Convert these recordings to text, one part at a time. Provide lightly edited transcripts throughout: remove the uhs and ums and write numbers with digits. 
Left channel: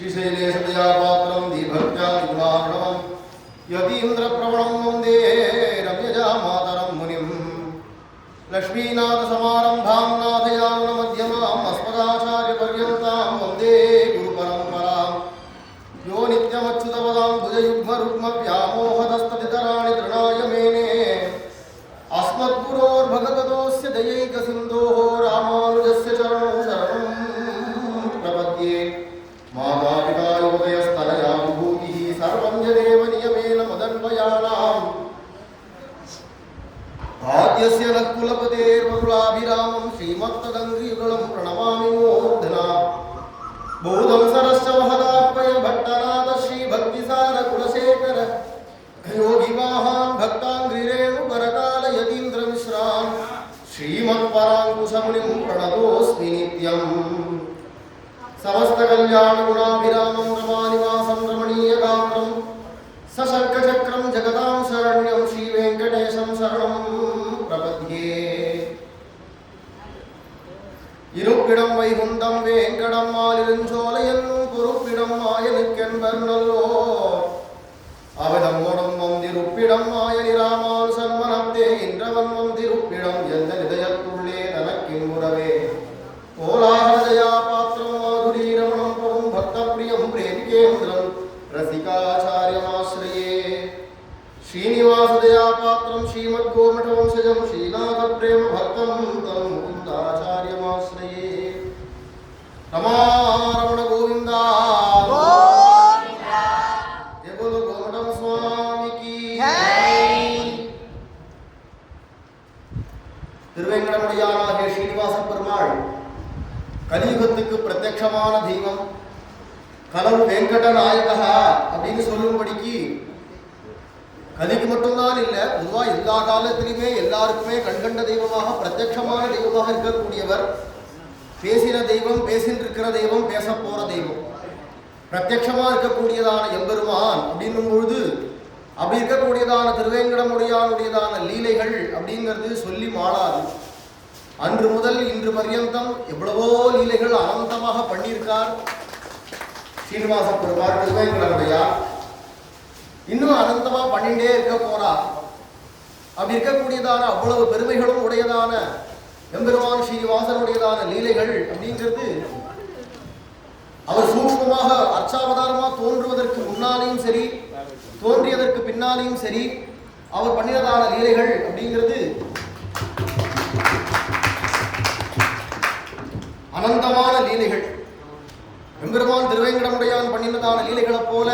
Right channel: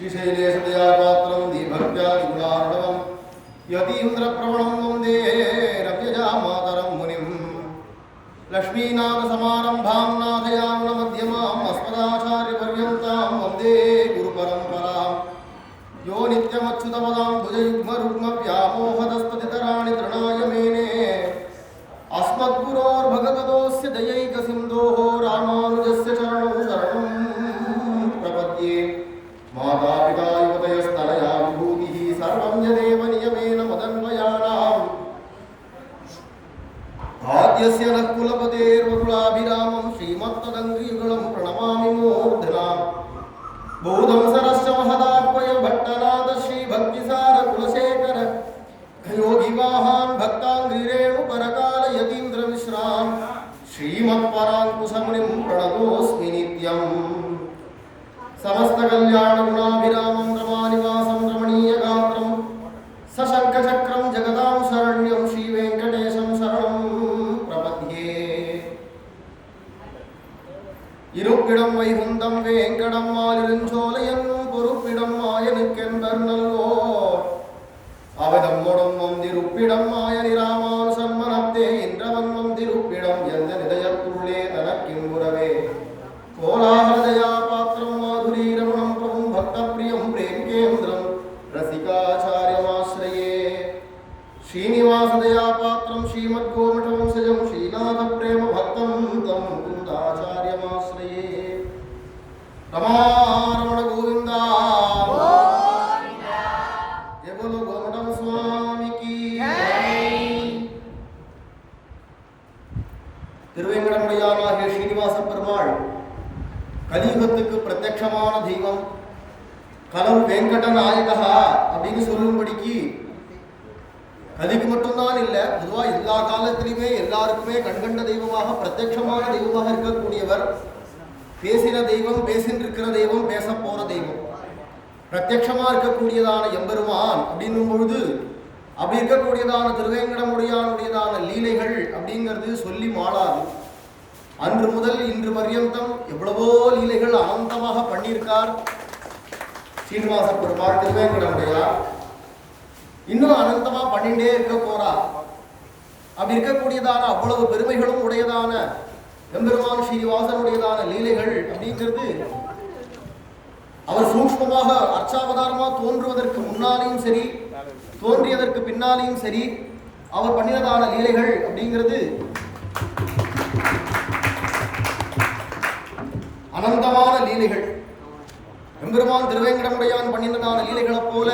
श्रीशैलेशदयापात्रं दीभक्त्यादिगुणार्णवं यतीन्द्रप्रवणं वन्दे रम्यजामातरं मुनिं लक्ष्मीनाथसमारम्भां नाथयामुनमध्यमाम् अस्मदाचार्यपर्यन्तां वन्दे गुरुपरम्परां यो नित्यमच्युतपदां भुजयुग्मरुग्मव्यामोहतस्तदितराणि तृणाय मेने अस्मद्गुरोर्भगवतोऽस्य दयैकसिन्धोः रामानुजस्य चरणौ शरणं प्रपद्ये मातापिता युवतयस्तनया विभूतिः सर्वं यदेव नियमेन मदन्वयानाम् आद्यस्य नः कुलपतेर्वकुलाभिरामं श्रीमत्तदङ्घ्रियुगलं प्रणमामि मूर्धना बोधं सरश्च महदाह्वय भट्टनाथ श्रीभक्तिसार कुलशेखर योगिवाहान् भक्ताङ्घ्रिरेणुपरकाल यतीन्द्रमिश्रान् श्रीमत्पराङ्कुशमुनिं प्रणतोऽस्मि नित्यम् समस्तकल्याणगुणाभिरामं रमानिवासं रमणीयगात्रं सशङ्खचक्रं जगदां शरण्यं श्रीवेङ्कटेशं शरणं प्रपद्ये இருப்பிடம் வைகுந்தம் வேங்கடம் மாலிருஞ்சோலையன்னும் பொறுப்பிடம் மாயனுக்கென்பர் நல்லோர் அவதம் மொடும் வந்திருப்பிடம் மாயனி ராமானுசன் மனத்தே இன்றவன் வந்திருப்பிடம் எந்த நிதயத்துள்ளே தனக்கிம்புறவே கோலாஹலதயா பாத்திரம் மாதுரி ரமணம் பிரபும் பக்தப்பிரியம் பிரேமிகேந்திரம் ரசிகாச்சாரியமாஸ்ரயே ஸ்ரீனிவாசதயா பாத்திரம் ஸ்ரீமத்கோமட்டவம்சஜம் ஸ்ரீநாத பிரேம பக்தம் தம் முகுந்தாச்சாரியமாஸ்ரயே ரமாரமண கோவிந்தா ஜெய போலோ கோமடம் சுவாமிக்கு திருவேங்கடமுடையானாகிய ஸ்ரீனிவாச பெருமாள் கலியுகத்துக்கு பிரத்யட்சமான தெய்வம், கலவு வெங்கட நாயகா அப்படின்னு சொல்லும்படிக்கு கலிக்கு மட்டும்தான் இல்லை, பொதுவாக எல்லா காலத்திலையுமே எல்லாருக்குமே கண்கண்ட தெய்வமாக பிரத்யட்சமான தெய்வமாக இருக்கக்கூடியவர். பேசின தெய்வம், பேசின்றிருக்கிற தெய்வம், பேச போகிற தெய்வம், பிரத்யட்சமாக இருக்கக்கூடியதான எம்பெருமான் அப்படின்னும் பொழுது அப்படி இருக்கக்கூடியதான திருவேங்கடமுடையானுடையதான லீலைகள் அப்படிங்கிறது சொல்லி மாளாது. அன்று முதல் இன்று பர்யந்தம் எவ்வளவோ லீலைகள் அனந்தமாக பண்ணியிருக்கார் ஸ்ரீனிவாச பெருமாள் திருவேங்கடமுடையார். இன்னும் அனந்தமாக பண்ணிகிட்டே இருக்க போறார். அப்படி இருக்கக்கூடியதான அவ்வளவு பெருமைகளும் உடையதான எம்பெருமான் ஸ்ரீனிவாசனுடையதான லீலைகள் அப்படிங்கிறது அவர் சூக்ஷ்மமாக அர்ச்சாவதாரமாக தோன்றுவதற்கு முன்னாலேயும் சரி, தோன்றியதற்கு பின்னாலேயும் சரி, அவர் பண்ணினதான லீலைகள் அப்படிங்கிறது அனந்தமான லீலைகள். எம்பெருமான் திருவேங்கடமுடையான் பண்ணினதான லீலைகளை போல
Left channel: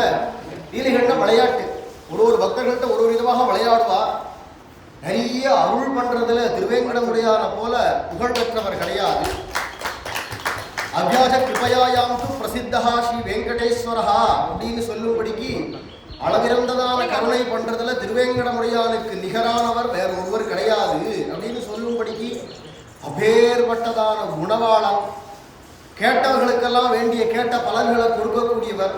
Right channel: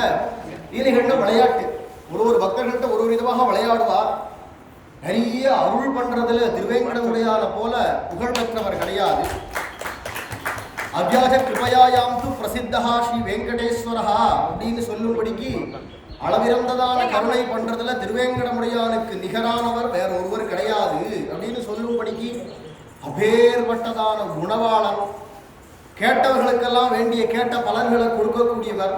லீலைகள்னா விளையாட்டு. ஒரு பக்தர்கள்ட்ட ஒரு விதமாக விளையாடுவார். நிறைய அருள் பண்றதுல திருவேங்கடமுடையான போல புகழ் பெற்றவர் கிடையாது. அவ்யாஜ கிருபயாயாம் து பிரசித்தஹா ஸ்ரீ வெங்கடேஸ்வரஹா அப்படின்னு சொல்லும்படிக்கு அளவிறந்ததான கருணை பண்றதுல திருவேங்கடமுடையானுக்கு நிகரானவர் வேற ஒருவர் கிடையாது அப்படின்னு சொல்லும்படிக்கு அப்பேற்பட்டதான குணவாளன், கேட்டவர்களுக்கெல்லாம் வேண்டிய கேட்ட பலன்களை கொடுக்கக்கூடியவர்,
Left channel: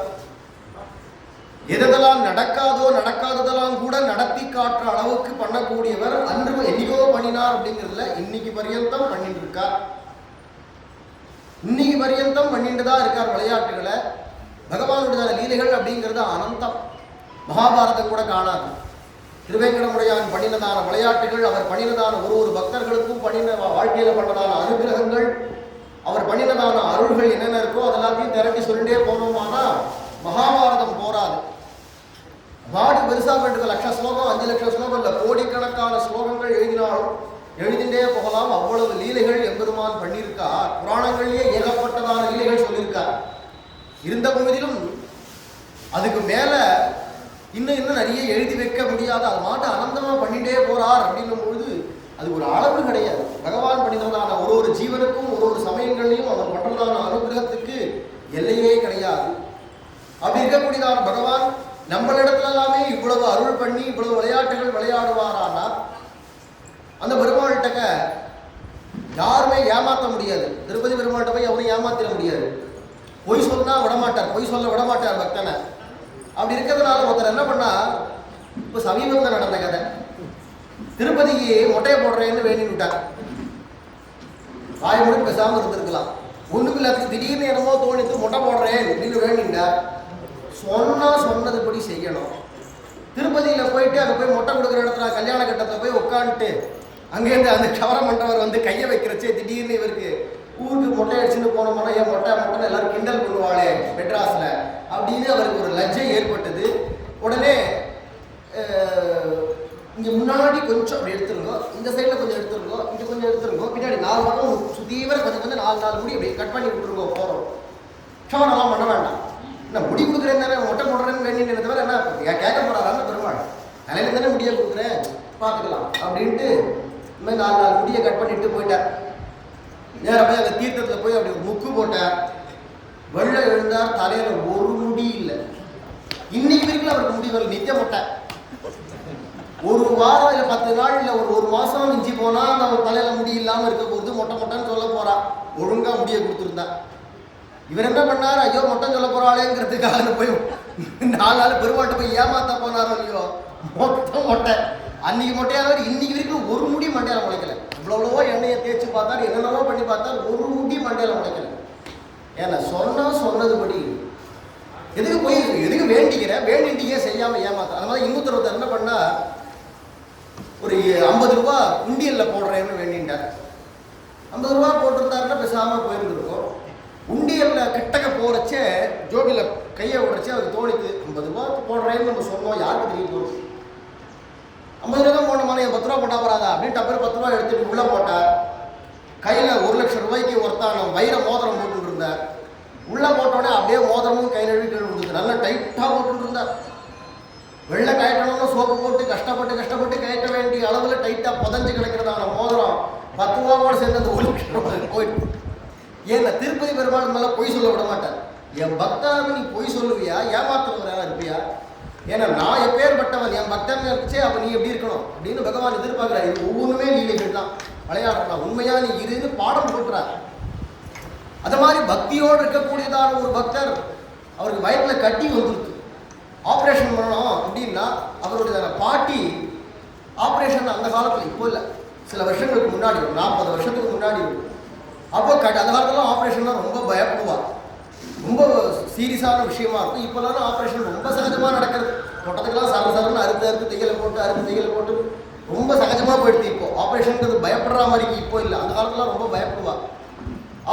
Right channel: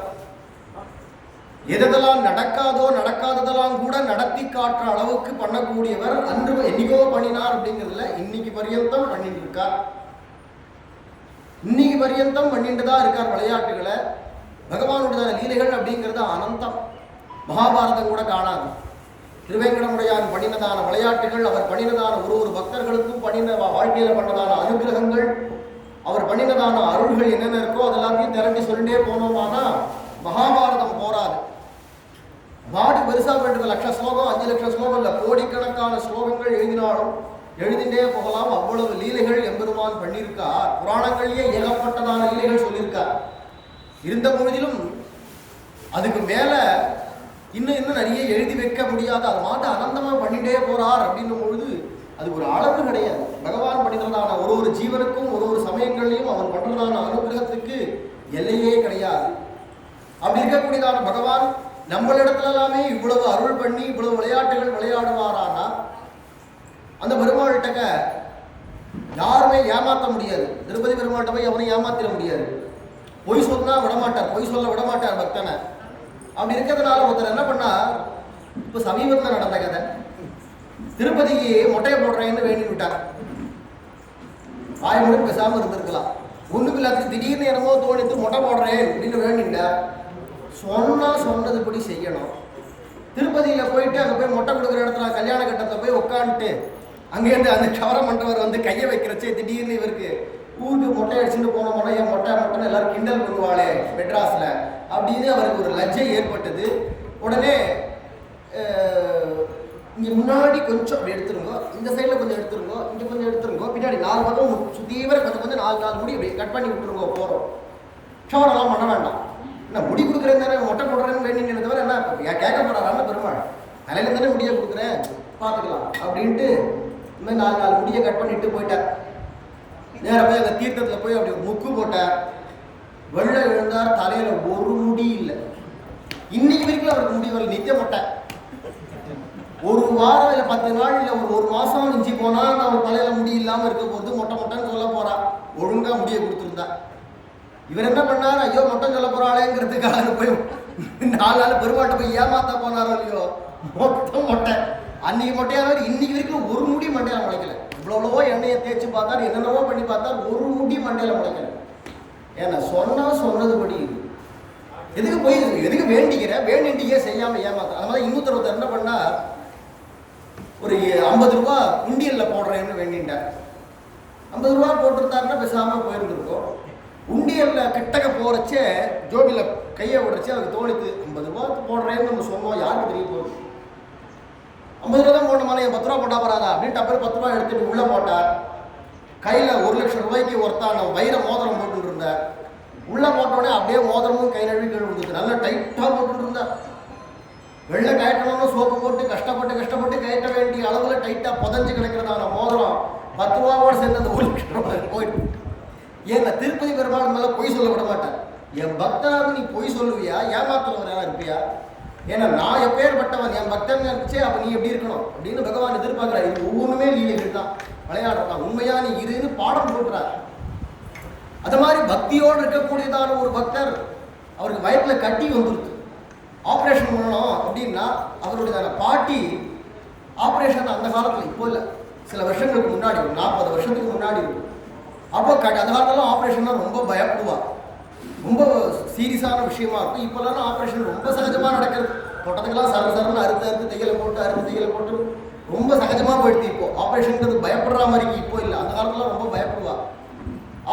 எதெல்லாம் நடக்காதோ நடக்காததெல்லாம் கூட நடத்தி காட்டுற அளவுக்கு பண்ணக்கூடியவர். அன்று என்னைக்கோ பண்ணினார் அப்படிங்கிறதுல இன்னைக்கு பர்யந்தம் பண்ணிட்டு இருக்கார். இன்னைக்கு பர்யந்தம் பண்ணிட்டு தான் இருக்கார் விளையாட்டுகளை. பகவானுடைய லீலைகள் அப்படிங்கிறது அனந்தம். மகாபாரதம் கூட காணாது. திருவேங்கடமுடையான் பண்ணினதான விளையாட்டுகள், அவர் பண்ணினதான ஒரு பக்தர்களுக்கும் பண்ணின வாழ்க்கையில் பண்ணதான அனுகிரகங்கள், அவர் பண்ணினதான அருள்கள் என்னென்ன இருக்கோ அதெல்லாத்தையும் திரட்டி சொல்லிட்டே போனோம்னா மகாபாரதம் போராது. பாடு பெருசாக பண்ணுறது 1,00,000 ஸ்லோகம், 5,00,000 ஸ்லோகம் இல்லை, கோடிக்கணக்கான ஸ்லோகங்கள் எழுதினாலும் எழுதிண்டே போகலாம். அவ்வளவு லீலைகள் எம்பெருமான் பண்ணியிருக்கார். புராணங்கள்லேயே ஏகப்பட்டதான லீலைகள் சொல்லியிருக்கார். இருந்த பொழுதிலும் அதுக்கு மேலே இன்னும் நிறைய எழுதி வைக்க முடியாது. அது மாட்டு அனந்தமாக பண்ணிகிட்டே போகிறார் அப்படின்னும் பொழுது அது ஒரு அளவு கிடையாது. பகவான் பண்ணினதான ஒரு ஜீவனுக்கும் ஒரு சமயங்கள்லையும் அவர் பண்ணுறதான அனுகிரகத்துக்கு எல்லையே கிடையாது. அப்படி இருக்கக்கூடியதான பகவான் நம்மளிடத்துல எல்லாமே இவ்வளவு அருள் பண்ணி இவ்வளவு விளையாட்டுகள் விளையாடுவாரானா அந்த பெருமாள்கிட்ட யாருமே ஏமாற்ற முடியாது. திருப்பதி பெருமாள்கிட்ட போய் அவனை ஏமாத்திட முடியாது. பொய் சொன்னா விடமாட்டார், பொய் சொல்ல விடமாட்டார் பக்தனை. அப்படி இருக்கிறதுனால ஒருத்தர் என்ன பண்ணா, இப்போ சமீபத்தில் நடந்த கதை, திருப்பதிக்கு மொட்டையை போடுறேன்னு வேண்டி விட்டார். வாய் மூடி பேசாமல் இருந்திருக்கலாம். ஒன்றுக்கு எல்லாத்துக்கு திடீர்னு என்னமோ தோணித்து மொட்டை போடுறேன் அப்படின்னு வேண்டிண்டா சொன்னதுபடி செய்யணும். திருப்பதியில் போயிட்டு அங்கே போய் மொட்டை கொடுக்குற இடத்துல கல்யாண கட்டத்தில் போய் உட்காந்துட்டு அங்கேருந்து அந்த கவரம் பண்ணுறவர் வந்து கையை வைக்கிறச்சே திடீர்னு இவருக்கு ஊருக்கு மொட்டை அடிச்சுன்னு போனோம்னா ஏன் மொட்டைன்னு எல்லாரும் கிண்டல் பண்ணுவாளே மெட்ராஸில் அப்படின்னு அவருக்கு ஒரு லஜ்ஜை ஏற்பட்டது. உடனே இங்கே முன்னாடி கொஞ்சம் அப்படி எடுத்துருங்கோ, இந்த சைடில் கொஞ்சம் எடுத்துருங்கோ, இங்கே கொஞ்சம் எடுத்துருங்கோ, பின்னாடி 4 பக்கம் சுத்தீவர கொஞ்சம் கொஞ்சம் 4 முடி அப்படி கட் பண்ணி விட்டுருங்கோ போகிறோம். ஷவரெல்லாம் பண்ண வேண்டாம். என்ன முடி கொடுக்குறேன் தானே மொட்டை போடுறேன்னு வேண்டின்னு தவிர என்ன கேட்க போகிறாரான்னு பெருமாள் தலையில தானே முடியை கொடுக்குறேன் பார்த்துக்கலாம் அப்படின்ட்டு இந்த மாதிரி 4 முடியை கட் பண்ணிட்டு போயிட்டார். நேராக போய் அங்கே தீர்த்தத்தில் போய் அப்படி ஒரு முக்கு போட்டார். வெள்ளை எழுந்தார், தலையில் ஒரு முடி இல்லை. இன்னைக்கு வரைக்கும் அவருக்கு முடி வரல, நித்திய மொட்டை. ஒரு வாரம் இல்லை 10 நாள் இல்லை ஒரு மாதம் மிஞ்சி போனால் நம்ம தலையில் முடி இல்லாமல் இருக்க போகிறது மொட்டைன்னு சொல்ல போகிறா. ஒழுங்காக முடியை கொடுத்துருந்தா. இவர் என்ன பண்ணார், ஐயோ மொட்டை சொல்ல போகிறாளேங்கிறதுக்காக போய் 4 நாள் பெருமாட்டை போய் ஏமாத்த போனாரோ இல்லையோ, மொட்டை. அன்னைக்கு மொட்டையானவர் இன்னைக்கு வரைக்கும் ஒரு முடி மண்டையில் முளைக்கல. இவ்வளவோ எண்ணெயை தேய்ச்சி பார்த்தார், என்னென்னவோ பண்ணி பார்த்தார், ஒரு முடி மண்டையில் முளைக்கல. ஏன்னா சொன்னதுபடி எதுக்கு வேண்டிகிட்டே செய்யாமல் ஏமாத்த. அதனால இன்னொருத்தர் என்ன பண்ணா, ஒரு 50 ரூபா உண்டியலில் போடுறேன்னு வேண்டிட்டார். 50 ரூபா போட்டிருந்தாருன்னா பேசாமல் போயிருந்துருக்கோம். உண்டியலில் கிட்டக்க போகிறச்சே ஜோபியில் கையை விடுறச்சே அவருக்கு தோணித்து 50 ரூபா போடுறேன்னு நம்ம சொன்னோம், யாருக்கு தெரிய போகுது. 50 ரூபா தான் போடணுமா, 10 ரூபா போட்டா போறாதா அப்படின்னு டப்பர் 10 ரூபா எடுத்துட்டு உள்ளே போட்டார். கையில் 1 லட்சம் ரூபாய்க்கு ஒருத்தான வைர மோதிரம் போட்டு இருந்தார். உள்ளே போட்டோடனே அப்படியே மோதிரமும் கை நழுவி கீழே விழுந்துச்சு. நல்லா டைட்டாக போட்டு இருந்தார். வெள்ளை கயட்டணும்னு சோப்பு போட்டு கஷ்டப்பட்டு கயட்ட வேண்டிய அளவில் டைட்டாக புதஞ்சு கிடைக்கிறதான மோதிரம் 10 ரூபாவோடு சேர்ந்து அந்த 1 லட்சம் ரூபாய் போயிட்டு. ஏன்னா திருப்பதி பெருமாள் மேலே பொய் சொல்ல விட மாட்டார். என் பக்தனாக நீ பொய் சொல்லுவியா, ஏமாத்துறவர் யாரா இருப்பியா? ஏன்னா நான் எப்பேற்பட்டவன், என் பக்தன் இருந்துச்சே, அப்போ நீ எப்படி இருக்கணும் அப்படின்னு பகவான் எதிர்பார்க்குறார். இது ஒவ்வொன்றுமே லீலைகள் தான், விளையாடுறான். உண்மையா நீ இருன்னு பாடம் போட்டுறார். அது மாதிரி பக்தியோடு இருக்கக்கூடியதான ஒரு பக்தர், அவருக்கு வயத்தில் கட்டி வந்துருக்கு, ஆப்ரேஷன் பண்ணணும் அப்படின்னா அவருடைய பாட்டி ஆப்ரேஷன் அந்த காலத்தில் இப்போ இல்லை, சில வருஷங்களுக்கு முன்னாடி, ஒரு 40 வருஷத்துக்கு முன்னாடி இருக்கும். அப்போ அந்த காலத்துலாம் ஆப்ரேஷன்னா ரொம்ப பயப்படுவார், ரொம்ப சீரியஸான விஷயமா இருக்கும். இப்போல்லாம் ஆப்ரேஷன் ரொம்ப சகஜமாக நடக்கிறது. தோட்டத்துக்கெல்லாம் சரன்னு அறுத்து தையலை போட்டு ரொம்ப சகஜமாக போயிடுது. இப்போ ஆப்ரேஷனுங்கிறது பயப்படுற மாதிரி இப்போ இல்லை, அந்த காலத்துலாம் ரொம்ப பயப்படுவார்.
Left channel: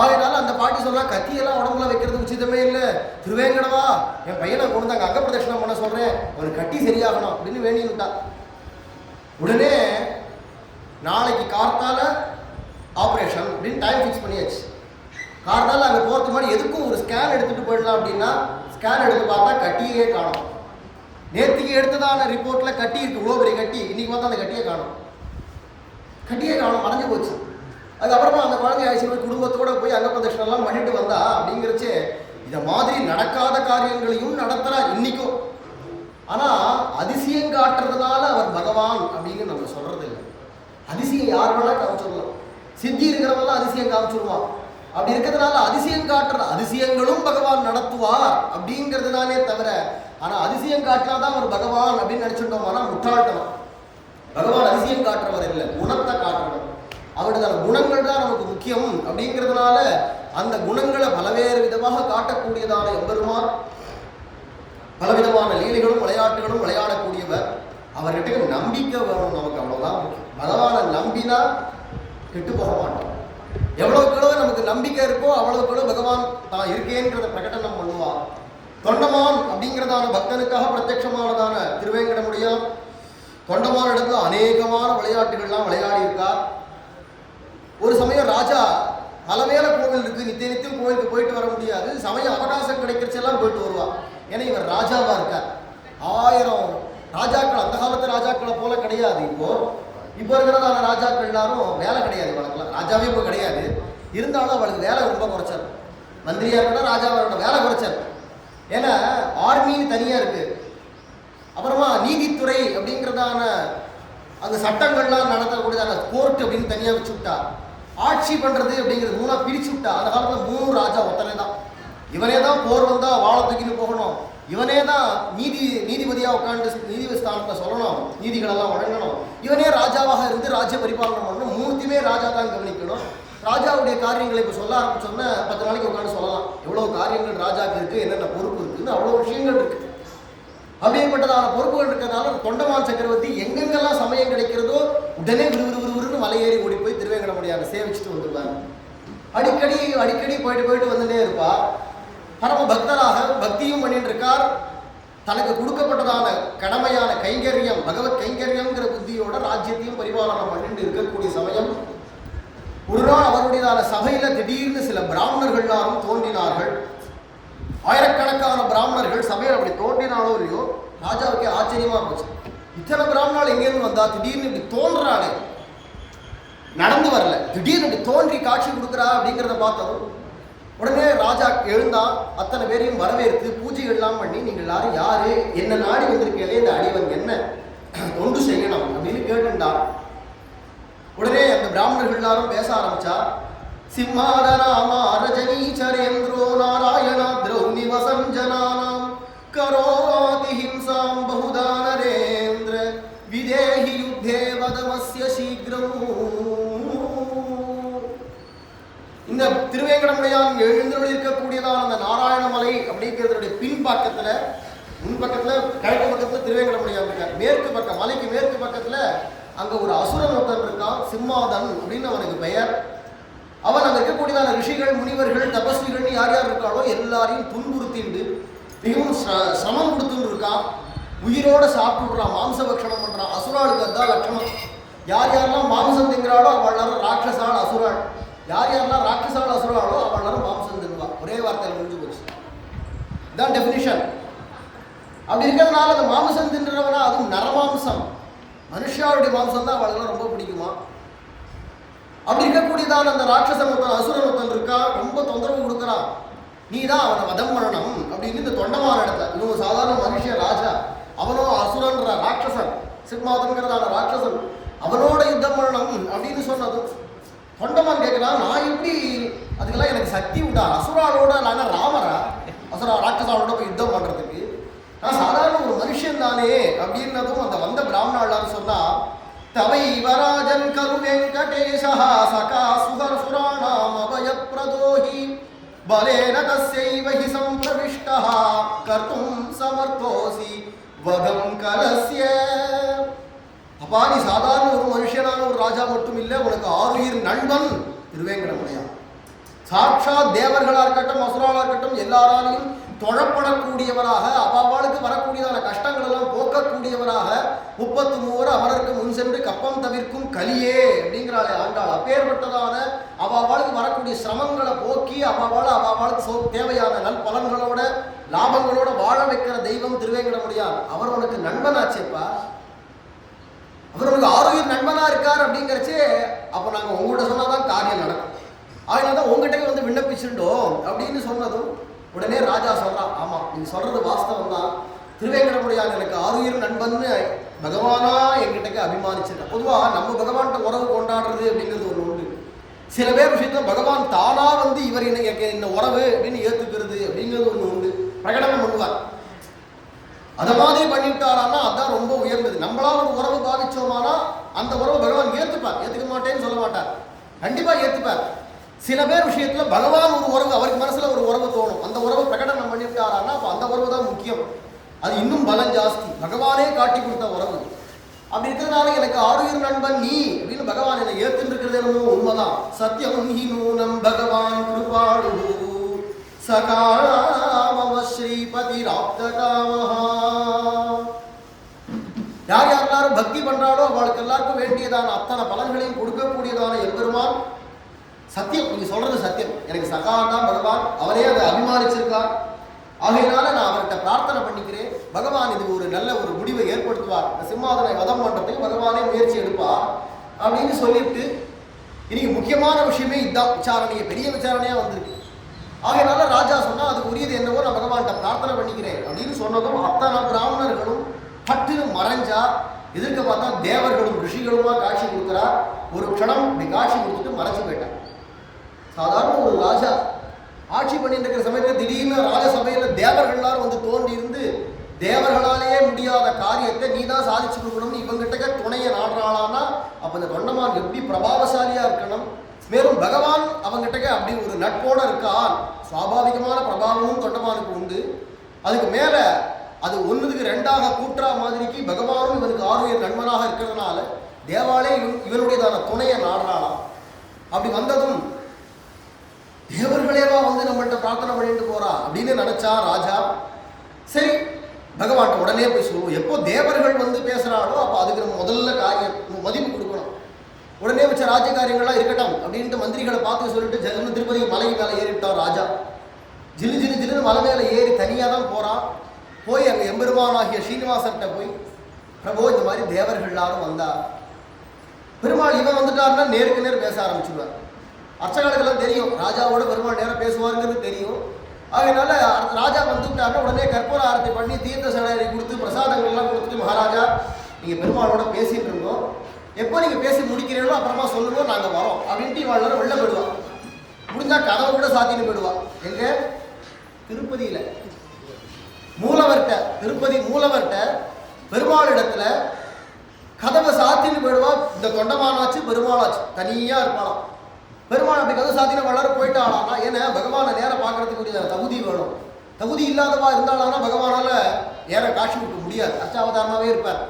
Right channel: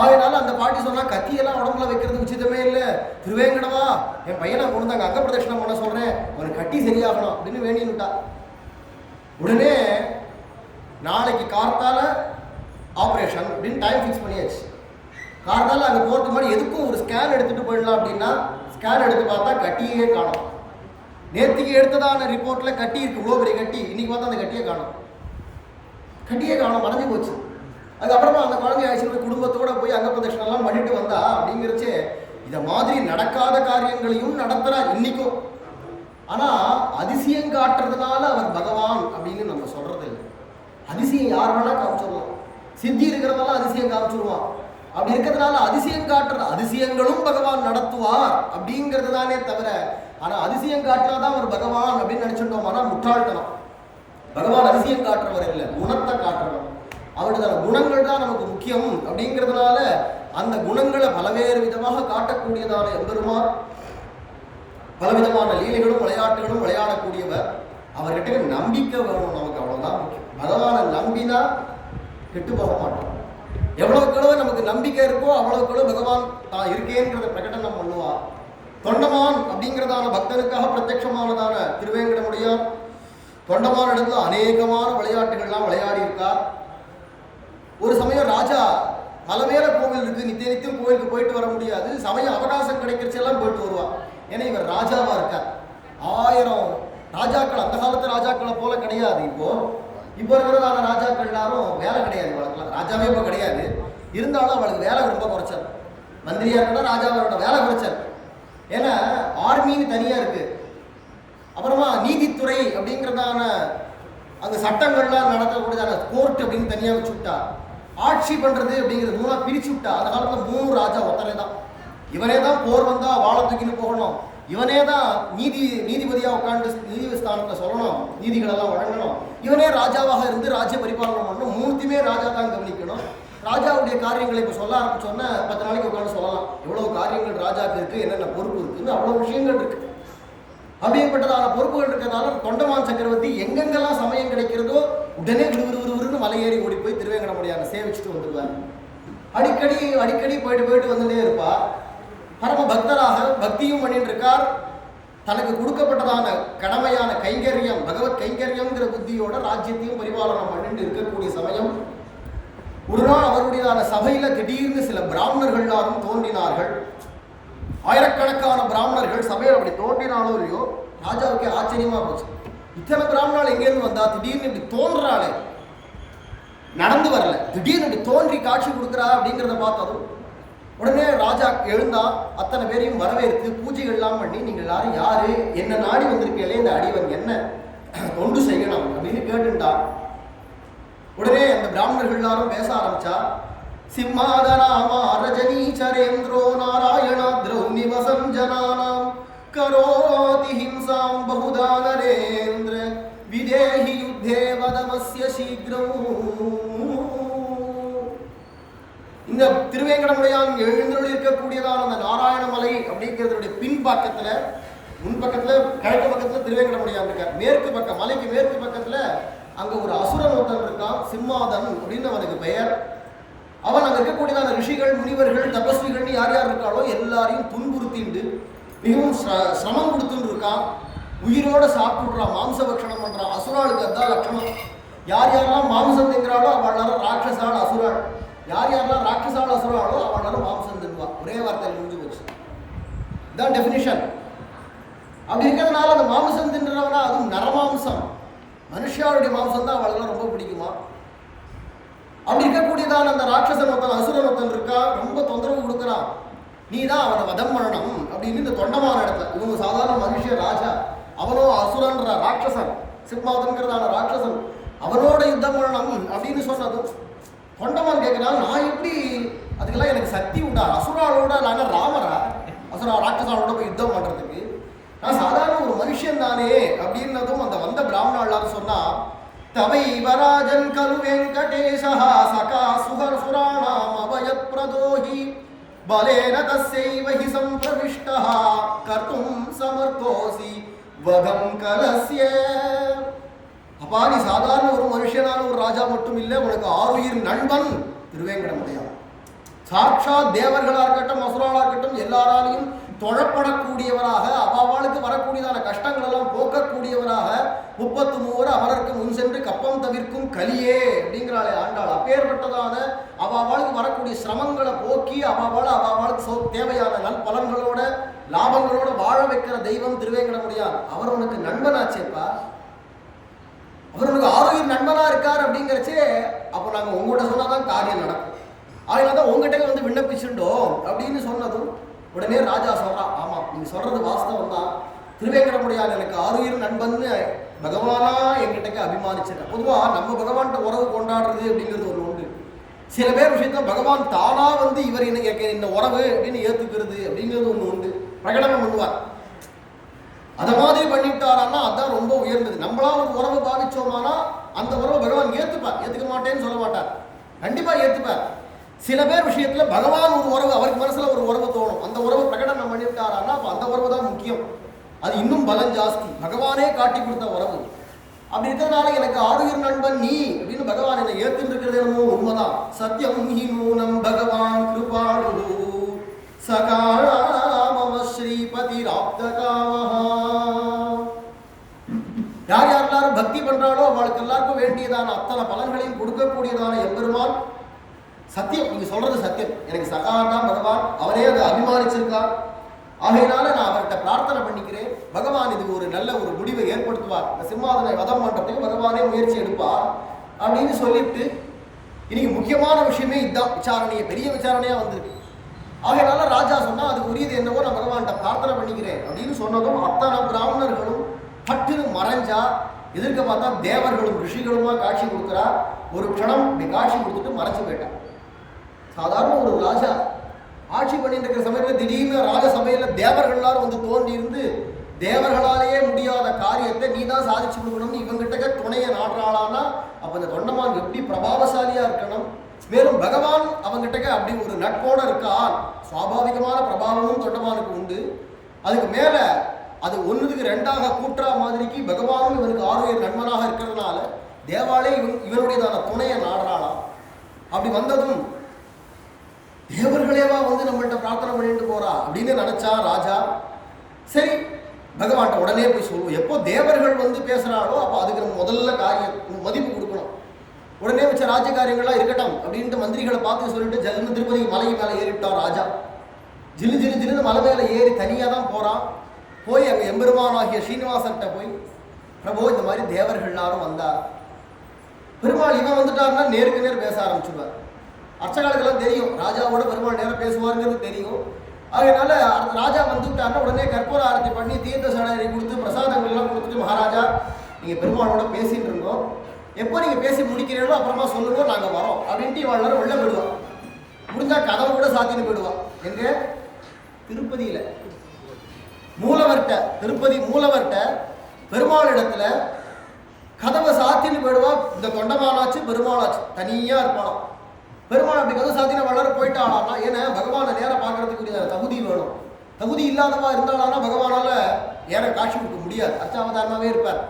அதனால அந்த பாட்டி சொன்னால் கத்தியெல்லாம் உடம்புல வைக்கிறது உச்சிதமே இல்லை, திருவேங்கடவா என் பையனை கொண்டு அங்கே அங்க பிரதட்சணம் பண்ண சொல்கிறேன், அவனுக்கு கட்டி சரியாகணும் அப்படின்னு வேண்டினுட்டா. உடனே நாளைக்கு கார்த்தால ஆப்ரேஷன் அப்படின்னு டைம் ஃபிக்ஸ் பண்ணியாச்சு. காரணால் அங்கே போகிறதுக்கு முன்னாடி எதுக்கும் ஒரு ஸ்கேன் எடுத்துகிட்டு போயிடலாம் அப்படின்னா ஸ்கேன் எடுத்து பார்த்தா கட்டியே காணும். நேற்றுக்கு எடுத்ததான ரிப்போர்ட்டில் கட்டி இருக்குது, இவ்வளோ பெரிய கட்டி. இன்றைக்கி பார்த்தா அந்த கட்டியே காணும், மறைஞ்சு போச்சு. அதுக்கப்புறமா அந்த குழந்தைய ஆயிடுச்சு போய் குடும்பத்தோடு போய் அங்க பிரதட்சணம்லாம் பண்ணிட்டு வந்தா அப்படிங்கிறச்சே இதை மாதிரி நடக்காத காரியங்களையும் நடத்துகிறார் இன்றைக்கும். ஆனால் அதிசயம் காட்டுறதுனால அவர் பகவான் அப்படின்னு நம்ம சொல்கிறது இல்லை. அதிசயம் யார் வேணால் காமிச்சிடலாம், சித்தி இருக்கிறவெல்லாம் அதிசயம் காமிச்சிடுவான். அப்படி இருக்கிறதுனால அதிசயம் காட்டுற அதிசயங்களும் பகவான் நடத்துவார் அப்படிங்கிறது தானே தவிர, ஆனால் அதிசயம் காட்டினாதான் அவர் பகவான் அப்படின்னு நினச்சிட்டோம்னா முட்டாள்தனம். பகவான் அதிசயம் காட்டுறவர் இல்லை, குணத்தை காட்டுறவர். அவருடைய குணங்கள் தான் நமக்கு முக்கியம். அப்படிங்கிறதுனால அந்த குணங்களை பலவேறு விதமாக காட்டக்கூடியதான எம்பெருமான், பலவிதமான லீலைகளும் விளையாட்டுகளும் விளையாடக்கூடியவர். அவர்கிட்ட நம்பிக்கை வேணும் நமக்கு, அவ்வளோதான் முக்கியம். பகவானை நம்பினா கெட்டு போக மாட்டோம். எவ்வளவுக்கு நமக்கு நம்பிக்கை இருக்கோ அவ்வளவுக்கு பகவான் தான் இருக்கேங்கிறத பிரகடனம் பண்ணுவார். தொண்டமான் அப்படிங்கிறதான பக்தனுக்காக பிரத்யட்சமானதான திருவேங்கடமுடியான் தொண்டமான இடத்துல அநேகமான விளையாட்டுகள்லாம் விளையாடி இருக்கார். ஒரு சமயம் ராஜா பலவேல கோவில் இருக்குது, நித்தியம் கோவிலுக்கு போயிட்டு வர முடியாது, சமயம் அவகாசம் கிடைக்கிறச்செல்லாம் போயிட்டு வருவார். ஏன்னா இவர் ராஜாவாக இருக்கார். 1000 ராஜாக்கள், அந்த காலத்து ராஜாக்களை போல கிடையாது. இப்போ இருக்கிறதான ராஜாக்கள் எல்லாரும் வேலை கிடையாது, வழக்கெல்லாம் ராஜாவே இப்போ கிடையாது. இருந்தாலும் அவளுக்கு வேலை ரொம்ப குறைச்சார். மந்திரியாக இருக்கணும், ராஜாவோட வேலை குறைச்சார். ஏன்னா ஆர்மின்னு தனியாக இருக்குது, அப்புறமா நீதித்துறை அப்படிங்கிறதான அந்த சட்டங்கள்லாம் நடத்தக்கூடியதான கோர்ட் அப்படின்னு தனியாக வச்சு விட்டா, ஆட்சி பண்ணுறது அப்படிங்கிறது 3ஆக பிரித்து விட்டா. அந்த காலத்தில் 3 ராஜா ஒருத்தனே தான். இவனே தான் போர் வந்தால் வாழை தூக்கின்னு போகணும், இவனே தான் நீதிபதியாக உட்காந்து நீதி ஸ்தானத்தை சொல்லணும், நீதிகளெல்லாம் வழங்கணும், இவனே ராஜாவாக இருந்து ராஜ்ய பரிபாலனம் பண்ணணும், 3த்தையுமே ராஜா தான் கவனிக்கணும். ராஜாவுடைய காரியங்களை இப்போ சொல்ல ஆரம்பிச்சோன்னா 10 நாளைக்கு உட்காந்து சொல்லலாம். எவ்வளோ காரியங்கள் ராஜாக்கு இருக்குது, என்னென்ன பொறுப்பு இருக்குதுன்னு அவ்வளோ விஷயங்கள் இருக்குது. அப்படிப்பட்டதான பொறுப்புகள் இருக்கிறதுனால தொண்டமான் சக்கரவர்த்தி எங்கெங்கெல்லாம் சமயம் கிடைக்கிறதோ உடனே விறுவிறுவிறுன்னு மலையேறி ஓடி போய் திருவேங்கடமுடியான சேவிச்சுட்டு வந்துடுவார். அடிக்கடி போயிட்டு வந்துட்டே இருப்பா. பரம பக்தராக பக்தியும் பண்ணிட்டு இருக்கார். தனக்கு கொடுக்கப்பட்டதான கடமையான கைங்கரியம், பகவத் கைங்கரியம்ங்கிற புத்தியோட ராஜ்யத்தையும் பரிபாலனம் பண்ணிட்டு இருக்கக்கூடிய சமயம் ஒரு நாள் அவருடையதான சபையில திடீர்னு சில பிராமணர்கள் எல்லாரும் தோன்றினார்கள். ஆயிரக்கணக்கான பிராமணர்கள் சபையில் அப்படி தோன்றினாலும் இல்லையோ ராஜாவுக்கே ஆச்சரியமா போச்சு. இத்தனை பிராமணால் எங்கேருந்து வந்தா, திடீர்னு இப்படி தோன்றாளே, நடந்து வரல, திடீர்னு இப்படி தோன்றி காட்சி கொடுக்குறா அப்படிங்கிறத பார்த்ததும் உடனே ராஜா எழுந்தா, அத்தனை பேரையும் வரவேற்று பூஜைகள்லாம் பண்ணி, நீங்கள் எல்லாரும் யாரு, என்ன நாடி வந்திருக்கீங்களே, இந்த அடிவன் என்ன தொண்டு செய்யணும் அப்படின்னு கேட்டுண்டா. உடனே அந்த பிராமணர்கள் எல்லாரும் பேச ஆரம்பிச்சா. சிம்மாதனாமா ரஜனீச்சரேந்திரோ நாராயணா திரௌமி வசஞ்சனானாம் கரோதி ஹிம்சாம் பகுதா நரேந்திர விதேஹி யுத்தே வதமஸ்ய சீக்கிரம். இந்த திருவேங்கடமுடையான் எழுந்தருளி இருக்கக்கூடியதான அந்த நாராயணமலை அப்படிங்கிறதுடைய பின்பக்கத்துல, முன்பக்கத்துல கிழக்கு பக்கத்துல திருவேங்கடமுடையான் இருக்கார். மேற்கு பக்கம், மலைக்கு மேற்கு பக்கத்துல அங்க ஒரு அசுரன் ஒருத்தன் இருக்கான், சிம்மாதன் அப்படின்னு அவனுக்கு பெயர். அவன் அங்க இருக்கக்கூடியதான ரிஷிகள், முனிவர்கள், தபஸ்விகள் யார் யார் இருக்காளோ எல்லாரையும் துன்புறுத்திண்டு மிகவும் சிரமம் கொடுத்துட்டு இருக்கான். உயிரோட சாப்பிட்டுடுறான், மாம்ச பக்ஷணம் பண்றான். அசுராளுக்கு அதான் லட்சணம். யார் யாரெல்லாம் மாம்சம் திங்கிறாளோ அவளாரும் ராட்சசாள் அசுராள், யார் யாரெல்லாம் ராட்சசாள் அசுராளோ அவளாரும் மாம்சம் தின்னுவா. ஒரே வார்த்தையில் முடிஞ்சு போச்சு. இதான் டெஃபினிஷன். அப்படி இருக்கிறதுனால அந்த மாம்சம் தின்றவனா, அதுவும் நரமாம்சம், மனுஷாவுடைய மாம்சம் தான் அவளுக்கு ரொம்ப பிடிக்குமா. அப்படி இருக்கக்கூடியதான அந்த ராட்சசன் ஒருத்தன், அசுரன் ஒருத்தன் இருக்கா, ரொம்ப தொந்தரவு கொடுக்குறான். நீ தான் அவனை வதம் பண்ணணும் அப்படின்னு இந்த தொண்டமான இடத்துல, இவங்க சாதாரண மனுஷ ராஜா, அவனோ அசுரன்ற ராட்சசன், சிம்மாதன்கிறதான ராட்சசன், அவனோட யுத்தம் பண்ணணும் அப்படின்னு சொன்னதும் தொண்டமான் கேட்கிறான், நான் எப்படி, அதுக்கெல்லாம் எனக்கு சக்தி உண்டா, அசுராளோட நான் ராமரா, அசுரா ராட்சசாலோட போய் யுத்தம் பண்றதுக்கு, நான் சாதாரண ஒரு மனுஷன் தானே அப்படின்னதும் அந்த வந்த பிராமணாளான்னு சொன்னா, தவை வராஜன் கரு வெங்கடேஷா சகா சுகர் சுராணாம் அபயத் பிரதோஹி பலேன தஸ்யைவ ஹி சம்பிரவிஷ்டா கர்த்தும் சமர்த்தோசி வதம் கலஸ்ய. அப்பா, நீ சாதாரண ஒரு மனுஷனான ஒரு ராஜா மட்டும் இல்லை, உனக்கு ஆருயிர் நண்பன் திருவேங்கடமுடையான். சாட்சாத் தேவர்களா இருக்கட்டும், அசுராளா இருக்கட்டும், எல்லாராலையும் தொழப்படக்கூடியவராக, அவாவாளுக்கு வரக்கூடியதான கஷ்டங்கள் எல்லாம் போக்கக்கூடியவராக, 33 அவருக்கு முன் சென்று கப்பம் தவிர்க்கும் கலியே அப்படிங்கிறாளே ஆண்டாள். அப்பேற்பட்டதான அவாவாளுக்கு வரக்கூடிய சிரமங்களை போக்கி அவாவாளுக்கு தேவையான நல் பலன்களோட லாபங்களோட வாழ வைக்கிற தெய்வம் திருவேங்கடமுடையான். அவர் உனக்கு நண்பனாச்சேப்பா, அவர் உனக்கு ஆரோக்கிய நண்பனா இருக்கார் அப்படிங்கிறச்சே, அப்போ நாங்கள் உங்கள்கிட்ட சொன்னாதான் காரியம் நடக்கும், அதனால தான் உங்ககிட்ட வந்து விண்ணப்பிச்சுட்டோம் அப்படின்னு சொன்னதும் உடனே ராஜா சொல்றான், ஆமா நீங்க சொல்றது வாஸ்தவம் தான், திருவேங்கடமுடையான் எனக்கு ஆருயிர் நண்பன்னு பகவானா என்கிட்ட அபிமானிச்சிருக்கேன். பொதுவாக நம்ம பகவான்கிட்ட உறவு கொண்டாடுறது அப்படிங்கிறது ஒன்று உண்டு. சில பேர் விஷயத்துல பகவான் தானா வந்து இவர் இந்த உறவு அப்படின்னு ஏத்துக்கிறது அப்படிங்கிறது ஒன்று உண்டு, பிரகடனம் பண்ணுவார். அதை மாதிரி பண்ணிவிட்டாரான்னா அதுதான் ரொம்ப உயர்ந்தது. நம்மளா ஒரு உறவு பாவிச்சோமானா அந்த உறவு பகவான் ஏத்துப்பார், ஏத்துக்க மாட்டேன்னு சொல்ல மாட்டார், கண்டிப்பா ஏத்துப்பார். சில பேர் விஷயத்துல பகவான் ஒரு உறவு, அவருக்கு மனசுல ஒரு உறவு தோணும், அந்த உறவு பிரகடனம் பண்ணிவிட்டாரான்னா அப்போ அந்த உறவு தான் முக்கியம், அது இன்னும் பலம் ஜாஸ்தி, பகவானே காட்டி கொடுத்த உறவு. அப்படி இருக்கிறதுனால எனக்கு ஆருயிர் நண்பன் நீ அப்படின்னு பகவான் என்னை ஏத்துன்னு இருக்கிறது என்னமோ உண்மைதான். சத்தியம் ஹி நூனம் பகவான் கிருபாடு சகாம ஸ்ரீபதி ராப்தகாமஹா. யார் யாரெல்லாரும் பக்தி பண்றாளோ அவளுக்கு எல்லாருக்கும் வேண்டியதான அத்தனை பலன்களையும் கொடுக்கக்கூடியதான எம்பெருமான் சத்தியம். நீங்க சொல்றது சத்தியம், எனக்கு சகான் தான் பகவான், அவனே அதை அபிமானிச்சிருக்கான். ஆகையினால நான் அவர்கிட்ட பிரார்த்தனை பண்ணிக்கிறேன், பகவான் இதுக்கு ஒரு நல்ல ஒரு முடிவை ஏற்படுத்துவார், இந்த சிம்மாதனை வதம் பண்றதுக்கு பகவானே முயற்சி எடுப்பார் அப்படின்னு சொல்லிவிட்டு, இன்னைக்கு முக்கியமான விஷயமே இதுதான், விசாரணையை பெரிய விசாரணையா வந்திருக்கு. ஆகையினால ராஜா சொன்னா அதுக்கு உரியது என்னவோ நான் பகவான்கிட்ட பிரார்த்தனை பண்ணிக்கிறேன் அப்படின்னு சொன்னதும் அத்தனை பிராமணர்களும் பட்டுன்னு மறைஞ்சா. எதிர்க்க பார்த்தா தேவர்களும் ரிஷிகளுமா காட்சி கொடுக்குறா. ஒரு க்ஷணம் இப்படி காட்சி கொடுத்துட்டு மறைச்சு போயிட்டான். சாதாரண ஒரு ராஜா ஆட்சி பண்ணிட்டு இருக்கிற சமயத்தில் திடீர்னு ராஜசபையில் தேவர்கள் எல்லாரும் வந்து தோண்டி இருந்து தேவர்களாலேயே முடியாத காரியத்தை நீ தான் சாதிச்சு கொடுக்கணும்னு இவங்கிட்ட துணையை நாடுறாளான்னா அப்போ இந்த தொண்டமான் எப்படி பிரபாவசாலியா இருக்கணும், மேலும் பகவான் அவங்கிட்ட அப்படி ஒரு நட்போட இருக்கான். சுவாபாவிகமான பிரபாவமும் தொண்டமானுக்கு உண்டு. அதுக்கு மேலே அது ஒன்றுக்கு ரெண்டாக கூட்டுறா மாதிரிக்கு பகவானும் இவனுக்கு ஆரோக்கிய நண்பனாக இருக்கிறதுனால தேவாலே இவனுடையதான துணையை நாடுறாளாம். அப்படி வந்ததும் தேவர்களேவா வந்து நம்மள்கிட்ட பிரார்த்தனை பண்ணிட்டு போறா அப்படின்னு நினைச்சா ராஜா. சரி, பகவான்கிட்ட உடனே போய் சொல்லுவோம். எப்போ தேவர்கள் வந்து பேசுகிறாளோ அப்போ அதுக்கு நம்ம முதல்ல மதிப்பு கொடுக்கணும். உடனே வச்ச ராஜ்ய காரியங்கள்லாம் இருக்கட்டும் அப்படின்ட்டு மந்திரிகளை பார்த்து சொல்லிட்டு ஜல்லுன்னு திருப்பதி மலை மேலே ஏறிவிட்டான் ராஜா. ஜில்லு ஜில்லு ஜில்லுன்னு மலை மேலே ஏறி தனியாக தான் போகிறான். போய் அங்கே எம்பெருமானாகிய ஸ்ரீனிவாசன்கிட்ட போய், பிரபு இந்த மாதிரி தேவர்கள் எல்லாரும் வந்தா, பெருமாள் இவன் வந்துட்டாருன்னா நேருக்கு நேர் பேச ஆரம்பிச்சுடுவார். அர்ச்சகாலுக்கெல்லாம் தெரியும் ராஜாவோட பெருமாள் நேரம் பேசுவாருங்கிறது தெரியும். அதனால ராஜா வந்துவிட்டாருன்னா உடனே கற்பூர ஆரத்தி பண்ணி தீர்த்த சடனை கொடுத்து பிரசாதங்கள்லாம் கொடுத்துட்டு, மகாராஜா நீங்கள் பெருமாளோட பேசிட்டு இருந்தோம், எப்போ நீங்கள் பேசி முடிக்கிறீங்களோ அப்புறமா சொல்லுவோம், நாங்கள் வரோம் அப்படின்ட்டு இவாள் வெளில போயிடுவான். முடிஞ்சால் கதவை கூட சாத்தின்னு போயிடுவான். எங்கே? திருப்பதியில் மூலவர்கிட்ட, திருப்பதி மூலவர்கிட்ட பெருமாள் இடத்துல கதவை சாத்தின்னு போயிடுவா. இந்த தொண்டமானாச்சு பெருமாளாச்சு தனியாக இருப்பாளாம். பெருமாள் அப்படி கதவை சாத்தின வளர போயிட்டாளானா, ஏன்னா பகவானை நேரம் பார்க்கறதுக்குரிய தகுதி வேணும். தகுதி இல்லாதவா இருந்தாலானா பகவானால் நேரம் காட்சி கொடுக்க முடியாது, அர்ச்சாவதாரமாகவே இருப்பார்.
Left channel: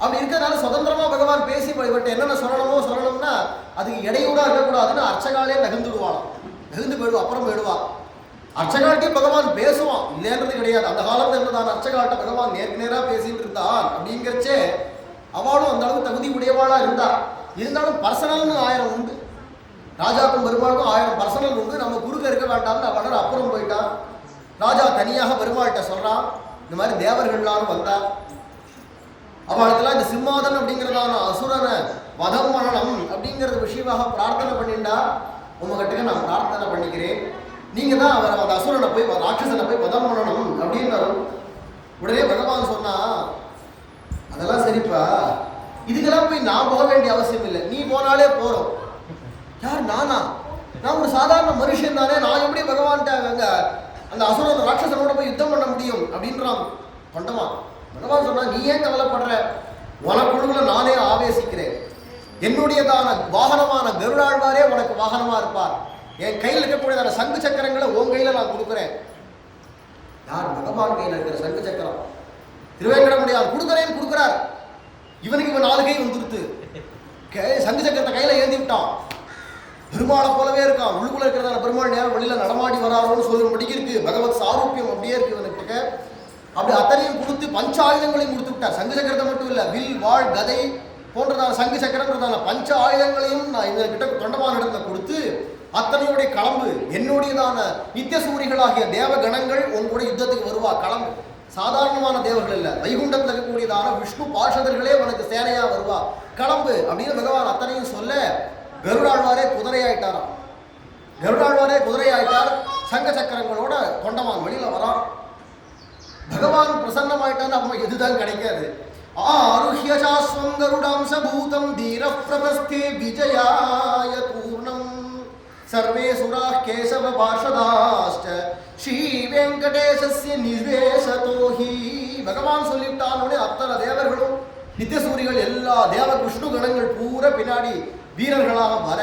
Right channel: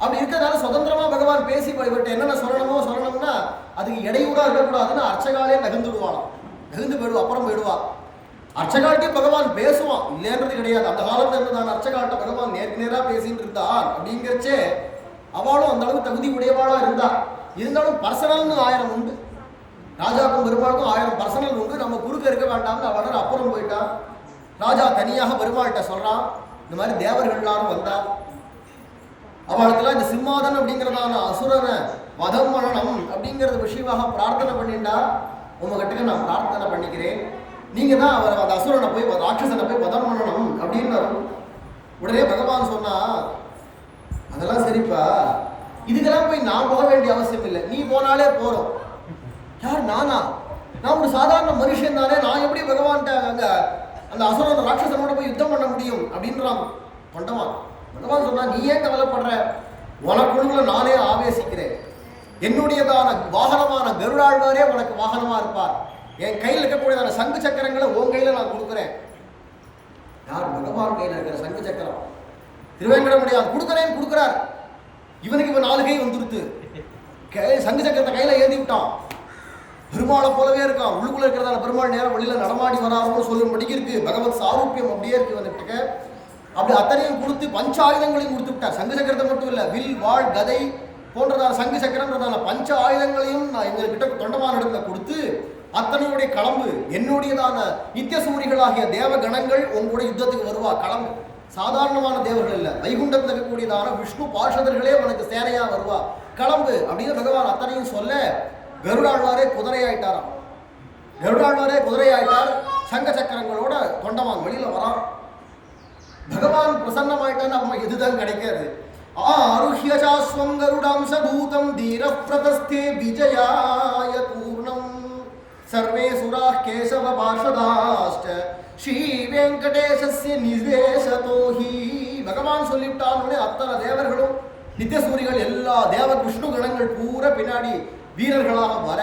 அப்படி இருக்கிறதுனால சுதந்திரமாக பகவான் பேசி இவர்கிட்ட என்னென்ன சொல்லணும்னா அதுக்கு இடையூடாக இருக்கக்கூடாதுன்னு அர்ச்சகாலே நகர்ந்துடுவாளாம். நகர்ந்து போயிடுவா, அப்புறம் போயிடுவா. அர்ச்சகால்கிட்டே பகவான் பேசுவான், இல்லைன்றது கிடையாது. அந்த காலத்தில் இருந்ததான் அர்ச்சகால்கிட்ட பகவான் நேருக்கு நேராக பேசிட்டு இருந்தான். அப்படிங்கிறச்சே அவளும் அந்த அளவுக்கு தகுதி உடையவாளாக இருந்தா. இருந்தாலும் பர்சனல்னு 1000 உண்டு. ராஜாவுக்கும் பெருமாளுக்கும் 1000 பர்சனல் உண்டு. நம்ம குறுக்க இருக்க வேண்டாம்னு அவனால் அப்புறம் போயிட்டான். ராஜா தனியாக பெருமாள்கிட்ட சொல்கிறான், இந்த மாதிரி தேவர்கள் எல்லாரும் வந்தா, அவளுக்கெல்லாம் இந்த சிம்மாதன் அப்படிங்கிறதான அசுரனை வதம் பண்ணணும் அப்படிங்கிறது விஷயமாக பிரார்த்தனை பண்ணிண்டா, உங்ககிட்ட நான் பிரார்த்தனை பண்ணிக்கிறேன், நீங்கள் தான் அவர் அந்த அசுரனை போய் ராட்சசனை போய் வதம் பண்ணணும் அப்படின்னு. உடனே பகவான் சொன்னா, அதெல்லாம் சரிப்பா, இதுக்கெல்லாம் போய் நான் போக வேண்டிய அவசியம் இல்லை, நீ போனாலே போகிறோம். யார்? நானா? நான் ஒரு சாதாரண மனுஷன் தானே, நான் எப்படி பகவான்கிட்ட அங்கே அந்த அசுரன் ராட்சசனோட போய் யுத்தம் பண்ண முடியும் அப்படின்றான் தொண்டமான். பகவான் சொன்னா, நீ ஏன் கவலைப்படுற, உனக்குழுல நானே ஆவேசிக்கிறேன், என்னுடையதான வாகனமான கருடாழ்வாரே உனக்கு வாகனமா இருப்பார், என் கையில் இருக்கக்கூடியதான சங்கு சக்கரங்களை உன் கையில் நான் கொடுக்குறேன். யார்? பகவான் கையில் இருக்கிற சங்கு சக்கரம். திருவேங்கடமுடியான் கொடுக்குறார். இவனுக்கு இவன் 4 கை வந்துருத்து. சங்கு சக்கரத்தை கையில் ஏந்தி விட்டான். பெருமாளை போலவே இருக்கான். உள்ளுக்குள்ள இருக்கிறதான பெருமாள் நேரம் வெளியில் நடமாடி வராரோன்னு சொல்லும்படிக்கு இருக்கு. பகவத் சாரூபியம் அப்படியே இருக்கு இவனுக்கு. அப்படி அத்தனையும் கொடுத்து பஞ்ச ஆயுதங்களையும் கொடுத்து விட்டார். சங்கு சக்கரத்தை மட்டும் இல்லை, வில் வாழ் கதை போன்றதான சங்கு சக்கரன்றதான பஞ்ச ஆயுதங்களையும் நான் இவர்கிட்ட தொண்டமான இடத்துல கொடுத்து, அத்தனையுடைய களம்பு என்னுடையதான நித்திய சூரிகளாகிய தேவ கணங்கள் உங்களுடைய யுத்தத்துக்கு வருவா. களம்பு சாதாரணமான தேவர்கள் இல்லை, வைகுண்டத்தில் இருக்கக்கூடியதான விஷ்ணு பார்ஷதர்களே உனக்கு சேனையா வருவா. களம்பு அப்படின்னு பகவான் அத்தனையும் சொல்ல, கருடாழ்வாரே குதிரையாயிட்டாராம். கருடாழ்வாரே குதிரையாயிட்டார். சங்க சக்கரங்களோட தொண்டமான் வெளியில வரான். பகவான் பிரசன்னமாயிட்டான்னு நம்ம எதுதான் கிடைக்காது. ஆருஹ்யசாஸ்வம் கருடாம்ச பூதம் தீர பிரதஸ்தே விஜயாய பூர்ணம் சர்வே சுராः கேசவ பார்ஷதாஸ்ட ஸ்ரீ வெங்கடேசஸ்ய நிவேசதோஹி. பகவான் சொல்லிவிட்டானோடனே அத்தனை தேவர்களும் நித்தியசூரிகள் எல்லா தேவ விஷ்ணு கணங்கள் பூரா பின்னாடி வீரர்களாக வர,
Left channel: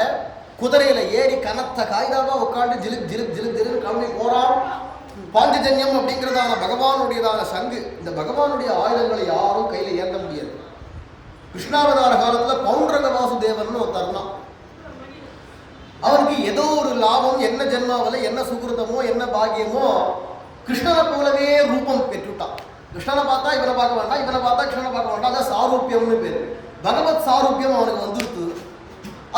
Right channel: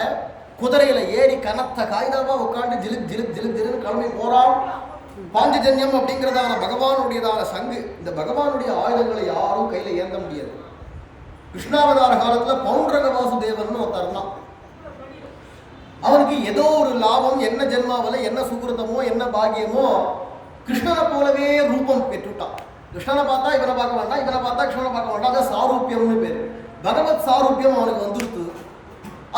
குதிரையில ஏறி கனத்த காய்தாவா உட்காந்து ஜிலுக் ஜிலுக் ஜிலுக் ஜிலுன்னு கிளம்பி போறான். பாஞ்சஜன்யம் அப்படிங்கிறதான பகவானுடையதான சங்கு. இந்த பகவானுடைய ஆயுதங்களை யாரும் கையில் ஏந்த முடியாது. கிருஷ்ணாவதார காலத்தில் பௌண்டரக வாசுதேவன் ஒருத்தர் தான். அவனுக்கு ஏதோ ஒரு லாபம், என்ன ஜென்மாவில் என்ன சுகிருத்தமோ என்ன பாகியமோ, கிருஷ்ணனை போலவே ரூபம் பெற்றுட்டான். கிருஷ்ணனை பார்த்தா இவனை பார்க்க வேண்டாம், இவனை பார்த்தா கிருஷ்ணனை பார்க்க வேண்டாம். அதான் சாரூபியம்னு பேர். பகவத் சாரூபியம் அவனுக்கு வந்துருத்து.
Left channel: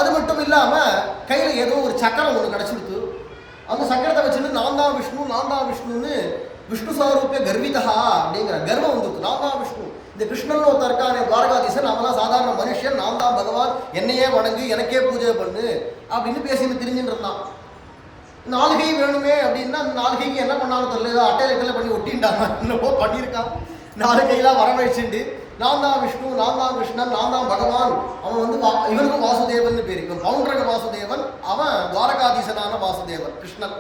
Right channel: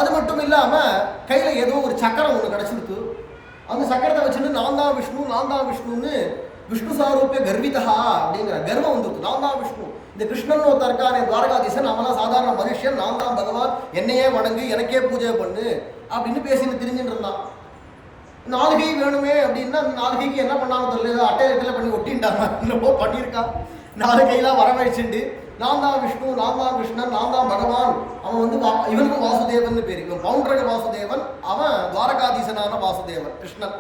அது மட்டும் இல்லாமல் கையில் ஏதோ ஒரு சக்கரம் ஒன்று கிடச்சிருக்கு. அந்த சக்கரத்தை வச்சுட்டு நான் தான் விஷ்ணுன்னு விஷ்ணு சாரூபிய கர்விதா அப்படிங்கிற கர்வம் வந்துருக்கு. நான் தான் விஷ்ணு. இந்த கிருஷ்ணன் ஒருத்தர் இருக்கானே துவாரகாதீசன், அவனா சாதாரண மனுஷன், நான் தான் பகவான், என்னையே வணங்கு, எனக்கே பூஜை பண்ணு அப்படின்னு பேசின்னு திரிஞ்சுட்டு இருந்தான். 4 கை வேணுமே அப்படின்னா, 4 கைக்கு என்ன பண்ணாலும் தெரியல, அட்டையில் பண்ணி ஒட்டின்டாங்க, என்னவோ பண்ணியிருக்கான். 4 கையெல்லாம் வரவழைச்சுண்டு நான் தான் விஷ்ணு, நான் தான் கிருஷ்ணன், நான் தான் பகவான். அவன் வந்து இவனுக்கும் வாசுதேவன் பேர். இவன் பௌண்டரக வாசுதேவன், அவன் துவாரகாதீசனான வாசுதேவன் கிருஷ்ணன்.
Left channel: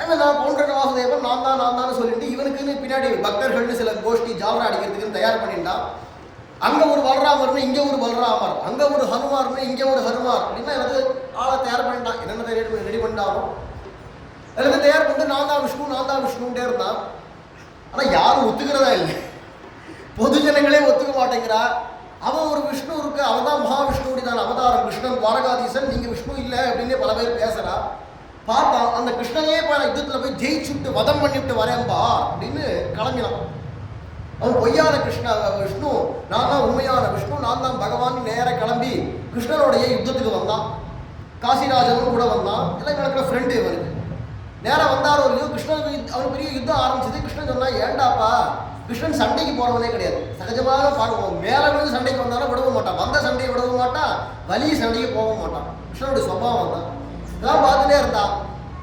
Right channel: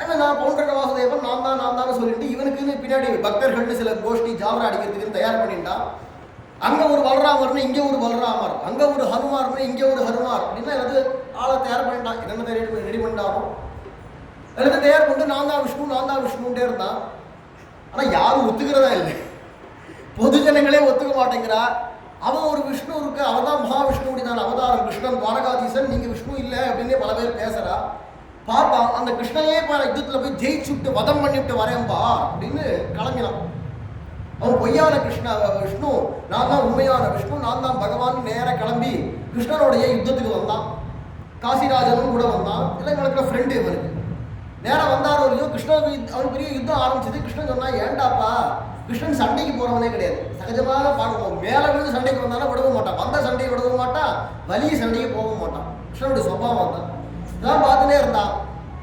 அவன் நான் பௌண்டரக வாசுதேவன், நான் தான் சொல்லிட்டு இவனுக்குன்னு பின்னாடி பக்தர்கள்னு சில கோஷ்டி ஜாவரா அடிக்கிறதுக்குன்னு தயார் பண்ணிட்டான். அங்கே ஒரு பலராமர்னு இங்கே ஒரு பலராமர், அங்கே ஒரு ஹனுமார்னு இங்கே ஒரு ஹனுமார் அப்படின்னா எனக்கு ஆளை தயார் பண்ணிட்டான். என்னென்ன ரெடி பண்ணிட்டாலும் எல்லாத்தையும் தயார் பண்ணிட்டு நான் தான் விஷ்ணுன்ட்டே இருந்தான். ஆனால் யாரும் ஒத்துக்கிறதா இல்லை. பொது ஜனங்களே ஒத்துக்க மாட்டேங்கிறா. அவன் ஒரு விஷ்ணு இருக்கு, அவன் தான் மகாவிஷ்ணுடைய தான் அவதாரம், கிருஷ்ணன் துவாரகாதீசன், நீங்கள் விஷ்ணு இல்லை அப்படின்னு பல பேர் பேசுகிறா. பார்த்தான் அந்த கிருஷ்ணனே யுத்தத்தில் போய் ஜெயிச்சுட்டு வதம் பண்ணிவிட்டு வரேன்பா அப்படின்னு கிளம்பினான். அவன் பொய்யான விஷ்ணு, நான் தான் உண்மையான விஷ்ணு, நான் தான் பகவான் நேராக கிளம்பி கிருஷ்ணனுடைய யுத்தத்துக்கு வந்தான். காசிராஜனும் கூட வந்தான். எல்லாம் இவனுக்கு ஃப்ரெண்டு. இவனுக்கு நேராக வந்தாரோ இல்லையோ கிருஷ்ணனுக்கு அவனுக்கு பெரிய யுத்தம் ஆரம்பிச்சது. கிருஷ்ணன் சொன்னா ஏண்டாப்பா, கிருஷ்ணன் சண்டைக்கு போறவனே கிடையாது. சகஜமாக பார்க்குவோம், மேலே விழுந்து சண்டைக்கு வந்தாலும் விடவும் மாட்டான், வந்த சண்டையை விடவும் மாட்டான், வலிய சண்டைக்கு போகவும் மாட்டான். கிருஷ்ணனுடைய சுபாவம் தான். இதான் பார்த்துட்டே இருந்தான்.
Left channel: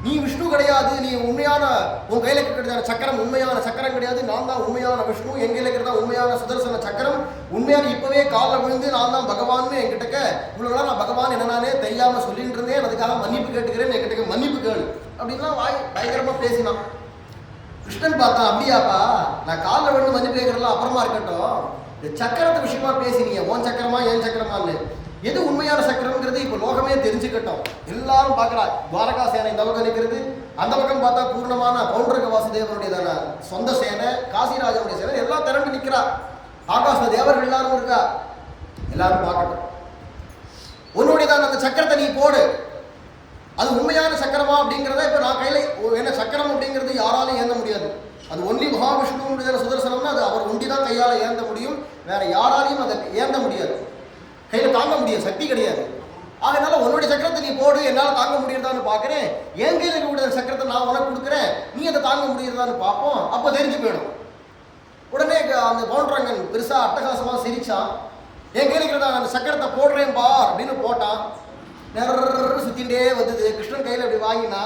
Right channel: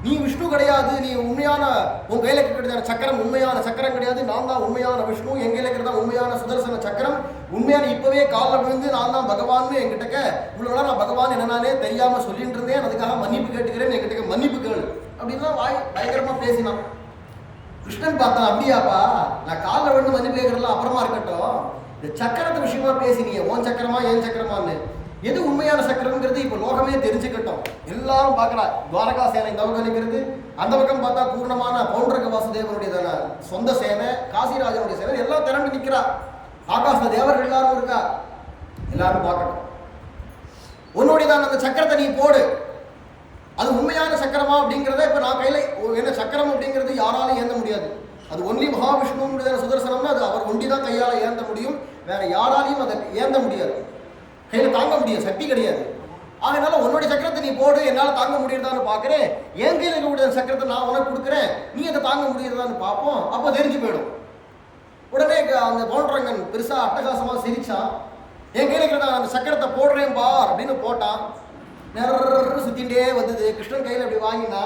நீ விஷ்ணு கிடையாது, நீ உண்மையான உன் கையில் இருக்கிறதான சக்கரம் உண்மையான சக்கரம் கிடையாது, நான் தான் உண்மையான விஷ்ணு, என் கையில் இருக்கிறதா உண்மையான சுதர்சன சக்கரம், உண்மையான இப்பவே காலில் விழுந்து நான் தான் பகவான்னு என்கிட்ட இவ்வளோ நாள் நான் பகவான் என்னன்னானே தெரியாமல் சொல்லிட்டு இருந்தேன், அதுக்காக மன்னிப்பு கேட்டுக்கிறேன், என்கிட்ட மன்னிப்பு கேளு அப்படின்லாம் வாய் பயங்கரமாக பேசினான். கிருஷ்ணன் பார்த்தான், அப்படியாப்பா நான் காலில் விழுந்து மன்னிப்பு கேட்கறதுலாம் அப்புறமா இருக்கட்டும், இந்த சக்கரத்து விஷயமா பேசினீங்க, உன் சக்கரமா என் சக்கரமான்னு, எது உண்மையான சக்கரம்ங்கிறது இப்போ லோகமே தெரிஞ்சுக்கட்டும். எல்லாரும் பார்க்கறா. துவாரகா சேனை இந்த பக்கம் நிற்கிறது, அந்த பக்கம் பார்த்தா பூர்ணமான பௌண்டரக வாசுதேவனுடைய சொந்த சேனை, காசிராஜனுடைய சேனை எல்லாம் திரண்டு நிற்கிறா. ஆகாச தேவர்கள் எல்லாரும் இருக்கா. எல்லாரும் பார்க்கட்டும். உன்னுடையதான் அந்த சக்கரத்தை நீ போடு, அது உண்மையான சக்கரமா அப்படிங்கிறத இப்போ நான் கையில் என்ன சக்கரம் அப்படிங்கிறது யாராலும் ஏந்த முடியாது. அது ஒன்லி மகாவிஷ்ணுடைய சுதர்சனம்னா அது அவர் ஒண்டி தான் கையால் ஏந்த முடியும், வேற யாராலையும் அதை ஏந்த முடியாது, கையில் தாங்க முடியாது, சக்தி கிடையாது. அதனால உன்னுடைய சக்கரத்தை நீ போடு, என்னால் தாங்க முடியுறதான்னு பார்க்குறேன், என் கையில் இருக்கக்கூடிய சக்கரத்தை நான் உனக்கு கொடுக்குறேன், நீ அதை தாங்க முடியுறதான்னு பார்ப்போம், அப்போ தெரிஞ்சு போயிடும். உடனே அந்த பவுண்டரங்கன் பெருசாக அட்டகாசமாக சிரிச்சான். என் கையில் இருக்கிறதா அந்த சக்கரத்தை போடுறேன் பார் அப்படின்னு போட்டான். நிறைய சுத்தின்ண்டே வந்தது. கிருஷ்ணன் கையில் அப்படி வாங்கினா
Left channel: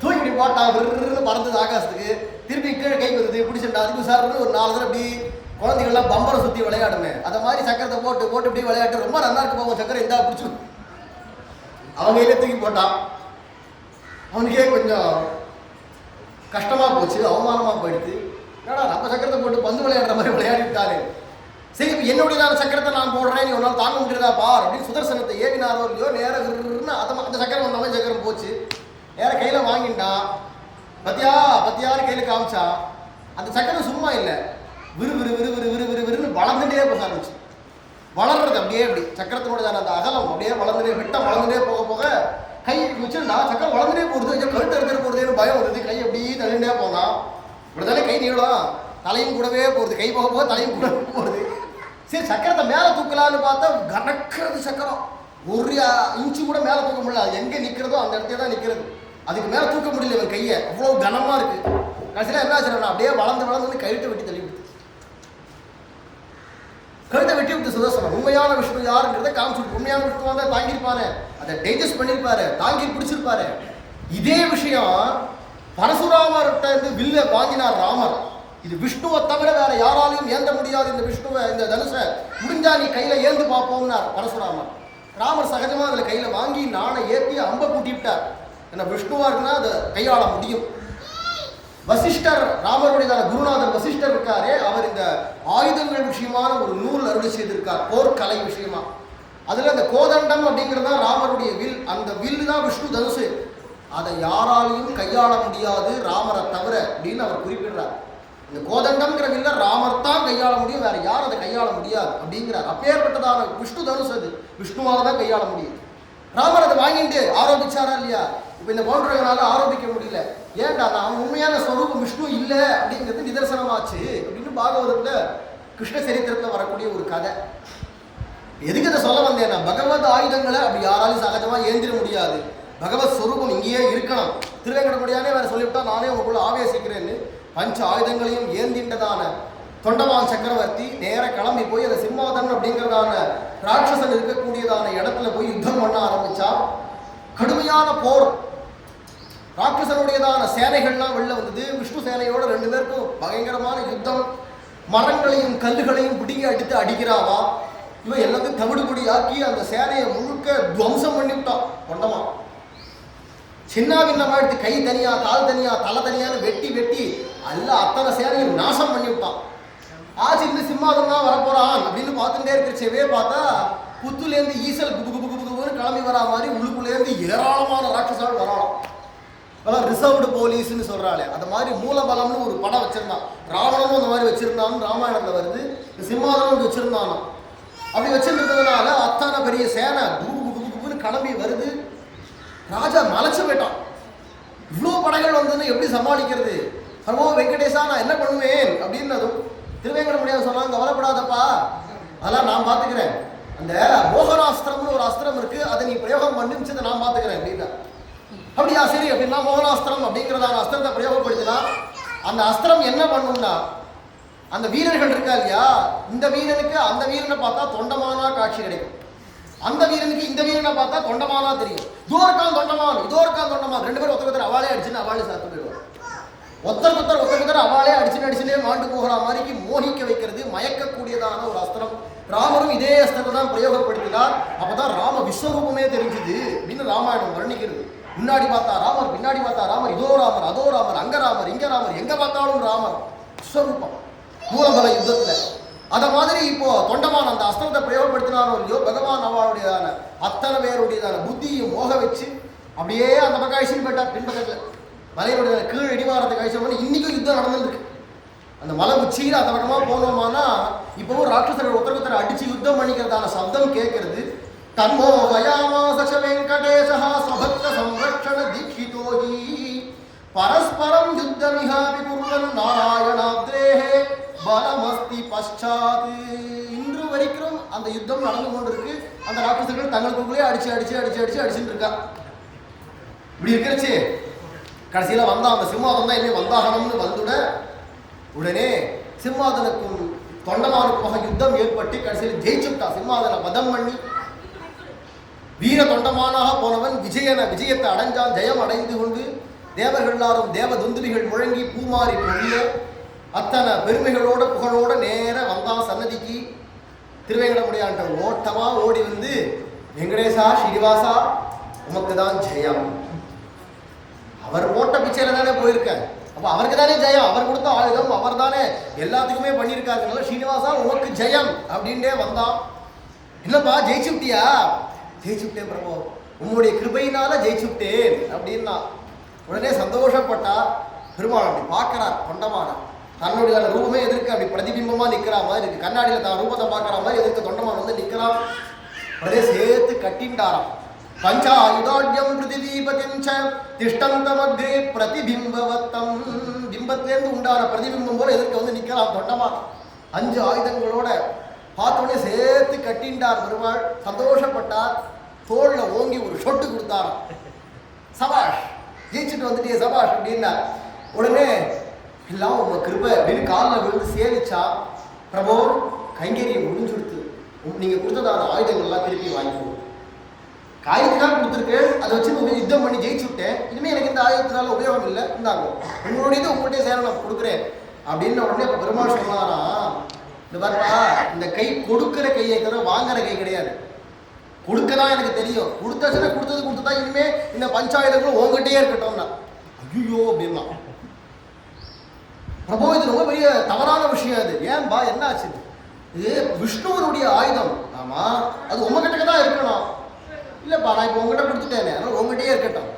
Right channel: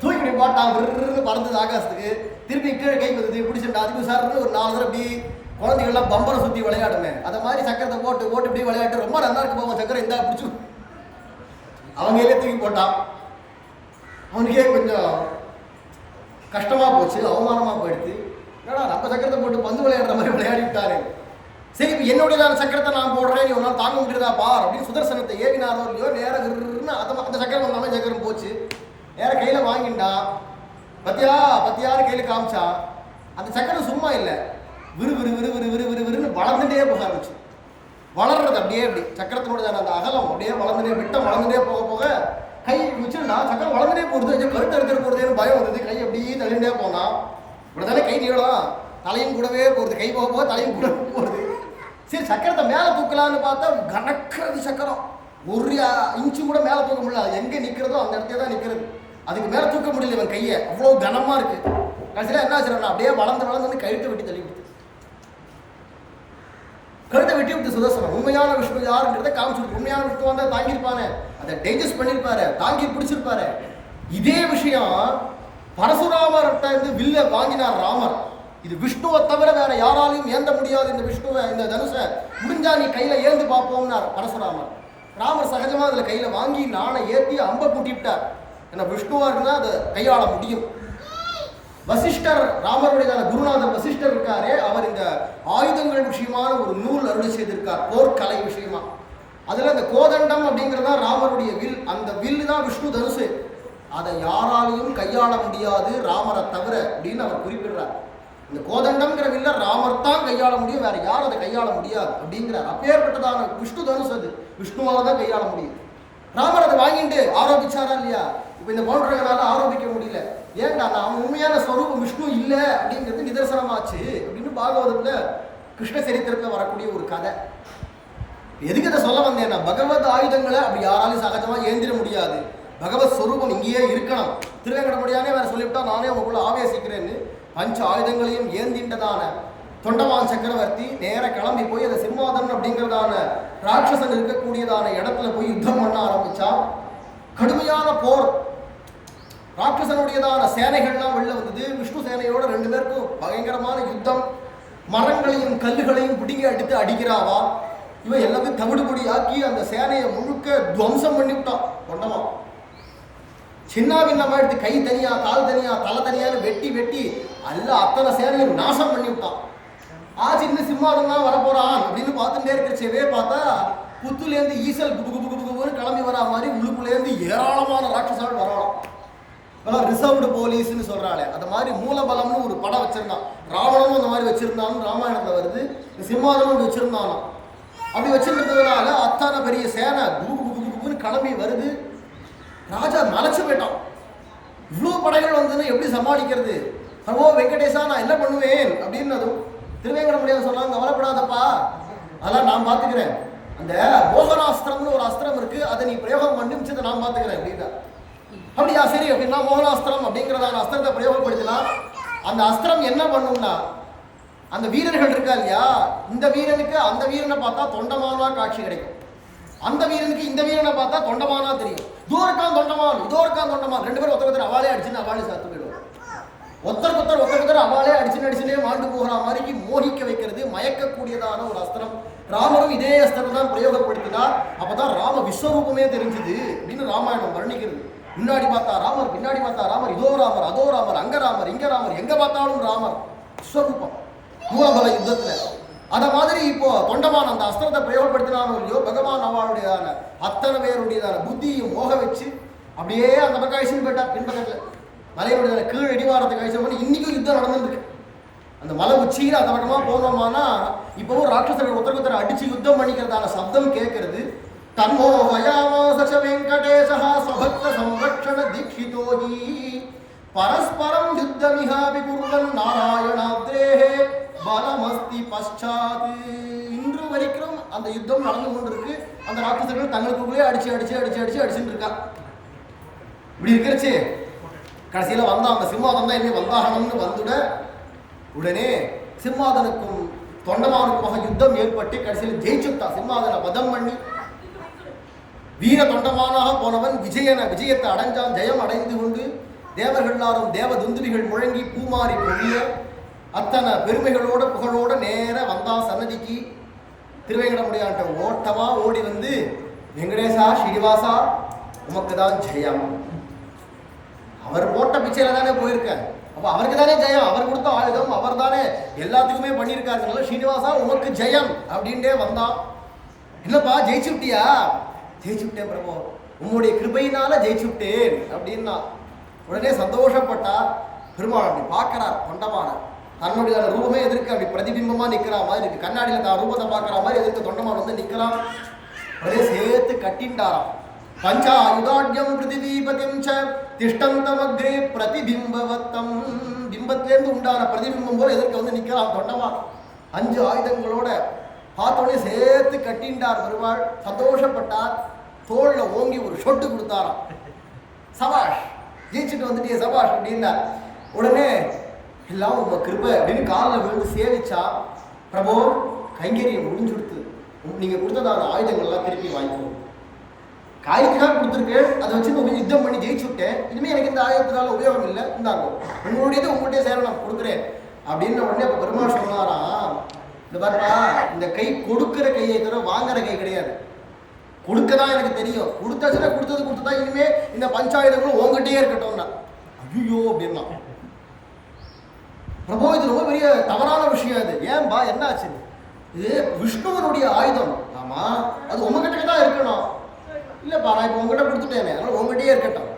தூக்கி இப்படி போட்டான், விருன்னு பறந்தது ஆகாசத்துக்கு. திருப்பி கீழே கை வந்தது, பிடிச்சிட்டா. அதுக்கு சார்னு ஒரு 4 தடவை இப்படி குழந்தைகள்லாம் பம்பரை சுற்றி விளையாடுமே, அதை மாதிரி சக்கரத்தை போட்டு போட்டு இப்படி விளையாட்டு ரொம்ப நல்லா இருக்கு போவோம். சக்கரை இந்தா பிடிச்சி அவங்க கையிலே தூக்கி போட்டான். அவனுக்கே கொஞ்சம் கஷ்டமாக போச்சு, அவமானமாக போயிடுது. என்னடா நம்ம சக்கரத்தை போட்டு பந்து விளையாடுற மாதிரி விளையாடி விட்டாரு. சரி, இப்போ என்னுடையதான சக்கரத்தை நான் போடுறேன், நீ ஒரு நாள் தாங்க முடியுதா பார் அப்படின்னு சுதர்சனத்தை ஏவினாரோ இல்லையோ, நேரம் அந்த சக்கரம் வந்தாமல் சக்கரம் போச்சு. நேரம் கையில் வாங்கிட்டான். பத்தியாரு கையில் காமிச்சான். அந்த சக்கரம் சும்மா இல்லை, விறுன்னு வளர்ந்துட்டே போக ஆரம்பிச்சு. வளர்றது அப்படியே அப்படி சக்கரத்தினுடைய அந்த அகலம் அப்படியே வளர்ந்துட்டே, விட்டம் வளர்ந்துட்டே போக போக கை வச்சுருந்தா சக்கரம் வளர்ந்துட்டே போகிறது. கழுத்து எடுத்துகிற போகிறதுன்னு பயம் வந்தது. கை அப்படியே தள்ளிண்டே போனான். இப்படி தானே கை நீளம், தலையும் கூடவே போகிறது, கை போக போக தலையும் கூட போகிறது. சரி, சக்கரத்தை மேலே தூக்கலான்னு பார்த்தா கணக்கிறது சக்கரம். 1 இன்ச்சு கூட மேலே தூக்க முடியல. அது எங்கே நிற்கிறதோ அந்த இடத்துல தான் நிற்கிறது. அதுக்கு மேலே தூக்க முடியல இவன் கையை, அவ்வளோ கனமாக இருக்குது. கடைசியில் என்ன ஆச்சுன்னா அப்படியே வளர்ந்து வந்து கழுத்தை வெட்டி தள்ளி விடுத்து. கழுத்தை வெட்டி விட்டு சுதர்சனம் உண்மையான விஷ்ணு யாருங்கிறத காமிச்சுட்டு, உண்மையான விஷ்ணு வந்தால் தாங்கியிருப்பாரு, அதை டைஜஸ்ட் பண்ணியிருப்பாரு, தாங்கி பிடிச்சிருப்பாரு. இதே விஷயம் பரசுராமர்கிட்ட இருந்து வில்ல வாங்கினார் ராமர். இது விஷ்ணுவை தவிர வேற யாராலையும் ஏந்த முடியாது, இந்த விஷ்ணுவை இந்த தனுஷை முடிஞ்சா நீ கையில் ஏந்து பார்ப்போம்னார் பரசுராமர். ராமர் சகஜமாக அதில் கையில் வாங்கி நாணை ஏற்றி அம்பை கூட்டி விட்டார். ஏன்னா விஷ்ணுவாக இருக்குன்னா அதை கையாள முடியும். வசிஷ்டர், ராமருடைய குருநாதர் வசிஷ்டர் இருக்காரே, அவர் இந்த ஆயுதங்கள் விஷயமான ஒரு நூல் அருளி செய்திருக்கார், போர்க்கலை விஷயமா. அதில் அந்த கோதண்டம் அப்படிங்கிறது தான் ராமருடைய வில். அந்த வில்லு தான் விஷ்ணு தனுசு. அதை யாராலையும் கையாள முடியாது ராமரை தவிர அப்படின்னு அவர் குறிப்பிடுறார். இந்த கோதண்டம்ங்கிற வில்ல ராமர் தான் கையாள முடியும், வேற யாரும் அதை கையாள முடியாது அப்படிங்கிறார். அப்பேற்பட்டதான விஷ்ணு தனுசு அது விஷ்ணுவாக தான் கையாள முடியும். ராமர் அதை வாங்கிட்டு ஆரோபிச்சாரா இல்லையா? இப்போ இந்த பவுண்டரங்களால ஆரோபிக்க முடியல. ஏன்டா நான் உண்மையான ஸ்வரூபம் விஷ்ணு இல்லை அப்படிங்கிறது நிதர்சனமாச்சு அப்படின்னு பாகவதத்தில் கிருஷ்ண சரித்திரத்தில் வரக்கூடிய ஒரு கதை. எதுக்கு அதை சொல்ல வந்தேன்னா, பகவத் ஆயுதங்களை அப்படி யாராலையும் சகஜமாக ஏந்திர முடியாது. பகவத் ஸ்வரூபம் இங்கேயே இருக்கணும். திருவேங்கடமுடியானே வேற சொல்லிவிட்டா நானே உங்களுக்குள்ள ஆவேசிக்கிறேன்னு பஞ்ச ஆயுதங்களையும் ஏந்தின்றதான தொண்டமான் சக்கரவர்த்தி நேர கிளம்பி போய் அந்த சிம்மாதன் அப்படிங்கிறதான ராட்சசன் இருக்கக்கூடியதான இடத்துல போய் யுத்தம் பண்ண ஆரம்பிச்சா. கடுமையான போர், ராட்சசனுடையதான சேனைகள்லாம் வெளில வந்தது. விஷ்ணு சேனையோட 2 பேருக்கும் பயங்கரமான யுத்தம். மரங்களையும் கல்லுகளையும் பிடிங்கி அடித்து அடிக்கிறாவா. இவன் எல்லாத்தையும் தவிடுபொடியாக்கி அந்த சேனையை முழுக்க துவம்சம் பண்ணிவிட்டான். தொண்டமான் சின்ன பின்னமாக எடுத்து கை தனியா, கால் தனியா, தலை தனியான்னு வெட்டி வெட்டி அத்தனை சேனையும் நாசம் பண்ணி விட்டான். ஆச்சு, இன்னும் சிம்மாதம் தான் வரப்போறான் அப்படின்னு பார்த்துட்டே இருக்கிறச்சவே பார்த்தா புத்துலேருந்து ஈசல் குபு குபு குபுன்னு கிளம்பி வரா மாதிரி உள்ளுக்குள்ளேருந்து ஏராளமான ராட்சசர்கள் வரலாம். அதெல்லாம் ரிசர்வ்டு போலீஸ்ன்னு சொல்கிறாளே, அது மாதிரி மூலபலம்னு ஒரு படம் வச்சுருந்தான். ராவணனும் அந்த மாதிரி வச்சுருந்தான்னு ராமாயணத்தில் வருது. சிம்மாதனம் வச்சுருந்தானோ அப்படி வச்சுருந்ததுனால அத்தான பெரிய சேனை குபுன்னு கிளம்பி வருது. ராஜா மலைச்சு போயிட்டான். இவ்வளோ படைகள் வந்துன்னு எப்படி சமாளிக்கிறது? பிரபோ வெங்கடேசா நான் என்ன பண்ணுவேன் அப்படின்னதும் திருவேங்கடமுடியான் சொன்னாங்க, கவலைப்படாதப்பா, அதெல்லாம் நான் பார்த்துக்கிறேன். அந்த மோகனாஸ்திரம்னு ஒரு அஸ்திரம் இருக்கு, அதை நீ பிரயோகம் பண்ணி மிச்சத்தை நான் பார்த்துக்கிறேன் அப்படின்னா. அப்படியா, சரி அப்படின்னா மோகனாஸ்திரம் அப்படிங்கிறதான அஸ்திரத்தை பிரயோகப்படுத்தினா அந்த அஸ்திரம் என்ன பண்ணும்னா, அந்த வீரர்கள் இருக்கா இல்லையா, இந்த வீரனுக்கு அந்த வீரனை பார்த்தா தொண்டமானா காட்சி கிடைக்கும், அந்த வீரனுக்கு இந்த வீரனை பார்த்தா தொண்டமானா தெரியும். இதோ இருக்கான் தொண்டமான், இதோ இருக்கான் தொண்டமான், ரெண்டு பேரும் ஒருத்தர் அவாளே அடிச்சுன்னு அவாளே சாத்து போயிடுவார். ஒருத்தர் அவாளே அடிச்சுனே மாண்டு போகிற மாதிரிக்கு மோகிக்க வைக்கிறது, மயக்கக்கூடியதான ஒரு அஸ்திரம். ராமரும் இதே அஸ்திரத்தை தான் பிரயோகப்படுத்தினார். அப்பதான் ராம விஸ்வரூபமே தெரிஞ்சுது அப்படின்னு ராமாயணம் வர்ணிக்கிறது. முன்னாடி பார்த்தா ராமர், பின்னாடி பார்த்தா ராமர், இதோ ராமர், அதோ ராமர், அங்க ராமர், இங்க ராமர், எங்க பார்த்தாலும் ராமர் விஸ்வரூபம் மூலபல யுத்தத்துல. அத மாதிரி இப்போ தொண்டமான் அந்த அஸ்திரத்தை பிரயோகப்படுத்தினானோ இல்லையோ, பகவான் அவளுடையதான அத்தனை பேருடையதான புத்தியும் மோக வச்சு அப்படியே அந்த பக்கம் அழிச்சுன்னு போயிட்டார். பின்பக்கத்துல மலையுடைய கீழ் இடிவாரத்துக்கு அழிச்சு இன்னைக்கும் யுத்தம் நடந்துருக்கு. அந்த மலை உச்சியில் அந்த பக்கமா போனோமானா இப்பவும் ராட்சசர்கள் ஒருத்தர் அடிச்சு யுத்தம் பண்ணிக்கிறதான சப்தம் கேட்கறது. தன்மோ வயாமாச வெங்கடேசா ஸ்வபக்த சம்ரக்ஷண தீட்சிதோஹி பரஸ்பரம் யுத்தமிஹாபி குர்வன் நாராயணாத்ரேஹே பலமஸ்தி பశ్చాத். இன்று வரைக்கும் அந்த யுத்தம் நடந்து கொண்டிருக்கு. அந்த ராட்சசர்கள் தங்களுக்குள்ளே அடிச்சுன்னு இருக்கா. இப்படி இருக்கிறச்சு கடைசியில் வந்தான் அந்த சிம்மாதனம் தான் இனிமேல் வந்தாகணும்னு வந்துட உடனே சிம்மாதனுக்கும் தொண்டமானுக்குமாக யுத்தம் ஏற்பட்டு கடைசியில் ஜெயிச்சுட்டா. சிம்மாதனை வதம் பண்ணி வீர தொண்டமானாக போனவன் விஜயத்தை அடைஞ்சான். ஜெயம் அடைந்து கொண்டு தேவர்கள் எல்லாரும் தேவ துந்துபிகள் முழங்கி பூமாரி பொழிய அத்தனை பெருமைகளோட புகழோட நேர வந்தான் சன்னதிக்கு. திருவேங்கடமுடியான்ட்ட ஓட்டமா ஓடி வந்து, வெங்கடேசா ஸ்ரீனிவாசா உமக்கு தான் ஜெயம். அவர் போட்ட பிச்சையில தானே போயிருக்கார், அப்போ அவருக்கு தானே ஜெயம், அவர் கொடுத்த ஆயுதம் அவர் தானே எல்லாத்துக்குமே பண்ணியிருக்காருனால ஸ்ரீனிவாசா உமக்கு ஜெயம் அப்படின்ட்டே வந்தான். இல்லப்பா ஜெயிச்சுட்டியா? ஜெயிச்சுட்டேன் பிரபு, உம்முடைய கிருபையினால ஜெயிச்சுட்டேன் அப்படின்னா. உடனே சந்தோஷப்பட்டார். பெருமாள் அப்படி பார்க்கிறார் தொண்டமான, தன்னுடைய ரூபமே எதிர்க்க அப்படி பிரதிபிம்பமா நிற்கிற மாதிரி இருக்கு. கண்ணாடியில் தான் ரூபத்தை பார்க்குற மாதிரி எதிர்க்க தொண்டமான் வந்து நிற்கிறான். உடனே சேர்த்து கட்டின்டாராம். பஞ்சாயுதாட்யம் பிருத்திவீபதிம் ச திஷ்டந்தமக்ரே பிரதிபிம்பவத்தம். பிம்பத்திலேருந்து உண்டான பிரதிபிம்பம் போல எதிர்க்க வந்து நிற்கிறான் தொண்டமான். 5 ஆயுதங்களோட பார்த்தோடனே சேர்த்து கட்டின்டார் பெருமாள். சந்தோஷப்பட்டார். தோல்ல ஓங்கி ஒரு சொட்டு கொடுத்தாராம். சபாஷ், ஜெயிச்சுட்டு வந்துட்டே சபாஷ் அப்படின்னா. உடனே எல்லாம் உங்க கிருபை அப்படின்னு காலில் விழுந்து சேவிச்சா. பிரபு கைங்கரியம் முடிஞ்சுடுத்து, நீங்க கொடுத்ததான ஆயுதங்கள்லாம் திருப்பி வாங்கிக்கணும். காயத்துக்காக கொடுத்துருக்கு, அதை வச்சு யுத்தம் பண்ணி ஜெயிச்சு விட்டேன். இனிமேல் எனக்கு இந்த ஆயுதத்தினால உபயோகம் இல்லை, இந்தாங்க உங்களுடையது உங்கள்கிட்ட சேர நான் கொடுக்குறேன் அப்படின்னு. உடனே இப்போ பெருமாள் சொன்னாராம், இந்த பாருப்பா, இந்த கை கொடுக்குற கையை தவிர வாங்குற கை கிடையாது. கொடுக்க தான் எனக்கு தெரியும், கொடுத்தாச்சுன்னா கொடுத்தது தான். இனிமே இந்த பஞ்சாயுதங்களும் உங்ககிட்டயே இருக்கட்டும்னா. ஐயோ அப்படின்னா, பிரபு இது ரொம்ப பெரிய தவறான விஷயம். அது ஏன்பா என்ன ஆச்சு? இது விஷ்ணுவனுடைய ஆயுதம். ஆமா, அது உங்ககிட்ட தான் இருக்கணும். இல்லைப்பா நான் இப்போ உங்ககிட்ட கொடுத்துட்டேனே, அதனால உங்ககிட்டயே இருக்கட்டும்.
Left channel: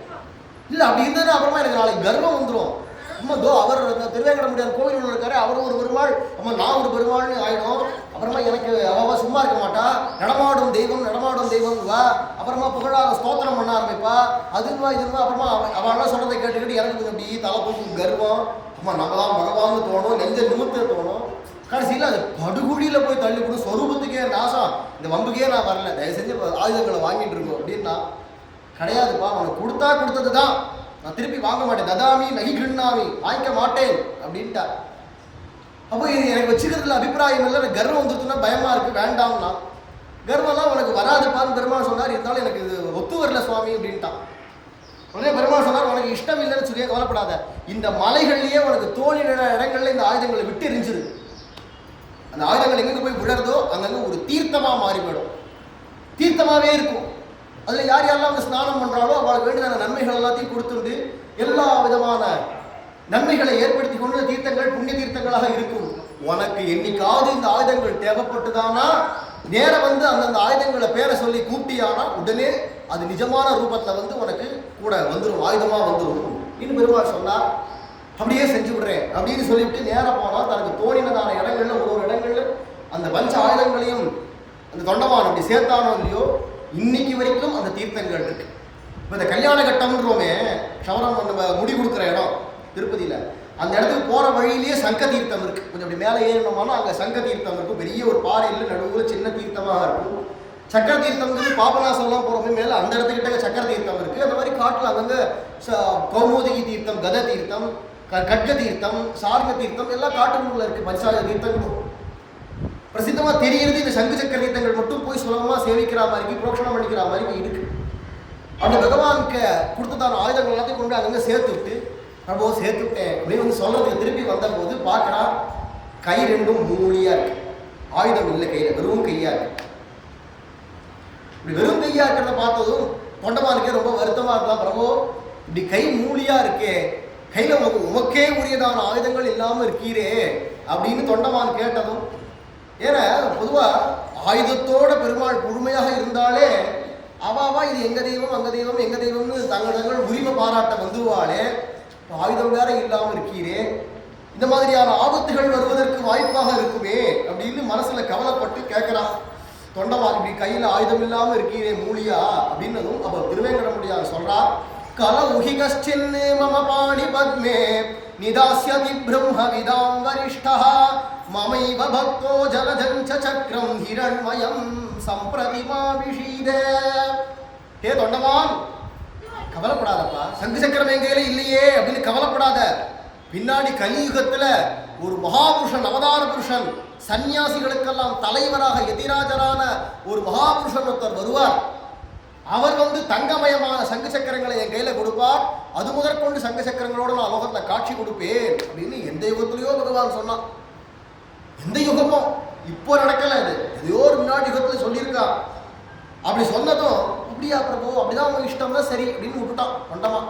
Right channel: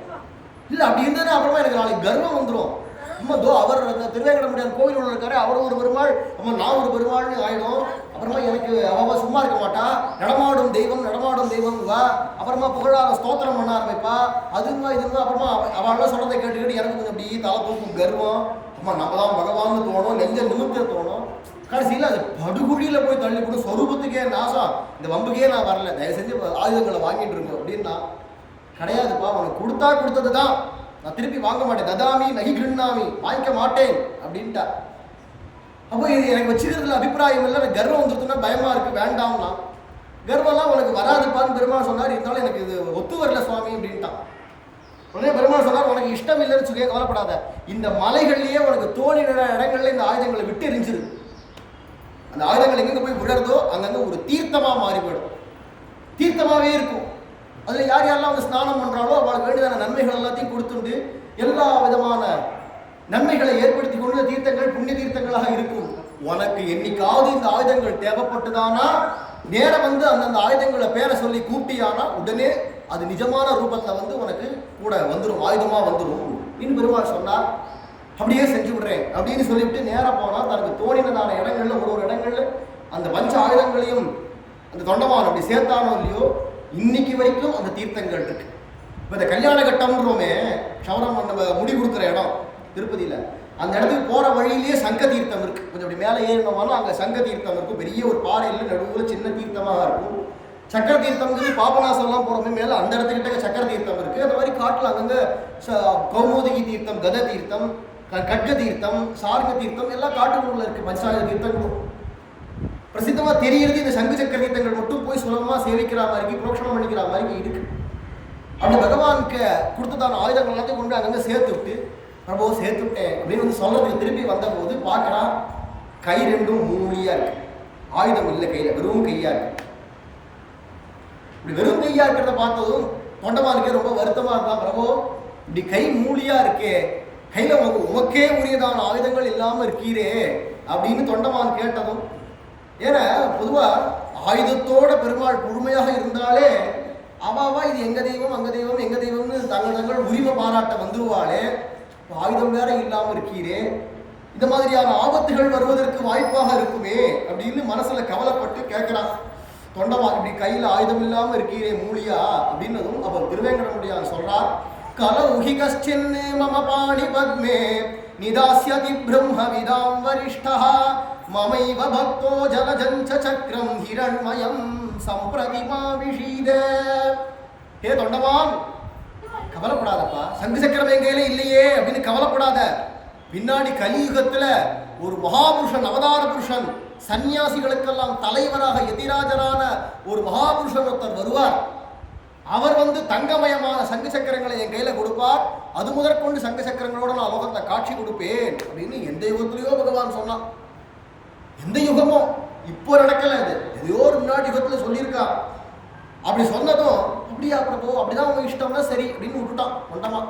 இல்லை அப்படி இருந்ததுன்னா அப்புறமா எனக்கு நாளைக்கு கர்வம் வந்துடும். அம்மா தோ அவர் திருவேங்கடமுடியான் கோவில் ஒன்று இருக்காரு, அவர் ஒரு பெருமாள், அம்மா நான் ஒரு பெருமாள்னு ஆகிடும். அப்புறமா எனக்கு அவள் சும்மா இருக்க மாட்டா, நடமாடும் தெய்வம் வா. அப்புறமா புகழார ஸ்தோத்திரம் பண்ண ஆரம்பிப்பா. அதுமா இதுமா. அப்புறமா அவள்லாம் சொல்கிறதை கேட்டுக்கிட்டு எனக்கு கொஞ்சம் அப்படி தலை தூக்கும் கர்வம். அம்மா நம்ம தான் பகவான்னு தோணும், நெஞ்ச நிமித்த தோணும். கடைசியில் அது படுகுழியில் போய் தள்ளி கூட சொரூபத்துக்கே நாசம். இந்த வம்புக்கே நான் வரல, தயவு செஞ்சு ஆயுதங்களை வாங்கிட்டு இருக்கோம் அப்படின்னா. கிடையாதுப்பா, உனக்கு கொடுத்தது தான், நான் திருப்பி வாங்க மாட்டேன். ததாமி நகி கிண்ணாமி, வாங்கிக்க மாட்டேன் அப்படின்ட்டா. அப்போ இது எனக்கு வச்சுக்கிறதுல அபிப்பிராயம் இல்லை, எனக்கு கர்வம் வந்துருச்சுன்னா பயமா இருக்கு, வேண்டாம்னா. கர்வம்லாம் உனக்கு வராதுப்பான்னு பெருமாள் சொன்னார். இருந்தாலும் எனக்கு இது ஒத்து வரல சுவாமி அப்படின்ட்டான். உடனே பெருமாள் சொன்னார், உனக்கு இஷ்டம் இல்லைன்னு சொல்லி கவலைப்படாத, இந்த மலைகள்லயே உனக்கு தோழின இடங்கள்ல இந்த ஆயுதங்களை விட்டு எரிஞ்சிரு. அந்த ஆயுதங்கள் எங்கெங்க போய் விழறதோ அங்கங்க ஒரு தீர்த்தமா மாறி போயிடும், தீர்த்தமாவே இருக்கும். அதுல யார் யாரெல்லாம் வந்து ஸ்நானம் பண்றாலோ அவளுக்கு வேண்டியதான நன்மைகள் எல்லாத்தையும் கொடுத்துண்டு எல்லா விதமான நன்மைகளை ஏற்படுத்தி கொண்டு தீர்த்தங்கள் புண்ணிய தீர்த்தங்களாக இருக்கும். உனக்கு என்னைக்காவது இந்த ஆயுதங்கள் தேவைப்பட்டுதானா நேர வந்து அந்தந்த ஆயுதங்களை பேரை சொல்லி கூப்பிட்டியானா உடனே அது நிஜமான ரூபத்தில் வந்து உனக்கு கூட வந்துடும், ஆயுதமாக வந்துடும் அப்படின்னு பெருமாள் சொன்னார். அப்படியே செஞ்சு விடுறேன் அப்படின்னு சொல்லிவிட்டு நேராக போனால் தனக்கு தோணினதான இடங்கள்ல ஒரு இடங்கள்ல அந்த பஞ்ச ஆயுதங்களையும் அந்த தொண்டமான் அப்படி சேர்த்தானோ இல்லையோ இன்னைக்கு வரைக்கும் அந்த தீர்த்தங்கள் இருக்கு. இப்போ இந்த கல்யாண கட்டம்ன்றோமே, க்ஷவரம் நம்ம முடி கொடுக்குற இடம் திருப்பதியில், அந்த இடத்துக்கு போகிற வழியிலேயே சங்க தீர்த்தம் இருக்குது. கொஞ்சம் அப்படி மேலே ஏறினோம்னா அங்கே சங்க தீர்த்தம் இருக்கும். பெரிய ஒரு பாறையில் நடுவில் சின்ன தீர்த்தமாக இருக்கும். சக்கர தீர்த்தம்ங்கிறது பாபநாசம்லாம் போகிறோமே மேலே அந்த இடத்துக்கிட்ட சக்கர தீர்த்தம் இருக்குது. அந்த மாதிரி காட்டில் அங்கங்கே கௌமுதிகி தீர்த்தம், கத தீர்த்தம், கட்க தீர்த்தம், சார்க தீர்த்தம் எல்லாம் காட்டுக்குள்ள இருக்குது. பஞ்சாய தீர்த்தங்களும் பிரசித்தமாக தெரியறது இந்த சங்கு சக்கர தீர்த்தங்கள் மட்டும் போய் சுலபமாக சேவிக்கிற மாதிரி புரோக்ஷனம் பண்ணிக்கிற மாதிரி இருக்குது. அப்படி பகவானுக்கு கொடுத்ததான ஆயுதங்கள் எல்லாத்தையும் கொண்டு அங்கங்கே சேர்த்து விட்டு பிரபோ சேர்த்து விட்டேன் அப்படின்னு வந்து சொல்றதுக்கு திருப்பி வந்தபோது பார்க்கறா கை ரெண்டும் மூலியா இருக்கு, ஆயுதம் இல்லை கையில், வெறும் கையா இருக்கு. இப்படி வெறும் கையா இருக்கிறத பார்த்ததும் தொண்டமானுக்கே ரொம்ப வருத்தமா இருந்தா, பிரபோ இப்படி கை மூலியா இருக்கே, கையில உமக்கே உரியதான ஆயுதங்கள் இல்லாம இருக்கீரே அப்படின்னு தொண்டமான் கேட்டதும், ஏன்னா பொதுவா ஆயுதத்தோட பெருமாள் முழுமையாக இருந்தாலே அவாவா இது எங்க தெய்வம் அங்க தெய்வம் எங்க தெய்வம்னு தங்கள் உரிமை பாராட்ட வந்துவாளே, ஆயுதம் வேற இல்லாம இருக்கீரே, இந்த மாதிரியான ஆபத்துகள் வருவதற்கு வாய்ப்பாக இருக்குமே அப்படின்னு மனசுல கவலைப்பட்டு கேட்கிறான். தொண்டமான் இப்படி கையில ஆயுதம் இல்லாம இருக்கீரே மூலியா அப்படின்னதும் அப்ப திருவேங்கடமுடியார் சொல்றார், கல உஹிகஷ்டின் மம பாணி பத்மே நிதாஸ்யதி பிரம்ம விதாம் வரிஷ்டா மமைவ பக்தோ ஜலஜஞ்ச சக்கரம் ஹிரண்மயம் சம்பிரதிமா விஷீத. ஹே தொண்டமான், கவலைப்படாதப்பா, சங்கு சக்கரம் என் கையில இல்லையே அப்படின்னு கவலைப்படாத. பின்னாடி கலியுகத்துல ஒரு மகாபுருஷன், அவதார புருஷன், சன்னியாசிகளுக்கெல்லாம் தலைவராக எதிராஜரான ஒரு மகாபுருஷன் ஒருத்தர் வருவார். அவர் வந்து தங்கமயமான சங்கு சக்கரங்களை என் கையில கொடுப்பார். அது முதற்கொண்டு சங்கு சக்கரங்களோட நான் லோகத்துல காட்சி கொடுப்பேன் அப்படின்னு எந்த யுகத்திலேயோ பகவான் சொன்னான். எந்த யுகமோ இப்போ நடக்கல, இது எதையோ ஒரு முன்னாடி யுகத்துல சொல்லியிருக்கான். அப்படி சொன்னதும் அப்படியா பிரபு, அப்படிதான் அவங்க இஷ்டம்னா சரி அப்படின்னு விட்டுட்டான் தொண்டமா.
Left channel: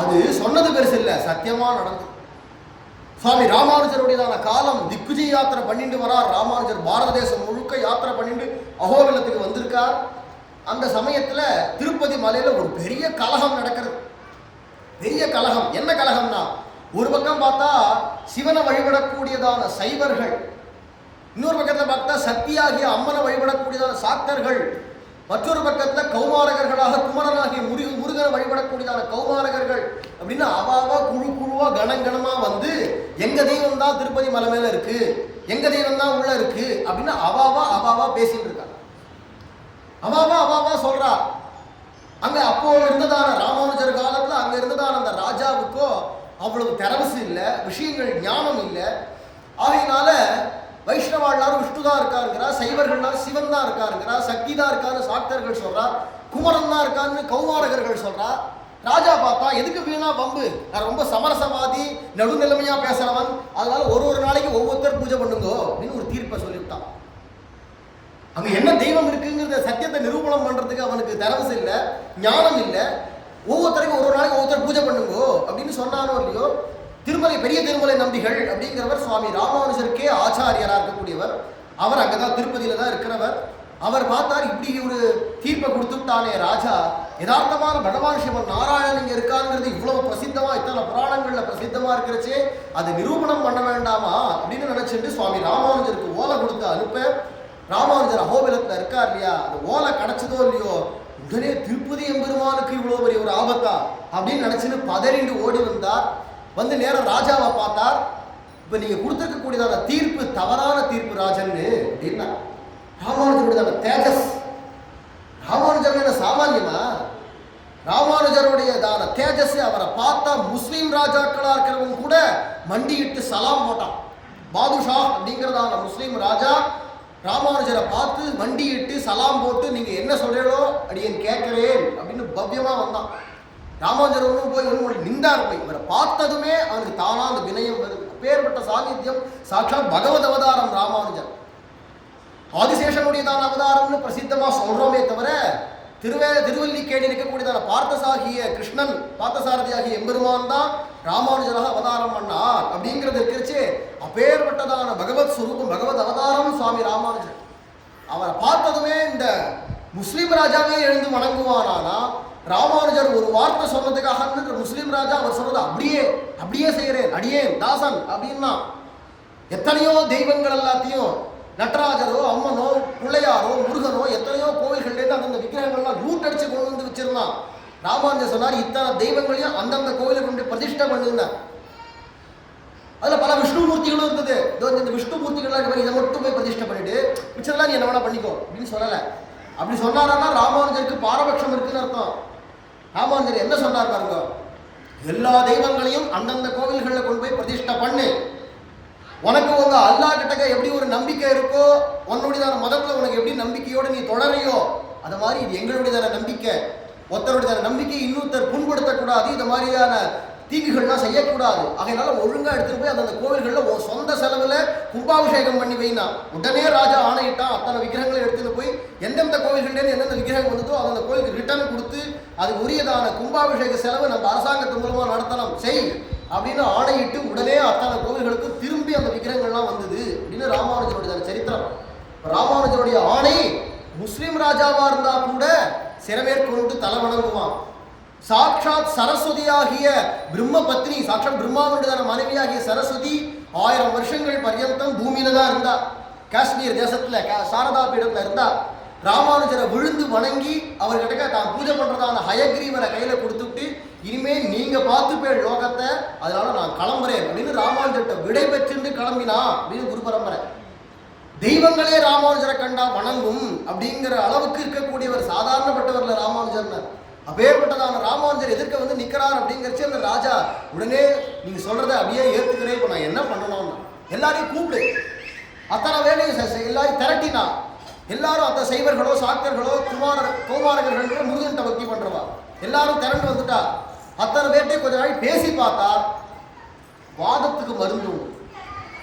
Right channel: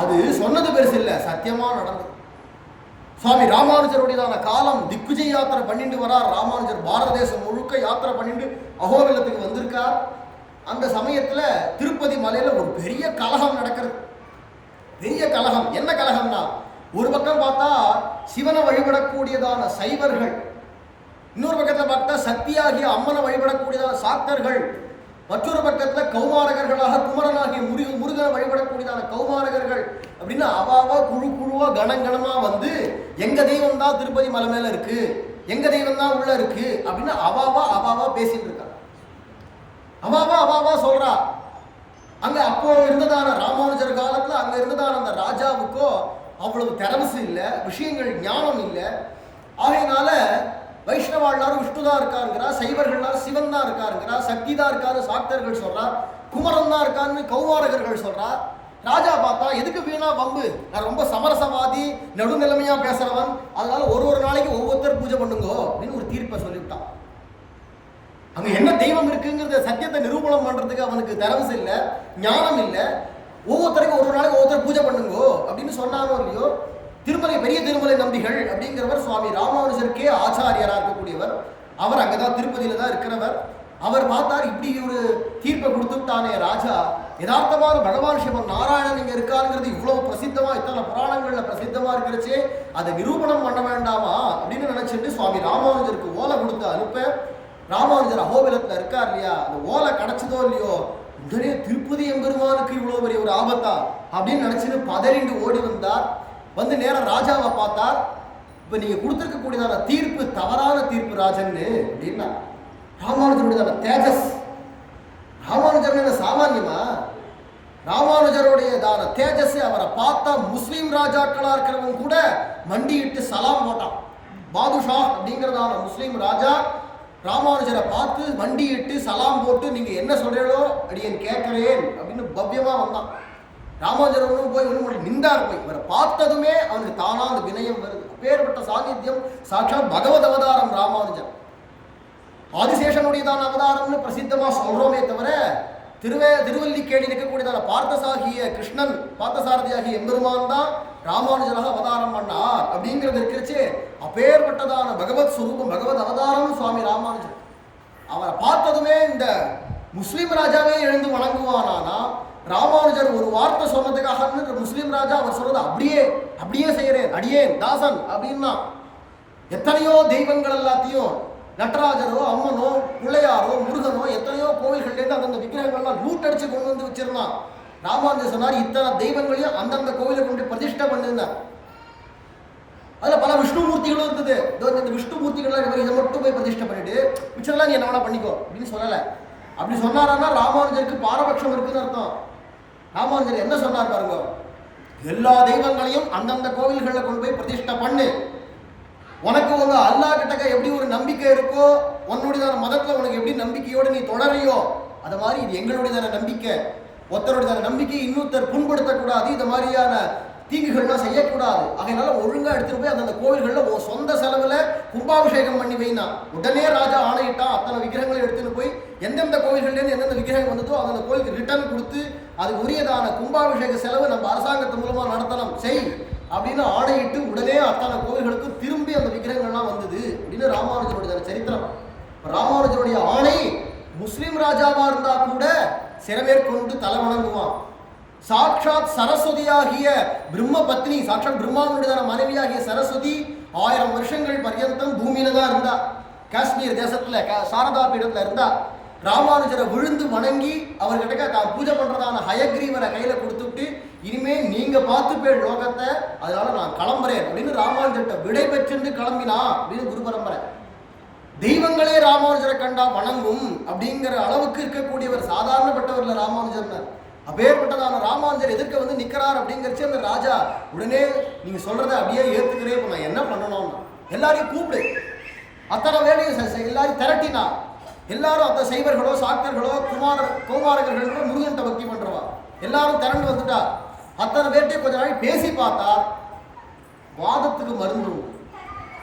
அது சொன்னது பெருசு இல்லை, சத்தியமா நடந்தது. சுவாமி ராமானுஜருடையதான காலம் திக்விஜய் யாத்திரை பண்ணிட்டு வரார். ராமானுஜர் பாரத தேசம் முழுக்க யாத்திரை பண்ணிட்டு அகோபிலத்துக்கு வந்திருக்கார். அந்த சமயத்துல திருப்பதி மலையில ஒரு பெரிய கலகம் நடக்கிறது. பெரிய கலகம். என்ன கலகம்னா, ஒரு பக்கம் பார்த்தா சிவனை வழிபடக்கூடியதான சைவர்கள், இன்னொரு பக்கத்தில் பார்த்தா சக்தியாகிய அம்மனை வழிபடக்கூடியதான சாக்தர்கள், மற்றொரு பக்கத்தில் கௌமாரகர்களாக குமரனாகிய முருகனை வழிபடக்கூடியதான கௌமாரகர்கள் அப்படின்னு அவாவா குழு குழுவா கணங்கணமா வந்து எங்க தெய்வம் தான் திருப்பதி மலை மேல இருக்கு, எங்க தெய்வம் தான் உள்ள இருக்கு அப்படின்னு அவாவா பேசிட்டு இருக்காங்க. அவாவா சொல்றா. அங்க அப்போ இருந்ததான ராமானுஜர் காலத்துல அங்க இருந்ததான அந்த ராஜாவுக்கோ அவ்வளவு தரவசு இல்லை, விஷயங்கள் ஞானம் இல்லை. ஆகையினால வைஷ்ணவா எல்லாரும் விஷ்ணு தான் இருக்காருங்கிறா, சைவர்கள் சிவன் தான் இருக்காருங்கிறா, சக்தி தான் இருக்காருன்னு சாக்தர்கள் சொல்றா, குமரன் தான் இருக்காருன்னு கௌமாரகர்கள் சொல்றா. ராஜா பார்த்தா எதுக்கு வீணா வம்பு, நான் ரொம்ப சமரசவாதி நடுநிலைமையா பேசுறவன், அதனால ஒரு நாளைக்கு ஒவ்வொருத்தர் பூஜை பண்ணுங்கோ அப்படின்னு ஒரு தீர்ப்பை சொல்லிவிட்டான். அங்க என்ன தெய்வம் இருக்குங்கிறத சத்தியத்தை நிரூபணம் பண்றதுக்கு அவனுக்கு தரவசு இல்லை, ஞானம் இல்லை. ஒவ்வொருத்தரைக்கும் ஒரு நாளைக்கு ஒவ்வொருத்தர் பூஜை பண்ணுங்கோ அப்படின்னு சொன்னானோ இல்லையோ, திருமலை பெரிய திருமலை நம்பிகள் அப்படிங்கிறவர் சுவாமி ராமானுஜருக்கே ஆச்சாரியராக இருக்கக்கூடியவர். அவர் அங்கதான் திருப்பதியில தான் இருக்கிறவர். அவர் பார்த்தார், இப்படி ஒரு தீர்ப்பை கொடுத்துட்டானே ராஜா, யதார்த்தமான பகவான் சிவன் நாராயணன் இங்க இருக்காருங்கிறது இவ்வளவு பிரசித்தமா, இத்தனை புராணங்கள்ல பிரசித்தமா இருக்கிறச்சே அதை நிரூபணம் பண்ண வேண்டாமா அப்படின்னு நினைச்சிட்டு சுவாமி ராமானுஜருக்கு ஓலை கொடுத்து அனுப்ப, ராமானுஜர் அகோபிலத்துல இருக்கார் இல்லையா, அந்த ஓலை கிடைச்சதோ இல்லையோ, உடனே திருப்பதி எம்பெருமானுக்கு இவ்வளவு பெரிய ஒரு ஆபத்தா அப்படின்னு நினைச்சுன்னு பதறிண்டு ஓடி வந்தார். வந்து நேரம் ராஜாவை பார்த்தார். இப்ப நீங்க கொடுத்திருக்கக்கூடியதான தீர்ப்பு தவறான தீர்ப்பு ராஜன்னு அப்படின்னா, ராமானுஜருடையதான தேஜஸ், ராமானுஜர் சாமான்யமா, ராமானுஜருடையதான தேஜஸ், அவரை பார்த்தா முஸ்லீம் ராஜாக்களா இருக்கிறவங்க கூட மண்டியிட்டு சலாம் போட்டான். பாதுஷா அப்படிங்கிறதான முஸ்லீம் ராஜா ராமானுஜரை பார்த்து மண்டியிட்டு சலாம் போட்டு, நீங்க என்ன சொல்றீங்களோ அடியேன் கேட்கிறேன் அப்படின்னு பவ்யமா வந்தான். ராமானுஜர் ஒன்றும் போய் ஒன்றும் நின்றார். போய் இவரை பார்த்ததுமே அவனுக்கு தானா அந்த வினயம் வருது. அப்பேற்பட்ட சாநித்தியம், சாட்சாத் பகவத் அவதாரம் ராமானுஜர். ஆதிசேஷனுடையதான அவதாரம்னு பிரசித்தமா சொல்றோமே தவிர, திருவல்லிக்கேணி இருக்கக்கூடியதான பார்த்தசாகிய கிருஷ்ணன், பார்த்தசாரதியாகிய எம்பெருமான் தான் ராமானுஜராக அவதாரம் பண்ணார் அப்படிங்கிறது இருக்கிறச்சு. அப்பேற்பட்டதான பகவத் ஸ்வரூபம், பகவத் அவதாரம் சுவாமி ராமானுஜர். அவரை பார்த்ததுமே இந்த முஸ்லீம் ராஜாவே எழுந்து வணங்குவானா ராமானுஜர் ஒரு வார்த்தை சொன்னதுக்காக முஸ்லீம் ராஜா அவர் சொல்றது அப்படியே அப்படியே செய்யறேன் அடியேன் தாசன் அப்படின்னா எத்தனையோ தெய்வங்கள் எல்லாத்தையும் நடராஜரோ அம்மனோ பிள்ளையாரோ முருகனோ எத்தனையோ கோவில்கள்லேருந்து அந்தந்த விக்கிரகங்கள்லாம் லூட் அடிச்சு கொண்டு வந்து வச்சிருந்தான். ராமானுஜர் சொன்னார் இத்தனை தெய்வங்களையும் அந்தந்த கோவிலை கொண்டு பிரதிஷ்டை பண்ணுங்க. அதில் பல விஷ்ணுமூர்த்திகளும் இருந்தது. இந்த விஷ்ணுமூர்த்திகள்லாம் இதை மட்டும் போய் பிரதிஷ்டை பண்ணிட்டு மிச்சதெல்லாம் நீ என்ன வேணா பண்ணிக்கோ அப்படின்னு சொல்லலை. அப்படி சொன்னாரான்னா ராமானுஜருக்கு பாரபட்சம் இருக்குன்னு அர்த்தம். ராமானுஜர் என்ன சொன்னார் பாருங்க, எல்லா தெய்வங்களையும் அந்தந்த கோவில்களில் கொண்டு போய் பிரதிஷ்டை பண்ணு. உனக்கு உங்க அல்லா கிட்டக்க எப்படி ஒரு நம்பிக்கை இருக்கோ, உன்னுடையதான மதத்தில் உனக்கு எப்படி நம்பிக்கையோடு நீ தொடரையோ அது மாதிரி இது எங்களுடையதான நம்பிக்கை. ஒருத்தருடையதான நம்பிக்கை இன்னொருத்தர் புண்படுத்தக்கூடாது, இது மாதிரியான தீங்குகள்லாம் செய்யக்கூடாது. அதனால ஒழுங்காக எடுத்துகிட்டு போய் அந்தந்த கோவில்களில் சொந்த செலவில் கும்பாபிஷேகம் பண்ணி வைனா. உடனே ராஜா ஆணையிட்டான் அத்தனை விக்கிரகங்களை எடுத்துகிட்டு போய் எந்தெந்த கோவில்கள்லேருந்து எந்தெந்த விக்கிரகம் வந்ததோ அந்தந்த கோவிலுக்கு ரிட்டர்ன் கொடுத்து அதுக்கு உரியதான கும்பாபிஷேக செலவு நம்ம அரசாங்கத்து மூலமாக நடத்தலாம் செய் அப்படின்னு ஆணையிட்டு உடனே அத்தனை கோவில்களுக்கு திரும்பி அந்த விக்கிரகங்கள்லாம் வந்தது அப்படின்னு ராமானுஜருடைய சரித்திரம். ராமானுஜருடைய ஆணை முஸ்லீம் ராஜாவாக இருந்தால் கூட சிறமேற்கொண்டு தலை வணங்குவான். சாட்சாத் சரஸ்வதியாகிய பிரம்ம பத்னி, சாட்சாத் பிரம்மாவுடைய மனைவியாகிய சரஸ்வதி 1000 வருஷங்கள் பர்யந்தம் பூமியில தான் இருந்தா. காஷ்மீர் தேசத்துல சாரதா பீடத்துல இருந்தா. ராமானுஜரை விழுந்து வணங்கி அவர்கிட்ட தான் பூஜை பண்றதான ஹயக்ரீவனை கையில கொடுத்துட்டு இனிமே நீங்க பார்த்துப்பேன் லோகத்தை, அதனால நான் கிளம்புறேன் அப்படின்னு ராமானுஜர்கிட்ட விடை பெற்று கிளம்பினா அப்படின்னு குரு பரம்பரை. தெய்வங்களே ராமானுஜரை கண்டா வணங்கும் அப்படிங்கிற அளவுக்கு இருக்கக்கூடியவர் சாதாரணப்பட்டவர்ல ராமானுஜர்னர். அப்பேற்பட்டதான ராமானுஜர் எதிர்க்க வந்து நிற்கிறார் அப்படிங்கிறச்சு அந்த ராஜா உடனே நீங்கள் சொல்கிறத அப்படியே ஏற்றுக்கிறேன். இப்போ நான் என்ன பண்ணணும்னா எல்லாரையும் கூப்பிடு, அத்தனை வேலையும் எல்லாரையும் திரட்டினா எல்லாரும் அத்த சைவர்களோ சாக்தர்களோ கௌமாரகர்களோ முருகன்ட்ட பக்தி பண்ணுறவா எல்லாரும் திரண்டு வந்துட்டா. அத்தனை பேர்ட்டே கொஞ்ச நாள் பேசி பார்த்தா வாதத்துக்கு மருந்து உண்டு.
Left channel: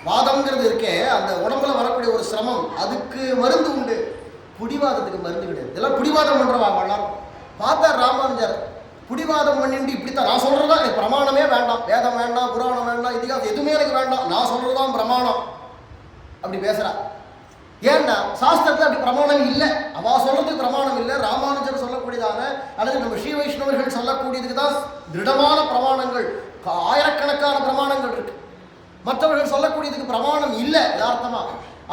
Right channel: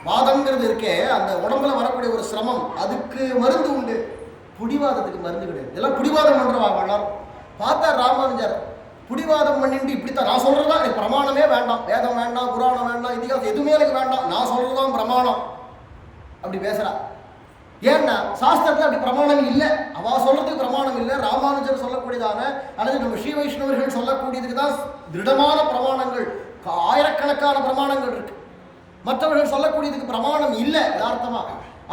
வாதம்ங்கிறது இருக்கே அந்த உடம்புல வரக்கூடிய ஒரு சிரமம், அதுக்கு மருந்து உண்டு. புடிவாதத்துக்கு மருந்து கிடையாது. இதெல்லாம் புடிவாதம் பண்ணுறவா எல்லாரும் பார்த்தா ராமானுஜர் புடிவாதம் பண்ணிட்டு இப்படித்தான் நான் சொல்றதா எனக்கு பிரமாணமே வேண்டாம், வேதம் வேண்டாம், புராணம் வேண்டாம், இதிகாசம் எதுவுமே எனக்கு வேண்டாம், நான் சொல்றதுதான் பிரமாணம் அப்படி பேசுறா. ஏன்னா சாஸ்திரத்தில் அப்படி பிரமாணம் இல்லை, அவ சொல்றதுக்கு பிரமாணம் இல்லை. ராமானுஜர் சொல்லக்கூடியதான அல்லது நம்ம ஸ்ரீ வைஷ்ணவர்கள் சொல்லக்கூடியதுக்கு தான் திருடமான பிரமாணங்கள், ஆயிரக்கணக்கான பிரமாணங்கள் இருக்கு. மற்றவர்கள் சொல்லக்கூடியதுக்கு பிரமாணம் இல்லை யதார்த்தமா.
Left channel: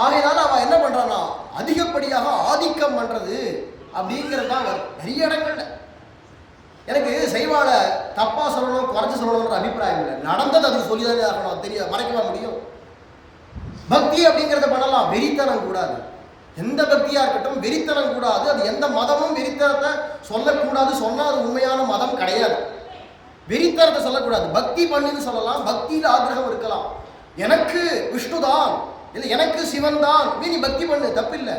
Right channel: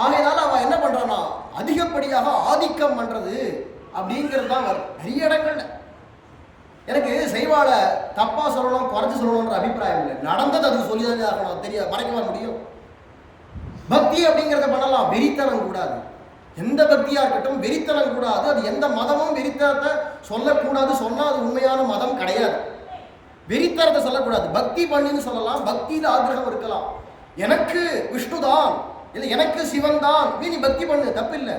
ஆகையினால அவ என்ன பண்றான்னா அதிகப்படியாக ஆதிக்கம் பண்றது அப்படிங்கிறது தான் வரும் நிறைய இடங்கள்ல. எனக்கு செய்வாள தப்பா சொல்லணும் குறைச்சி சொல்லணும்ன்ற அபிப்பிராயம் இல்லை. நடந்தது அதுக்கு சொல்லிதானே ஆகணும், தெரிய மறைக்கவா முடியும்? பக்தி அப்படிங்கிறத பண்ணலாம், வெறித்தனம் கூடாது. எந்த பக்தியா இருக்கட்டும் வெறித்தனம் கூடாது. அது எந்த மதமும் வெறித்தனத்தை சொல்லக்கூடாது. சொன்னா அது உண்மையான மதம் கிடையாது. வெறித்தனத்தை சொல்லக்கூடாது. பக்தி பண்ணின்னு சொல்லலாம், பக்தியில் ஆக்கிரகம் இருக்கலாம். எனக்கு விஷ்ணுதான் இல்லை எனக்கு சிவன் தான் நீ பக்தி பண்ணு, தப்பில்லை.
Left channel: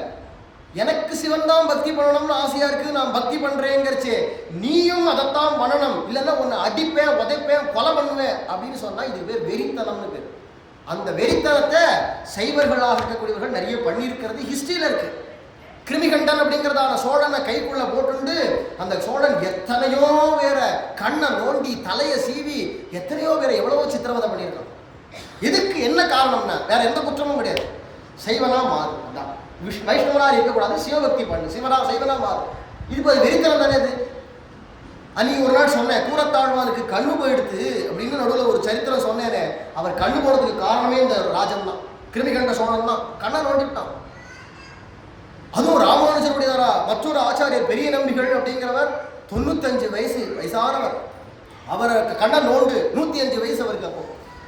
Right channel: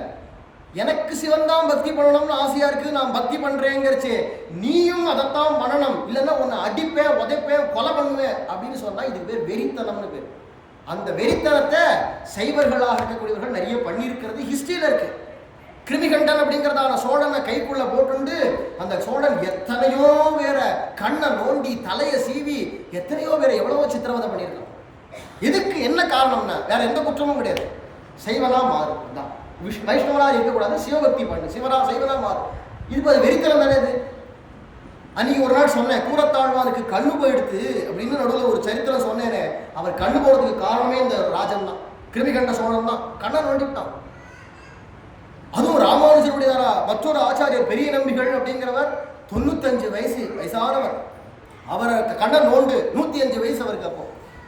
எனக்கு சிவன் தான் பக்தி பண்ணணும்னு ஆசையா இருக்கு, நான் பக்தி பண்றேங்கிறச்சே நீயும் அதைத்தான் பண்ணணும், இல்லைன்னா உன்னை அடிப்பேன் உதைப்பேன் கொலை பண்ணுவேன் அப்படின்னு சொன்னா இது பேர் வெறித்தனம்னு பேர். அந்த வெறித்தனத்தை சைவர்களாக இருக்கக்கூடியவர்கள் நிறைய பண்ணியிருக்கிறது ஹிஸ்டரியில இருக்கு. கிருமிகண்டன் அப்படிங்கிறதான சோழனை கைக்குள்ள போட்டுண்டு அந்த சோழன் எத்தனையோ வேற கண்ணை நோண்டி தலையை சீவி எத்தனையோ வேற எவ்வளவோ சித்திரவதை பண்ணியிருக்கான். இதுக்கு என்ன காரணம்னா வேற எந்த குற்றமும் கிடையாது, சைவனா மாறு தான். வைஷ்ணவனா இருக்கக்கூடாது, சிவபக்தி பண்ணு, சைவனா மாறு. இது வெறித்தனம் தானே. இது அன்னைக்கு ஒரு நாள் சொன்னேன், கூரத்தாழ்வானுக்கு கண்ணு போயிடுத்து அப்படின்னு நடுவில் ஒரு சரித்திரம் சொன்னேனே. அவர் கண்ணு போறதுக்கு காரணமே இந்த ராஜன் தான், கிருமிகண்ட சோழன் தான். கண்ணை நோண்டிவிட்டான். அதுவும் ராமானுஜருடையதாரா மற்றொரு ஆச்சாரியர் பெரிய நம்பிகள் அப்படிங்கிறவர் 95 வயசானவர். அவர் கண்ணை நோண்டு 105 வயசு அவருக்கு. அப்போ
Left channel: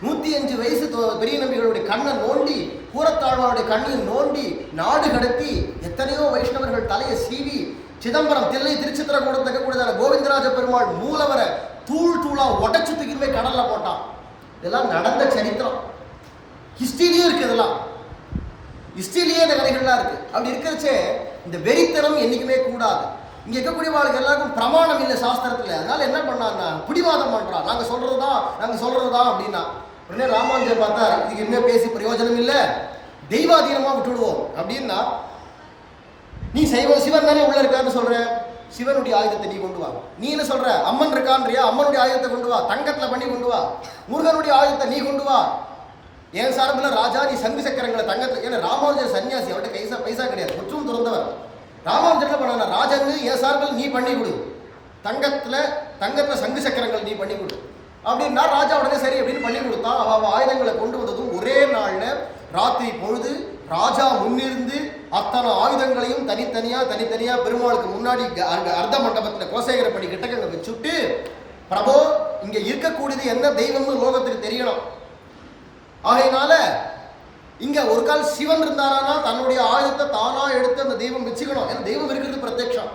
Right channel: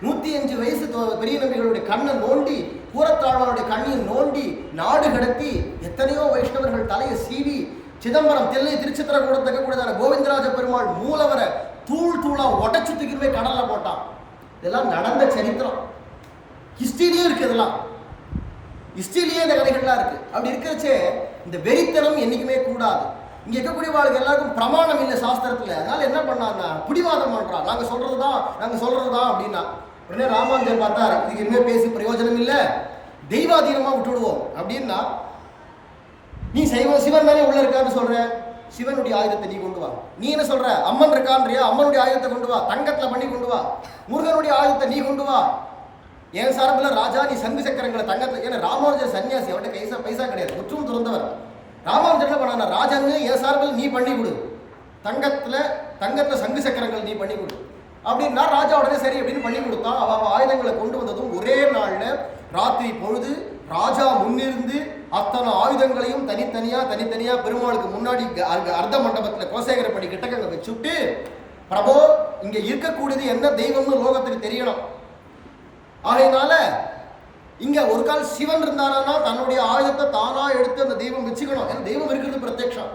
105 வயசு பெரிய நம்பிகளுடைய கண்ணை நோண்டி கூரத்தாழ்வானுடைய கண்ணையும் நோண்டி நாடு கடத்தி எத்தனையோ வைஷ்ணவர்கள் தலையை சீவி சிதம்பரம் தில்லை திருச்சித்திரகூடத்துக்கு கூடதான கோவிந்தராஜ பெருமாள் மூலவரை தூள் தூளா உடச்சு தூக்கிட்டு கடல்ல போட்டான். இதெல்லாம் நடந்த சரித்திரம் ஹிஸ்டரியே இருக்கு. இதெல்லாம் ஹிஸ்டரியிலேயே இந்த கதைகள்லாம் இருக்கு. அப்படி இருக்கிறச்சே இந்த வெறித்தனம் என்னைக்குமே கூடாது. இங்க இருக்கக்கூடிய வாழ்க்கை எல்லாருக்கும் பிரமாணம் இல்லை சாஸ்திரத்துல. அதனால என்ன பண்ணான்னா பிடிவாதம் பண்றான், நாங்க சொல்றதுதான் அப்படின்னா. உடனே ராமானுஜர் பார்த்தார், இதுக்கு இனிமே பேசி பிரயோஜனம் இல்லை, தெய்வாதீனமா விட்டுடுவோம் அப்படின்னா. நீ சிவன் தானே உள்ள இருக்கான்னு சொல்ற, சிவனுடைய ஆயுதத்தை நீ கொண்டு வா. நீ என்ன சொல்ற, அம்மன் இருக்கான்றியா, அம்மனுடைய ஆயுதத்தை கொண்டு வா, தங்கத்துல பண்ணி கொண்டு வா. முருகனுடைய ஆயுதத்தை நீ கொண்டு வா. என் சார்பில் ராஜா நீ சங்கு சக்கரங்களை தங்கத்துல. ஏன்னா ராமானுஜர் சன்னியாசி, அவர்கிட்ட பைசா கிடையாது, முற்றும் துறந்தவர். ராமானுஜர் என்ன பண்ண, ராஜன்னு என் சார்பில் நீ பண்ணி கொடு, தங்கத்தில் சங்கு சக்கரங்கள் நீ பண்ணி கொடு அப்படின்னா ராஜா உடனே சரி அப்படின்னு பண்ணி கொடுத்தான். அவ ஆயுதங்களை கொண்டு வந்ததும் ஒரே நாள்ல ராத்திரி பொழுது ராஜா முன்னிருந்து அத்தனை ஆயுதங்களையும் தனித்தனியா பெருமாளுக்கு முன்னாடி அர்த்த மண்டபத்தில் கோசேகரப்படி கிட்டக்க வச்சுட்டு, பிரபோ இங்க இருக்கக்கூடியது என்ன தெய்வம்னு லோகத்துக்கு தெரியணும். ஆகையினால இங்க ஒரு கால் சிவன் இருந்தாரானா தன்னுடைய ஆயுதத்தை தானா எடுத்து அந்த தெய்வம் வச்சுக்கணும். ஏன்னா தெய்வம் இருக்கிறது பிரத்யக்ஷம்,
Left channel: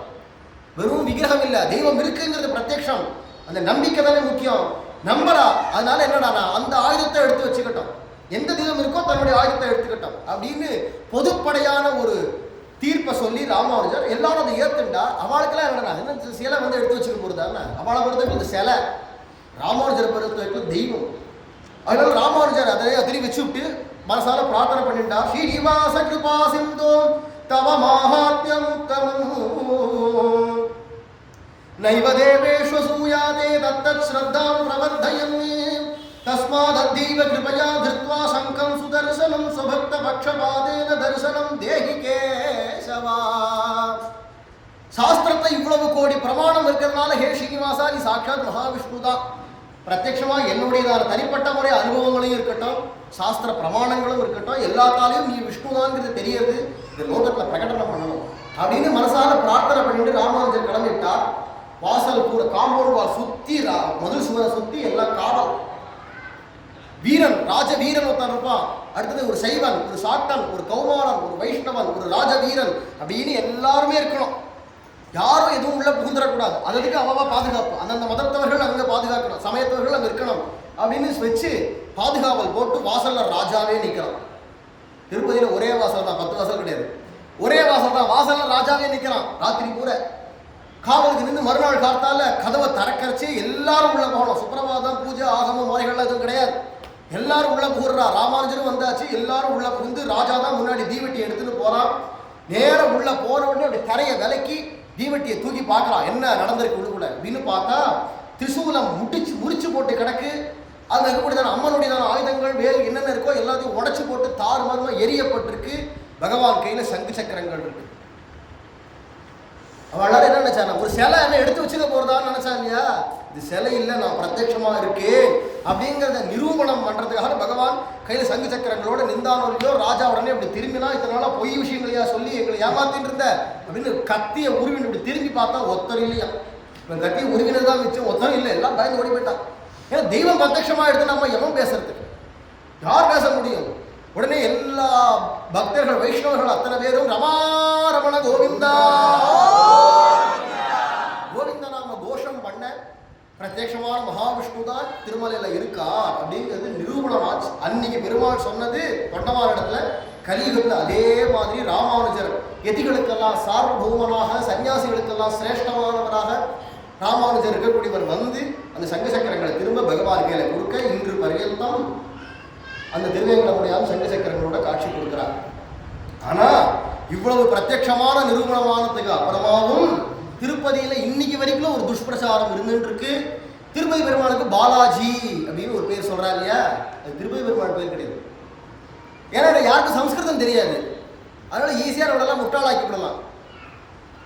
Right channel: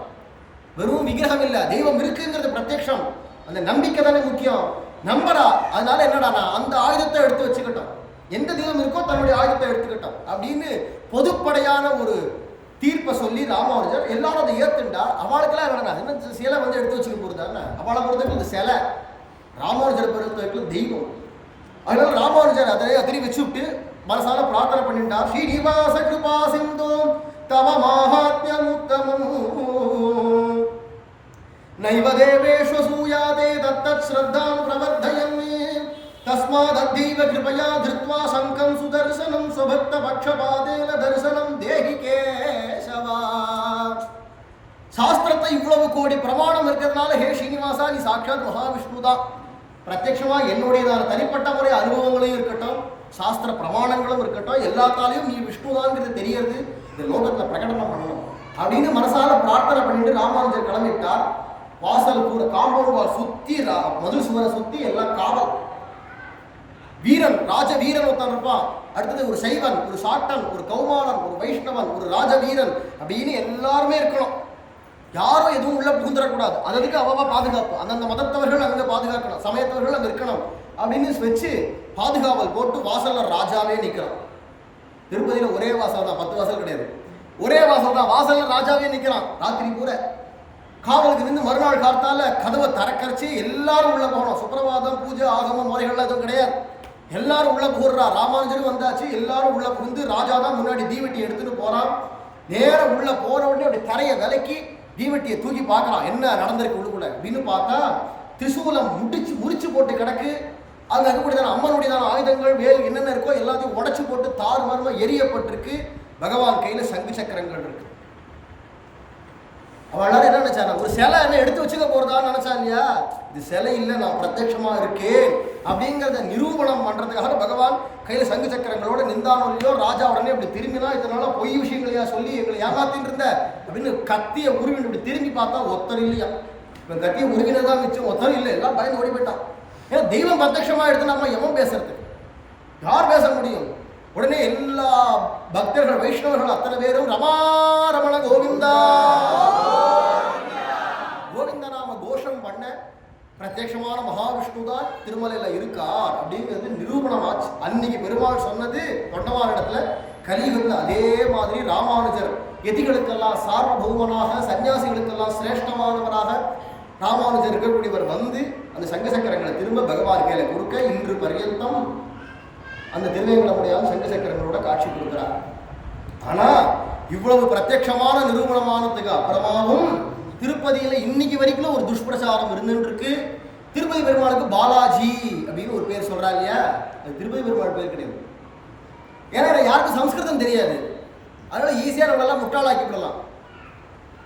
வெறும் விக்கிரகம் இல்ல, தெய்வம் இருக்குங்கிறது பிரத்யக்ஷம். அந்த நம்பிக்கை தானே முக்கியம். நம்பரா, அதனால என்னடா அந்த ஆயுதத்தை எடுத்து வச்சுக்கிட்டோம், எந்த தெய்வம் இருக்கோ தன்னுடைய ஆயுதத்தை எடுத்துக்கிட்டோம் அப்படின்னு பொதுப்படையான ஒரு தீர்ப்பை சொல்லி ராமானுஜர் எல்லாரும் அதை ஏத்துண்டா. அவளுக்கெல்லாம் என்னடா என்ன சிலை எடுத்து வச்சுக்க போறதானே, அவளை பொறுத்தவரைக்கும் இந்த சிலை, ராமானுஜரை பொறுத்தவரைக்கும் தெய்வம். அதனால ராமானுஜர் அதை அதிரி வச்சு விட்டு மனசால பிரார்த்தனை பண்ணிட்டா. ஸ்ரீனிவாச கிருபா சிந்தோ தவ மாஹாத்யம் உத்தமம் நைவ தேவேஷு சூயாதே தத்தத் ஸ்ரத்தாம் பிரவர்தயன்னே தஸ்மாதத்தீவ கிருபயா திருத்வா சங்கம் சுதர்சனம் சுபக்த பக்ஷபாதேன தரிசனம் தேகி கேசவா. சாஸ்திரத்தை இவ்வளவு கோடி பிரமாணம் இருக்கிறதுனால ஹே ஸ்ரீனிவாசா நீ சாட்சாத் மகாவிஷ்ணு தான். பிரத்யட்சமா என்னுடையதான தனிப்பட்ட முறை அனுபவங்களையும் இருக்கட்டும், சாஸ்திர பிரமாணங்களும் இருக்கட்டும், எல்லாத்தாலையும் நீ விஷ்ணுதான்ங்கிறது தெரியறது, இந்த லோகத்துல பிரகடனம் பண்ணணும் அப்படின்னு மனசால பிரார்த்தனை பண்ணிட்டு ராமானுஜர் கிளம்பிட்டார். வாசல் கூட காம்பவுண்ட் வால் சுத்தி மதுரை சுவரை சுத்தி எல்லாம் காவல் வீரன், ராஜ வீரன் ஒருத்தன் இருப்பான். அடுத்தது ஒரு சைவன், ஒரு சாட்டன், ஒரு கௌமாரன், ஒரு வைஷ்ணவன், ஒரு ராஜ வீரன் அப்படின்னு எல்லாருமே இருக்கணும். யாரும் எதுவும் உள்ள புகுந்துடக்கூடாது. அதுக்கு அவ்வளவா பாதுகாப்பு, அந்தந்த மதத்தவர்கள் அங்கே பாதுகாக்கணும், சமயத்தவர்கள் அங்கே இருக்கணும் அப்படின்னு வச்சு பாதுகாவல் போட்டு வாசல்ல ராஜாவே நிற்கிறான். திருப்பதியில ஒரே வாசல் தான், 10 வாசல் கிடையாது, ஒரே வாசல் தான். வாசல்ல ராஜாவே நிற்கிறான். ராத்திரி பூரா காவலுக்கு நின்று மறுநாள் காத்தால கதவை திறக்கரைச்சு எல்லாரும் உள்ள போகணும். சுப்பிரபாதம் பூஜை ஆகம முறைகள்லாம் எதுவும் கிடையாது. எல்லாரும் உள்ள புகுறா. ராமானுஜரும் வந்தாச்சு, எல்லாரும் உள்ள புகுந்து ராஜா தான் முன்னாடி தீவெட்டி எடுத்துட்டு போறான். நேரம் உள்ள போன உடனே அப்படி கரையை விலக்கி தீவெட்டியை தூக்கி பார்க்கலாம் என்ன நடந்திருக்கு உள்ளுக்குள்ள அப்படின்னு பார்த்தா திரிசூலம் முடிச்சு போட்டு கிடக்கு. அங்கே இருக்கக்கூடியதான அம்மனுடையதான ஆயுதங்கள் வேல் என்னென்ன இருக்கோ எல்லாத்தையும் உடைச்சு போட்டு தாறு மாறுமா எரியப்பட்டிருக்கு. பகவான் கையில சங்கு சக்கரங்கள் இருக்கு. அவள் எல்லாரும் என்ன நினைச்சானா, ஒரு சிலை என்ன எடுத்து வச்சுக்க போறதான்னு நினைச்சா இல்லையா? இது சிலை இல்லை, நான் பிரத்யட்சமா இருக்கேன் அப்படிங்கிறத நிரூபணம் பண்றதுக்காக பகவான் கையில சங்கு சக்கரங்களோட நிந்தானோ இல்லையோ. ராஜா உடனே இப்படி திரும்பினா, இதனால பொய் விஷயங்களையா சொல்லி எங்களை ஏமாத்திட்டு இருந்த அப்படின்னு கத்திய உருவின் இப்படி திரும்பி பார்த்தா ஒத்தர் இல்லையா. இப்போ கத்திய உருவினது தான் மிச்சம், ஒத்தர் இல்லை. எல்லாம் பயந்து ஓடி போயிட்டான். ஏன்னா தெய்வம் பிரத்யட்சமா எடுத்து நம்ம எவன் பேசுறதுக்கு, யார் பேச முடியும்? உடனே எல்லா பக்தர்கள் வைஷ்ணவர்கள் அத்தனை பேரும் ரமா ரமண கோவிந்தா கோவிந்த நாம கோஷம் பண்ண பிரத்யட்சமான மகாவிஷ்ணு தான் திருமலையில இருக்கார் அப்படிங்கிறது நிரூபணமாச்சு. அன்னைக்கு பெருமாள் சொன்னது தொண்டமான இடத்துல கலியுகத்தில் அதே மாதிரி ராமானுஜர் எதிகளுக்கெல்லாம் சார்வபௌமனாக, சன்னியாசிகளுக்கெல்லாம் சிரேஷ்டமானவராக ராமானுஜர் இருக்கக்கூடியவர் வந்து அந்த சங்க சக்கரங்களை திரும்ப பகவான் கையில கொடுக்க இன்று பர்யந்தம் அந்த திருவேங்கடமுடையான் சங்க சக்கரங்களோட காட்சி கொடுக்கிறார். ஆனா இவ்வளவு பிரத்யட்சமான நிரூபணமானதுக்கு அப்புறமாவும் திருப்பதியில இன்னைக்கு வரைக்கும் ஒரு துஷ்பிரச்சாரம் இருந்துட்டு இருக்கு. திருப்பதி பெருமாளுக்கு பாலாஜி அப்படின்னு ஒரு பேர் சொல்றா இல்லையா, அது திருப்பதி பெருமாள் பேர் கிடையாது. ஏன்னா யாருக்கும் சம்ஸ்கிருதம் தெரியாது, அதனால ஈஸியா நம்மளெல்லாம் முட்டாளாக்கி விடலாம்.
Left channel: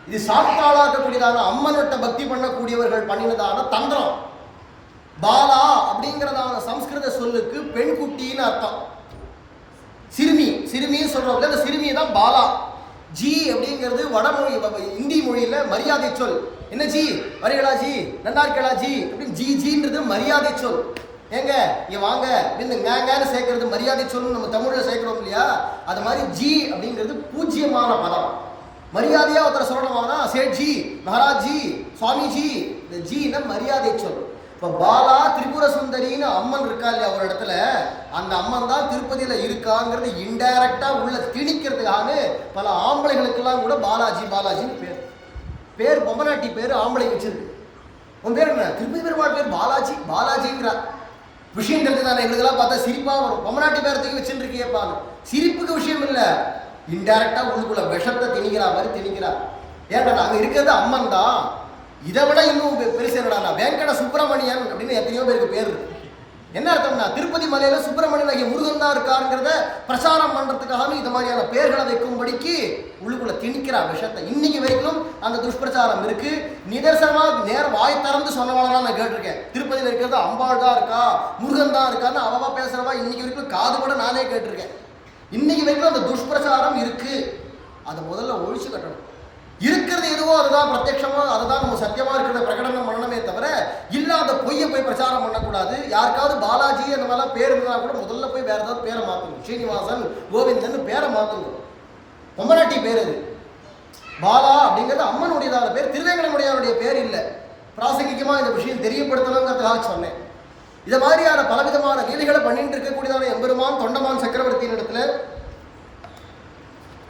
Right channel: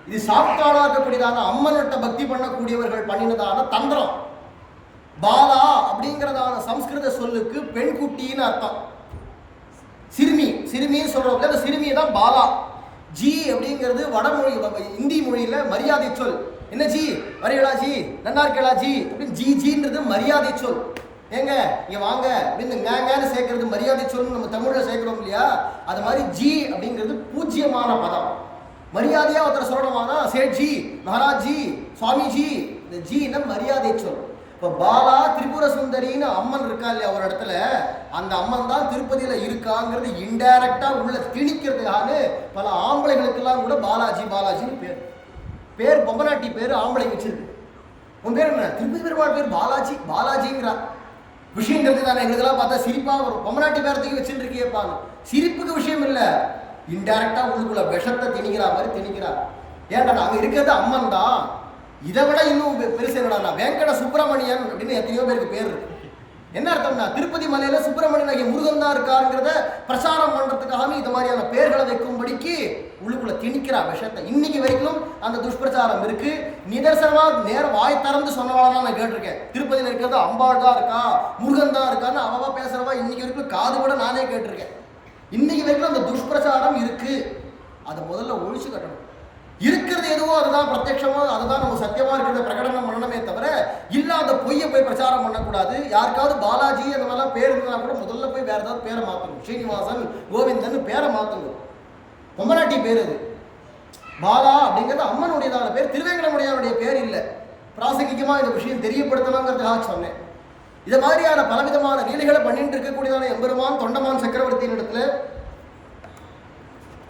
இது சாப்பிட்டாளாக்கக்கூடியதான அம்மன்கிட்ட பக்தி பண்ணக்கூடியவர்கள் பண்ணினதான தந்திரம். பாலா அப்படிங்கிறதான சம்ஸ்கிருத சொல்லுக்கு பெண் குட்டின்னு அர்த்தம். சிறுமின்னு சொல்றோம், அந்த சிறுமி தான் பாலா. ஜி அப்படிங்கிறது வடமொழி, இந்தி மொழியில மரியாதை சொல். என்ன ஜி வரீங்களா, ஜி நல்லா இருக்கலா ஜி அப்படின்னு ஜின்றது மரியாதை சொல். ஏங்க இங்க வாங்க அப்படின்னு ngன்னு சேர்க்கறது மரியாதை சொல். நம்ம தமிழ்ல சேர்க்கிறோம் இல்லையா, அது மாதிரி ஜி அப்படிங்கிறது பூஜ்யமான பதம். மரியாதையா ஒருத்தர் சொல்லணுமானா சேட்ஜி, மகாராஜ்ஜி, சுவாமிஜி. இந்த ஜின்னா மரியாதை சொல். இப்போ பாலா திரிபுர சுந்தரின்னு அம்மன் இருக்கா இல்லையா ஒரு இடத்துல, அந்த அம்மன் தான் திருப்பதியில இருக்காங்கிறது இன்டைரக்டா உள்ள திணிக்கிறதுக்காக பல ஆம்பளைகளுக்கெல்லாம் கூட பாலாஜின்னு பேர் பொம்மநாட்டி பேர் ஆம்பளை வச்சிருக்கு. உன் பேர் என்ன? திருப்பதி பெருமாள் பேர் பாலாஜிங்கிறா. விஷயம் தெரிஞ்சுதானே எங்களுக்கெல்லாம் பார்த்தா சிரிப்பா வரும். பொம்மநாட்டி பேரத்துக்கு வச்சுட்டு இருக்கியப்பாங்க. சிரிப்புக்கு விஷயம் இல்லை, இன்டைரக்டா உள்ளுக்குள்ள விஷத்தை திணிக்கிறா மாதிரி திணிக்கிறா. ஏன்டா அங்க இருக்கிறது அம்மன் தான். இதை விட இன்னும் பெருசு என்னடா, வெங்கட சுப்பிரமணியன் அப்படின்னு எத்தனையோ பேருக்கு பேர் இருக்கு. என்ன அர்த்தம்னா திருப்பதி மலையில சுப்பிரமணியன் ஆகிய முருகன் தான் இருக்காருங்கிறத பிரச்சாரம் பண்றதுக்காக இந்த மாதிரியான பேர்களை வைக்கும்படிக்கு உள்ளுக்குள்ள திணிக்கிற விஷயத்தை இன்னைக்கு வரைக்கும் அந்த துஷ்பிரச்சாரம் இருக்கு. நிதர்சனமா நேரம் வாய் திறந்து சொன்னவாளெல்லாம் நான் கேட்டிருக்கேன். திருப்பதியில் இருக்கிறது அம்பாள் தான் இருக்கா, முருகன் தான் இருக்கான்னு அவவா பேசுறவா இன்னைக்கு வரைக்கும் காது கூட நானே கேட்டிருக்கேன். இன்னைக்கு வரைக்கும் அந்த துஷ்பிரச்சாரம் இருக்கு. அதை முதல்ல ஒழிச்சு கட்டணும். இருக்கிறது எதுவோ அதுதான் பிரத்யட்சமா, அதுதான் நம்ம சத்தியமா இருக்கிறத பிரகடனம் பண்ணணுமே தவிர இல்லாத பொய்யை போய் பிரச்சாரம் பண்ணக்கூடாது. யாருக்காவது பாலாஜி அந்த மாதிரிலாம் பேர் இருந்தால் கூட முதல்ல போய் வேற ஏதாவது பேரை மாற்றணும். ஸ்ரீனிவாசன், கோவிந்தன் பேரை மாற்றணும். பொம்மநாட்டி பேர் அது. பாலா அப்படிங்கிறது அம்மனுடையதான பேர், திருவேங்கடமுடையானுடைய பேர் இல்லை. பிராசங்கிகமாக இந்த விஷயம் தெரியப்படுத்தணுங்கிறதுக்காக சொன்னேன். இதை மாதிரியான பலவிதமான லீலைகளை பண்ணிட்டு இருக்கக்கூடியதான எம்பெருமான் தொண்டமான் சக்கரவர்த்தியின் இடத்துல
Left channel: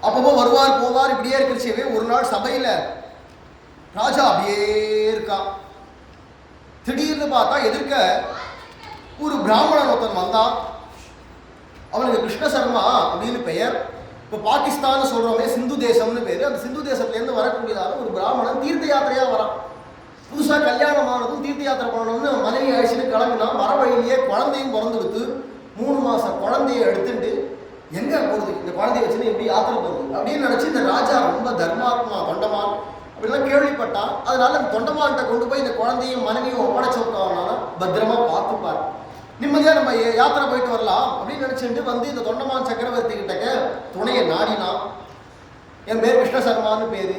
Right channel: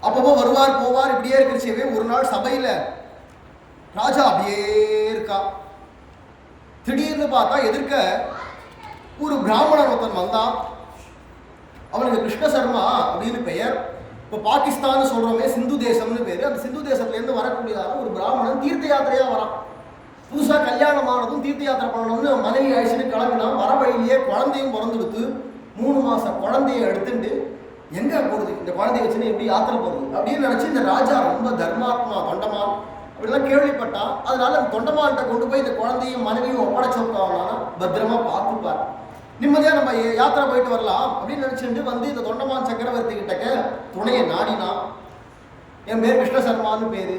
அப்பப்போ வருவார் போவார் இப்படியே இருக்கிறச்சவே ஒரு நாள் சபையில் ராஜா அப்படியே இருக்கா. திடீர்னு பார்த்தா எதிர்க்க ஒரு பிராமணன் ஒருத்தன் வந்தான். அவனுக்கு கிருஷ்ண சர்மா அப்படின்னு பெயர். இப்போ பாகிஸ்தான் சொல்கிறோமே சிந்து தேசம்னு பேர். அந்த சிந்து தேசத்துலேருந்து வரக்கூடியதான ஒரு பிராமணன் தீர்த்த யாத்திரையாக வரான். புதுசாக கல்யாணமானதும் தீர்த்த யாத்திரை பண்ணணும்னு மனைவி அழிச்சுட்டு கிளம்பினான். வர வழியிலேயே குழந்தையும் பிறந்துடுத்து. 3 மாதம் குழந்தைய எடுத்துட்டு எங்கே போகுது இந்த குழந்தைய வச்சுன்னு எப்படி யாத்திரை போகுது அப்படின்னு நினச்சி இந்த ராஜா ரொம்ப தர்மாத்மா தொண்டமான் அப்படிலாம் கேள்விப்பட்டான். அதனால அந்த தொண்டமான்கிட்ட கொண்டு போய் இந்த குழந்தையும் மனைவியும் ஒப்படைச்சு விட்டாங்கன்னா பத்திரமா பார்த்துப்பார், நிம்மதியாக நம்ம யாத்திரை போயிட்டு வரலாம் அப்படின்னு நினச்சிட்டு வந்து இந்த தொண்டமான் சக்கரவர்த்தி கிட்டக்க துணையை நாடினான். என் பேர் கிருஷ்ண சர்மான்னு பேர்,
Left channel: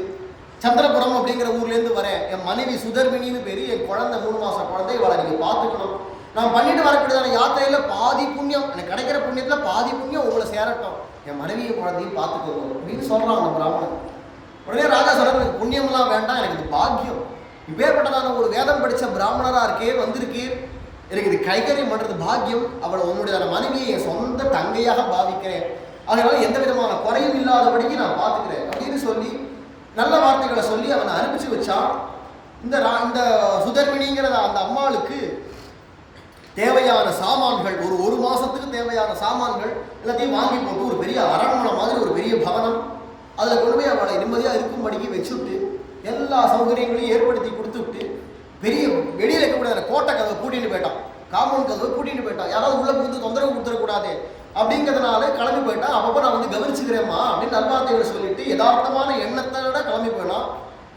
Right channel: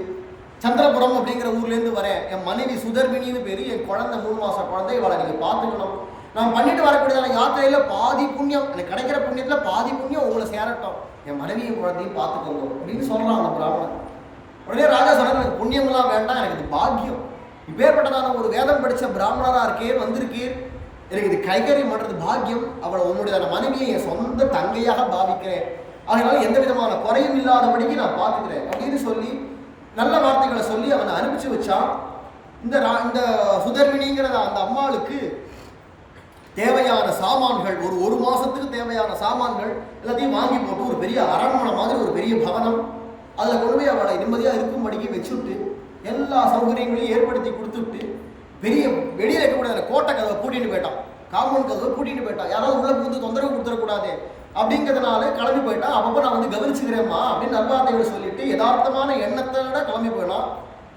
சந்திரபுரம் அப்படிங்கிற ஊர்லேருந்து வரேன். என் மனைவி சுதர்மினின்னு பேர், என் குழந்தை 3 மாதம் குழந்தை, இவளை நீங்கள் பார்த்துக்கணும். நான் பண்ணிட்டு வரக்கூடியதான யாத்திரையில் பாதி புண்ணியம் எனக்கு கிடைக்கிற புண்ணியத்தில் பாதி புண்ணியம் உங்களை சேரட்டும், என் மனைவியும் குழந்தையும் பார்த்துக்கணும் அப்படின்னு சொல்கிறான் அந்த பிராமணன். உடனே ராஜா சொல்கிறார், எனக்கு புண்ணியம்லாம் வேண்டாம், எனக்கு இது பாக்கியம். இப்பேற்பட்டதான ஒரு வேதம் படித்த பிராமணராக இருக்கே வந்திருக்கீர், எனக்கு இது கைகரியம் பண்ணுறது பாக்கியம். அவளை உன்னுடையதான மனைவியை என் சொந்த தங்கையாக பாவிக்கிறேன், அதனால எந்த விதமான குறையும் இல்லாதபடிக்கு நான் பார்த்துக்கிறேன் அப்படின்னு சொல்லி நல்ல வார்த்தைகளை சொல்லி அவனை அனுப்பிச்சு வச்சான். இந்த சுதர்மினிங்கிற அந்த அம்மாளுக்கு தேவையான சாமான்கள் ஒரு மாதத்துக்கு தேவையான சாமான்கள் எல்லாத்தையும் வாங்கி போட்டு ஒரு பெரிய அரண்மனை மாதிரி ஒரு பெரிய பவனம் அதில் கொண்டு போய் அவளை நிம்மதியாக இருக்கும்படிக்கு வச்சுவிட்டு எல்லா சௌகரியங்களையும் ஏற்படுத்தி கொடுத்துவிட்டு பெரிய வெளியில் இருக்கக்கூடாது கோட்டை கதவை பூட்டிட்டு போயிட்டான், காம்பவுண்ட் கதவை பூட்டிட்டு போயிட்டான். யாராவது உள்ள புகுந்து தொந்தரவு கொடுத்துடக்கூடாது அப்படிங்கிறதுனால கிளம்பி போயிட்டான். அப்பப்போ நான் வந்து கவனிச்சுக்கிறேம்மா அப்படின்னு நல்வார்த்தைகளை சொல்லிட்டு யதார்த்தமான எண்ணத்தோட கிளம்பி போயிடான்.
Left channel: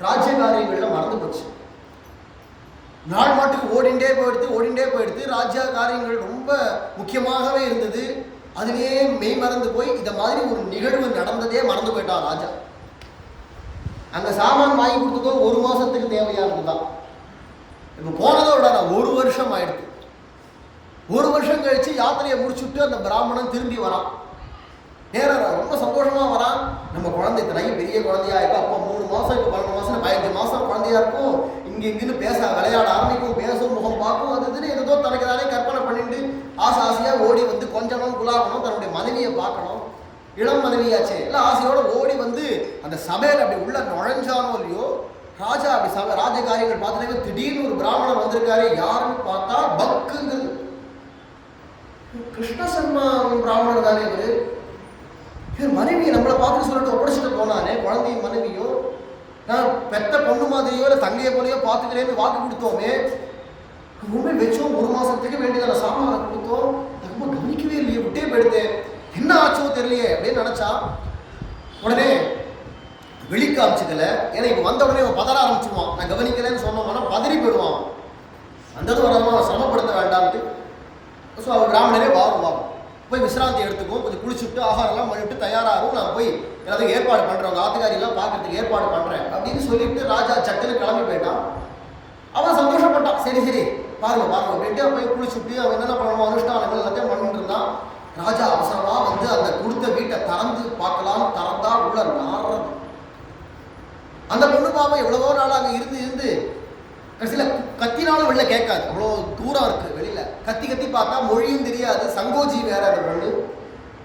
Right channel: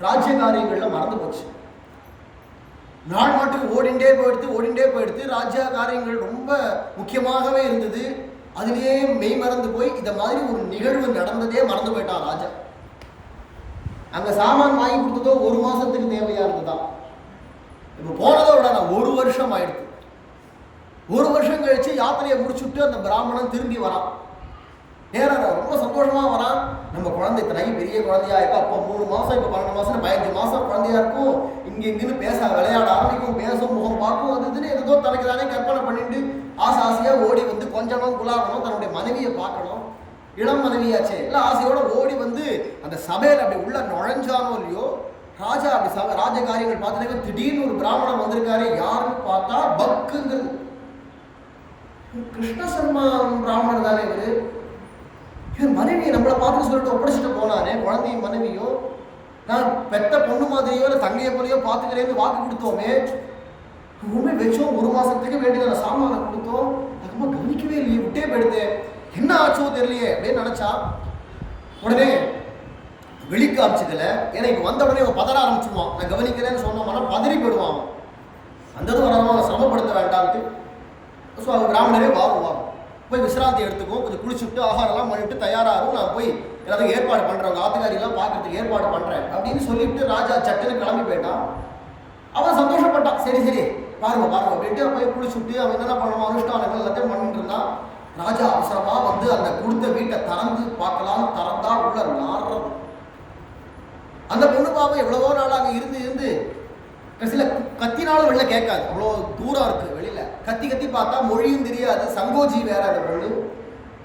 ராஜ்ய காரியங்களில் மறந்து போச்சு. நாள் மாட்டுக்கு ஓடிண்டே போயிடுத்து. ராஜ்ய காரியங்கள் ரொம்ப முக்கியமாகவே இருந்தது. அதுலேயே மெய் மறந்து போய் இந்த மாதிரி ஒரு நிகழ்வு நடந்ததே மறந்து போயிட்டான் ராஜா. அங்கே சாமான் வாங்கி கொடுத்ததோ 1 மாதத்துக்கு தேவையா இருந்துதான். இப்போ போனதோட நான் 1 வருஷம் ஆயிடுது. 1 வருஷம் கழிச்சு யாத்திரையை முடிச்சுட்டு அந்த பிராமணன் திரும்பி வரான். நேரம் ரொம்ப சந்தோஷமாக வரான். நம்ம குழந்தை இத்தனைக்கு பெரிய குழந்தையா இருக்கும். அப்போ 3 மாதம், இப்போ 12 மாதம், 15 மாதம் குழந்தையா இருக்கும். இங்கேன்னு பேச விளையாட ஆரம்பிக்கும், பேசும், முகம் பார்க்கும். அது இதுன்னு ஏதோ தனக்கு தானே கற்பனை பண்ணிட்டு ஆசையாக ஓடி வந்து கொஞ்சணும் குலாகணும், தன்னுடைய மனைவியை பார்க்கணும். இளம் மனைவியாச்சே இல்லை ஆசையோடு ஓடி வந்து அந்த சபையில் அப்படி உள்ள நுழைஞ்சானோ இல்லையோ ராஜா அப்படி ராஜ காரியங்கள் பார்த்துட்டு திடீர்னு ஒரு பிராமணன் வந்திருக்காரு. யாருன்னு பார்த்தா பக்குங்கிறது கிருஷ்ண சர்மா பிராமணர் தானே இவர். மனைவியை நம்மளை பார்த்து சொல்லிட்டு ஒப்படைச்சிட்டு போனானே, குழந்தையும் மனைவியும். நான் பெத்த பொண்ணு மாதிரியோ இல்லை தங்கையை போலையோ பார்த்துக்கிறேன்னு வாக்கு கொடுத்தோமே, உண்மை வச்சோம். 1 மாதத்துக்கு வேண்டியதான சாமானை கொடுத்தோம், அதுமா கவனிக்கவே இல்லையே, விட்டே போயிடுது, என்ன ஆச்சோ தெரியலையே அப்படின்னு நினச்சா. உடனே வெளிக்காமிச்சதில்ல. ஏன்னா இப்போ வந்த உடனே அவன் பதற ஆரம்பிச்சிடுவான். நான் கவனிக்கலைன்னு சொன்னோம்னா பதறி போயிடுவான். அந்தது வராமல் சிரமப்படுத்த வேண்டாம்ட்டு. ஸோ அவர் பிராமணரே வாரும் போய் விசிராந்தி எடுத்துக்கும், கொஞ்சம் குளிச்சுட்டு ஆகாரம்லாம் பண்ணிவிட்டு தயாராகும், நான் போய் எல்லாத்தையும் ஏற்பாடு பண்ணுறேன், உங்கள் ஆத்துக்காரியெல்லாம் பார்க்கறதுக்கு ஏற்பாடு பண்ணுறேன் அப்படின்னு சொல்லிவிட்டு ராஜா சட்டுன்னு கிளம்பி போயிட்டான். அவன் சந்தோஷப்பட்டான். சரி பாருங்க அப்படின்ட்டு போய் குளிச்சுட்டு அவன் என்னென்ன பண்ணுவான் அனுஷ்டானங்கள் எல்லாத்தையும் பண்ணிட்டு இருந்தான். ராஜா அவசரமாக வந்து அந்த கொடுத்த வீட்டை திறந்து பார்க்கலான்னு திறந்தா உள்ள நாடுறது. அந்த பொண்ணு பாவம் எவ்வளவோ நாள் அங்கே இருந்து கடைசியில் கத்தினாலும் வெளில கேட்காது, அவ்வளோ தூரம் இருக்குது வெளியில். கத்தி பார்த்தா மொழியும் தெரியாது, சங்கோஜி வேற அந்த பொண்ணு.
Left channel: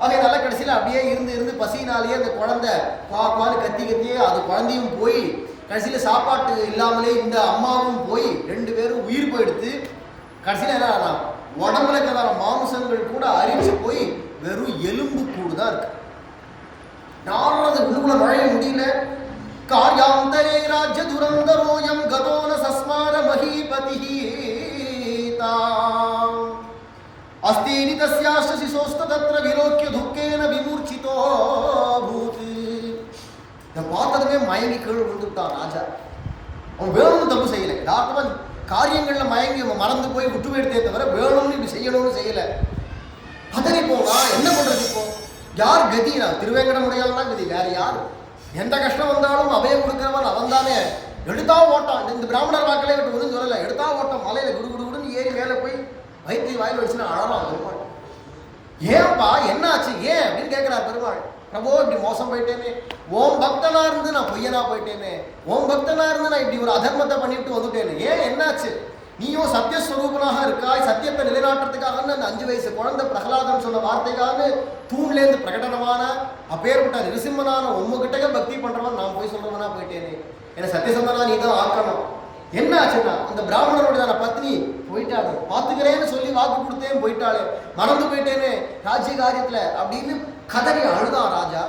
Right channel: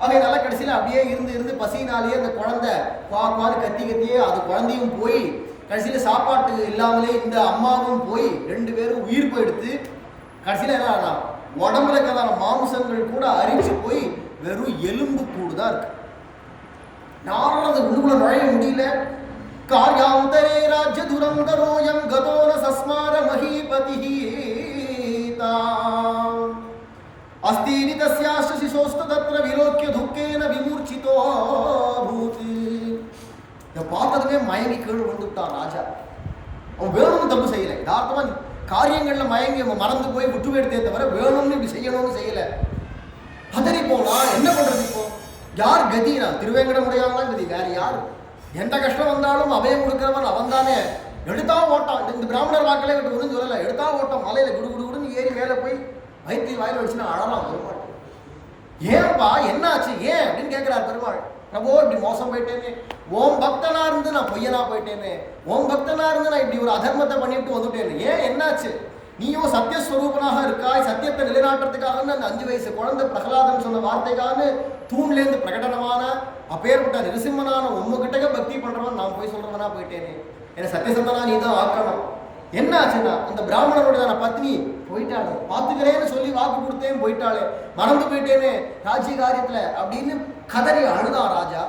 அவங்க நல்லா கடைசியில் அப்படியே இருந்து பசினாலேயே அந்த குழந்தை குவான்னு கத்தியே அது குழந்தையும் போய் கடைசியில் சாப்பாட்டு இல்லாமலே இந்த அம்மாவும் போய் 2 பேரும் உயிர் போயிடுத்து. கடைசியில் என்ன உடம்புல இருக்கிறதான மாம்சங்கள் கூட அரிச்சு போய் வெறும் எலும்பு கூடு தான் இருக்கு. நாடுறது உள்ளுக்குள்ள நுழைய முடியல. கார்யாந்தரே ராஜ்ய துரந்தரோயம் கதோன சஸ்மார மஹீபதி. அஸ்தீனி தஸ்யாஸ்ய சிசோஸ்த தத்ர விலோக்கிய துக்கேன விமூர்ச்சிதோ பூத். இதை பார்த்ததுமே மயங்கி கீழ் விழுந்துட்டான் ராஜா. அவன் வேணும்னு தப்பு செய்யலை, யதார்த்தமா காரியங்கள்ல மயங்கி மறந்து போய் விட்டு எடுத்தே தவிர வேணும்னு இப்படி செய்யணும்னு செய்யலை. பதறி போனா என்ன பண்றது? இப்போ யார் கதி? நான் திருவேங்கடமுடையான் தான் கதி, வேற யார்? எந்த கஷ்டம் வந்தாலும் அபயம் கொடுக்கிறவன் அவன் தானே. எடுத்தா ஓட்டம். இந்த பிராமணர் வாக்கிலே விட்டு ஒன்றும் சொல்லலை. எடுத்தா ஓட்டம். மலையில குடு குடு குடுன்னு ஏறி மேலே போய் வயிற்று வாயில் வச்சுன்னா அழலாம் பெருமாள். ஏன்பா என்ன ஆச்சு ஏன் அப்படின்னு கேட்கிறார் பெருமாள். பிரபோ இப்படி மோசம் போயிட்டேனே, ஓம் பக்தனா இருந்து நான் பொய்யனா போயிட்டேனே, ஓம் பக்தனா இருந்து நான் இப்படி ஒரு அதர்மத்தை பண்ணிவிட்டு வந்துட்டேன்னு. ஏன் என்னாச்சு? நீயும் சத்தியஸ்வரூபனாக இருக்காய், சத்தியத்தை நிலைநாட்டுறதுக்காக அந்த 5 வயசு குழந்தை பிரகலாதன் சொன்ன வார்த்தைக்காக தூண்லேருந்து பிரகடனமான அப்பேற்பட்ட நிருசிம்மனான உங்ககிட்டே பக்தி பண்றவன் நான் போய் சொல்றவனா போயிட்டேனே, என்ன சத்தியசந்தனா நீ தான் ஆக்கணும். என்ன ஆச்சுன்னா அந்த பிராமணனுடைய பத்னி போயிட்டாளே, பார்த்துக்கிறேன்னு சொல்லி வாக்கு கொடுத்தேன் போயிட்டாளே, மறந்து போயிட்டேனே ராஜ்ய காரியத்துல அப்படின்னு கதறி அழுதான் ராஜா.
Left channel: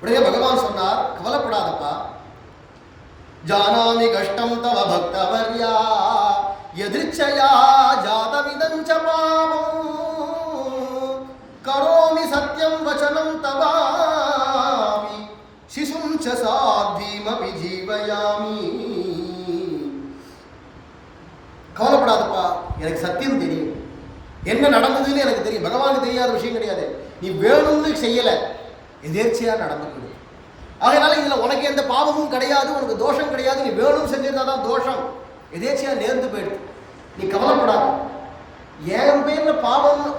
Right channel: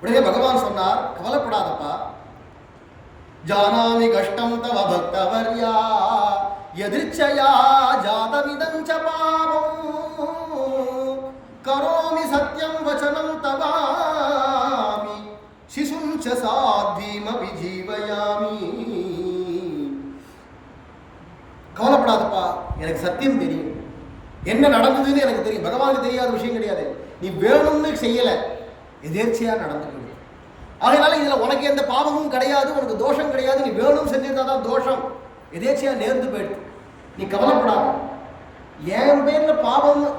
உடனே பகவான் சொன்னார், கவலைப்படாதப்பா, ஜானாமி கஷ்டம் தவ பக்தவர்யா யதிர்ச்சயா ஜாதமிதஞ்ச பாவம் கரோமி சத்யம் வசனம் தவாமி சிசும் ச சாத்வீமபி ஜீவயாமி. கவலைப்படாதப்பா, எனக்கு சத்தியம் தெரியும், என்ன நடந்ததுன்னு எனக்கு தெரியும். பகவானுக்கு தெரியாத விஷயம் கிடையாது. நீ வேணும்னு செய்யல, எதேர்ச்சியா நடந்து போயிடு. அதனால இதுல உனக்கு எந்த பாவமும் கிடையாது, உனக்கு தோஷம் கிடையாது. நீ வேணும் செஞ்சிருந்தாதான் தோஷம், எதேர்ச்சியா நேர்ந்து போயிடுது. நீ கவலைப்படாத. என் பேர்ல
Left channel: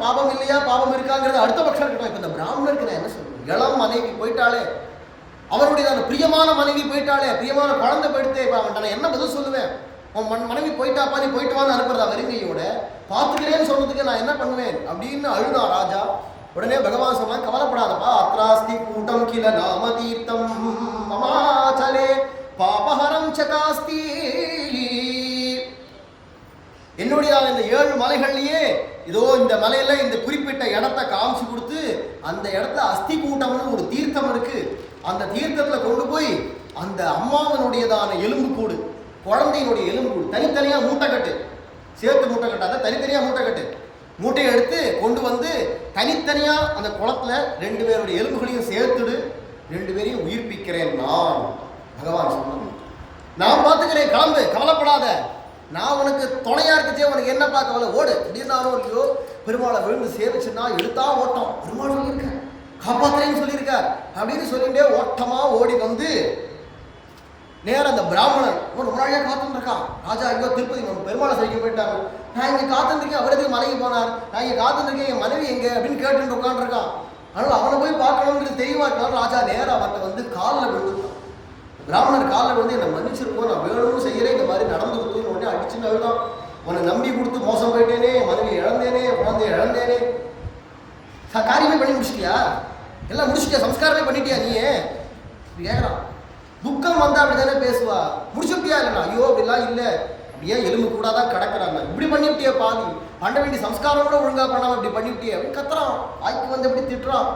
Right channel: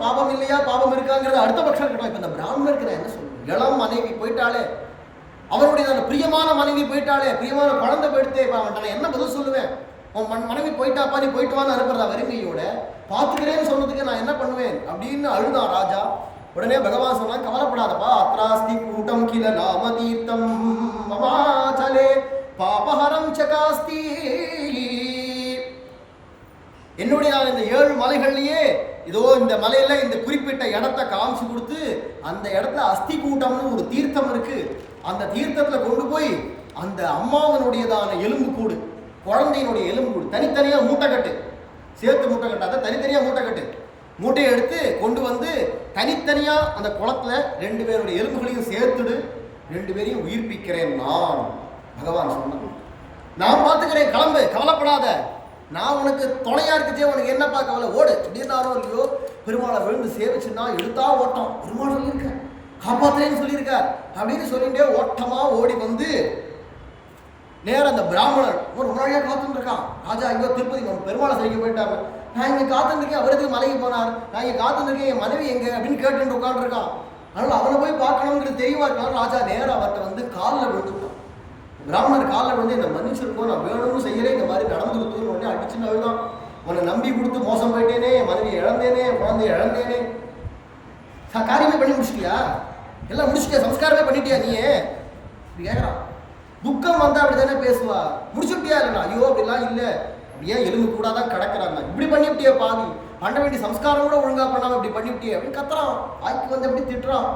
பாவம் இல்லையா பாவம் இருக்காங்கிறது அடுத்த பட்சம் இருக்கட்டும். இப்ப இந்த பிராமணருக்கு நான் என்ன சொல்றேன்? இளம் மனைவி போயிட்டாலே, அவருடைய பிரியமான மனைவி போயிட்டாலே, பிரியமான குழந்தை போயிடுத்தே, அவன்கிட்ட நான் என்ன பதில் சொல்லுவேன்? உன் மனைவி போயிட்டாப்பா, நீ போயிட்டு வான்னு அனுப்புறதா வெறுங்கையோட? பார்த்துக்கிறேன்னு சொல்றதுக்கு நான் என்ன பண்ணுவேன் அப்படின்னு அழுதான் ராஜா. உடனே பகவான் சொன்னா, கவலைப்படாதப்பா, அத்ராஸ்தி கூட்டம் கில நாம தீர்த்தம் மமாச்சலே பாபஹரம் சகாஸ்தி. என்னுடைய இந்த 7 மலைகள்லயே இதோ இந்த மலையில இந்த குறிப்பிட்ட இடத்த காமிச்சு கொடுத்து, அந்த இடத்துல அஸ்தி கூட்டம்னு ஒரு தீர்த்தம் இருக்கு. அந்த தீர்த்தத்துல கொண்டு போய் அந்த அம்மாவனுடையதான எலும்பு கூடு, குழந்தையினுடைய எலும்பு கூடு தனித்தனியா மூட்டை கட்டு, சேர்த்து மூட்டை கட்டாத தனித்தனியா மூட்டை கட்டு. மூட்டையை எடுத்து கொண்டு வந்து தனித்தனியா அந்த குளத்துல 2 பேருடைய எலும்புகளையும் சேர்த்துடு, 2 பேரையும் உயிர்ப்பிக்கிறேன் நான். பகவான் சொன்னது நான் பார்த்துக்கிறேன், கிளம்பு, கவலைப்படாத, நான் உனக்கு துணையா இருக்குச்சே, உனக்கு என்னப்பா கவலை, ஓடு அப்படின்னாரோ இல்லையோ. பெருமாளை விழுந்து சேவிச்சுன்னா எடுத்தா ஓட்டம். பெருமாள் சொல்லியிருக்க காப்பாத்துறேன்னு சொல்லியிருக்கார் அப்படின்னு சொல்லிட்டே ஓட்டமா ஓடி வந்து நேரம் அந்த பிராமணன் ரொம்ப நாளையா காத்துட்டு இருக்கான். ராஜா இங்கோ திருப்பதி பெருமாளை சரிக்க போயிட்டாங்க. நான் இங்கே காத்துருக்கேன், அவருக்கு மலைக்கு போனார், நான் இங்கே காத்துருக்கேன், என் மனைவி எங்க அப்படின்னு கேட்டு உட்காந்துருக்கான். அதனால அவனை போய் பார்க்கணுங்கிறது தெரியவா இருக்கலாம். ராஜா நேரம் அவர்கிட்ட வந்து காலில் விழுந்துட்டான். பிராமணர் காலில் விழுந்து என்னை மன்னிச்சிருக்கோம், நான் வேணும்னு செய்யறேன், இந்த மாதிரி நடந்து கொடுத்துன்னு உடனே அடிச்சுன்னு அழுதான். உன்னை நம்பி கொடுத்து மோசம் போயிட்டேனே, என் மனைவி இழந்தேனே, குழந்தைய இழந்தேனே. காரியமே பண்ணி முடிச்சிட்டியா? எல்லாம் முடிச்சுட்டியா? சம்ஸ்காரமே பண்ணிட்டியா நீயே? இப்படி கேட்குறான். துக்கம் வந்தா அப்படித்தானே பேசுவா. முடிச்சுட்டியா? இல்லைண்ணா ஐயோ அப்படிலாம் இல்லை, அப்படியே எலும்பு கூடாதான் கிடக்குறாங்க, இப்படி பண்ணிவிட்டியே பாவி, பண்ண வேண்டிய சம்ஸ்காரம் கூட ஒழுங்கா பண்ணாம இப்படி பண்ணிவிட்டியே அப்படின்னு கத்துறான். வாய்க்கு வந்து எப்படி திட்டுறான்.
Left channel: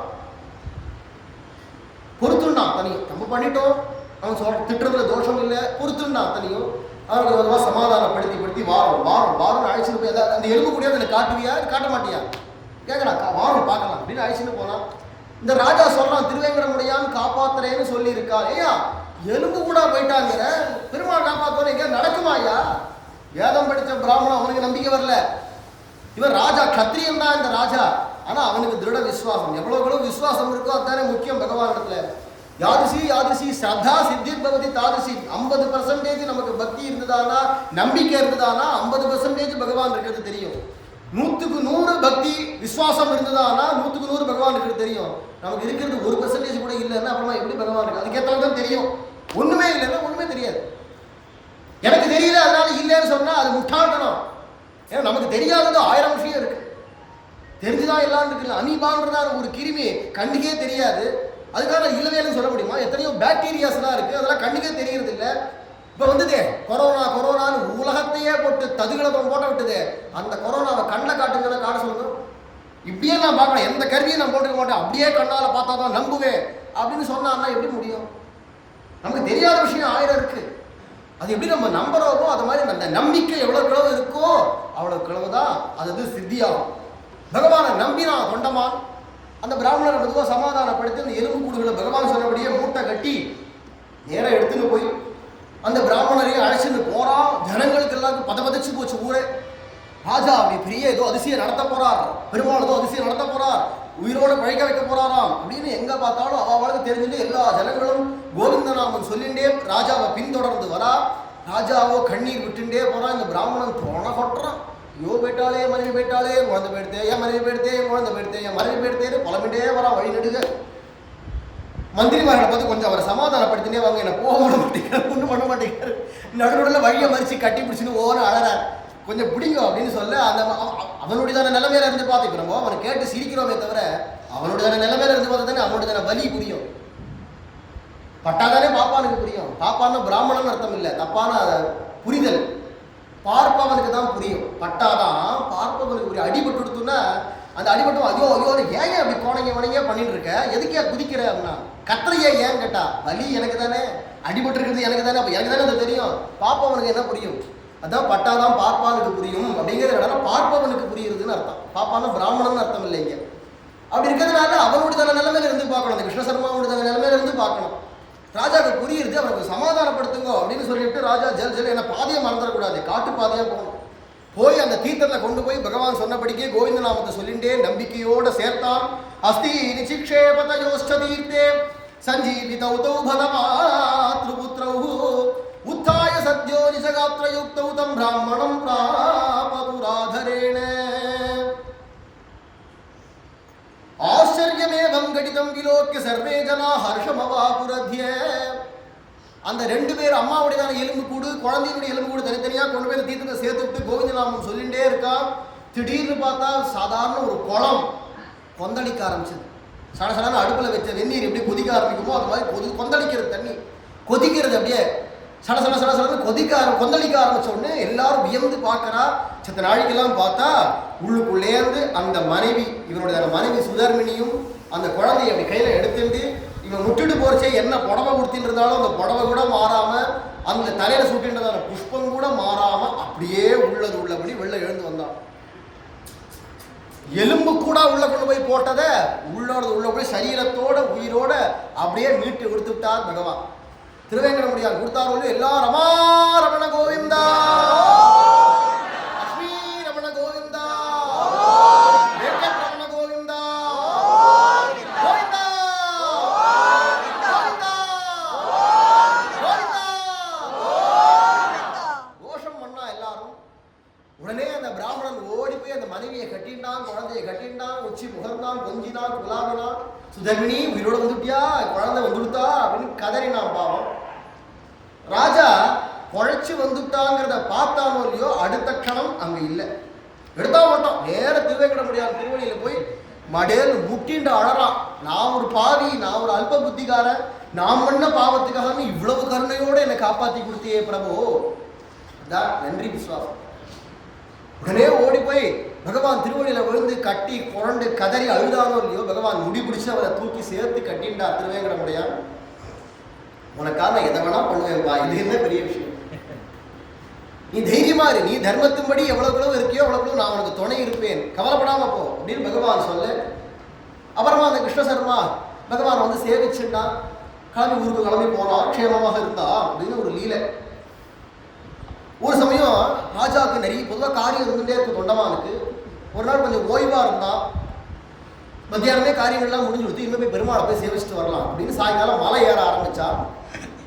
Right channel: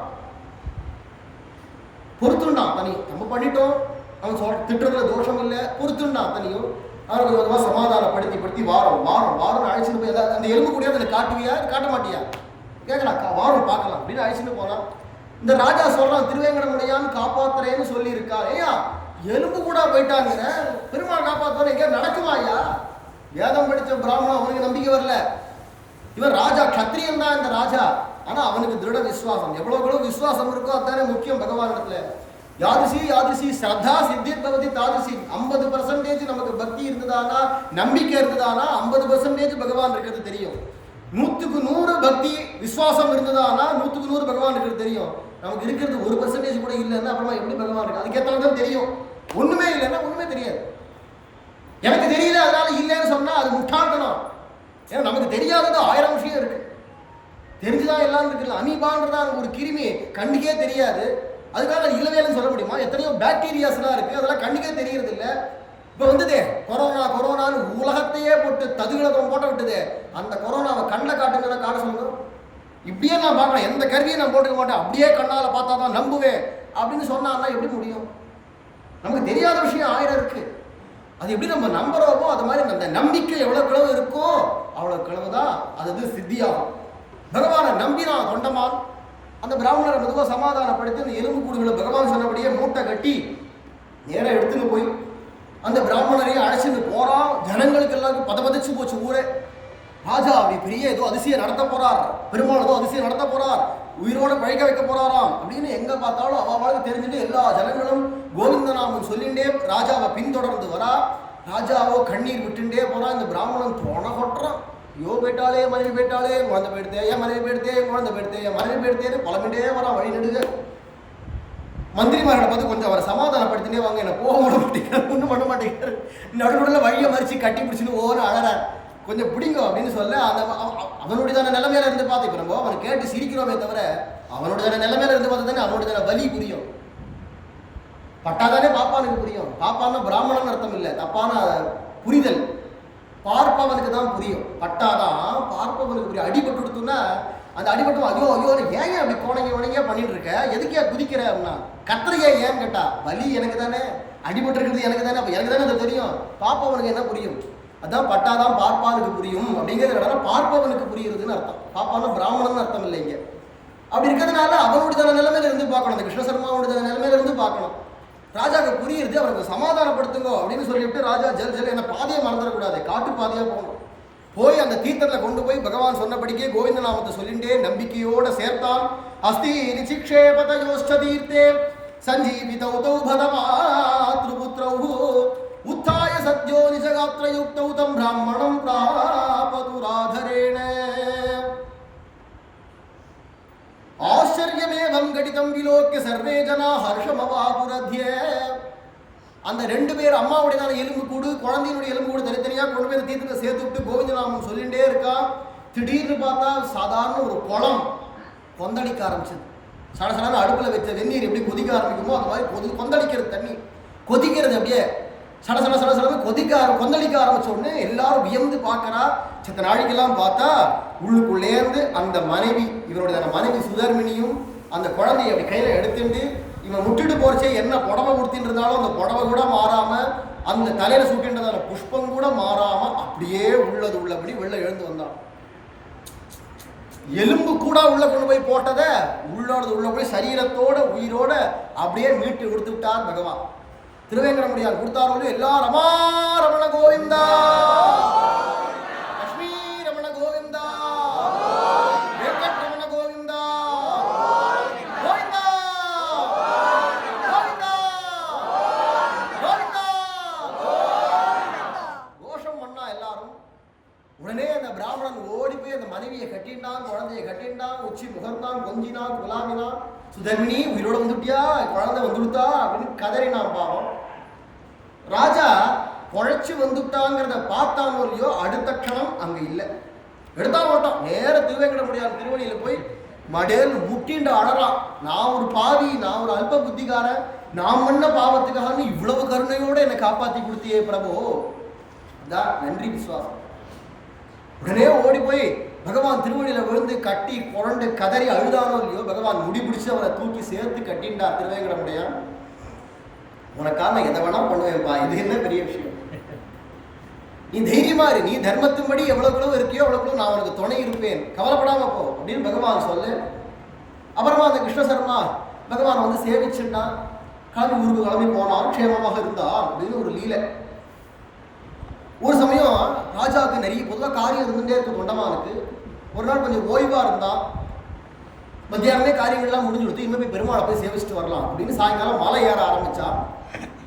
பொறுத்துண்டான் தனியும், நம்ம பண்ணிட்டோம், அவன் திட்டுறதுல தோஷம் இல்லை, பொறுத்துண்டான் தனியும். அவனுக்கு கொஞ்சமாக சமாதானப்படுத்தி வாரம் அழைச்சிட்டு போய் அந்த எலும்பு கூடிய அதை காட்டுவியா காட்ட மாட்டியா கேட்கலாம். வாரம் பார்க்கலாம் அப்படின்னு அழைச்சிட்டு போனான். இந்த ராஜா சொல்றான், திருவேங்கடமுடையான் காப்பாத்துறேன்னு சொல்லி இருக்கா. ஐயா எலும்பு கூட போயிட்டாங்க, பெருமாள் காப்பாத்துறேன் எங்கேயா நடக்குமா ஐயா? வேதம் படித்த பிராமணன், அவனுக்கு நம்பிக்கை வரல. இவன் ராஜா, கத்திரியன் தான் இந்த ராஜா. ஆனா அவனுக்கு திருட விசுவாசம், எவ்வளவு விசுவாசம் இருக்கோ அதுதானே முக்கியம் பகவான் இடத்துல. யாதிசி ஸ்ரத்தா சித்திர் பவதி தாதிசி. 50% நமக்கு பக்தி இருந்ததானா, நம்பிக்கை இருந்ததானா 50% பகவான் இருக்கிறது தெரியும். 100க்கு 100 பக்தி விசுவாசம் இருந்ததானா 100க்கு 100 பகவான் இருக்கிறது தெரியும். நமக்கு இருக்கிறது 1% கூட இல்லைன்னா அப்புறமா எப்படி பகவான் இருக்கு? அதுக்கேற்ற தான் தெரியும். ஒண்ணுமே இல்லைன்னா ஒண்ணுமே தெரியாது. எனக்கு தெரியல அதனால இல்லைன்னு சொன்னா அது முட்டாள்தனம். ஏன்னா நமக்கு தெரியாதது 1000 விஷயம் இருக்கு, தெரிஞ்சுதான் எல்லாம் இருக்குல்ல. அமீபான்றதா ஒரு கிருமி கண்ணுக்கே தெரியாது, அதுக்காக இல்லவேன்னு சொல்ல முடியுமா? எத்தனையோ பாக்டீரியாஸ்லாம் இருக்கு, அதெல்லாம் கண்ணுக்கே தெரியறது இல்லை. இப்போ வந்துதே கொரோனான்னு உலகத்தையே போட்டு ததுகிழப்பம் போட்ட விட்டுதே, அந்த கொரோனாவை கண்ணில் காட்டுங்கன்னா காட்ட சொல்லுங்க. இப்படியே நான் பார்க்கலாம், எந்த கருவியும் நான் போட்டுக்க மாட்டேன், அப்படியே கண்ணால் பார்த்தா தான் நம்புவேன் அப்படின்னு சொன்னான்னா எப்படி முடியும்? நமக்கு தெரியாத விஷயம் 1000 இருக்கு. அது எப்படி நம்ம நம்புறோமோ அது மாதிரி அந்த நம்பிக்கை எவ்வளவு இருக்கோ அவ்வளவு கிழவுதான் அது சித்தியாகும். பகவானை நம்பினான் தொண்டமான். அந்த பிராமணரை மெதுவாக சமாதானப்படுத்தி அந்த எலும்பு கூடுகளை பகவான் சொன்னபடியே மூட்டை கட்டி நேரம் எடுத்துன்னு போய் அந்த பிராமணரையும் அழைச்சிட்டு போறான். ஜனங்களுக்கு எல்லாருக்கும் பதச்சு போச்சு ஊரே. ராஜா அப்படி பெரிய ஏதோ அதிசயம் நடத்த போறார், பெருமாள் ஏதோ அதிசயம் நடத்த போறார், உயிரோடு பழைக்க வைக்க போறாராம் அப்படின்னு எங்க பார்த்தாலும் அவளுக்கு தெரிஞ்சுட்டு எல்லா ஜனங்களும் கோவிந்தநாமன் சொல்லிண்டே ராஜாவை பின்தொடர்ந்து வரா. ராஜாவோ கண்ணீர் விட்டுண்டே போறான். இந்த பிராமணன் தோண கொட்டுறான். ஐயோ போயிட்டாலே மனைவி போயிட்டாலே, குழந்தை போயிடுத்தே, என் மனைவி போயிடுத்தே, குழந்தை போயிடுத்தே, என் மனைவி போயிடுத்தேன்னு புலம்பிட்டே வரான் வழி நடுக. மந்திரிமார்களை பார்த்து கொஞ்சம் அவரை சமாதானப்படுத்தினே வாங்க, என்ன போக விட மாட்டேங்கிறார், ஒன்றும் பண்ண மாட்டேங்கிறார், நடுநடுவில் வழியை மறித்து கட்டி பிடிச்சின்னு ஓன அழறார், கொஞ்சம் பிடிங்க அப்படின்னு சொல்ல அந்த அவனுடையதான நிலைமையில இருந்து பார்த்துக்கிறோம். அவனை கேட்டு சிரிக்கிறோமே தவிர அவனுடையதான நிலைமையில இருந்து பார்த்தா தானே அவனுடையதான வலி புரியும். பட்டாதானே பாப்பானுக்கு புரியும். பாப்பான்னு பிராமணன் அர்த்தம் இல்லை, தப்பான புரிதல். பார்ப்பவனுக்கு தான் புரியும். பட்டாதான் பார்ப்பவனுக்கு புரியும். அடிபட்டு கொடுத்தோன்னா அந்த அடிபட்டும் ஐயோ ஐயோ ஏன் அப்படி கோணங்க வணங்க பண்ணிட்டு இருக்க, எதுக்கே குதிக்கிற அப்படின்னா கத்திரையே ஏன் கேட்டா வலி எனக்கு தானே, அடிபட்டு இருக்கிறது எனக்கு தானே, அப்போ எனக்கு தானே அது தெரியும். பார்ப்பவனுக்கு என்ன புரியும்? அதான் பட்டாதான் பார்ப்பானுக்கு புரியும் அப்படிங்கிறது பார்ப்பவனுக்கு புரியுறதுன்னு அர்த்தம். பாப்பான்னு பிராமணன் அர்த்தம் இல்லைங்க. அப்படி இருக்கிறதுனால அவனுடைய நிலைமையில இருந்து பார்க்கணும், அந்த கிருஷ்ணசர்மாவுடைய நிலைமையில இருந்து பார்க்கணும். ராஜாவுக்கு புரியுறது, அவனுக்கு சமாதானப்படுத்துங்க அப்படின்னு சொல்லிவிட்டு ராஜா ஜல் ஜல் என்ன பாதையை மறந்துடக்கூடாது, காட்டு பாதையாக போகணும். போய் அந்த தீர்த்தத்தில் கொண்டு போய் பகவான் சொன்னபடிக்கே கோவிந்த நாமத்தை சொல்லிண்டே நம்பிக்கையோட சேர்த்தான். அஸ்தி நிச்சிக்ஷேபதயோஷ்ட தீர்த்தே சஞ்சீவிதௌ தௌ பதமாத்ருபுத்ரௌ உத்தாய சத்யோ நிஜகாத்ரயுக்தௌ தம் பிராமணம் பிராபது ராதரேண ஆச்சரியமேவம் கடிதம் விலோக்கிய சர்வே ஜனா ஹர்ஷமவாபுரத்ய. அந்த ரெண்டு பேர் அம்மாவுடையதான எலும்பு கூடு குழந்தையினுடைய எலும்பு கூடு தனித்தனியாக கொண்டு போய் தீர்த்தத்தை சேர்த்து விட்டு கோவிந்தநாமம் சொல்லிகிட்டே இருக்கா. திடீர்னு பார்த்தா சாதாரண ஒரு குளம் கொந்தளிக்க ஆரம்பிச்சது. சடசடான அடுப்பில் வச்ச வெந்நீர் எப்படி கொதிக்க ஆரம்பிக்குமோ அது மாதிரி கொந்தளிக்கிறது, தண்ணி கொதிக்கிறது. அப்படியே சடசட சடசடன்னு கொந்தளிக்க ஆரம்பிச்ச உடனே எல்லாரும் வியந்து பார்க்கறா. சித்த நாளைக்கெல்லாம் பார்த்தா உள்ளுக்குள்ளேருந்து அந்த மனைவி, இவருடைய மனைவி சுதர்மினியும் அந்த குழந்தைய அப்படி கையில் எடுத்துட்டு இவன் முட்டுட்டு போறச்சே என்ன புடவை கொடுத்தின்னு இருந்தாலும் அந்த புடவை கூட மாறாம, அந்த தலையில சுட்டின்றதான புஷ்பம் கூட மாறாம அப்படியே உள்ளபடி வெளில எழுந்து வந்தான். எலும்பு கூட உள்ள கொண்டு போய் போட்டதை உள்ள போய் சரீரத்தோட உயிரோட அப்படியே மீட்டு கொடுத்து விட்டார் பகவான். திருவேங்கடமுடியான் கொடுத்தாரோடு எல்லாரும் ரமா ரமண கோவிந்தா, லட்சுமி ரமண கோவிந்தா, வெங்கட் ரமண கோவிந்தா, கோவிந்தா கோவிந்தா கோவிந்தா கோஷம் பண்ணா எல்லாரும். உடனே அந்த பிராமணன் ஓடி போய் அந்த மனைவியை கட்டின்டான், குழந்தையை கட்டின்டான், உச்சி முகர்ந்தான், கொஞ்சினான், குலாமினான். சுதர்மினி உயிரோட வந்துட்டியா, குழந்தை வந்துடுத்தா அப்படின்னு கதறினான். பாவம் ராஜா குழைச்சி வந்துட்டாங்கிறத பார்த்தானோ இல்லையோ அடுத்த க்ஷணம் அங்க இல்லை. எடுத்தா மாட்டான், நேர திருவேங்கடமுடியான் திருவடியில போய் மடேல் முட்டின்ற அழறான். நான் ஒரு பாவி, நான் ஒரு அல்ப புத்திகாரன், நான் பண்ண பாவத்துக்காக இவ்வளவு கருணையோட என்னை காப்பாத்தி கொடுத்தியே பிரபு, அதான் நன்றி விசுவாசம். உடனே ஓடி போய் பகவான் திருவடியில விழுந்து கட்டி புரண்டு கதறி அழுதானோ இல்லையோ பகவான் முடி பிடிச்சு அவனை தூக்கி சேர்த்து கட்டின்றார் திருவேங்கடமுடியான். உனக்காக நான் எதை வேணா பண்ணுவேன்பா, இது என்ன பெரிய விஷயம், நீ தைரியமா இரு, நீ தர்மத்தின்படி எவ்வளவு இருக்கியோ அவ்வளவு நான் உனக்கு துணை இருப்பேன், கவலைப்படாம போ அப்படின்னு பகவான் சொல்லு. அப்புறமா அந்த கிருஷ்ணசர்மா பகவான் வந்து சேவிச்சுட்டான். கிளம்பி ஊருக்கு கிளம்பி போனான், க்ஷேமமாக இருந்தா அப்படின்னு ஒரு லீலை. ஒரு சமயம் ராஜாவுக்கு நிறைய பொதுவாக காரியம் இருந்துகிட்டே இருக்கும் தொண்டமானுக்கு. ஒரு நாள் கொஞ்சம் ஓய்வாக இருந்தான். மத்தியானமே காரியங்கள்லாம் முடிஞ்சு கொடுத்து இன்னும் போய் பெருமாளை போய் சேவிச்சுட்டு வரலாம் அப்படின்னு சாயங்காலம் மலை ஏற ஆரம்பித்தா.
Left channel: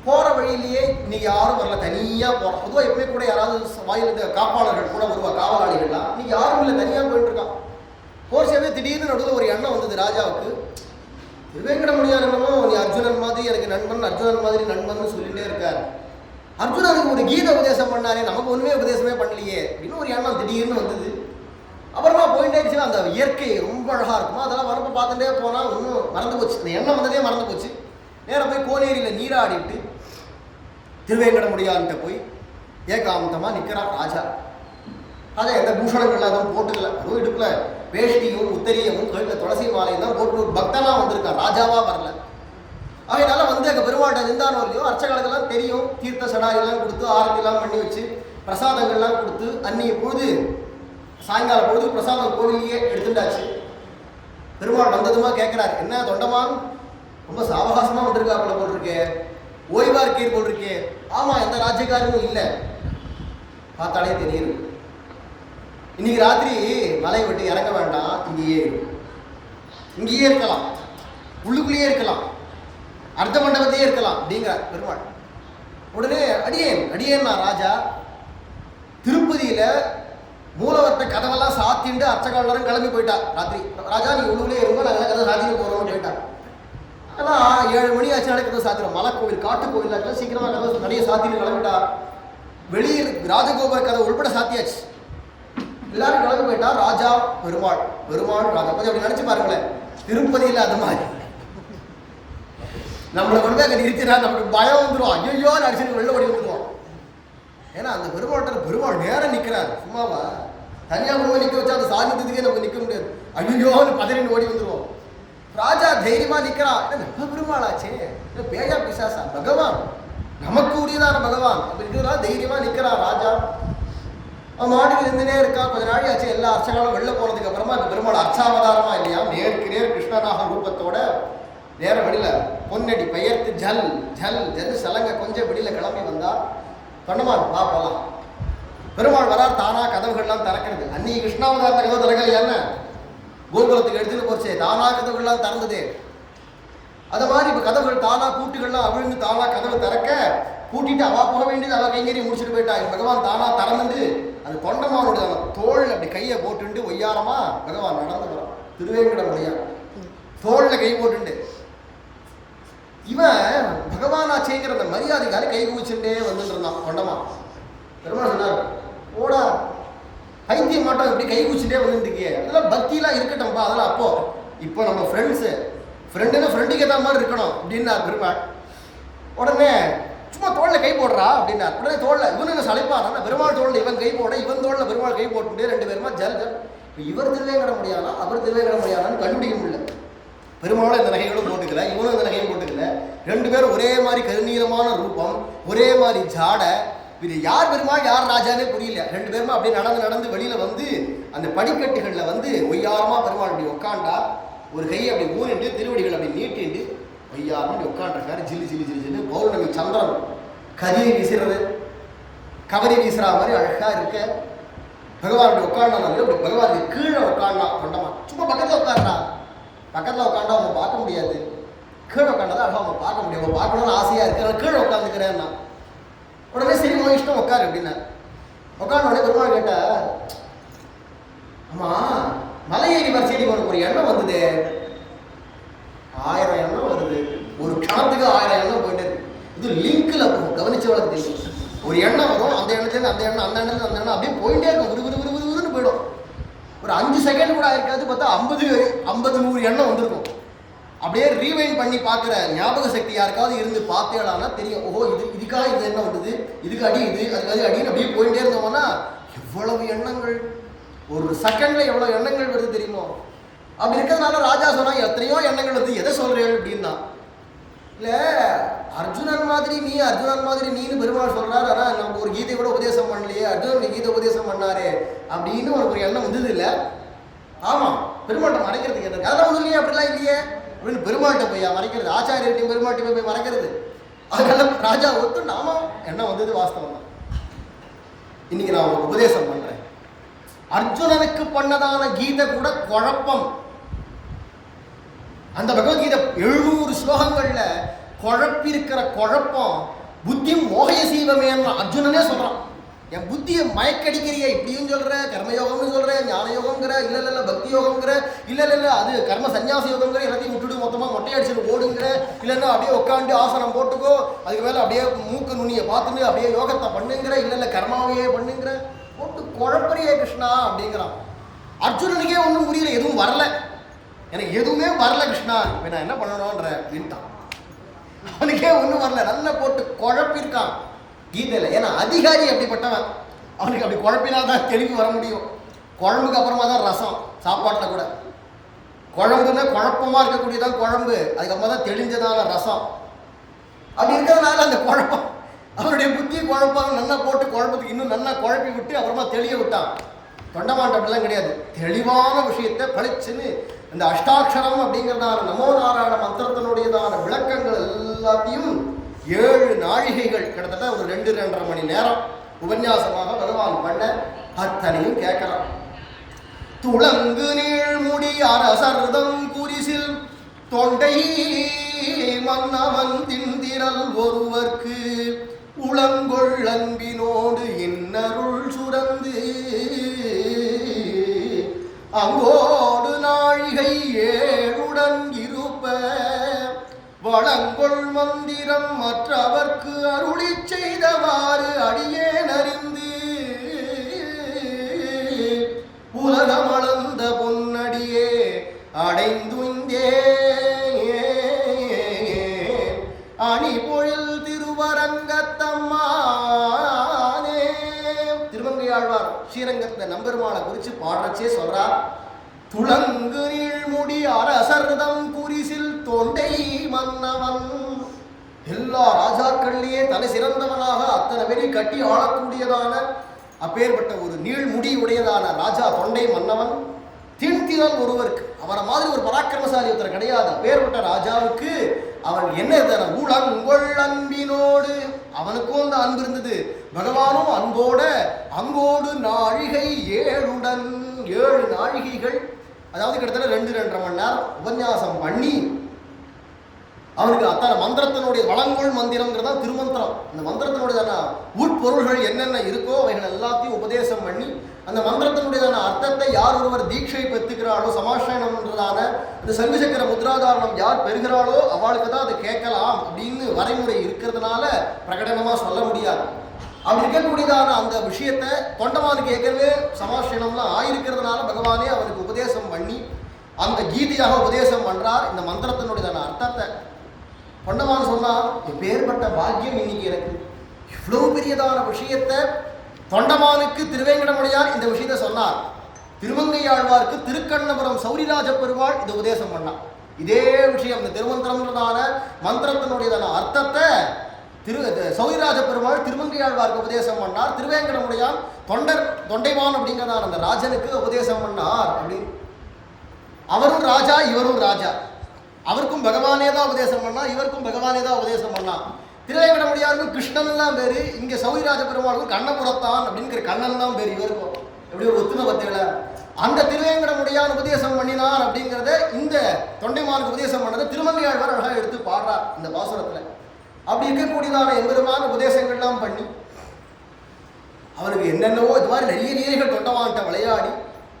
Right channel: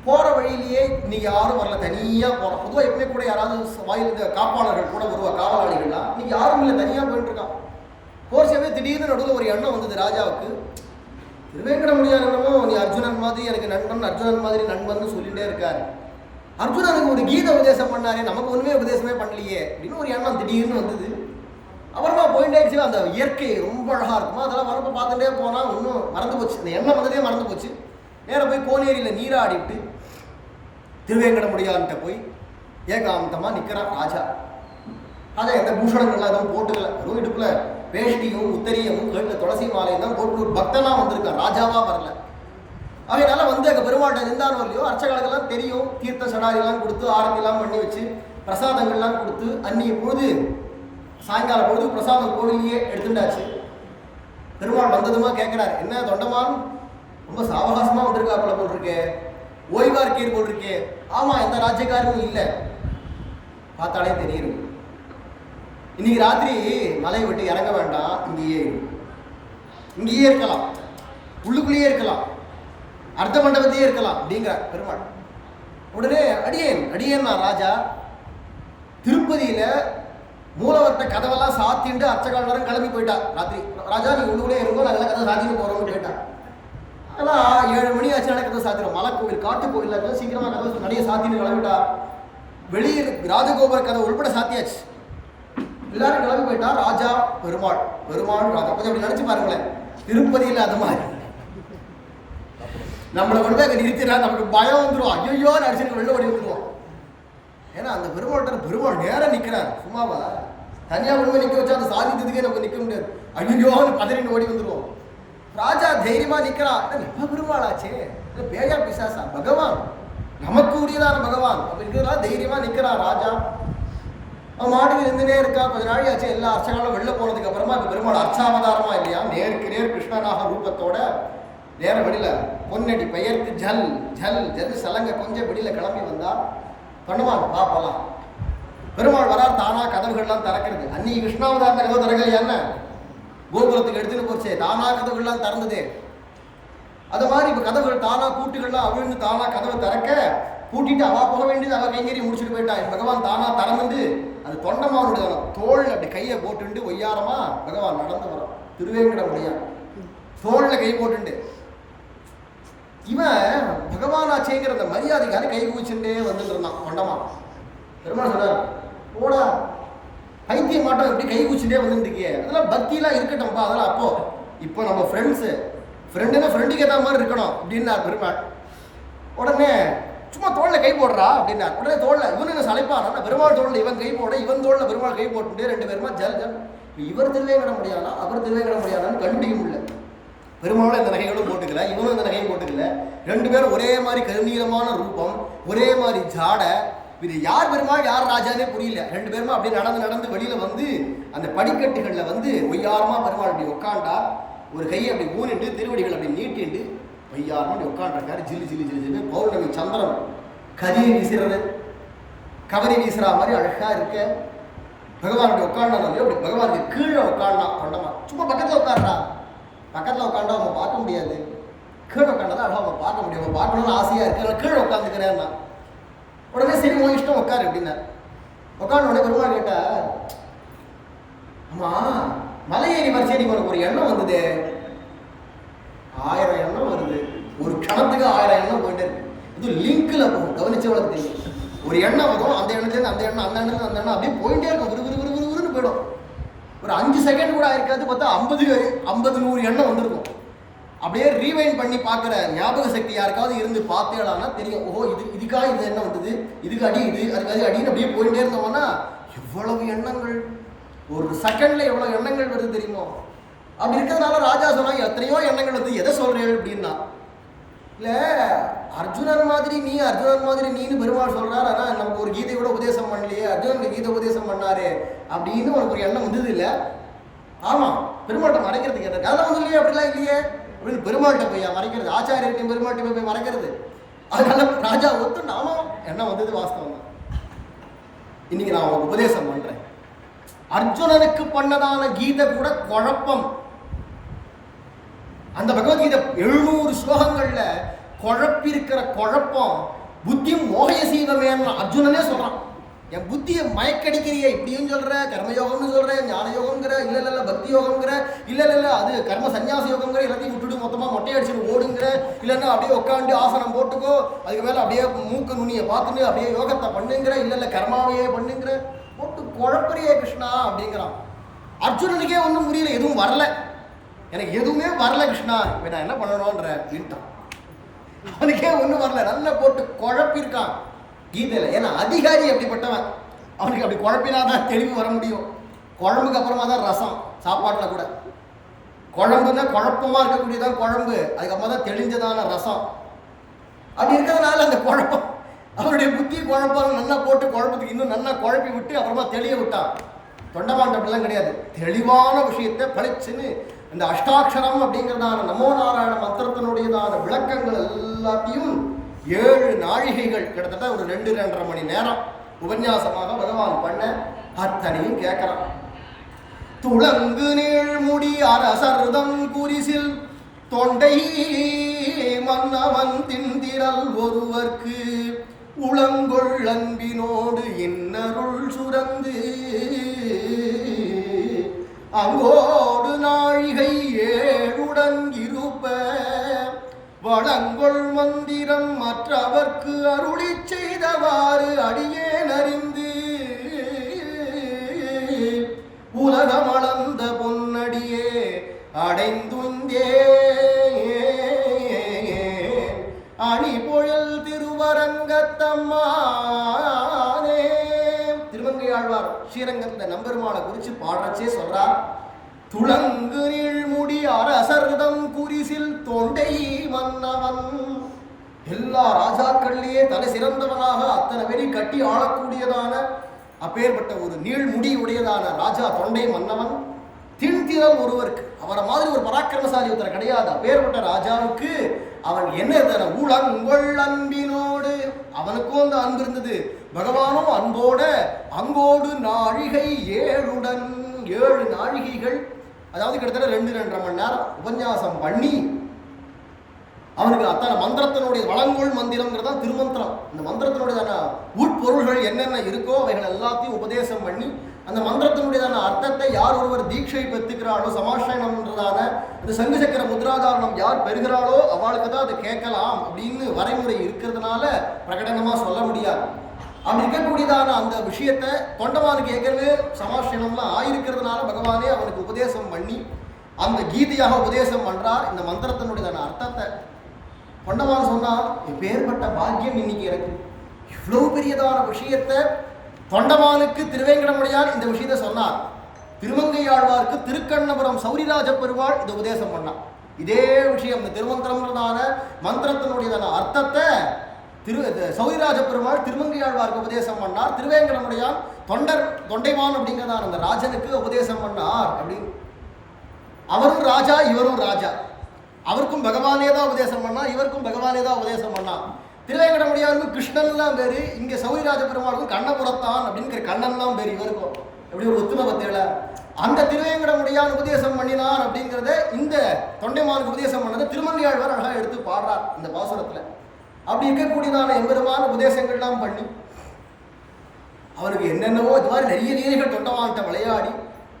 போகிற வழியிலேயே இன்னைக்கு யாரும் வரல, தனியாக போகிறோம். பொதுவாக எப்பவுமே கூட யாராவது வாயில் காப்பாளர்கள் கூட வருவா, காவலாளிகள்லாம். இன்னைக்கு யாரும் இல்லை, தனியாக போயிட்டு இருக்கான். போர்ச்சவே திடீர்னு நடுவில் ஒரு எண்ணம் வந்தது ராஜாவுக்கு. திருவேங்கடமுடியான் என்னமோ நீ அர்ஜுனன் மாதிரி எனக்கு நண்பன், அர்ஜுனன் மாதிரி நண்பன் சொல்லிகிட்டே இருக்கார். அர்ஜுனனுக்கு ஒரு கீத உபதேசம் பண்ணாரே, நமக்கு ஒன்றுமே உபதேசமே பண்ணலையே அப்படின்னு ஒரு எண்ணம் திடீர்னு வந்தது. அப்புறமா போயிட்டே இருந்துச்சு. அந்த இயற்கை ரொம்ப அழகாக இருக்குமா, அதெல்லாம் வரப்போ பார்த்துட்டே போனால் ஒன்றும் மறந்து போச்சு, அந்த எண்ணம் வந்ததே மறந்து போச்சு. நேராக போய் கோனேரியில் நீராடிவிட்டு திருவேங்கடமுடியான்கிட்ட போய் ஏகாந்தமாக நிற்கிறான் ராஜா. ராஜா எந்த பூஷணங்கள்லாம் எதுவும் போட்டுக்கல, அதுவும் இடுப்பில் வேஷ்டியும் உத்தரியமும் கழுத்தில் துளசி மாலையும் தான் போட்டு ஒரு பக்தனாக வந்திருக்கான், ராஜாவாக வரல. அதனால வந்து அங்கே பெருமாள்கிட்ட இருந்தானோ இல்லையோ அர்ச்சகர்களுக்கெல்லாம் தெரியும். தீர்த்த சடாரியெல்லாம் கொடுத்து ஆரத்திலாம் பண்ணி வச்சு பிரசாதங்கள்லாம் கொடுத்து அன்னைய பொழுது சாயங்கால பொழுது பிரசாதம் கோவிலையே எடுத்துட்டாச்சு. பெருமாள் வந்ததுமா கேட்கிறார், என்ன தொண்டமான் ரொம்ப சாவகாசமா வந்திருக்காப்புல போல் இருக்கே, ஓய்வா இருக்கீர் போல் இருக்கே. ஆமா, எந்த ராஜ்யக்காரமும் இல்லை, பார்த்தாலே தெரியுது. இன்னைக்கு ராத்திரி மலையை விட்டு இறங்க வேண்டாம், இங்கேயே இருக்கலாம், உள்ளுக்குள்ளேயே இருக்கலாம், அர்த்த மண்டபத்தையே இருக்கலாம் அப்படிங்கிறார் பெருமாள். உடனே அடியேன் நான் ராஜா, திருப்பதியில மூலவர்த்த கதவெல்லாம் சாத்திண்டு அர்ச்சகாலரும் கிளம்பி போயிட்டா. ராத்திரி ராஜா நீ உள்ளுக்குள்ளே இருந்தோம், நாங்கள் கதை சாத்திட்டு போறோம்னு போயிட்டா. ஆனால் 7 மணி ஆச்சுனால கதை சாத்திடும். மலை கோவில் காட்டு கோவில் சீக்கிரமா கதை நிறைய சாத்தின்னு கிளம்பிட்டா. வெளியில் ராஜகோபுர கதை உள்பட சாத்தியாச்சு. எல்லாரும் கிளம்பி போயிட்டா. ராஜா பெருமாள் ராஜா. கொஞ்சம் அப்படி நினைச்சு பாருங்களேன், திருப்பதியில் அது மாதிரி நம்மளை கொண்டு போய் அங்கே நிறுத்தினா நமக்கு பயம் வந்துடும். ஐயோ நடிச்சுட்டு வெளில ஓடி வந்துடுவோம். ஏன்னா அந்த பெருமாள் நேரம் நிற்கிறார். சும்மாவா தனியாக கொண்டு நிற்க வச்சா அந்த சாதித்ததுக்கே நம்ம நிற்க முடியாது. ஐயோன்னு பதறின்னு ஓடி வந்துடுவோம். ராஜா தைரியமா நிற்கிறான். என்ன பெருமாளாச்சே, பேயா பிசாசா, பகவான் நமக்கு உரியதான பகவான் அப்படிங்கிறதுனால தைரியமா நிற்கிறான் ராஜா. அவன் மாட்டுக்கு இருந்துனே இருக்கா. கொஞ்ச நாள் ஆச்சு. எல்லா அர்ச்சங்களும் வெளில போனதுக்கு அப்புறமா இப்போ பெருமாள் அர்ச்சாவதாரமா இல்லையா, நேருக்கு நேர் கிருஷ்ணனாக ரூபத்தோட நேர வெளியில பொன்னடி பெயர்த்து ஜல் ஜல் ஜல் சலங்க கொஞ்சம் வெளியில கிளம்பி வந்தா. தொண்டமான் வா போலாம். பெருமாள் வரார். தானா கதவுகள்லாம் திறக்கிறது. அன்னைக்கு கிருஷ்ணாவதாரத்தை கதவு திறக்கலையா, என்ன கோகுலத்துக்கு எடுத்துட்டு போச்சு, தானா கதவுகள்லாம் திறந்தது. அது மாதிரி இப்போ கதவுகள் தானா பூட்டுகள்லாம் அவிழ்ந்து தானா கதவை திறக்க பூட்டிட்டு அவா போக வேண்டியது அவ கைங்கறி முடிச்சுட்டு போயிட்டா. பகவான் தானா திறந்துட்டு அது தொண்டமானுடைய தோல் அப்படி கையை போட்டுண்டு ஒய்யாரமா பகவான் நடந்து வரும். திருவேங்கடமுடியா தோல்ல கை போட்டுண்டு இவன் பகவானாச்சேங்கிற அந்த மரியாதைக்காக கை குவிச்சுட்டே வந்துட்டு இருந்தான் தொண்டமா. பெருமாள் சொன்னார், ஓடா பைத்தியம் மாட்டோம், எப்படி கை குவிச்சுட்டே வந்துட்டு இருக்கியே, அதெல்லாம் பக்தியெல்லாம் இருக்கட்டும்பா, அதெல்லாம் அப்போ இப்போ நம்ம ஃப்ரெண்டுன்னா ஃப்ரெண்டுக்கு ஏற்ற மாதிரி இருக்கணும் அப்படின்னார் பெருமாள். உடனே சும்மா தோளில் கை போடுறா அப்படின்னார். உடனே தோளில் இவனு சளைப்பானா, பெருமாள் தோளில் இவன் கை போட, இவன் தோளில் பெருமாள் கை போட்டுட்டு 2 பேருமா ஜல் ஜல். இப்போ இவர் திருவேங்கட முடியானா அவர் திருவேங்கட முடியாதான்னு கண்டுபிடிக்க முடியல. பெருமாளும் இந்த நகைகளும் போட்டுக்கல, இவனும் இந்த நகையும் போட்டுக்கல. 2 பேரும் ஒரே மாதிரி கருநீளமான ரூபம், ஒரே மாதிரி ஜாடை. இது யார் பெருமாள் யார் ராஜானே புரியல. 2 பேருமா அப்படியே நடந்து வெளியில வந்து அந்த படிக்கட்டுகளில் வந்து ஒய்யாரமா பெருமாள் அப்படி உட்காண்டா. ஒரு கையை அப்படி ஊனிட்டு திருவடிகள் அப்படி நீட்டிண்டு ஒய்யாரமா அப்படி உட்காண்டிருக்காரு. ஜில்லு ஜில்லு ஜில்லு ஜில்லு பௌர்ணமி சந்திரன் கதியை வீசுறது, கவரி வீசுற மாதிரி அழகா இருக்க. பகவான் அப்படி உட்காண்டான அப்படி பகவானுக்கு கீழே உட்காண்டான் தொண்டமா. சும்மா பக்கத்தில் உட்காண்டா, பக்கத்தில் உட்காண்டா அவங்க பார்க்க முடியாது, கீழே உட்காண்டா அழகா அவங்க பார்க்க முடியும். அவங்க பார்க்கணும்னு ஆசையா இருக்கு, கீழே உட்காந்துக்கிறேன்னா. உடனே சரி உன் இஷ்டம் உட்காரு அப்படின்னா. உட்காந்த உடனே பெருமாள் கேட்டா, ஆமா மலையேறி வரிசையடி உனக்கு ஒரு எண்ணம் வந்தது, 1000 எண்ணம் வருது, ஒரு கணத்துக்கு 1000 எண்ணம் போயிட்டு இருக்கு. இது லிங்க்ல போகும், கவனிச்சவளுக்கு தெரியும். ஒரு எண்ணம் வரும், அந்த எண்ணத்துலேருந்து அந்த எண்ணம், அந்த எண்ணத்துல அந்த எண்ணம் அப்படியே போயிட்டே இருக்கும், விறுவிறுன்னு போயிடும். ஒரு 5 செகண்ட் கூட ஆயிருக்காது, பார்த்தா 50-100 எண்ணம் வந்திருக்கும். அப்படியே ரீவைண்ட் பண்ணி பார்க்குற ஞாபக சக்தி யாருக்காவது இருந்து பார்த்தேடானா தெரியும். ஓஹோ இதுக்காக இந்த எண்ணம் வந்தது, இதுக்கு அடி இது, அதுக்காக அடின்னு அப்படியே போயிட்டே இருந்தோம்னா எவ்வளவு எண்ணங்கள் ஒரு செகண்ட்ல எவ்வளவு எண்ணங்கள் வருது தெரியுமோ. அப்படி இருக்கிறதுனால ராஜா சொன்னா எத்தனையோ எண்ணங்கள் வந்து எதை சொல்றேன் அப்படின்னா, இல்லை அர்ஜுனன் மாதிரி நீன்னு பெருமாள் சொல்றாரு. ஆனால் நமக்கு ஒரு கீதை கூட உபதேசம் பண்ணலையே, அர்ஜுனனுக்கு கீதை உபதேசம் பண்ணாரு அப்படின்னு உனக்கு ஒரு எண்ணம் வந்தது இல்லை. ஆமாம், பெருமாள்கிட்ட மறைக்கிறதுக்கு என்ன அதெல்லாம் ஒன்றும் இல்லையே, அப்படிலாம் இல்லையே அப்படின்னு பெருமாள்கிட்ட போய் மறைக்கிறது, ஆச்சாரியர்கிட்டையும் பெருமாள்கிட்ட போய் மறைக்கிறது. அதனால ராஜா ஒத்து நாம எண்ணம் வந்தது வாஸ்தவம் தான். இன்னைக்கு நான் உங்களுக்கு உபதேசம் பண்றேன். அர்ஜுனனுக்கு பண்ணதான கீதை கூட குழப்பம். அந்த பகவத்கீதை 700 ஸ்லோகங்கள்ல குழப்பிருக்கிற குழப்பம் புத்தியும் மோகய சீவமேன்னு அர்ஜுனனே சொல்றான். என் புத்தியை மயக்கடிக்கிறிய, இப்படியும் சொல்ற, கர்மயோகம்னு சொல்ற, ஞான யோகங்கிற, இல்ல பக்தி யோகங்கிற, இல்ல அது கர்ம சன்னியாச யோகங்கிற, எல்லாத்தையும் விட்டுட்டு மொத்தமா மொட்டையடிச்சுட்டு ஓடுங்கிற, இல்லைன்னா அப்படியே உட்காந்து ஆசனம் போட்டுக்கோ, அதுக்கு மேல அப்படியே மூக்கு நுனியை பார்த்துட்டு அப்படியே யோகத்தை பண்ணுங்கிற, இல்ல கர்மாவையே பண்ணுங்கிற, போட்டு குழப்பறியே கிருஷ்ணா அப்படிங்கிறான். அர்ஜுனனுக்கே ஒன்றும் புரியல, எதுவும் வரல, எனக்கு எதுவுமே வரல கிருஷ்ணா, இப்போ நான் என்ன பண்ணணும்ன்ற அப்படின்ட்டான். அவனுக்கே ஒன்றும் வரல, நல்லா போட்டு குழப்பிருக்கான் கீதையில். ஏன்னா அதிகாரி அப்படிப்பட்டவன், அவனுக்கு அப்படி குழப்பினாதான் தெளிவு வர முடியும். குழம்புக்கு அப்புறமா தான் ரசம், சாப்பாட்டில் கூட குழம்புன்னா குழப்பமாக இருக்கக்கூடியதான் குழம்பு, அதுக்கப்புறமா தான் தெளிஞ்சதான ரசம். அப்படி இருக்கிறதுனால அந்த குழப்பம் அவனுடைய புத்தி குழப்பம் நல்லா போட்டு குழப்பத்துக்கு இன்னும் நல்லா குழப்பி விட்டு அப்புறமா தெளிய விட்டான். தொண்டமான் அப்படிலாம் கிடையாது. தெளிவான விஷயத்தை பளிச்சுன்னு இந்த அஷ்டாட்சரம் அப்படிங்கிறதான நமோ நாராயண மந்திரத்தினுடையதான விளக்கங்கள் எல்லாத்தையும் 7 நாழிகைகள் கிட்டத்தட்ட ஒரு 2-2.5 மணி நேரம் உபன்யாசமாக பகவான் பண்ண அத்தனையும் கேட்கிறான். துளங்கு நீழ்முடி அரசர்தம் குறிசில் தொண்டை மன்னவன் திந்திரல் ஒருவர்க்கு உளங்கொள் அன்பினோடு இன்னருள் சுரந்து அங்கோடு நாழிகை 7 இருப்ப வளங்கொள் மந்திரம் மற்றவர்க்கு அருளி செய்தவாறு அடியேன் அறிந்து உலகமளந்த பொன்னடியே அடைந்துந்தே அணி பொழில் திருவரங்கத்தம்மானே. திருமங்கையாழ்வார் ஸ்ரீரங்கத்தை நம்பெருமாளை குறித்து பாடுறச்சே சொல்றார். துளங்கு நீழ்முடி அரசர்தம் குறிசில் தொண்டை மன்னவன். எல்லா ராஜாக்கள்லேயே தலை சிறந்தவனாக அத்தனை பேரை கட்டி ஆளக்கூடியதான அப்பேற்பட்ட ஒரு நீழ்முடி உடையதான ராஜா தொண்டை மன்னவன். திண்திரல் ஒருவருக்கு, அவரை மாதிரி ஒரு பராக்கிரமசாலி ஒருத்தர் கிடையாது. அப்பேற்பட்ட ராஜாவுக்கு அவன் என்ன தர உளங்கொள் அன்பினோடு, அவனுக்கும் அந்த அன்பு இருந்தது. பகவானும் அன்போட அங்கோடு நாழிகை 7 நாழிகைகள், அதாவது கிட்டத்தட்ட 2-2.5 மணி நேரம் உபன்யாசம் பண்ணி அவனுக்கு அத்தனை மந்திரத்தினுடைய வளங்கொள் மந்திரங்கிறது தான் திருமந்திரம். அந்த மந்திரத்தினுடையதான உட்பொருள்கள் என்னென்ன இருக்கோ அவைகள் எல்லாத்தையும் உபதேசம் பண்ணி அந்த மந்திரத்தினுடையதான அர்த்தத்தை யார் ஒருவர் தீட்சை பெற்றுக்கிறாளோ, சமாஷயனம்ன்றதான இந்த சங்கு சக்கர முத்ராதாரணம் யார் பெறுகிறாளோ அவளுக்கு தான் அதை கேட்கலாம் அப்படின்னு வரைமுறை இருக்கிறதுனால பிரகடனமாக சொல்ல முடியாது. அப்படி இருக்கக்கூடியதான அந்த விஷயத்தை தொண்டமானுக்கு ஏற்கனவே சமாஷயனம்லாம் ஆயிருக்கிறதுனால பகவானே அவனுக்கு உபதேசம் பண்ணி அந்த கீதையாக உபதேசம் பண்ணுறார். இந்த மந்திரத்தினுடையதான அர்த்தத்தை தொண்டமான் சொன்னான், எப்பேற்பட்ட பாக்கியம் இன்னைக்கு எனக்கு. இவ்வளோ பெரியதான விஷயத்தை தொண்டமானுக்கு திருவேங்கடமுடையார் இந்த விஷயத்தை சொன்னார். திருமங்கையாழ்வார்க்கு திருக்கண்ணபுரம் சௌரிராஜ பெருமாள் இது உபதேசம் பண்ணார். இதே விஷயம், இந்த திருமந்திரம்ன்றதான மந்திரத்தினுடையதான அர்த்தத்தை சௌரிராஜ பெருமாள் திருமங்கையாழ்வார்க்கு உபதேசம் பண்ணார். திருவேங்கடமுடையான் தொண்டைமான் அப்படிங்கிறதான அந்த ராஜனுக்கு உபதேசம் பண்ணார். அப்படின்னு அவரும் ராஜா, இவரும் ராஜா. அவருக்கும் பகவானே தான் உபதேசம் பண்ணா, இவருக்கும் பகவானே தான் உபதேசம் பண்ணா. திருவேங்கடமுடியாருக்கும் கிருஷ்ணன்லாம் பேரு, இங்கே சௌரிராஜ பெருமாளுக்கும் கண்ணபுரத்தான் அப்படிங்கிற கண்ணன் தான் பேர் இவருக்கும். எப்படி ஒரு ஒத்துமை பத்தியில அந்த திருவேங்கடமுடியான் உபதேசம் பண்ணினார் அப்படிங்கிறத இந்த தொண்டைமானுக்கு உபதேசம் பண்ணதை திருமங்கையாழ்வார் அழகாக எடுத்து பாடுறார் இந்த பாசுரத்தில். அப்படி இருக்கக்கூடியதான எம்பெருமான உபதேசங்கள்லாம் பண்ணி அவருக்கு என்னென்னவோ இது மாதிரி நிறைய லீலைகள் தொண்டமான்கிட்ட விளையாடி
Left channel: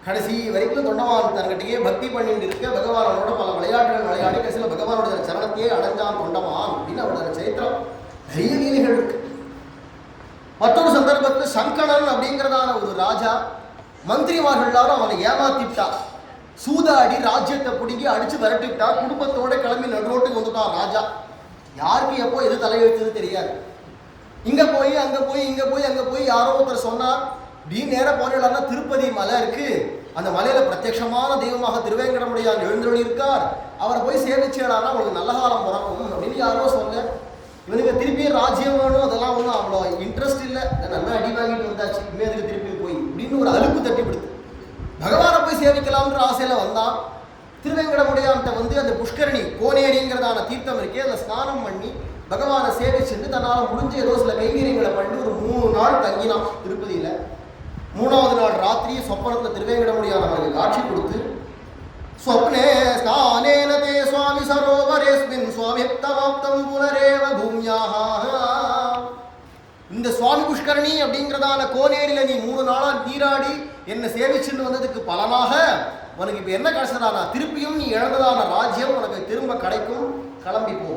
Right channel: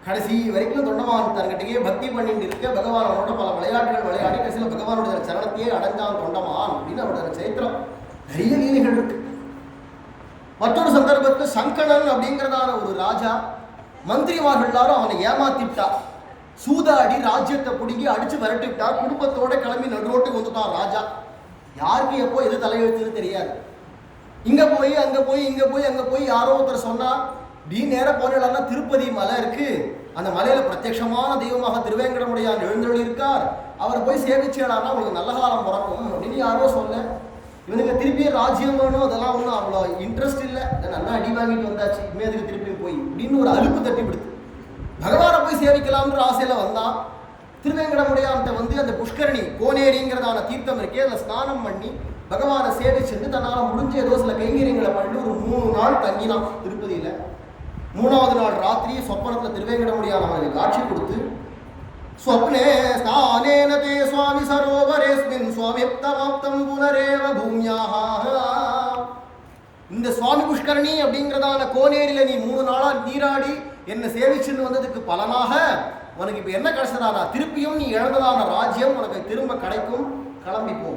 கடைசி வரைக்கும் தொண்டமான் தன்கிட்டயே பக்தி பண்ணிட்டு இருக்க பகவான் அவனோட பல விளையாட்டுகள் விளையாடி கடைசியில் பகவானுடைய சரணத்தையே அடைஞ்சான் தொண்டமான் அப்படின்னு அவருடைய சரித்திரம். நிறைய லீலைகள் இருக்கு. மற்றொரு சந்தர்ப்பத்தில் சங்கணன் அப்படிங்கிறதான ஒரு ராஜா மந்திரிமார்கள் எல்லாரும் அவனை ஏமாத்திட்டா, சூதாடி ராஜ்யத்தை பிடிங்கி அடிச்சு விரட்டி விட்டா. குடும்பத்தோட கிளம்பி நடுரோட்டுக்கு வந்துட்டான் ராஜா. யாருக்கு எப்போ எது தலையெழுத்துன்னு தெரியாது. இங்கே போய் அங்கே போய் இங்கே போய் அங்கே போய் யாரோ ஒருத்தர் சொன்னார், இப்படி நேரம் போனேன்னா திருப்பதி மலை இருக்கு, அந்த மலையில் பிரத்யட்சமான தெய்வமாக திருவேங்கடமுடையான் எழுந்தொழி இருக்கார், அவரை போய் சேவிச்சேடானா உங்களுக்கு நல்ல காலம் பிறக்கும் அப்படின்னு யாரோ சொல்ல. இவனுக்கு திருப்பி ராஜ்யம் வேணும், அதெல்லாம் ஒன்றும் அவ்வளோ இன்ட்ரெஸ்ட் இல்லை, நல்லா அடி வாங்கிட்டு வந்தாச்சு, இனிமே அதுக்கு திருப்பி போய் அப்படின்னு ஒரு அலுப்பு தட்டி விடுத்து பகவானை போய் சேவிக்கலாம்ன்ற ஆசையில் வந்தான். திருவேங்கடமுடையான்கிட்ட வந்து அந்த புஷ்கரணி கோனேரிங்கிறதான தீர்த்தம் இருக்கே, அதில் ஸ்நானம் பண்ணி பகவானை சேவிச்சுட்டு தன்னால் முடிஞ்ச ஏதோ சில கைங்கரியங்களை பண்ணி ஒரு 3 நாள் தங்கினான் திருப்பதியில். 3வது நாள் ராத்திரி சொப்பனத்தில் திருவேங்கடமுடியான் அவருக்கு காட்சி கொடுத்து, ஸ்வப்னே ஸ்நானேன தே சுவாமி சரோவரேஸ்மின் சுவாமிப்தமாப்தம் புனரேவ பூமியாக. இந்த சுவாமி புஷ்கரணி அப்படிங்கிறதான கோனேரியில் நீ 3 நாளாக நீராடி என்னை சேவிச்சுன்னு வந்ததுக்கு பலனாக உனக்கு இப்போ என்ன கிடைச்சதானா, திருப்பியும் நீ இழந்ததான ராஜ்யம் உனக்கு திரும்ப கிடைக்கும், கிளம்பிப்போ.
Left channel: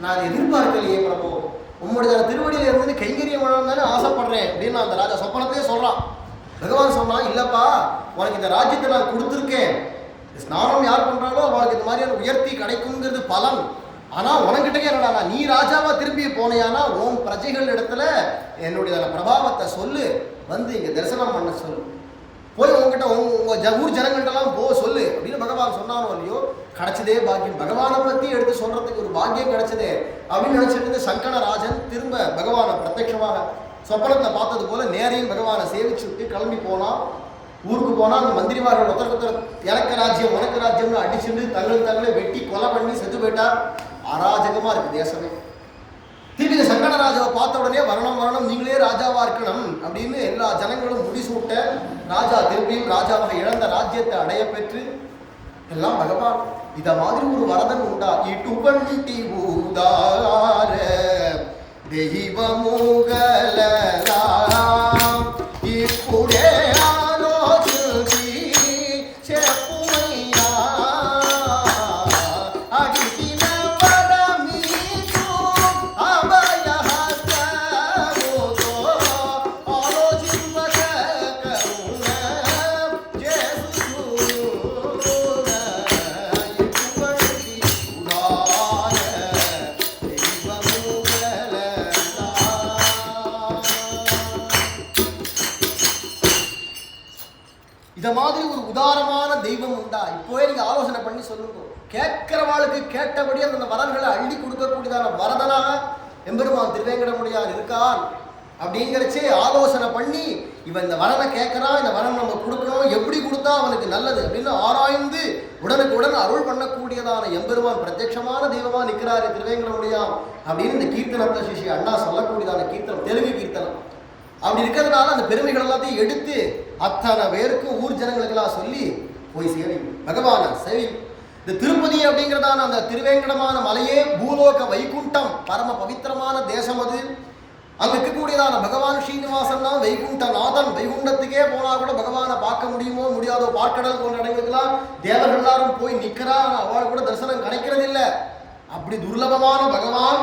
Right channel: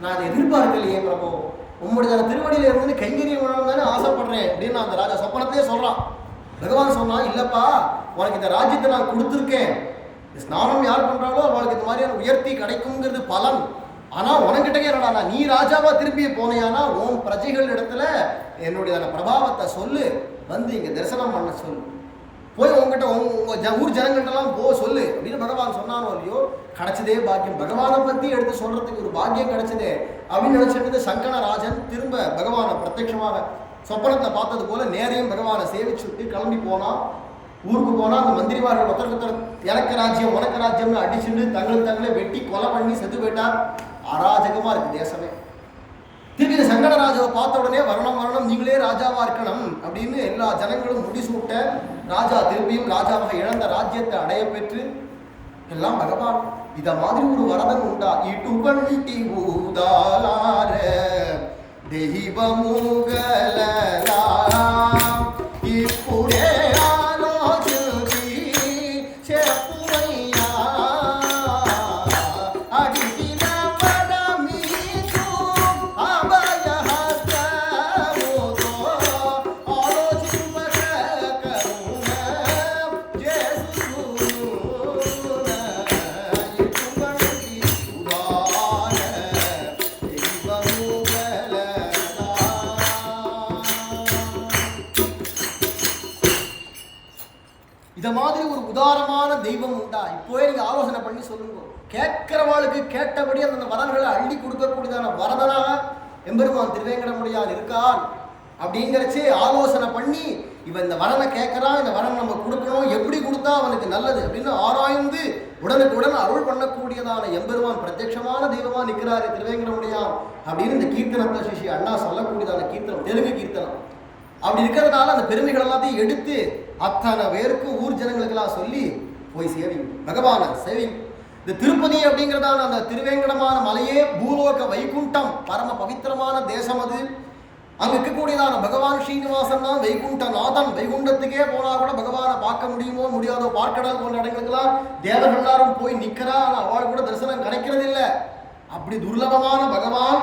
நான் அதை எதிர்பார்க்கலையே பிரபு, உம்முடைய திருவடியில் இருந்து கைங்கரியம் தானே ஆசைப்படுறேன் அப்படின்னு நான் அந்த ராஜா சொப்பனத்தையே சொல்கிறான். பகவான் சொன்னான், இல்லைப்பா உனக்கு இந்த ராஜ்யத்தை நான் கொடுத்துருக்கேன், ஸ்நானம் யார் பண்ணுறாலோ அவனுக்கு இந்த மாதிரியான உயர்த்தி கிடைக்குங்கிறது பலன். ஆனால் உனக்கிட்டே என்னடா, நீ ராஜாவாக திரும்பி போனையானா உன் பிரஜைகள் இடத்துல என்னுடைய பிரபாவத்தை சொல்லு, வந்து இங்கே தரிசனம் பண்ண சொல்லு, போய் உங்ககிட்ட உங்கள் ஊர் ஜனங்கள்ட்டெல்லாம் சொல்லு அப்படின்னு பகவான் சொன்னானோ இல்லையோ, கிடைச்சதே பாக்கியம். பகவானை பற்றி எடுத்து சொல்கிறதுக்கு ஒரு பாக்கியம் கிடைச்சதே அப்படின்னு நினச்சிட்டு சங்கணராஜன் திரும்ப பகவானை பிரத்யட்சமாக சொப்பனத்தை பார்த்தது போல நேரையும் பகவானை சேவிச்சுட்டு கிளம்பி போனான். ஊருக்கு போனால் அந்த மந்திரிமார்கள் ஒருத்தர் எனக்கு ராஜ்யம் உனக்கு ராஜ்யம்னு அடிச்சுட்டு தங்களை வெட்டி கொலை பண்ணி செத்து போயிட்டார். அராஜகமாக இருக்குது தேசமே. திருப்பி இந்த சங்கடராஜாவை பார்த்த உடனே வரணும் நீங்களே ராஜாவாக இருக்கணும் அப்படின்னு எல்லா ஜனங்களும் முடிசூட்ட ராஜா திருப்பியும் ராஜாவாக இழந்த ராஜ்யத்தை அடைய பெற்று எல்லாம் பகவான் இத மாதிரி ஒரு வரதன் உண்டா இட்டுபண்டி ஊதார தெய்வமுகலாம் இப்புடே ஆலோசி செப்புமையா அடிக்கின வரமீது அபயஹஸ்தமுதோ ஆலோசிம்பக கருண ஜேசு இத மாதிரி ஒரு உதாரமான தெய்வம் உண்டா? இப்போவே நீங்க ஆலோசனை பண்ணி சொல்லுங்க. கேட்கிறவாளுக்கு கேட்டபடி அந்த வரன்களை அள்ளி கொடுக்கக்கூடியதான வரதனாக எம்பெருமான் திருவேங்கடமுடியான் இருக்கான் அப்படிங்கிறச்சே ஆலோசனை பண்ணி இவன் இந்த வரனை கேட்கறான், இந்த வரன் நம்ம கொடுக்கணும், எப்படி கொடுத்தா அவனுக்கு நல்லது அப்படின்னு ஆராய்ந்து உடனுக்குடன் அருள் பண்ணக்கூடியதான எம்பெருமான் பிரத்யட்சமான தெய்வமா நிற்கிறாரு திருவேங்கடமுடியான் அப்படின்னு இந்த கீர்த்தனத்தை சிஷி அண்ணா சொல்லக்கூடியதான கீர்த்தனம், தெலுங்கு கீர்த்தனம். அப்படி இருக்கிறதுனால அந்த பெருமைகள் எல்லாத்தையும் எடுத்து அத்தனை பேருக்கும் ஊர் ஜனங்களுக்கெல்லாம் சொல்லி போய் சேவிங்க, பகவான சேவிங்க. இந்த திருப்பதி அப்படிங்கிறதான அந்த திருவேங்கடமான மலையே பூலோக வைகுண்டம், பரம பவித்திரமான தேசம் அது. அங்கே இருக்கக்கூடியதான பகவான் ஸ்ரீனிவாசன் தான் வைகுண்டநாதன். வைகுண்டத்துக்கே போனால் கூட பகவானை பார்க்க முடியுமோ முடியாதோ, பார்க்கடல் போன்ற இடங்களுக்கெல்லாம் தேவர்கள் எல்லாரும் போய் நிற்கிறா, ஆனால் அவள் கூட தரிசனம் கிடைக்கிறது இல்லை. அப்படி துர்லபமான பகவான்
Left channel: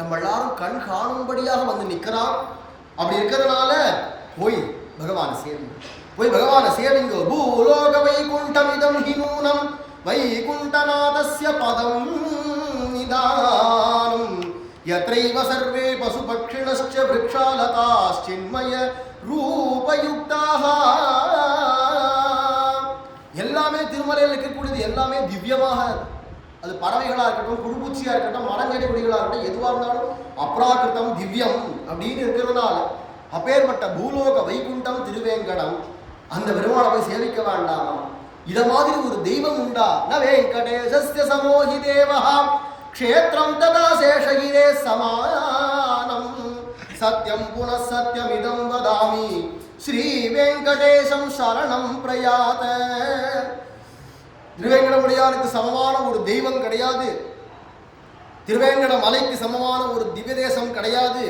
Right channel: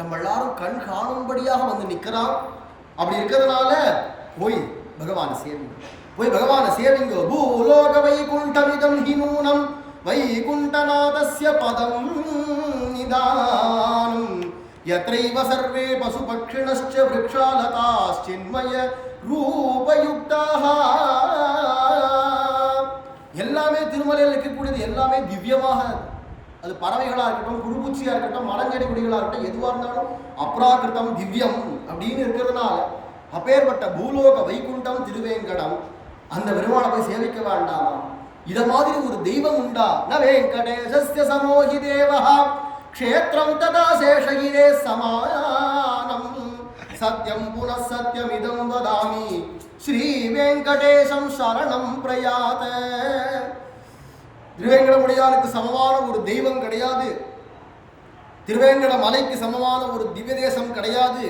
நம்ம எல்லாரும் கண் காணும்படியாக வந்து நிற்கிறான். அப்படி இருக்கிறதுனால போய் பகவானை சேவிங்க, போய் பகவானை சேவிங்க. பூலோக வைகுண்டமிதம் ஹிநூனம் வைகுண்டநாதஸ்ய பதம் நிதானம் யத்ரைவ சர்வே பசுபக்ஷிணஸ்ச விருக்ஷாலதாஸ்சின்மய ரூபயுக்தாஹ. எல்லாமே திருமலையில் இருக்கக்கூடியது எல்லாமே திவ்யமாக, அது பறவைகளாக இருக்கட்டும், புழுப்பூச்சியாக இருக்கட்டும், மரஞ்செடி கொடிகளாக இருக்கட்டும், எதுவாக இருந்தாலும் அப்ராகிருத்தம் திவ்யம் அப்படின்னு இருக்கிறதுனால அப்பேற்பட்ட பூலோக வைகுண்டம் திருவேங்கடம் அந்த பெருமானை போய் சேவிக்க வேண்டாமா? இத மாதிரி ஒரு தெய்வம் உண்டா? ந வெங்கடேசஸ்ய சமோஹி தேவஹ க்ஷேத்ரம் ததா சேஷகிரே சமானம் சத்யம் புனः சத்யமிதம் வதாமி ஸ்ரீ வெங்கடேசம் சரணம் பிரயாத. திருவேங்கடமுடியானுக்கு சமமான ஒரு தெய்வம் கிடையாது, திருவேங்கட மலைக்கு சமமான ஒரு திவ்ய தேசம் கிடையாது.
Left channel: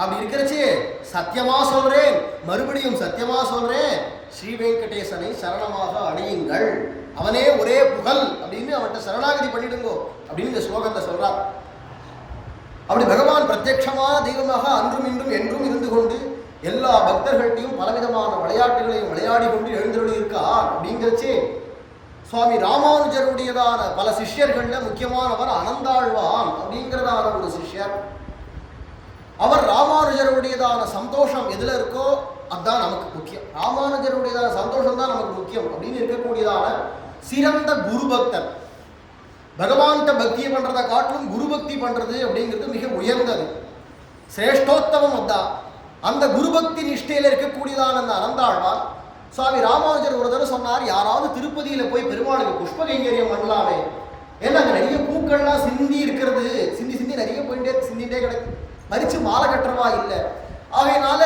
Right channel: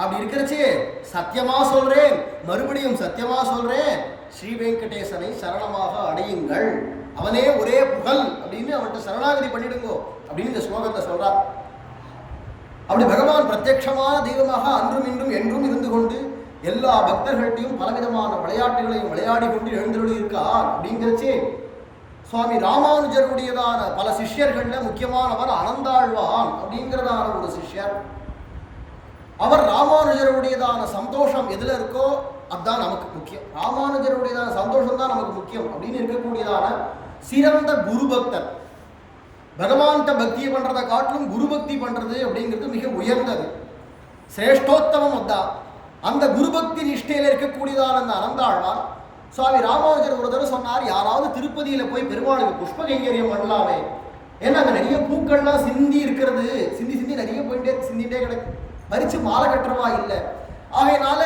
அப்படி இருக்கிறச்சே சத்தியமா சொல்றேன், மறுபடியும் சத்தியமா சொல்றேன், ஸ்ரீ வெங்கடேசனை சரணமாக அடையுங்கள், அவனே ஒரே புகழ் அப்படின்னு அவன்கிட்ட சரணாகதி பண்ணிடுங்கோ அப்படின்னு இந்த ஸ்லோகத்தை சொல்றார். அப்படி பகவான் பிரத்யட்சமான தெய்வமாக அன்றும் இன்றும் என்றும் இருந்து கொண்டு எல்லா பக்தர்கள்ட்டையும் பலவிதமான விளையாட்டுகளையும் விளையாடி கொண்டு எழுந்தருளி இருக்கார். அப்படிங்கிறச்சே சுவாமி ராமானுஜருடையதான பல சிஷ்யர்கள்ல முக்கியமானவர் அனந்தாழ்வான் அப்படிங்கிறதான ஒரு சிஷ்யர். அவர் ராமானுஜருடையதான சந்தோஷம் எதுல இருக்கோ அதுதான் நமக்கு முக்கியம், ராமானுஜருடையதான சந்தோஷம் தான் நமக்கு முக்கியம் அப்படின்னு இருக்கக்கூடியதான சிறந்த குரு பக்தர். பகவான்கிட்ட பக்தியை பண்றதை காட்டிலும் குரு பக்தி பண்றது அப்படிங்கிறது மிக உயர்ந்தது, சிரேஷ்டோத்தமம். அதான் அந்த குரு பக்தி நிஷ்டையில இருக்கக்கூடியதான அந்த அனந்தாழ்வான் சுவாமி ராமானுஜர் ஒரு தடவை சொன்னார், யாராவது திருப்பதியில போய் பெருமாளுக்கு புஷ்ப கைங்கரியம் பண்ணலாமே, ஏன்னா அங்கே நிறைய பூக்கள்லாம் சிந்தி இருக்கிறது, சிந்தி நிறைய போயிட்டே சிந்திட்டே கிடைக்கும், மறிச்சு மாலை கட்டுறவா இல்லை. ஆகையினால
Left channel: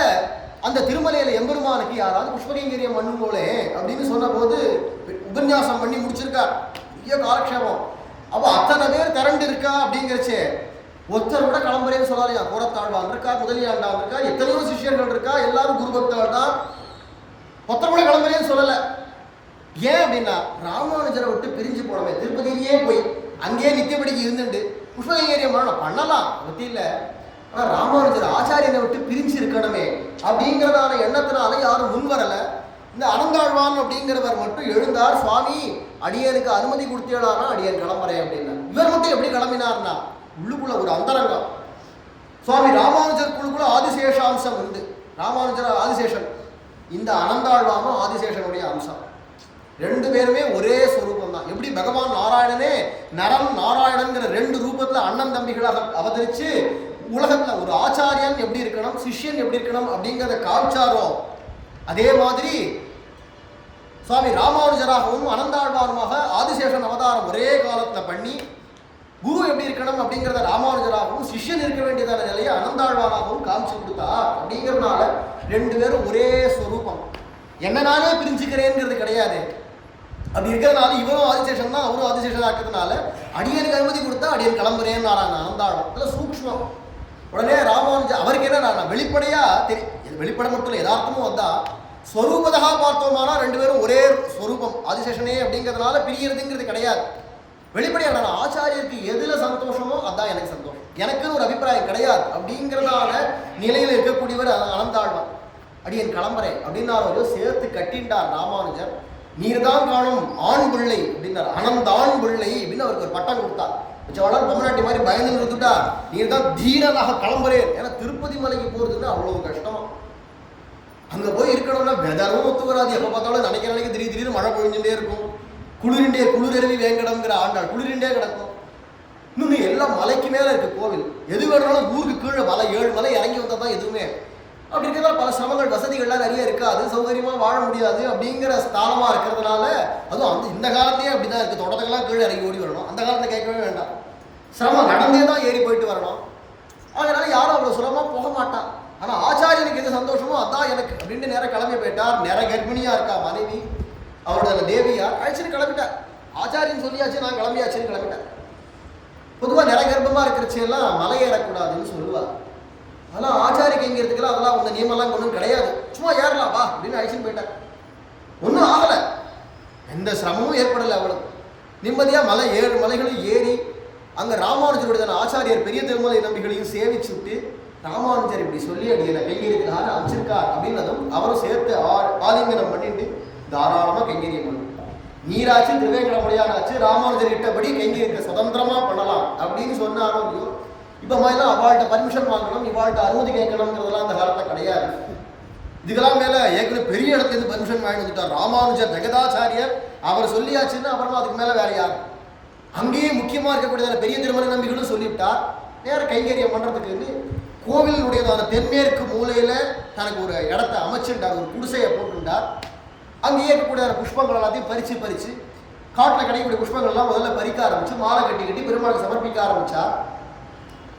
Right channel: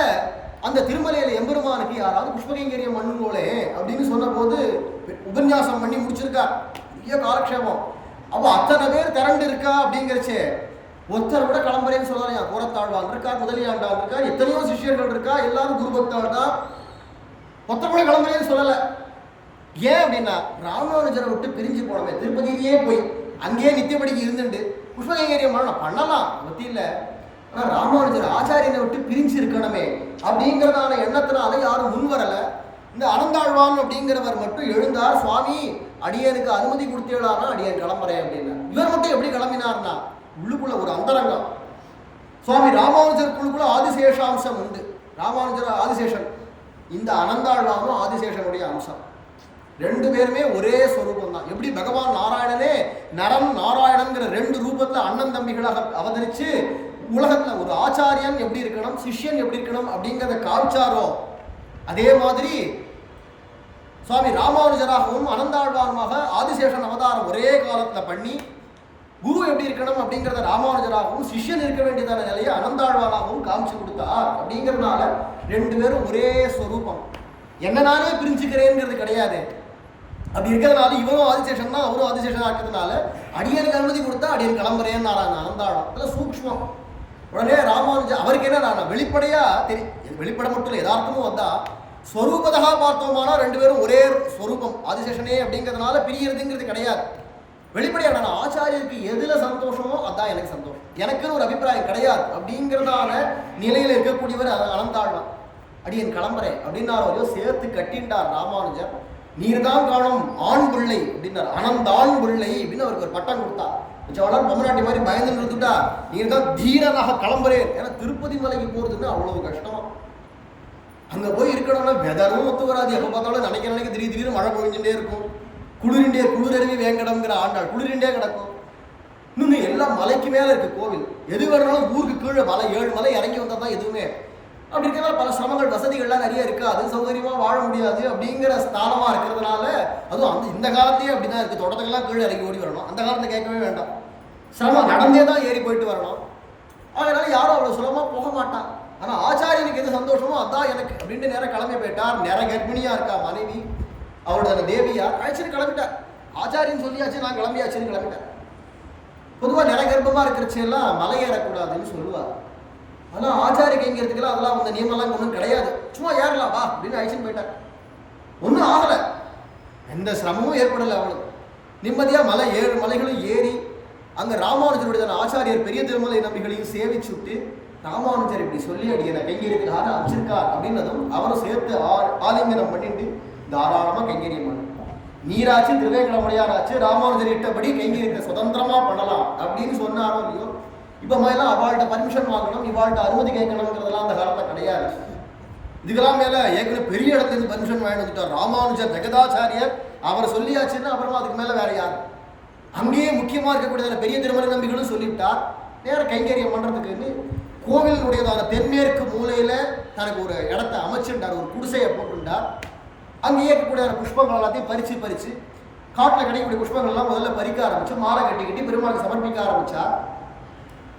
அந்த திருமலையில எம்பெருமானுக்கு யாராவது புஷ்ப கைங்கரியம் பண்ணுங்களே அப்படின்னு சொன்ன போது உபன்யாசம் பண்ணி முடிச்சிருக்கார், நிறைய காலக்ஷேபம். அப்போ அத்தனை பேர் திரண்டு இருக்கா அப்படிங்கிறச்சே ஒருத்தர் கூட கிளம்புறேன்னு சொல்லாதையா, கோரத்தாழ்வான் இருக்கார், முதலியாண்டான் இருக்கார், எத்தனையோ சிஷியர்கள் இருக்கா, எல்லாரும் குரு பக்தர்கள் தான், ஒருத்தர் கூட கிளம்புறேன்னு சொல்லலை. ஏன் அப்படின்னா ராமானுஜரை விட்டு பிரிஞ்சு போனமே, திருப்பதியிலேயே போய் அங்கேயே நித்தியபடிக்கு இருந்துட்டு புஷ்ப கைங்கரியம் பண்ணலாம் பற்றி இல்லை, ஆனால் ராமானுஜர் ஆச்சாரியனை விட்டு பிரிஞ்சு இருக்கணுமே அப்படிங்கிறதான எண்ணத்தினால யாரும் முன் வரலை. இந்த அனந்தாழ்வான் அப்படிங்கிறவர் மட்டும் எழுந்தார், சுவாமி அடியனுக்கு அனுமதி கொடுத்தேடானா அடியன் கிளம்புறேன் அப்படின்னா. இவர் மட்டும் எப்படி கிளம்பினார்னா உள்ளுக்குள்ள ஒரு அந்தரங்கம், சுவாமி ராமானுஜர் குழுக்குள்ள ஆதிசேஷாம்சம் உண்டு. ராமானுஜர் ஆதிசேஷன், இந்த அனந்தாழ்வானும் ஆதிசேஷனுடைய அம்சம், ரெண்டு பேருமே ஒரே ஸ்வரூபம் தான். எப்படி பகவான் நாராயணனே நரன் நாராயணன்கிற ரெண்டு ரூபத்தில் அண்ணன் தம்பிகளாக அவதரித்து உலகத்தில் ஒரு ஆச்சாரியன் எப்படி இருக்கணும், சிஷ்யன் எப்படி இருக்கணும் அப்படிங்கிறத காமிச்சாரோ, அதே மாதிரி சுவாமி ராமானுஜராகவும் அனந்தாழ்வானுமாக ஆதிசேஷன் அவதாரம் ஒரே காலத்தில் பண்ணி குரு எப்படி இருக்கணும் அப்படிங்கிறத ராமானுஜராகவும் சிஷ்யன் இருக்க வேண்டியதான நிலையை அனந்தாழ்வானாகவும் காமிச்சு கொடுத்தார். அப்படிங்கிறதுனால ரெண்டு பேரும் ஒரே ஸ்வரூபம். என்ன நானே பிரிஞ்சுக்கிறேங்கிறது கிடையாது. அப்படி இருக்கிறதுனால இவரும் ஆதிசேஷன் தான், அவரும் ஆதிசேஷன் ஆக்கிறதுனால அடியனுக்கு அனுமதி கொடுத்தா அடியன் கிளம்புறேன்னு நாராயண அனந்தாழ்வான். அதில் சூக்ஷ்மம். உடனே ராமானுஜ அவருக்கு என்ன நான் வெளிப்படையா தெரியும், வெளிப்படை மட்டும் இல்லை யதார்த்தமும் வந்தா ஸ்வரூபதா பார்த்தோமானா ரெண்டு பேரும் ஒரே ஸ்வரூபம் ஆதிசேஷனே அப்படிங்கிறதுனால பிரியறதுங்கிறது கிடையாது. வெளிப்படையாக நான் ஆச்சாரியருக்கு எதுல சந்தோஷமோ அதான் எனக்கு சந்தோஷம், எனக்குன்னு ஒரு அபிப்பிராயம் கிடையாது அப்படிங்கிறதான நிலையில் இருக்கக்கூடியவர் அனந்தாழ்வான். அடியன் கிளம்புறேன் அப்படின்னாரோ சேர்த்து கட்டின்றார் ராமானுஜர். நீர் தான் காணும் ஆண் பிள்ளை அப்படின்னார். அனந்தான் பிள்ளை அப்படின்னு அவருக்கு ஒரு பட்டம் கொடுத்தார். வளர் பொம்மநாட்டி மாதிரி பயந்து நிறுத்துட்டா நீர் தான் தீரனாக கிளம்புறேன். ஏன்னா திருப்பதி மலைக்கு போறதுன்னு அவ்வளவு கஷ்டமா. அங்க போய் இருக்கணும்னா வெதரும் ஒத்து வராது. எப்ப பார்த்தாலும் நினைக்க திடீர்னு மழை பொழிஞ்சுட்டே இருக்கும். குளிரருவி வேங்கடம்ங்கிற ஆண்டாள் குளிரிண்டே கிடக்கும். இன்னொன்று எல்லாம் மலைக்கு மேலே இருக்கு கோவில். எது வேணாலும் ஊருக்கு கீழே மலை 7 மலை இறங்கி வந்தால் தான் எதுவுமே. அப்படி இருக்கிறதால பல சிரமங்கள் வசதிகள்லாம் நிறைய இருக்காது, சௌகரியமாக வாழ முடியாது. அப்படிங்கிற ஸ்தானமாக இருக்கிறதுனால அதுவும் இந்த காலத்தையே அப்படி தான் இருக்குது. தோட்டத்துக்கெல்லாம் கீழே இறங்கி ஓடி வரணும். அந்த காலத்தில் கேட்கவே வேண்டாம், சிரமம் நடந்தே தான் ஏறி போயிட்டு வரணும். அதனால யாரும் அவ்வளோ சுலபமாக போக மாட்டான். ஆனால் ஆச்சாரியனுக்கு எது சந்தோஷமோ அதான் எனக்கு அப்படின்ட்டு நேரம் கிளம்பி போயிட்டார். நேரம் கர்ப்பிணியாக இருக்கா மனைவி, அவரோட தேவியார் அழைச்சின்னு கிளம்பிட்டார். ஆச்சாரியன் சொல்லியாச்சு, நான் கிளம்பியாச்சுன்னு கிளம்பிட்டேன். பொதுவாக நிற கர்ப்பமாக இருக்கிறச்செல்லாம் மலை ஏறக்கூடாதுன்னு சொல்லுவார். ஆனால் ஆச்சாரிக்கு எங்கிறதுக்கெல்லாம் அதெல்லாம் அந்த நியமெல்லாம் ஒன்றும் கிடையாது. சும்மா ஏறலாம் வா அப்படின்னு அழைச்சின்னு போயிட்டார். ஒன்றும் ஆகலை, எந்த சிரமமும் ஏற்படலை. அவளுக்கு நிம்மதியாக 7 மலைகளும் ஏறி அங்கே ராமானுஜருடைய ஆச்சாரியர் பெரிய திருமலை நம்பிகளையும் சேவிச்சுட்டு ராமானுஜர் இப்படி சொல்லி அடியலை கைங்கரியத்துக்காக அமைச்சிருக்கார் அப்படின்னதும் அவரும் சேர்த்து ஆலிங்கனம் பண்ணிட்டு தாராளமாக கைங்கரியம் பண்ணணும். நீராச்சு திருவேங்கடமுடையானாச்சு ராமானுஜர் இட்டபடி கைங்கரியத்தை சுதந்திரமா பண்ணலாம் அப்படின்னு சொன்னாரோ இல்லையோ. இப்போ மாதிரிலாம் அவள்கிட்ட பர்மிஷன் வாங்கணும், இவாள்கிட்ட அனுமதி கேட்கணுங்கிறதெல்லாம் அந்த காலத்தில் கிடையாது. இதுக்கெல்லாம் மேலே ஏற்கனவே பெரிய இடத்துலேருந்து பர்மிஷன் வாங்கி வந்துட்டார் ராமானுஜர் ஜெகதாச்சாரியர். அவர் சொல்லியாச்சுன்னா அப்புறமா அதுக்கு மேலே வேற யார்? அங்கேயே முக்கியமாக இருக்கக்கூடியதான பெரிய திருமலை நம்பிகளும் சொல்லிவிட்டார். நேரம் கைங்கரியம் பண்ணுறதுக்குன்னு கோவிலுடையதான தென்மேற்கு மூலையில் தனக்கு ஒரு இடத்த அமைச்சுட்டார், ஒரு குடிசையை போட்டுட்டார். அங்கேயே இருக்கக்கூடிய புஷ்பங்கள் எல்லாத்தையும் பறித்து காட்டில் கிடைக்கக்கூடிய புஷ்பங்கள்லாம் முதல்ல பறிக்க ஆரம்பிச்சு மாலை கட்டி பெருமாளுக்கு சமர்ப்பிக்க ஆரம்பித்தா.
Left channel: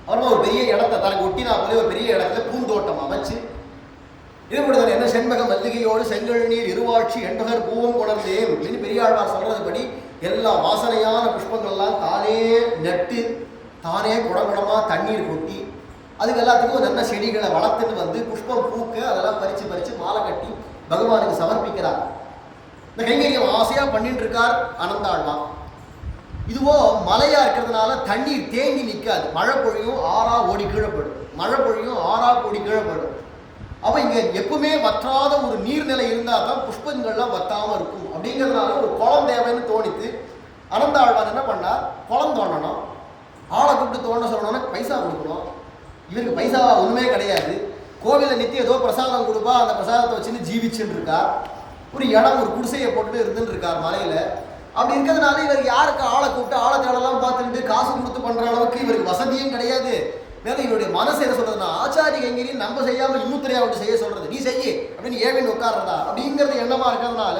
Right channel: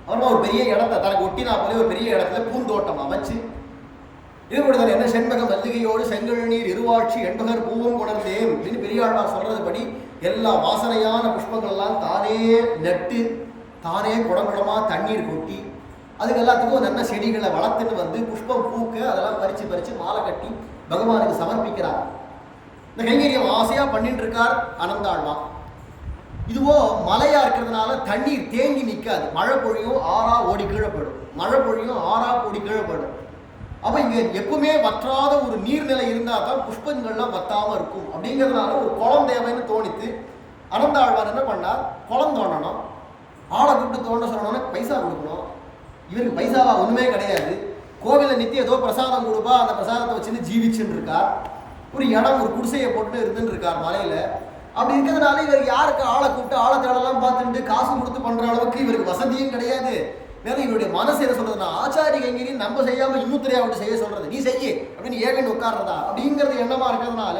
அப்புறமா ஒரு பெரிய இடத்த தனக்கு ஒட்டினா போல ஒரு பெரிய இடத்துல பூந்தோட்டம் அமைச்சு இது கூட என்ன செண்பகம் மல்லிகையோடு செங்கல் நீர் இருவாட்சி எண்பகர் பூவும் கொணர்ந்தேன் அப்படின்னு பெரியாழ்வார் சொல்றதுபடி எல்லா வாசனையான புஷ்பங்கள்லாம் தானே நட்டு தானே குடங்குடமாக தண்ணீர் கொட்டி அதுக்கு எல்லாத்துக்கும் நல்ல செடிகளை வளர்த்துட்டு வந்து புஷ்பம் பூக்க அதெல்லாம் பறித்து மாலை கட்டி பகவானுக்கு சமர்ப்பிக்கிறார். இந்த கைங்கரியம் ஆசையாக பண்ணிட்டு இருக்கார் அனந்தாழ்வான். இதுவோ மலையா இருக்கிறதுனால தண்ணீர் தேங்கி நிற்காது. மழை பொழியும் ஆறா ஓடி கீழே போயிடும், மழை பொழியும் ஆறா ஓடி கீழே போயிடும். அப்போ இங்கே எப்பவுமே வற்றாத ஒரு நீர்நிலை இருந்தால் தான் புஷ்பங்கள்லாம் வற்றாமல் இருக்கும். அப்படிங்கிறதுனால ஒரு குளம் தேவைன்னு தோணித்து அனந்தாழ்வான் என்ன பண்ணார், குளம் தோண்டணும். ஆளை கூப்பிட்டு தோண்ட சொல்லணும்னா பைசா கொடுக்கணும். இவருக்கு பைசாவா ஒன்றுமே கிடையாது. கோவிலில் நித்தியம் ஏதோ பிரசாதம் கொடுப்பா, அந்த பிரசாதத்தை வச்சுன்னு ஜீவிச்சுன்னு இருக்கார். ஒரு இடம் ஒரு குடிசையை போட்டுட்டு இருந்துன்னு இருக்கார் மலையில். அப்படி இருக்கிறதுனால இவருக்கு யாருக்கு ஆளை கூப்பிட்டு ஆளை தேடலாம் பார்த்துட்டு காசு கொடுத்து பண்ணுற அளவுக்கு இவருக்கு வசதியும் கிடையாது. மேலும் இவருடைய மனசு என்ன சொல்றதுன்னா ஆச்சாரி கைங்கரியம் நம்ம செய்யாமல் இன்னுத்தரையா விட்டு செய்ய சொல்றது, நீ செய்ய அப்படின்னு ஏவின் உட்கார்றதா அப்படிங்கிறது எண்ணமா இருக்கிறதுனால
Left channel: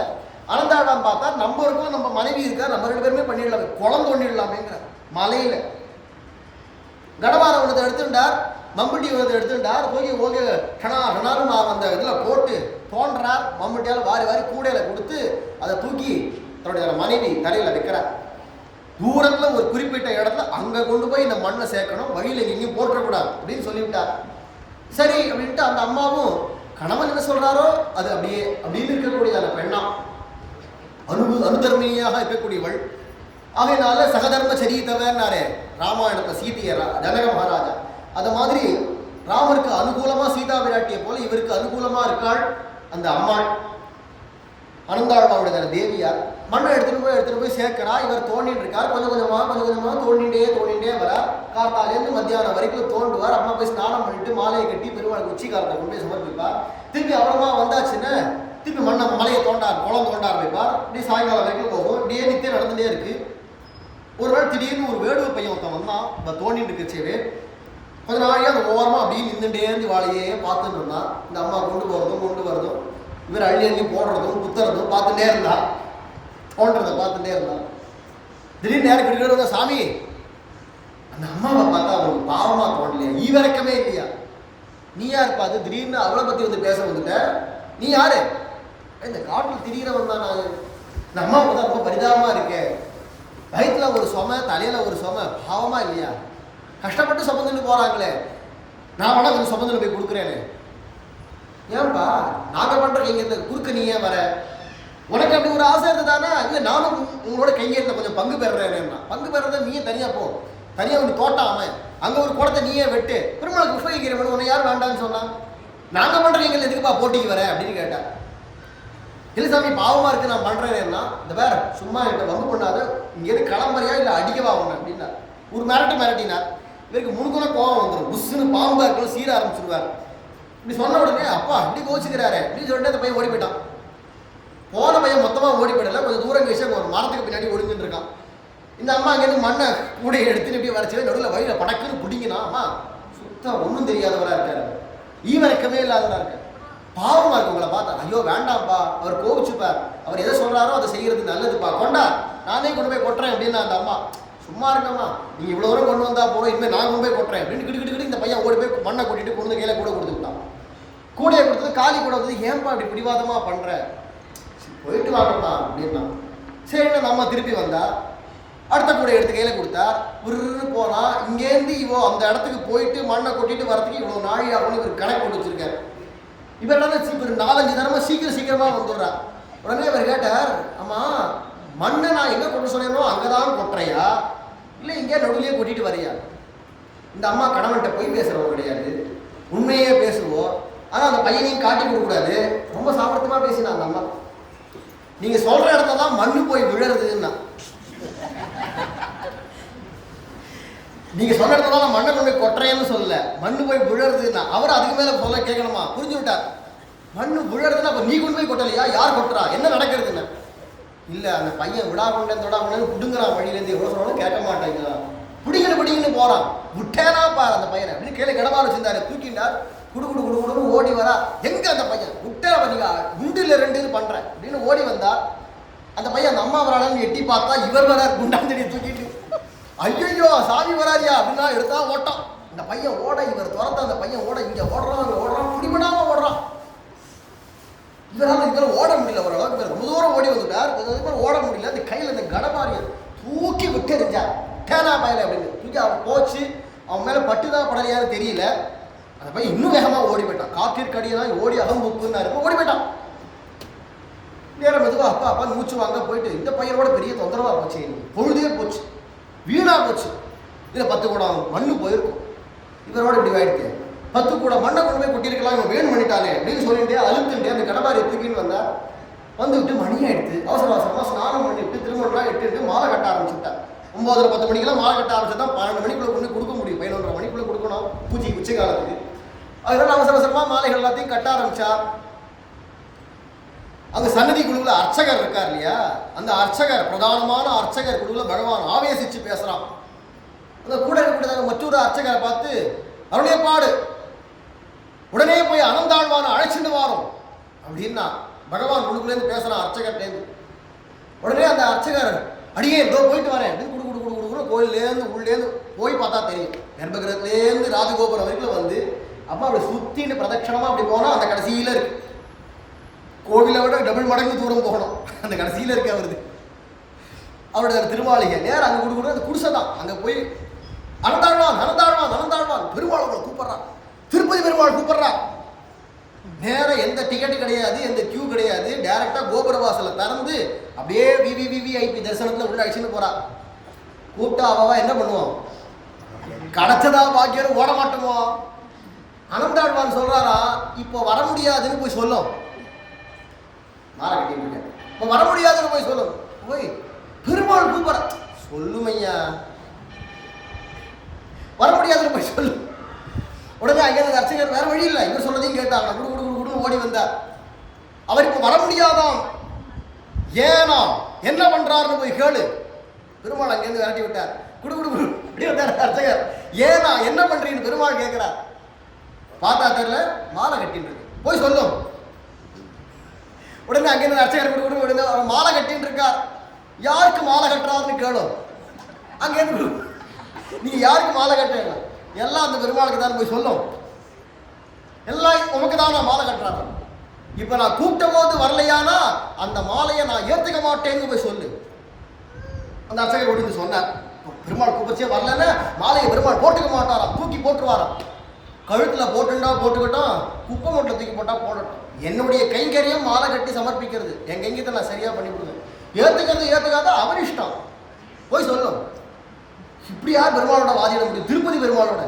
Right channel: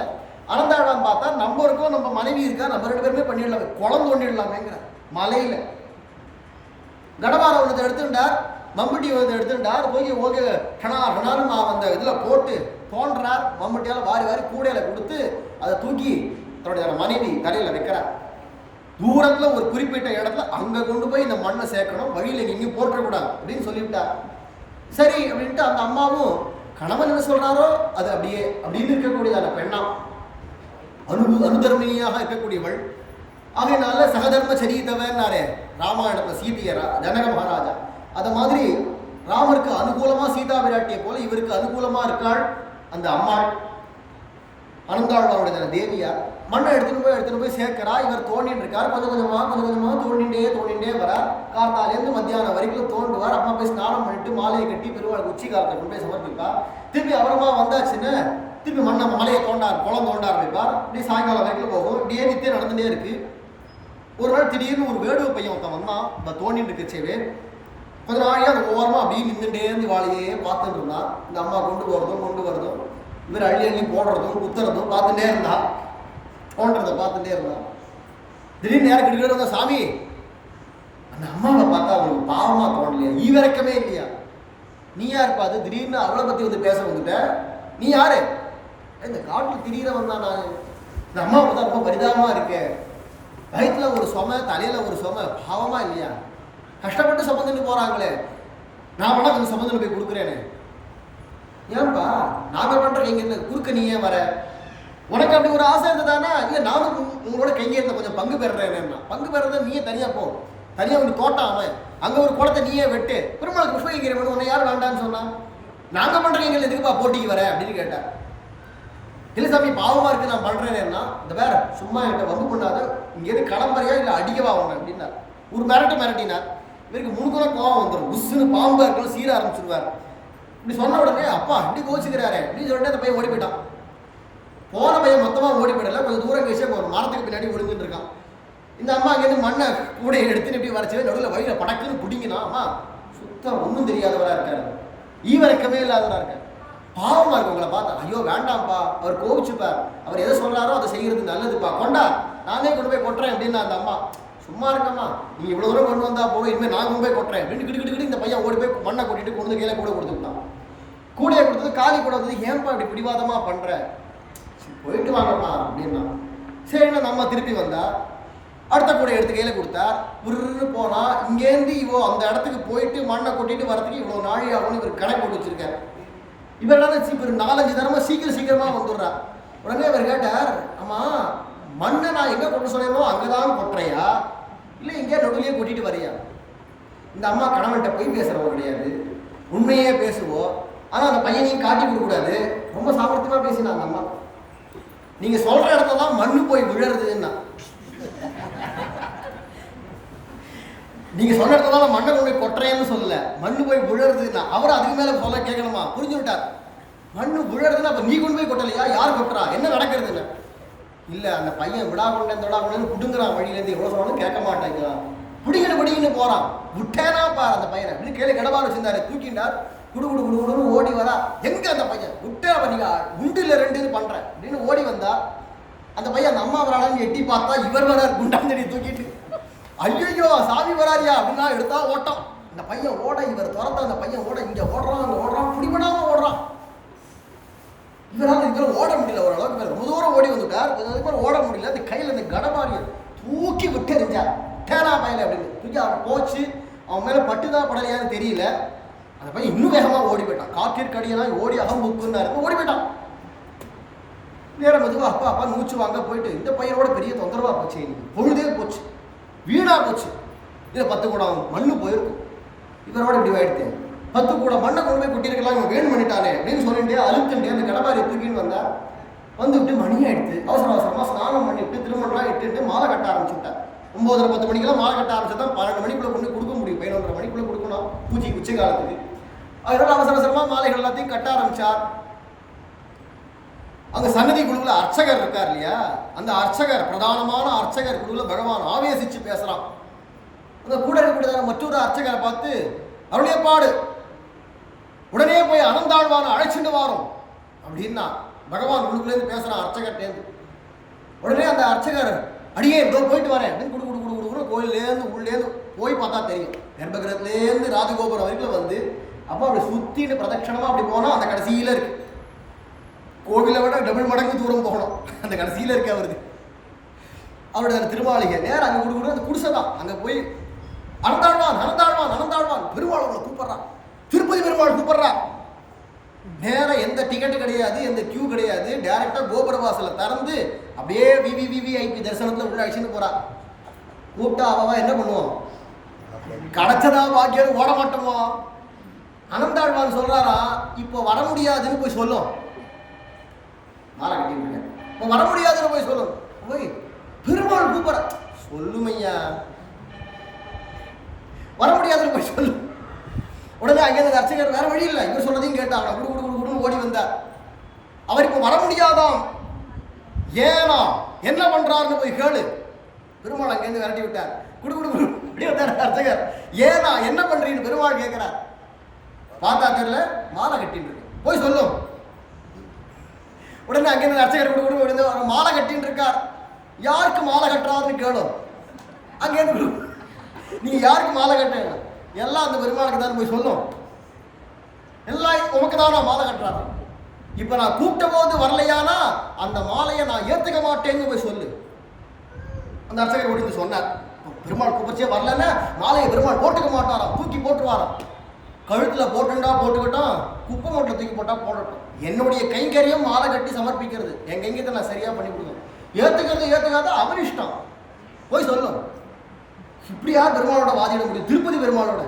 அனந்தாழ்வான் பார்த்தா நம்ம இருக்கோம், நம்ம மனைவி இருக்கா, நம்ம 2 பேருமே பண்ணிடலாமே, குளம் தோண்டிடலாமேங்கிற மலையில கடவார ஒன்றத்தை எடுத்துட்டார், மம்பட்டி ஒன்றத்தை எடுத்துட்டார். போய் ஓகே கணாலும் அந்த இதில் போட்டு தோன்றார். மம்பட்டியால் வாரி கூடையில கொடுத்து அதை தூக்கி தன்னுடைய மனைவி தலையில் வைக்கிறார். தூரத்தில் ஒரு குறிப்பிட்ட இடத்துல அங்கே கொண்டு போய் இந்த மண்ணை சேர்க்கணும், வழியில் எங்கேயும் போற்றக்கூடாது அப்படின்னு சொல்லிவிட்டார். சரி அப்படின்ட்டு அந்த அம்மாவும் கணவன் என்ன சொல்கிறாரோ அது அப்படியே அப்படின்னு இருக்கக்கூடியதான பெண்ணா அனுதர்மியாக இருக்கக்கூடியவள். அதனால சகதர்ம சரீதவன்னாரே ராமாயணத்தை சீதைய ஜனக மகாராஜா, அது மாதிரி ராமருக்கு அனுகூலமாக சீதா விராட்டியை போல இவருக்கு அனுகூலமாக இருக்காள் அந்த அம்மாள் அனந்தாழ்வாருடைய தேவியார். மண்ணை எடுத்துகிட்டு போய் சேர்க்கிறா. இவர் தோண்டின்னு இருக்கார். கொஞ்சம் கொஞ்சமாக தோண்டிண்டே வரார். கார்த்தாலேருந்து மத்தியானம் வரைக்கும் தோண்டுவார். அம்மா போய் ஸ்நானம் பண்ணிட்டு மாலையை கட்டி பெருமாளுக்கு உச்சி காலத்தை கொண்டு போய் சமர்ப்பிப்பார். திருப்பி அப்புறமா வந்தாச்சுன்னு திருப்பி மலையை குளம் தோண்ட ஆரம்பிப்பார். இப்படி சாயங்காலம் வரைக்கும் போகும். இப்படியே நித்தியம் நடந்துகிட்டே இருக்கு. ஒரு நாள் திடீர்னு ஒரு வேடுவ பையன் ஒருத்தன் வந்தான். இப்போ தோண்டிட்டு இருக்குச்சேவே கொஞ்ச நாளையாக அந்த ஓரமாக அப்படியே நின்றுட்டே இருந்து வாழையே பார்த்துட்டு இருந்தான். இந்த அம்மா கொண்டு வரதும் இவர் அள்ளி அள்ளி போடுறதும் குத்துறதும் பார்த்துட்டே இருந்தான், தோன்றதை பார்த்துட்டே இருந்தான். திடீர்னு நேரம் கிட்ட வந்தா, சாமி அந்த அம்மாவை பார்த்தா அவங்களுக்கு பாவமா தோணலையா, ஈவரக்கமே இல்லையா, நீ யாருப்பா அது, திடீர்னு அவளை பத்தி வந்து பேச வந்துட்ட, நீ யாரு, இந்த காட்டில் திடீர்னு வந்தா, நான் இந்த அம்மாவை பார்த்தா ரொம்ப பரிதாபமா இருக்கேன், வயிற்றுல ஒரு சுமை தலையில ஒரு சுமை, பாவமா இல்லையா, கஷ்டப்பட்டு சுமந்துட்டு போறாங்களே, நான் வேணா கொஞ்சம் சுமந்துட்டு போய் கொடுக்குறேனே, ஏன்பா நாங்கள் பண்ற இங்க குறுக்க நீ ஏன் வர, உனக்கு அப்படி ஒரு ஆசை இருந்ததானே, இல்லை நானும் உங்களோட கையெழுத்த கொஞ்சம் பங்கு பெறுறேன்னா, பங்கு பெறத நீயே தனியா போ, தனியா ஒரு தோட்டம் அவன் அங்க ஒரு குளத்தை நீயே வெட்டு, பெருமாளுக்கு புஷ்ப கைங்கரியம் உன்னை யாரும் வேண்டான்னு சொன்னா, நாங்க பண்ற எங்களை எதுக்குப்பா போட்டிக்கு வர அப்படின்னு கேட்டார். இல்லை சாமி பாவமா இருக்கு நான் பண்றேன்னா, இந்த வேற சும்மா என்கிட்ட வம்பு பண்ணாத, இங்கேருந்து கிளம்பறியா இல்லை அடிக்கவா உன்ன அப்படின்னா ஒரு மிரட்டினார். இவருக்கு முன்குன கோவம் வந்துடும், புஷ்ஷுன்னு பாம்பா இருக்கணும் சீர ஆரம்பிச்சிருவார். இப்படி சொன்ன உடனே அப்பா இப்படி கோச்சிக்கிறாரு அப்படின்னு சொல்லிட்டு அந்த பையன் ஓடி போயிட்டான். போன பையன் மொத்தமா ஓடி போயிடல, கொஞ்சம் தூரம் கழிச்சு ஒரு மரத்துக்கு பின்னாடி ஒழுங்குன்னு இருக்கான். இந்த அம்மா அங்கேருந்து மண்ணை கூடையை எடுத்துன்னு எப்படி வரைச்சு நடுவில் வழியில் படக்குன்னு பிடிங்கினா, அம்மா சுத்தம் ஒன்றும் தெரியாதவராக இருக்காரு, ஈவரக்கமே இல்லாதவராக இருக்கார், பாவமாக இருக்கு உங்களை பார்த்தா, ஐயோ வேண்டாம்ப்பா அவர் கோவிச்சுப்பார், அவர் எதை சொல்கிறாரோ அதை செய்கிறது நல்லதுப்பா, கொண்டா நானே கொண்டு போய் கொட்டுறேன் அப்படின்னா அந்த அம்மா, சும்மா இருக்கம்மா நீங்கள் இவ்வளோ தூரம் கொண்டு வந்தால் போகிறோம், இனிமேல் நான் கொண்டு போய் கொட்டுறேன் அப்படின்னு கிட்டு இந்த பையன் ஓடி போய் மண்ணை கொட்டிட்டு கொண்டு கையில் கூட கொடுத்துட்டான். கூடையை கொடுத்தது காலி கூட வந்து, ஏன்பா இப்படி பிடிவாதமாக பண்ணுற, போயிட்டு வாங்கம்மா அப்படின்னா. சரிண்ணா நம்ம திருப்பி வந்தா அடுத்த கூட எடுத்து கையில் கொடுத்தார். உருன்னு போனால் இங்கேருந்து இவோ அந்த இடத்துக்கு போயிட்டு மண்ணை கொட்டிட்டு வரதுக்கு இவ்வளோ நாழி ஆகும்னு இவர் கணக்கு போட்டு வச்சுருக்கார். இவர் என்ன இவர் 4-5 தரமாக சீக்கிரமாக வந்துடுறார். உடனே இவர் கேட்டார், ஆமாம் மண்ணை நான் எங்கே கொண்டு சொன்னேனோ அங்கே தான் கொட்டுறையா இல்லை இங்கே நடுவிலேயே கொட்டிட்டு வரையா? இந்த அம்மா கணவன்கிட்ட போய் பேசுகிறவங்க கிடையாது, உண்மையே பேசுவோம், ஆனால் அந்த பையனையும் காட்டி கொடுக்கூடாது, ரொம்ப சாமர்த்தியமாக பேசினா அந்த அம்மா. நீங்கள் சொல்கிற இடத்துல தான் மண்ணு போய் விழுறதுன்னா, நீங்க சொன்ன இடத்துல மண்ணை கொண்டு போய் கொட்டுறேன்னு சொல்லல, மண்ணு போய் விழுறதுன்னா அவர் அதுக்கு மேல சொல்ல கேட்கணுமா, புரிஞ்சு விட்டார். மண்ணு விழுறதுன்னா அப்ப நீ கொண்டு போய் கொட்டலையா, யார் கொட்டுறா, என்ன நடக்கிறதுன்னு. இல்ல அந்த பையன் விடா கொண்டேன் தொட கொண்டேன்னு புடுங்குறான், வழியிலேருந்து எவ்வளவு சொன்னாலும் கேட்க மாட்டேங்க, பிடிங்கன்னு போறான், விட்டேனா பாரு அந்த பையனை அப்படின்னு கீழே கிடமாறு வச்சிருந்தாரு, தூக்கிண்டார், குடுன்னு ஓடி வரா. எங்க அந்த பையன் விட்டா நீங்க குண்டு இல்லை 2 பண்றேன் அப்படின்னு ஓடி வந்தா, அந்த பையன் அந்த அம்மா வரான்னு எட்டி பார்த்தா இவர் வரார் குண்டாந்தடியை தூக்கிட்டு, ஐயோ சாமி வராதியா அப்படின்னா எடுத்தா ஓட்டம். இந்த பையன் ஓட, இவர் துரத்த, அந்த பையன் ஓட, இங்க ஓடுறான் பிடிபடாம ஓடுறான். இவரால் இதுல ஓட முடியல, ஓரளவுக்கு ரொம்ப தூரம் ஓடி வந்துட்டார், கொஞ்சம் ஓட முடியல, அந்த கையில் அந்த கடமாரியை தூக்கி விட்டு எரிஞ்சார், தேனா பையல அப்படின்னு தூக்கி அவன் போச்சு. அவன் மேல பட்டுதான் படலையான்னு தெரியல, அந்த பையன் இன்னும் வேகமா ஓடி போயிட்டான், காத்திற்கடியெல்லாம் ஓடி அகம்புக்குன்னு ஓடி போயிட்டான். நேரம் மெதுவா அப்பா மூச்சு வாங்க போயிட்டு, இந்த பையனோட பெரிய தொந்தரவா போச்சு, பொழுதே போச்சு, வீணா போச்சு, இதில் 10 கூடம் மண்ணு போயிருக்கும், இவரோட இப்படி ஆயிடுச்சு, 10 கூட மண்ணை கொண்டு போய் கொட்டியிருக்கலாம், இவன் வேணும் பண்ணிட்டானே அப்படின்னு சொல்லிட்டு அழுத்துட்டு அந்த கடமாரி தூக்கின்னு வந்தா. வந்துவிட்டு மணி ஆயிடுச்சு, அவசரமாக ஸ்நானம் பண்ணிவிட்டு திருமணம்லாம் இட்டுட்டு மாலை கட்ட ஆரம்பிச்சுட்டார். 9-10 மணிக்கெல்லாம் மாலை கட்ட ஆரம்பிச்சுதான் 12 மணிக்குள்ளே கொண்டு கொடுக்க முடியும், 11:30 மணிக்குள்ளே கொடுக்கணும் பூஜைக்கு உச்சி காலத்துக்கு. அதனால அவசரமாக மாலைகள் எல்லாத்தையும் கட்ட ஆரம்பிச்சார். அங்க சன்னதி குழுவில் அர்ச்சகர் இருக்கார் இல்லையா, அந்த அர்ச்சகர் பிரதானமான அர்ச்சகர் குழுவில் பகவான் ஆவேசிச்சு பேசுறான். அந்த கூட இருக்கக்கூடியதாக மற்றொரு அர்ச்சகரை பார்த்து, அருளியப்பாடு உடனே போய் அனந்தாழ்வான அழைச்சிட்டு வாரோம் அப்படின்னா பகவான் குழுக்குலேருந்து பேசுறான் அர்ச்சகர்லேருந்து. உடனே அந்த அர்ச்சகர், அடியே இதோ போயிட்டு வரேன் அப்படின்னு குடு கோயிலேருந்து உள்ளேருந்து போய் பார்த்தா தெரியும், கர்ப்பகிரகத்திலேருந்து ராஜகோபுரம் வரைக்கும் வந்து அப்போ அப்படி சுத்தின்னு பிரதட்சணமா அப்படி போனா அந்த கடைசியில இருக்கு, கோவிலை விட டபுள் மடங்கு தூரம் போகணும், அந்த கடைசியில் இருக்க வருது அவருடைய திருமாளிகை. நேரம் அங்கே கொடுக்கணும், அந்த குடிசை தான். அங்கே போய் அனந்தாழ்வான் பெருமாள் அவங்களை கூப்பிட்றான், திருப்பதி பெருமாள் கூப்பிட்றான். நேரம் எந்த டிக்கெட்டு கிடையாது, எந்த கியூ கிடையாது, டைரக்டாக கோபுர வாசலை திறந்து அப்படியே விவிஐபி தரிசனத்தில் உள்ள அழிச்சுன்னு போறா. கூப்பிட்டா அவவா என்ன பண்ணுவோம், கிடைச்சதா பாக்கியம் ஓட மாட்டோமோ. அனந்தாழ்வான் சொல்றாரா, இப்போ வர முடியாதுன்னு போய் சொல்லும், மாலை கட்டிட்டு இப்போ வர முடியாதுன்னு போய் சொல்லும், போய் பெருமாள் கூப்பிட சொல்லுமையா, வர முடியாதுன்னு போய் சொல்லும். உடனே அங்கே அர்ச்சகர் வேற வழி இல்லை, இவர் சொல்றதையும் கேட்டாங்க, குடு ஓடி வந்தார். அவர் இப்போ வர முடியாதாம், ஏனா என்ன பண்றாருன்னு போய் கேளு. பெருமாள் அங்கேருந்து விரட்டி விட்டார். குடு அப்படி வந்தார் அர்ச்சகர், ஏனா என்ன பண்றீங்கன்னு பெருமாள் கேட்கிறார். பார்த்தா தெரியல, மாலை கட்டின்னு இருக்கு, போய் சொல்லும். உடனே அங்கேருந்து அர்ச்சகர் கொடுத்து மாலை கட்டின்னு இருக்கார். யாருக்கு மாலை கட்டுறாருன்னு கேளும். அங்கேருந்து நீங்க யாருக்கு மாலை கட்டுங்க, எல்லாம் அந்த பெருமாளுக்கு தான் போய் சொல்லும். எல்லாம் உமக்கு தான் நான் மாலை கட்டுறாரு. இப்ப நான் கூப்பிட்ட போது வரலையானா அந்த மாலையை நான் ஏத்துக்க மாட்டேன்னு போய் சொல்லு. அந்த அர்ச்சகர் ஓடி சொன்னார். பெருமாள் கூப்பிச்சே வரலன்னா மாலையை பெருமாள் போட்டுக்க மாட்டாராம், தூக்கி போட்டுருவாராம். கழுத்துல போட்டுண்டா போட்டுக்கிட்டோம், குப்பை மூட்டில் தூக்கி போட்டா போடட்டும். என்னுடைய கைங்கரியம் மாலை கட்டி சமர்ப்பிக்கிறது, என் கைங்கத்தை நான் சரியா பண்ணி கொடுங்க. ஏத்துக்கிறது ஏத்துக்காத அவர் இஷ்டம், போய் சொல்லும். இப்படி யார் பெருமாளோட வாதிட முடியும்? திருப்பதி பெருமாளோட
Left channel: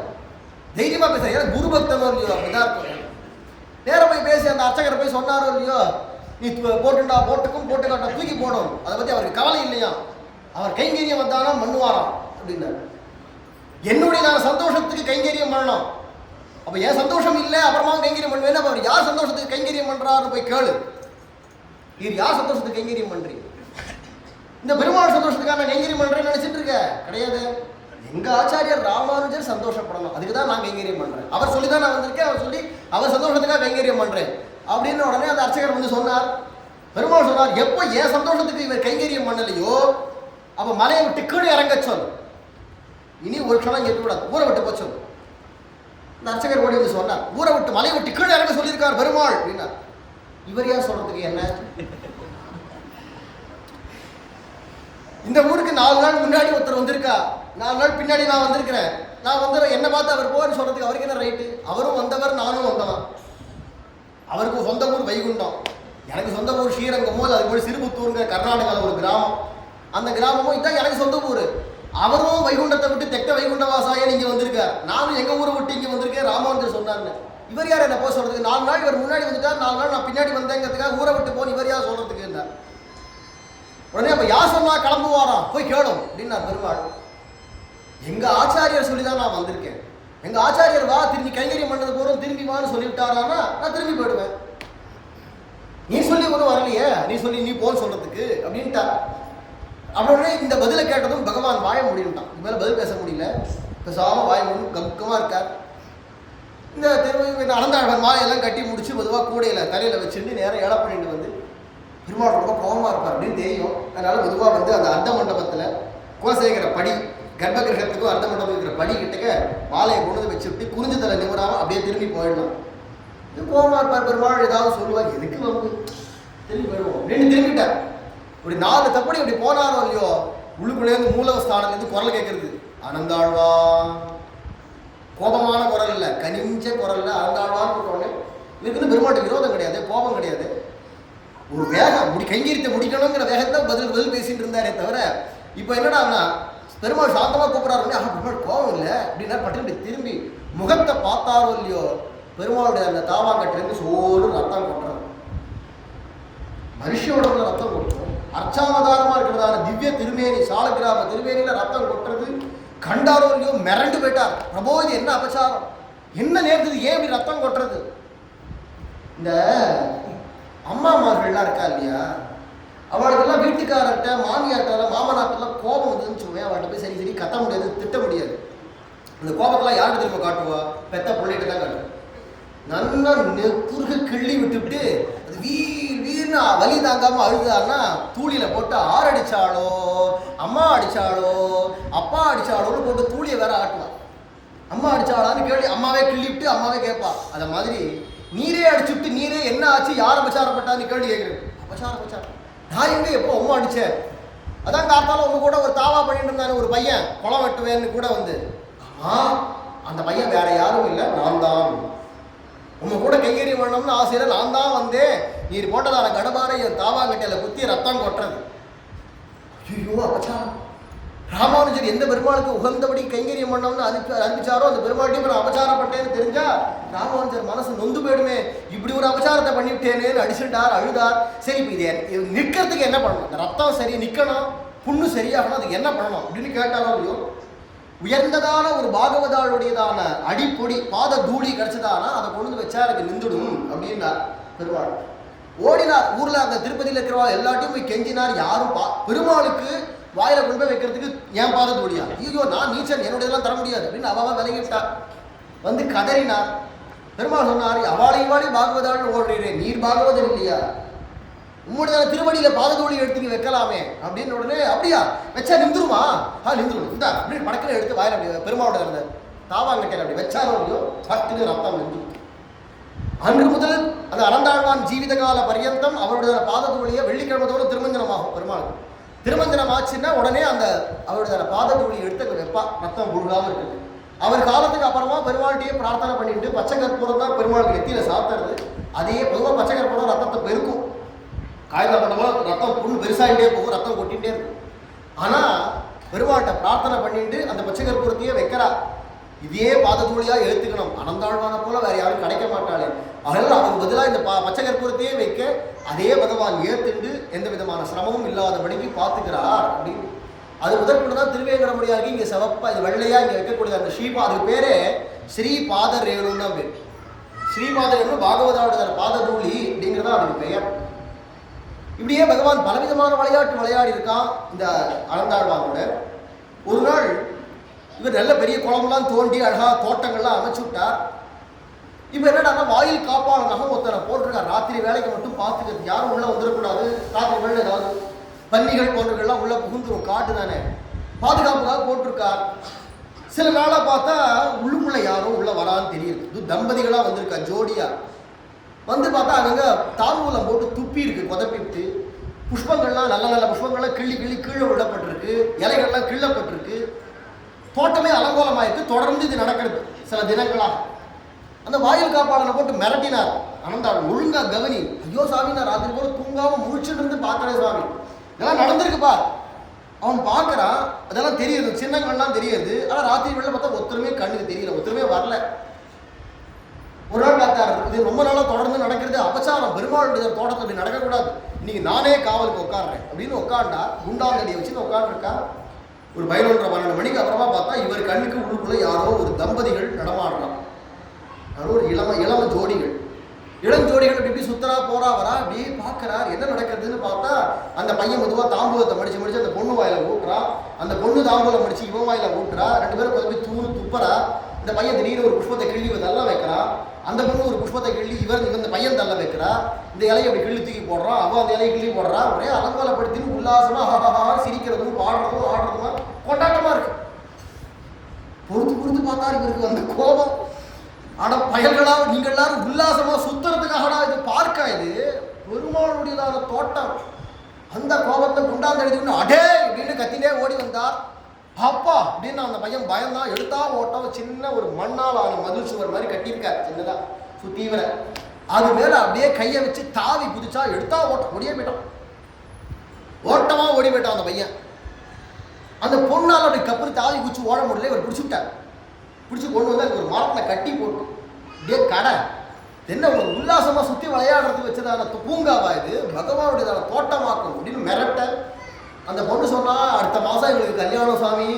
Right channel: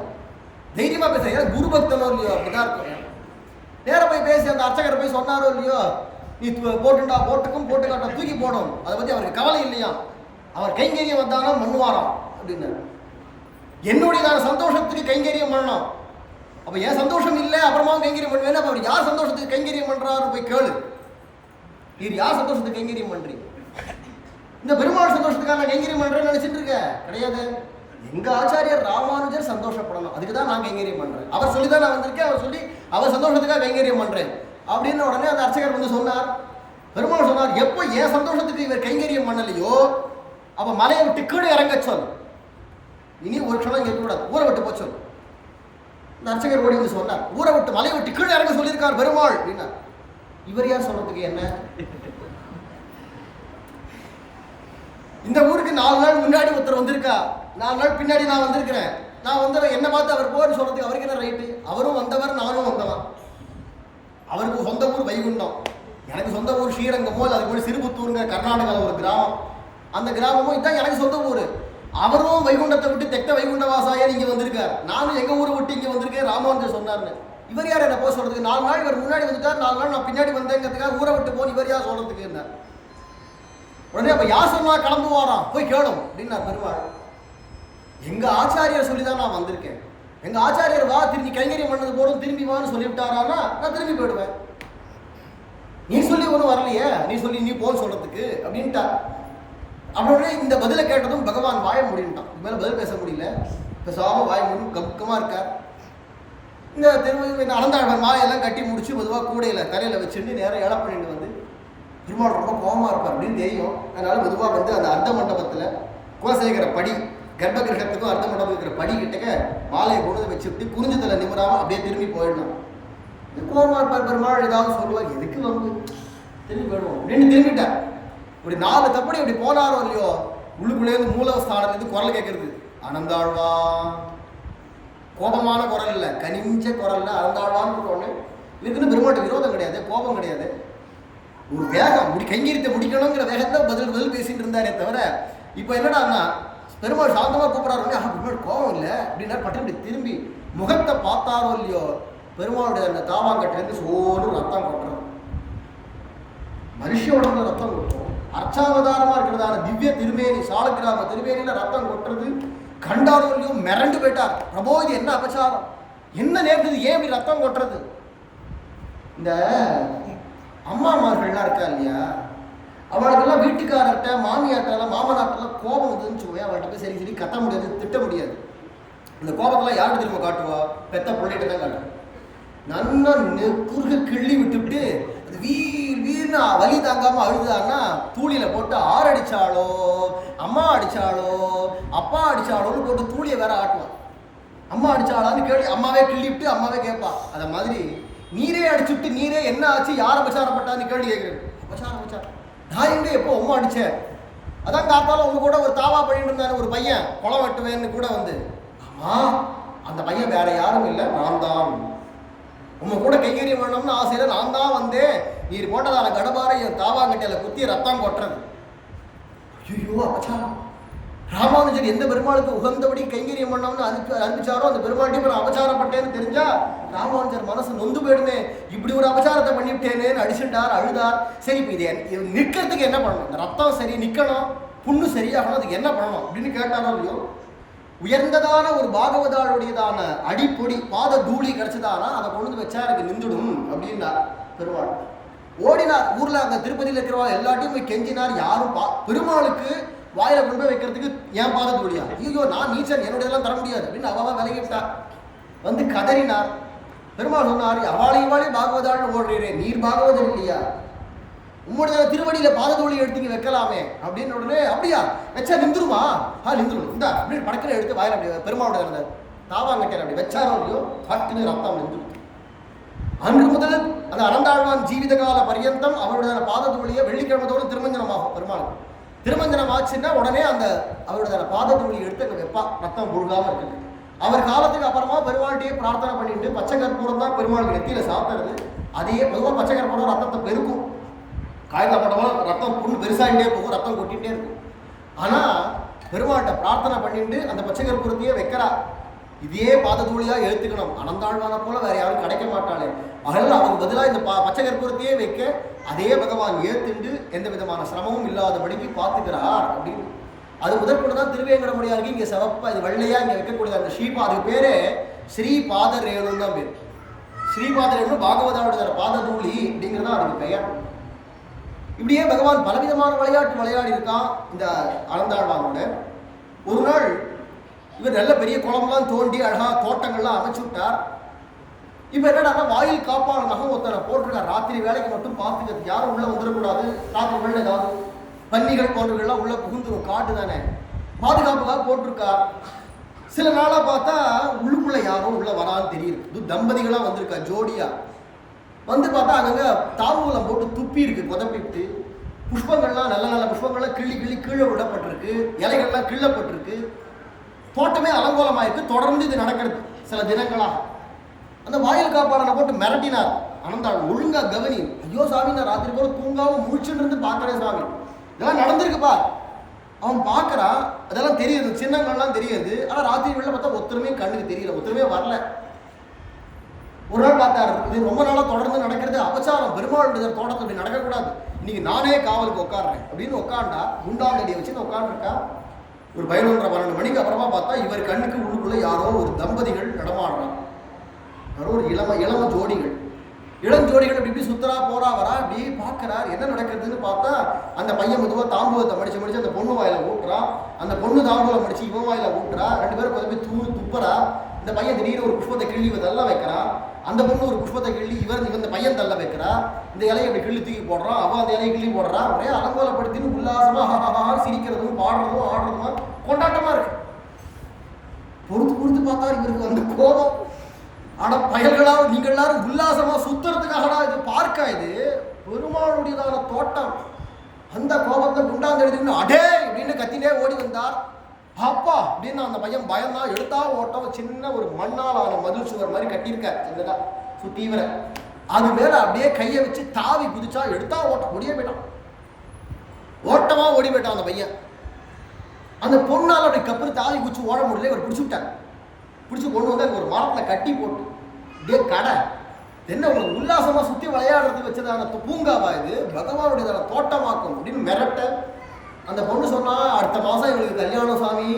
தைரியமா பேச, ஏன்னா குரு பக்தனோ இல்லையோ அப்படிதான் இருக்கும். நேரம் போய் பேசி அந்த அர்ச்சகரை போய் சொன்னாரோ இல்லையோ, நீ போட்டுண்டா போட்டுக்கும் போட்டுக்காட்டா தூக்கி போடும், அதை பத்தி அவருக்கு கவலை இல்லையா. அவர் கைங்கரியம் வந்தானா மண்ணுவாராம் அப்படின்னாரு. என்னுடைய சந்தோஷத்துக்கு கைங்கரியம் பண்ணலாம். அப்ப என் சந்தோஷம் இல்லை அப்புறமா கைங்கரியம் பண்ணுவேன். அப்ப அவர் யார் சந்தோஷத்துக்கு கைங்கரியம் பண்றாரு போய் கேளு. நீர் யார் சந்தோஷத்துக்கு கைங்கரியம் பண்றீங்க? இந்த பெருமாள் சந்தோஷத்துக்காக நான் கைங்கரியம் பண்றேன்னு நினைச்சிட்டு இருக்க கிடையாது. எங்க ஆச்சாரியர் ராமானுஜர் சந்தோஷப்படணும், அதுக்கு தான் நான் கைங்கரியம் பண்றேன். அவர் சொல்லி தான் நான் வந்திருக்கேன், அவர் சொல்லி அவர் சந்தோஷத்துக்காக கைங்கரியம் பண்றேன் அப்படின்னு உடனே அந்த அர்ச்சகர் வந்து சொன்னார். பெருமாள் சொன்னார், எப்போ என் சந்தோஷத்துக்கு இவர் கைங்கரியம் பண்ணலையோ அப்ப மலையை விட்டு கீழே இறங்க சொல். இனி ஒரு க்ஷணம் கேட்கக்கூடாது, ஊரை விட்டு போச்சு. இந்த அர்ச்சகர் ஓடி வந்து சொன்னார், ஊரை விட்டு மலையை விட்டு கீழே இறங்க சொல்லியிருக்கார் பெருமாள் அப்படின்னா. இவர் யார் சொல்றதுக்கு என்ன? இந்த ஊருக்கு 4 நாள் முன்னாடி ஒருத்தர் வந்திருக்கா, 4 நாள் பின்னாடி நான் வந்திருக்கிறேன். நான் வந்து என்ன பார்த்து அவர் போன்னு சொல்றதுக்கு அவருக்கு என்ன ரைட்டு? அவரும் வந்தவர், நானும் வந்தவன். அவருக்கு சொந்த ஊர் வைகுண்டம், எனக்கு சொந்த ஊர் ஸ்ரீரங்கமோ இல்லை அதுக்கு போய் சிறுபுத்தூருங்கிற கர்நாடகாவில் ஒரு கிராமம். அந்த கிராமமும் இதான் எனக்கு சொந்த ஊர். அவரும் வைகுண்டத்தை விட்டு தெக்க வைகுண்ட வாசாய இங்கே வந்திருக்கார், நானும் எங்கள் ஊரை விட்டு இங்கே வந்திருக்கேன் ராமானுஜர் சொன்னார்னு. இவர் யார் என்ன போக சொல்றதுக்கு? 4 நாள் இவர் முன்னாடி வந்துட்டார், 4 நாள் நான் பின்னாடி வந்தேங்கிறதுக்காக ஊரை விட்டு போன்னு இவர் யார் சொல்றதுக்கு இருந்தார். உடனே அப்ப யார் சொன்னா கிளம்புவாராம், போய் கேளும் அப்படின்னார் பெருமாள். எங்க ஆச்சாரியர் சொல்லிதான் நான் வந்திருக்கேன். எங்க ஆச்சாரியர் வா திரும்பி கைங்கரியம் பண்ணது போறோம் திரும்பி வான்னு சொல்லிவிட்டாரானா நான் திரும்பி போயிடுவேன். நீ சொல்லி ஒன்றும் வரலையே, நீ சொல்லி நீ போன்னு சொல்றதுக்கு அப்படின்ட்டா. அப்படின்னே இந்த பதிலை கேட்டதும் பகவான் வாய முடியும்ட்டான். இது மேலே பதில் பேச முடியல, பேசாம வாய முடியும் கம்கமாக இருக்கார். இந்த திரும்ப அனந்தாழ்வன் மாலையெல்லாம் கட்டி முடிச்சு பொதுவாக கூடையில் தலையில் வச்சுட்டு நேரம் ஏழை பண்ணிட்டு வந்து பெருமாள் ரொம்ப கோபமாக இருப்பார் அப்படின்னு தெரியும். அதனால பொதுவாக வந்து அந்த அர்த்த மண்டபத்தில் குலசேகர படி கர்ப்பகிரகத்துக்கும் அர்த்த மண்டபத்துக்கு இருக்கிற படி கிட்டக்க மாலையை கொண்டு வந்து வச்சுட்டு குறிஞ்சி தலை நிமிராமல் அப்படியே திரும்பி போயிடலாம். இது கோபமாக இருப்பார் பெருமாள், ஏதாவது சொல்லுவார், எதுக்கு வந்து திரும்பி போயிடுவோம் அப்படின்னு திரும்பிட்டார். இப்படி 4 தப்படி அப்படி போனாரோ இல்லையோ, உள்ளுக்குள்ளேருந்து மூலஸ்தானத்துலேருந்து குரல் கேட்கறது, அனந்தாழ்வா. கோபமான குரல் இல்லை, கனிஞ்ச குரல்ல அனந்தாழ்வான்னு உடனே இதுக்குன்னு பெருமாட்டு விரோதம் கிடையாது, கோபம் கிடையாது. ஒரு வேகம் கைங்கரித்தை முடிக்கணுங்கிற வேகத்தை பதில் பேசிட்டு இருந்தாரே தவிர, இப்போ என்னடான்னா பெருமாள் சாந்தமாக கூப்பிட்றாரு, பெருமாள் கோபம் இல்லை அப்படின்னா பட்டு திரும்பி முகத்தை பார்த்தாரோ இல்லையோ, பெருமாளுடைய அந்த தாவாங்கட்டிலேருந்து சோறு ரத்தம் கொட்டுறது. மனுஷ உடம்புல ரத்தம் கொட்டும், அர்ச்சாவதாரமா இருக்கிறதான திவ்ய திருமேனி சாலக்கிராம திருமேனியில ரத்தம் கொட்டுறது கண்டாரோ இல்லையோ மிரண்டு போயிட்டார். பிரபோ இது என்ன அபச்சாரம், என்ன நேர்ந்தது, ஏன் இப்படி ரத்தம் கொட்டுறது? இந்த அம்மாமார்கள்லாம் இருக்கா இல்லையா, அவளுக்கெல்லாம் வீட்டுக்காரர்கிட்ட மாமியார்கிட்ட மாமனார்ட்டெல்லாம் கோபம் வந்துன்னு சொல்லுவேன். அவள்கிட்ட போய் சரி கத்த முடியாது, திட்ட முடியாது. இந்த கோபத்தெல்லாம் யாருக்கு திரும்ப காட்டுவா? பெத்த பிள்ளைகிட்ட தான் காட்டுவோம். நல்லா குறுக கிள்ளி விட்டுவிட்டு அது வீர்னு வலி தாங்காம அழுதான்னா தூளியில போட்டு அடிச்சாலோ அம்மா அடிச்சாலோ அப்பா அடிச்சாலோன்னு போட்டு தூளியை வேற ஆட்டுவான். அம்மா அடிச்சாளான்னு கேள்வி அம்மாவே கிள்ளி விட்டு அம்மாவே கேட்பா. அதை மாதிரி நீரே அடிச்சுட்டு நீரே என்ன ஆச்சு, யார் அபச்சாரப்பட்டான்னு கேள்வி கேட்குறேன். அபச்சாரம் நான் எங்க எப்போ அம்மா அடிச்சேன்? அதான் காத்தாலும் உங்க கூட ஒரு தாவா பண்ணிட்டு இருந்தாரு ஒரு பையன், குளம் வெட்டுவேன்னு கூட வந்து. ஆமா அந்த பையன் வேற யாரும் இல்லை, நான் தான். உங்க கூட கைங்கரியம் பண்ணணும்னு ஆசையில நான் தான் வந்தேன். நீர் போட்டதான கடபாரை என் தாவாங்கட்டையில குத்தி ரத்தம் கொட்டுறது. ஐயோ அபச்சாரம். ராமானுஜர் எந்த பெருமாளுக்கு உகந்தபடி கைங்கரியம் பண்ணோம்னு அனுப்பிச்சாரோ அந்த பெருமாள்கிட்ட நான் அபச்சாரப்பட்டேன்னு தெரிஞ்சா ராமானுஜர் மனசு நொந்து போயிடுமே. இப்படி ஒரு அபச்சாரத்தை பண்ணிவிட்டேனேன்னு அடிச்சுட்டார், அழுதார். சரி இப்போ இது நிற்கிறதுக்கு என்ன பண்ணணும்? இந்த ரத்தம் சரி நிற்கணும், புண்ணு சரியாகணும், அதுக்கு என்ன பண்ணணும் அப்படின்னு கேட்டாரோ இல்லையோ, உயர்ந்ததான ஒரு பாகவதாளுடையதான அடிப்பொடி பாத தூளி கிடைச்சதானா அதை கொண்டு வச்சா எனக்கு நின்றுடும் அப்படின்னா பெருமாள் ஓடினார். ஊர்ல அந்த திருப்பதியில் இருக்கிறவா எல்லாத்தையும் போய் கெஞ்சினார். யாரும் பெருமாளுக்கு வாயில கொண்டு போய் வைக்கிறதுக்கு ஏன் பாத தூளியா? ஐயோ நான் நீச்சன், என்னுடையதெல்லாம் தர முடியாது அப்படின்னு அவ விலகிவிட்டார். வந்து கதறினார். பெருமாள் சொன்னார், அவாளையும் பாகவதாள்னு ஓடுறீரே, நீர் பாகவதர் இல்லையா? உம்முடைய திருவடியில பாததோழி எடுத்து வைக்கலாமே அப்படின்னு உடனே அப்படியா வச்சா நின்றுருமா? நின்றுடும் இந்தா அப்படின்னு படக்கில் எடுத்து வாயில அப்படி பெருமாவோட அந்த தாவாங்கட்டையில் அப்படி வச்சாரோ இல்லையோ சட்டுன்னு ரத்தம் நின்று. அன்று முதல் அந்த அனந்தாழ்வான் ஜீவித கால பர்யந்தம் அவருடைய பாததூளியை வெள்ளிக்கிழமத்தோடு திருமஞ்சனமாகும். பெருமாள் திருமஞ்சனம் ஆச்சுன்னா உடனே அந்த அவருடைய பாததூளியை எடுத்து அங்கே வைப்பா, ரத்தம் புழுகாமல் இருக்குது. அவர் காலத்துக்கு அப்புறமா பெருமாள்கிட்டயே பிரார்த்தனை பண்ணிட்டு பச்சை கற்பூரம் தான் பெருமாளுக்கு நெத்தியில சாத்துறது. அதையே பொதுவாக பச்சை கற்பூரம் ரத்தத்தை பெருக்கும், காய்ந்த பட்டமோ ரத்தம் புண்ணு பெருசாகிட்டே போகும், ரத்தம் கொட்டிகிட்டே இருக்கும். ஆனால் பெருமாள்கிட்ட பிரார்த்தனை பண்ணிட்டு அந்த பச்சை கற்பூரத்தையே வைக்கிறா. இதே பாததூளியாக எழுத்துக்கணும், அனந்தாழ்வான போல வேற யாரும் கிடைக்க மாட்டாளே. அதனால் அவனுக்கு பதிலாக இந்த பச்சை கற்பூரத்தையே வைக்க அதே பகவான் ஏத்துண்டு எந்த விதமான சிரமமும் இல்லாதபடிக்கு பார்த்துக்கிறார் அப்படின்னு. அது முதற்கொண்டு தான் திருவேங்கடமுடியாருக்கு இங்கே சிவப்பா இது வெள்ளையா இங்கே வைக்கக்கூடிய அந்த ஸ்ரீபா, அதுக்கு பேரே ஸ்ரீபாத ரேணுன்னு தான் பேர். ஸ்ரீபாத ரேணு பாகவதாவோட பாததூளி அப்படிங்கிறது தான் அதுக்கு பெயர். இப்படியே பகவான் பலவிதமான விளையாட்டு விளையாடி இருக்கான் இந்த அனந்தாழ்வானோட. ஒரு நாள் இவர் நல்ல பெரிய குளம்லாம் தோண்டி அழகா தோட்டங்கள்லாம் அமைச்சு விட்டார். இப்போ என்னடா வாயில் காப்பாளனாக ஒருத்தனை போட்டிருக்கார், ராத்திரி வேலைக்கு மட்டும் பார்த்துக்கிறது, யாரும் உள்ள வந்துடக்கூடாது, ராத்திரி வேலை ஏதாவது பன்னிகள் போன்றவர்கள்லாம் உள்ள புகுந்துரும், காட்டு தானே, பாதுகாப்புக்காக போட்டிருக்கார். சில நாளாக பார்த்தா உள்ளுக்குள்ள யாரும் உள்ள வரான்னு தெரியுது. இது தம்பதிகளாக வந்திருக்கா ஜோடியா வந்து பார்த்தா அங்கங்க தாம்பூலம் போட்டு துப்பி இருக்கு, கொதப்பிட்டு புஷ்பங்கள்லாம் நல்ல நல்ல புஷ்பங்கள்லாம் கிள்ளி கிள்ளி கீழே விடப்பட்டிருக்கு, இலைகள்லாம் கிள்ளப்பட்டிருக்கு, தோட்டமே அலங்கோலமாயிருக்கு. தொடர்ந்து இது நடக்கிறது சில தினங்களாக. அந்த வாயில் காப்பாளனை போட்டு மிரட்டினார் அனந்தாள், ஒழுங்கா கவனி. ஐயோ சாமி, நான் ராத்திரி போல தூங்காம முழிச்சுட்டு இருந்து பார்க்கறேன் சாமி, இதெல்லாம் நடந்திருக்குப்பா. அவன் பார்க்கறான், அதெல்லாம் தெரியுது, சின்னங்கள்லாம் தெரியுது. ஆனால் ராத்திரி வெளில பார்த்தா ஒருத்தருமே கண்ணுக்கு தெரியல, ஒருத்தருமே வரல. ஒரு நாள் பார்த்தாரு, இது ரொம்ப நாளாக தொடர்ந்து நடக்கிறது, அபச்சாரம், பெருமாளுடைய தோட்டத்தை அப்படி நடக்கக்கூடாது, இன்னைக்கு நானே காவலுக்கு உட்காடுறேன் அப்படின்னு உட்காண்டா. குண்டாந்தடியை வச்சுன்னு உட்காந்துருக்கா. ஒரு 11:30-12 மணிக்கு அப்புறமா பார்த்தா இவர் கண்ணுக்கு உள்ளுக்குள்ள யாரோ ஒரு தம்பதிகள் நடமாடுறான். யாரோ ஒரு இளம ஜோடிகள், இளஞ்சோடிகள் அப்படி இப்படி சுத்தரா போறா வரா, அப்படி பார்க்கறார் என்ன நடக்குதுன்னு பார்த்தா அந்த பையன் மெதுவாக தாம்பூலத்தை மடிச்சு அந்த பொண்ணு வாயில ஊட்டுறா, அந்த பொண்ணு தாம்பூலம் மடிச்சு இவன் வாயில ஊட்டுறா, 2 பேரும் கொஞ்சம் போய் துப்புறா. இந்த பையன் திடீர்னு ஒரு புஷ்பத்தை கிள்ளி தள்ள வைக்கிறான், அந்த பொண்ணு ஒரு புஷ்பத்தை கிள்ளி இந்த பையன் தள்ள வைக்கிறா, இந்த இலையை அப்படி கிள்ளி தூக்கி போடுறான், அவன் அந்த இலையை கிள்ளி போடுறா. ஒரே அலங்கோலப்படுத்தின்னு உல்லாசமா சிரிக்கிறதும் பாடுறதும் ஆடுறதுமா கொண்டாட்டமா இருக்கு. பொறுத்து பார்த்தா இவருக்கு அந்த கோபம், ஆனா பயல்களா நீங்க எல்லாரும் உல்லாசமா சுத்துறதுக்காகடா இது பார்க்க, இது பெருமாளுடையதான தோட்டம். அந்த கோபத்தை குண்டாந்தெழுதி அடே அப்படின்னு கத்திலே ஓடி வந்தார். அப்பா அப்படின்னு அந்த பையன் பயந்தான். எடுத்தா ஓட்டம், சின்ன ஒரு மண்ணால் ஆன மதில் சுவர் மாதிரி கட்டியிருக்கார் சின்னதா சுத்தீவிர, அது மேல அப்படியே கையை வச்சு தாவி குதிச்சா. எடுத்தா ஓட்டம், ஓடியே போயிட்டான், ஓட்டமா ஓடி போயிட்டான் அந்த பையன். அந்த பொண்ணால் அப்படி கப்பரு தாவி குச்சி ஓட முடியல, இவர் பிடிச்சி விட்டார். பிடிச்சி கொண்டு வந்து அங்கே ஒரு மரத்தில் கட்டி போட்டு அப்படியே கடை என்ன ஒரு உல்லாசமா சுற்றி விளையாடுறதுக்கு வச்சதான பூங்காவா இது, பகவானுடையதான தோட்டமாக்கும் அப்படின்னு மிரட்ட. அந்த பொண்ணு சொன்னா, அடுத்த மாதம் எங்களுக்கு கல்யாணம் சாமி,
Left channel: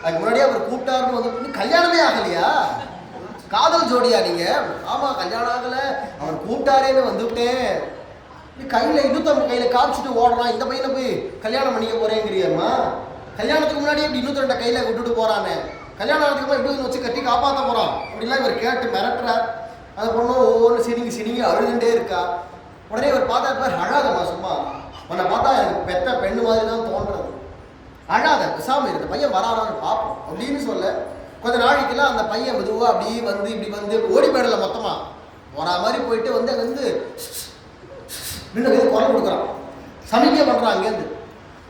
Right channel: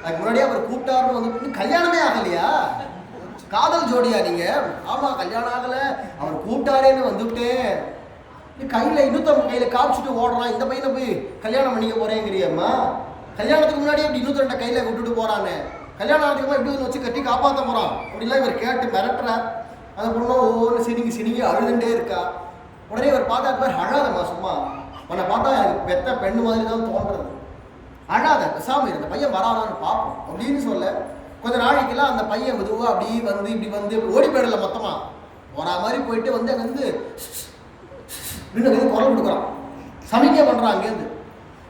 அதுக்கு முன்னாடியே அவர் கூப்பிட்டாருன்னு வந்து. கல்யாணமே ஆகலையா? காதல் ஜோடியா நீங்க? ஆமாம் கல்யாணம் ஆகலை, அவர் கூப்பிட்டாரேன்னு வந்துவிட்டேன். கையில் இன்னொருத்தவங்க கையில் காமிச்சிட்டு ஓடுறான், இந்த பையனை போய் கல்யாணம் பண்ணிக்க போறேங்கிறியம்மா, கல்யாணத்துக்கு முன்னாடியே இப்படி 2 கையில் விட்டுட்டு போறானே, கல்யாணம் ஆனதுக்குமா எப்படி வச்சு கட்டி காப்பாற்ற போறான் அப்படின்லாம் இவர் கேட்டு மிரட்டுறார். அந்த பொண்ணு ஒவ்வொன்று சினிங்கி அழுதுண்டே இருக்கா. உடனே இவர் பார்த்தா, அழாதம்மா, சும்மா உன்னை பார்த்தா எனக்கு பெத்த பெண்ணு மாதிரி தான் தோன்றது, அழாத, பேசாம இந்த பையன் வரானான்னு பார்ப்போம் அப்படின்னு சொல்ல. கொஞ்ச நாளைக்கெல்லாம் அந்த பையன் மெதுவாக அப்படி வந்து இப்படி வந்து ஓடி போயிடல, மொத்தமாக வரா மாதிரி போயிட்டு வந்து அங்கே வந்து நின்று குரல் கொடுக்குறான், சமிக்கை பண்ணுறான் அங்கேருந்து.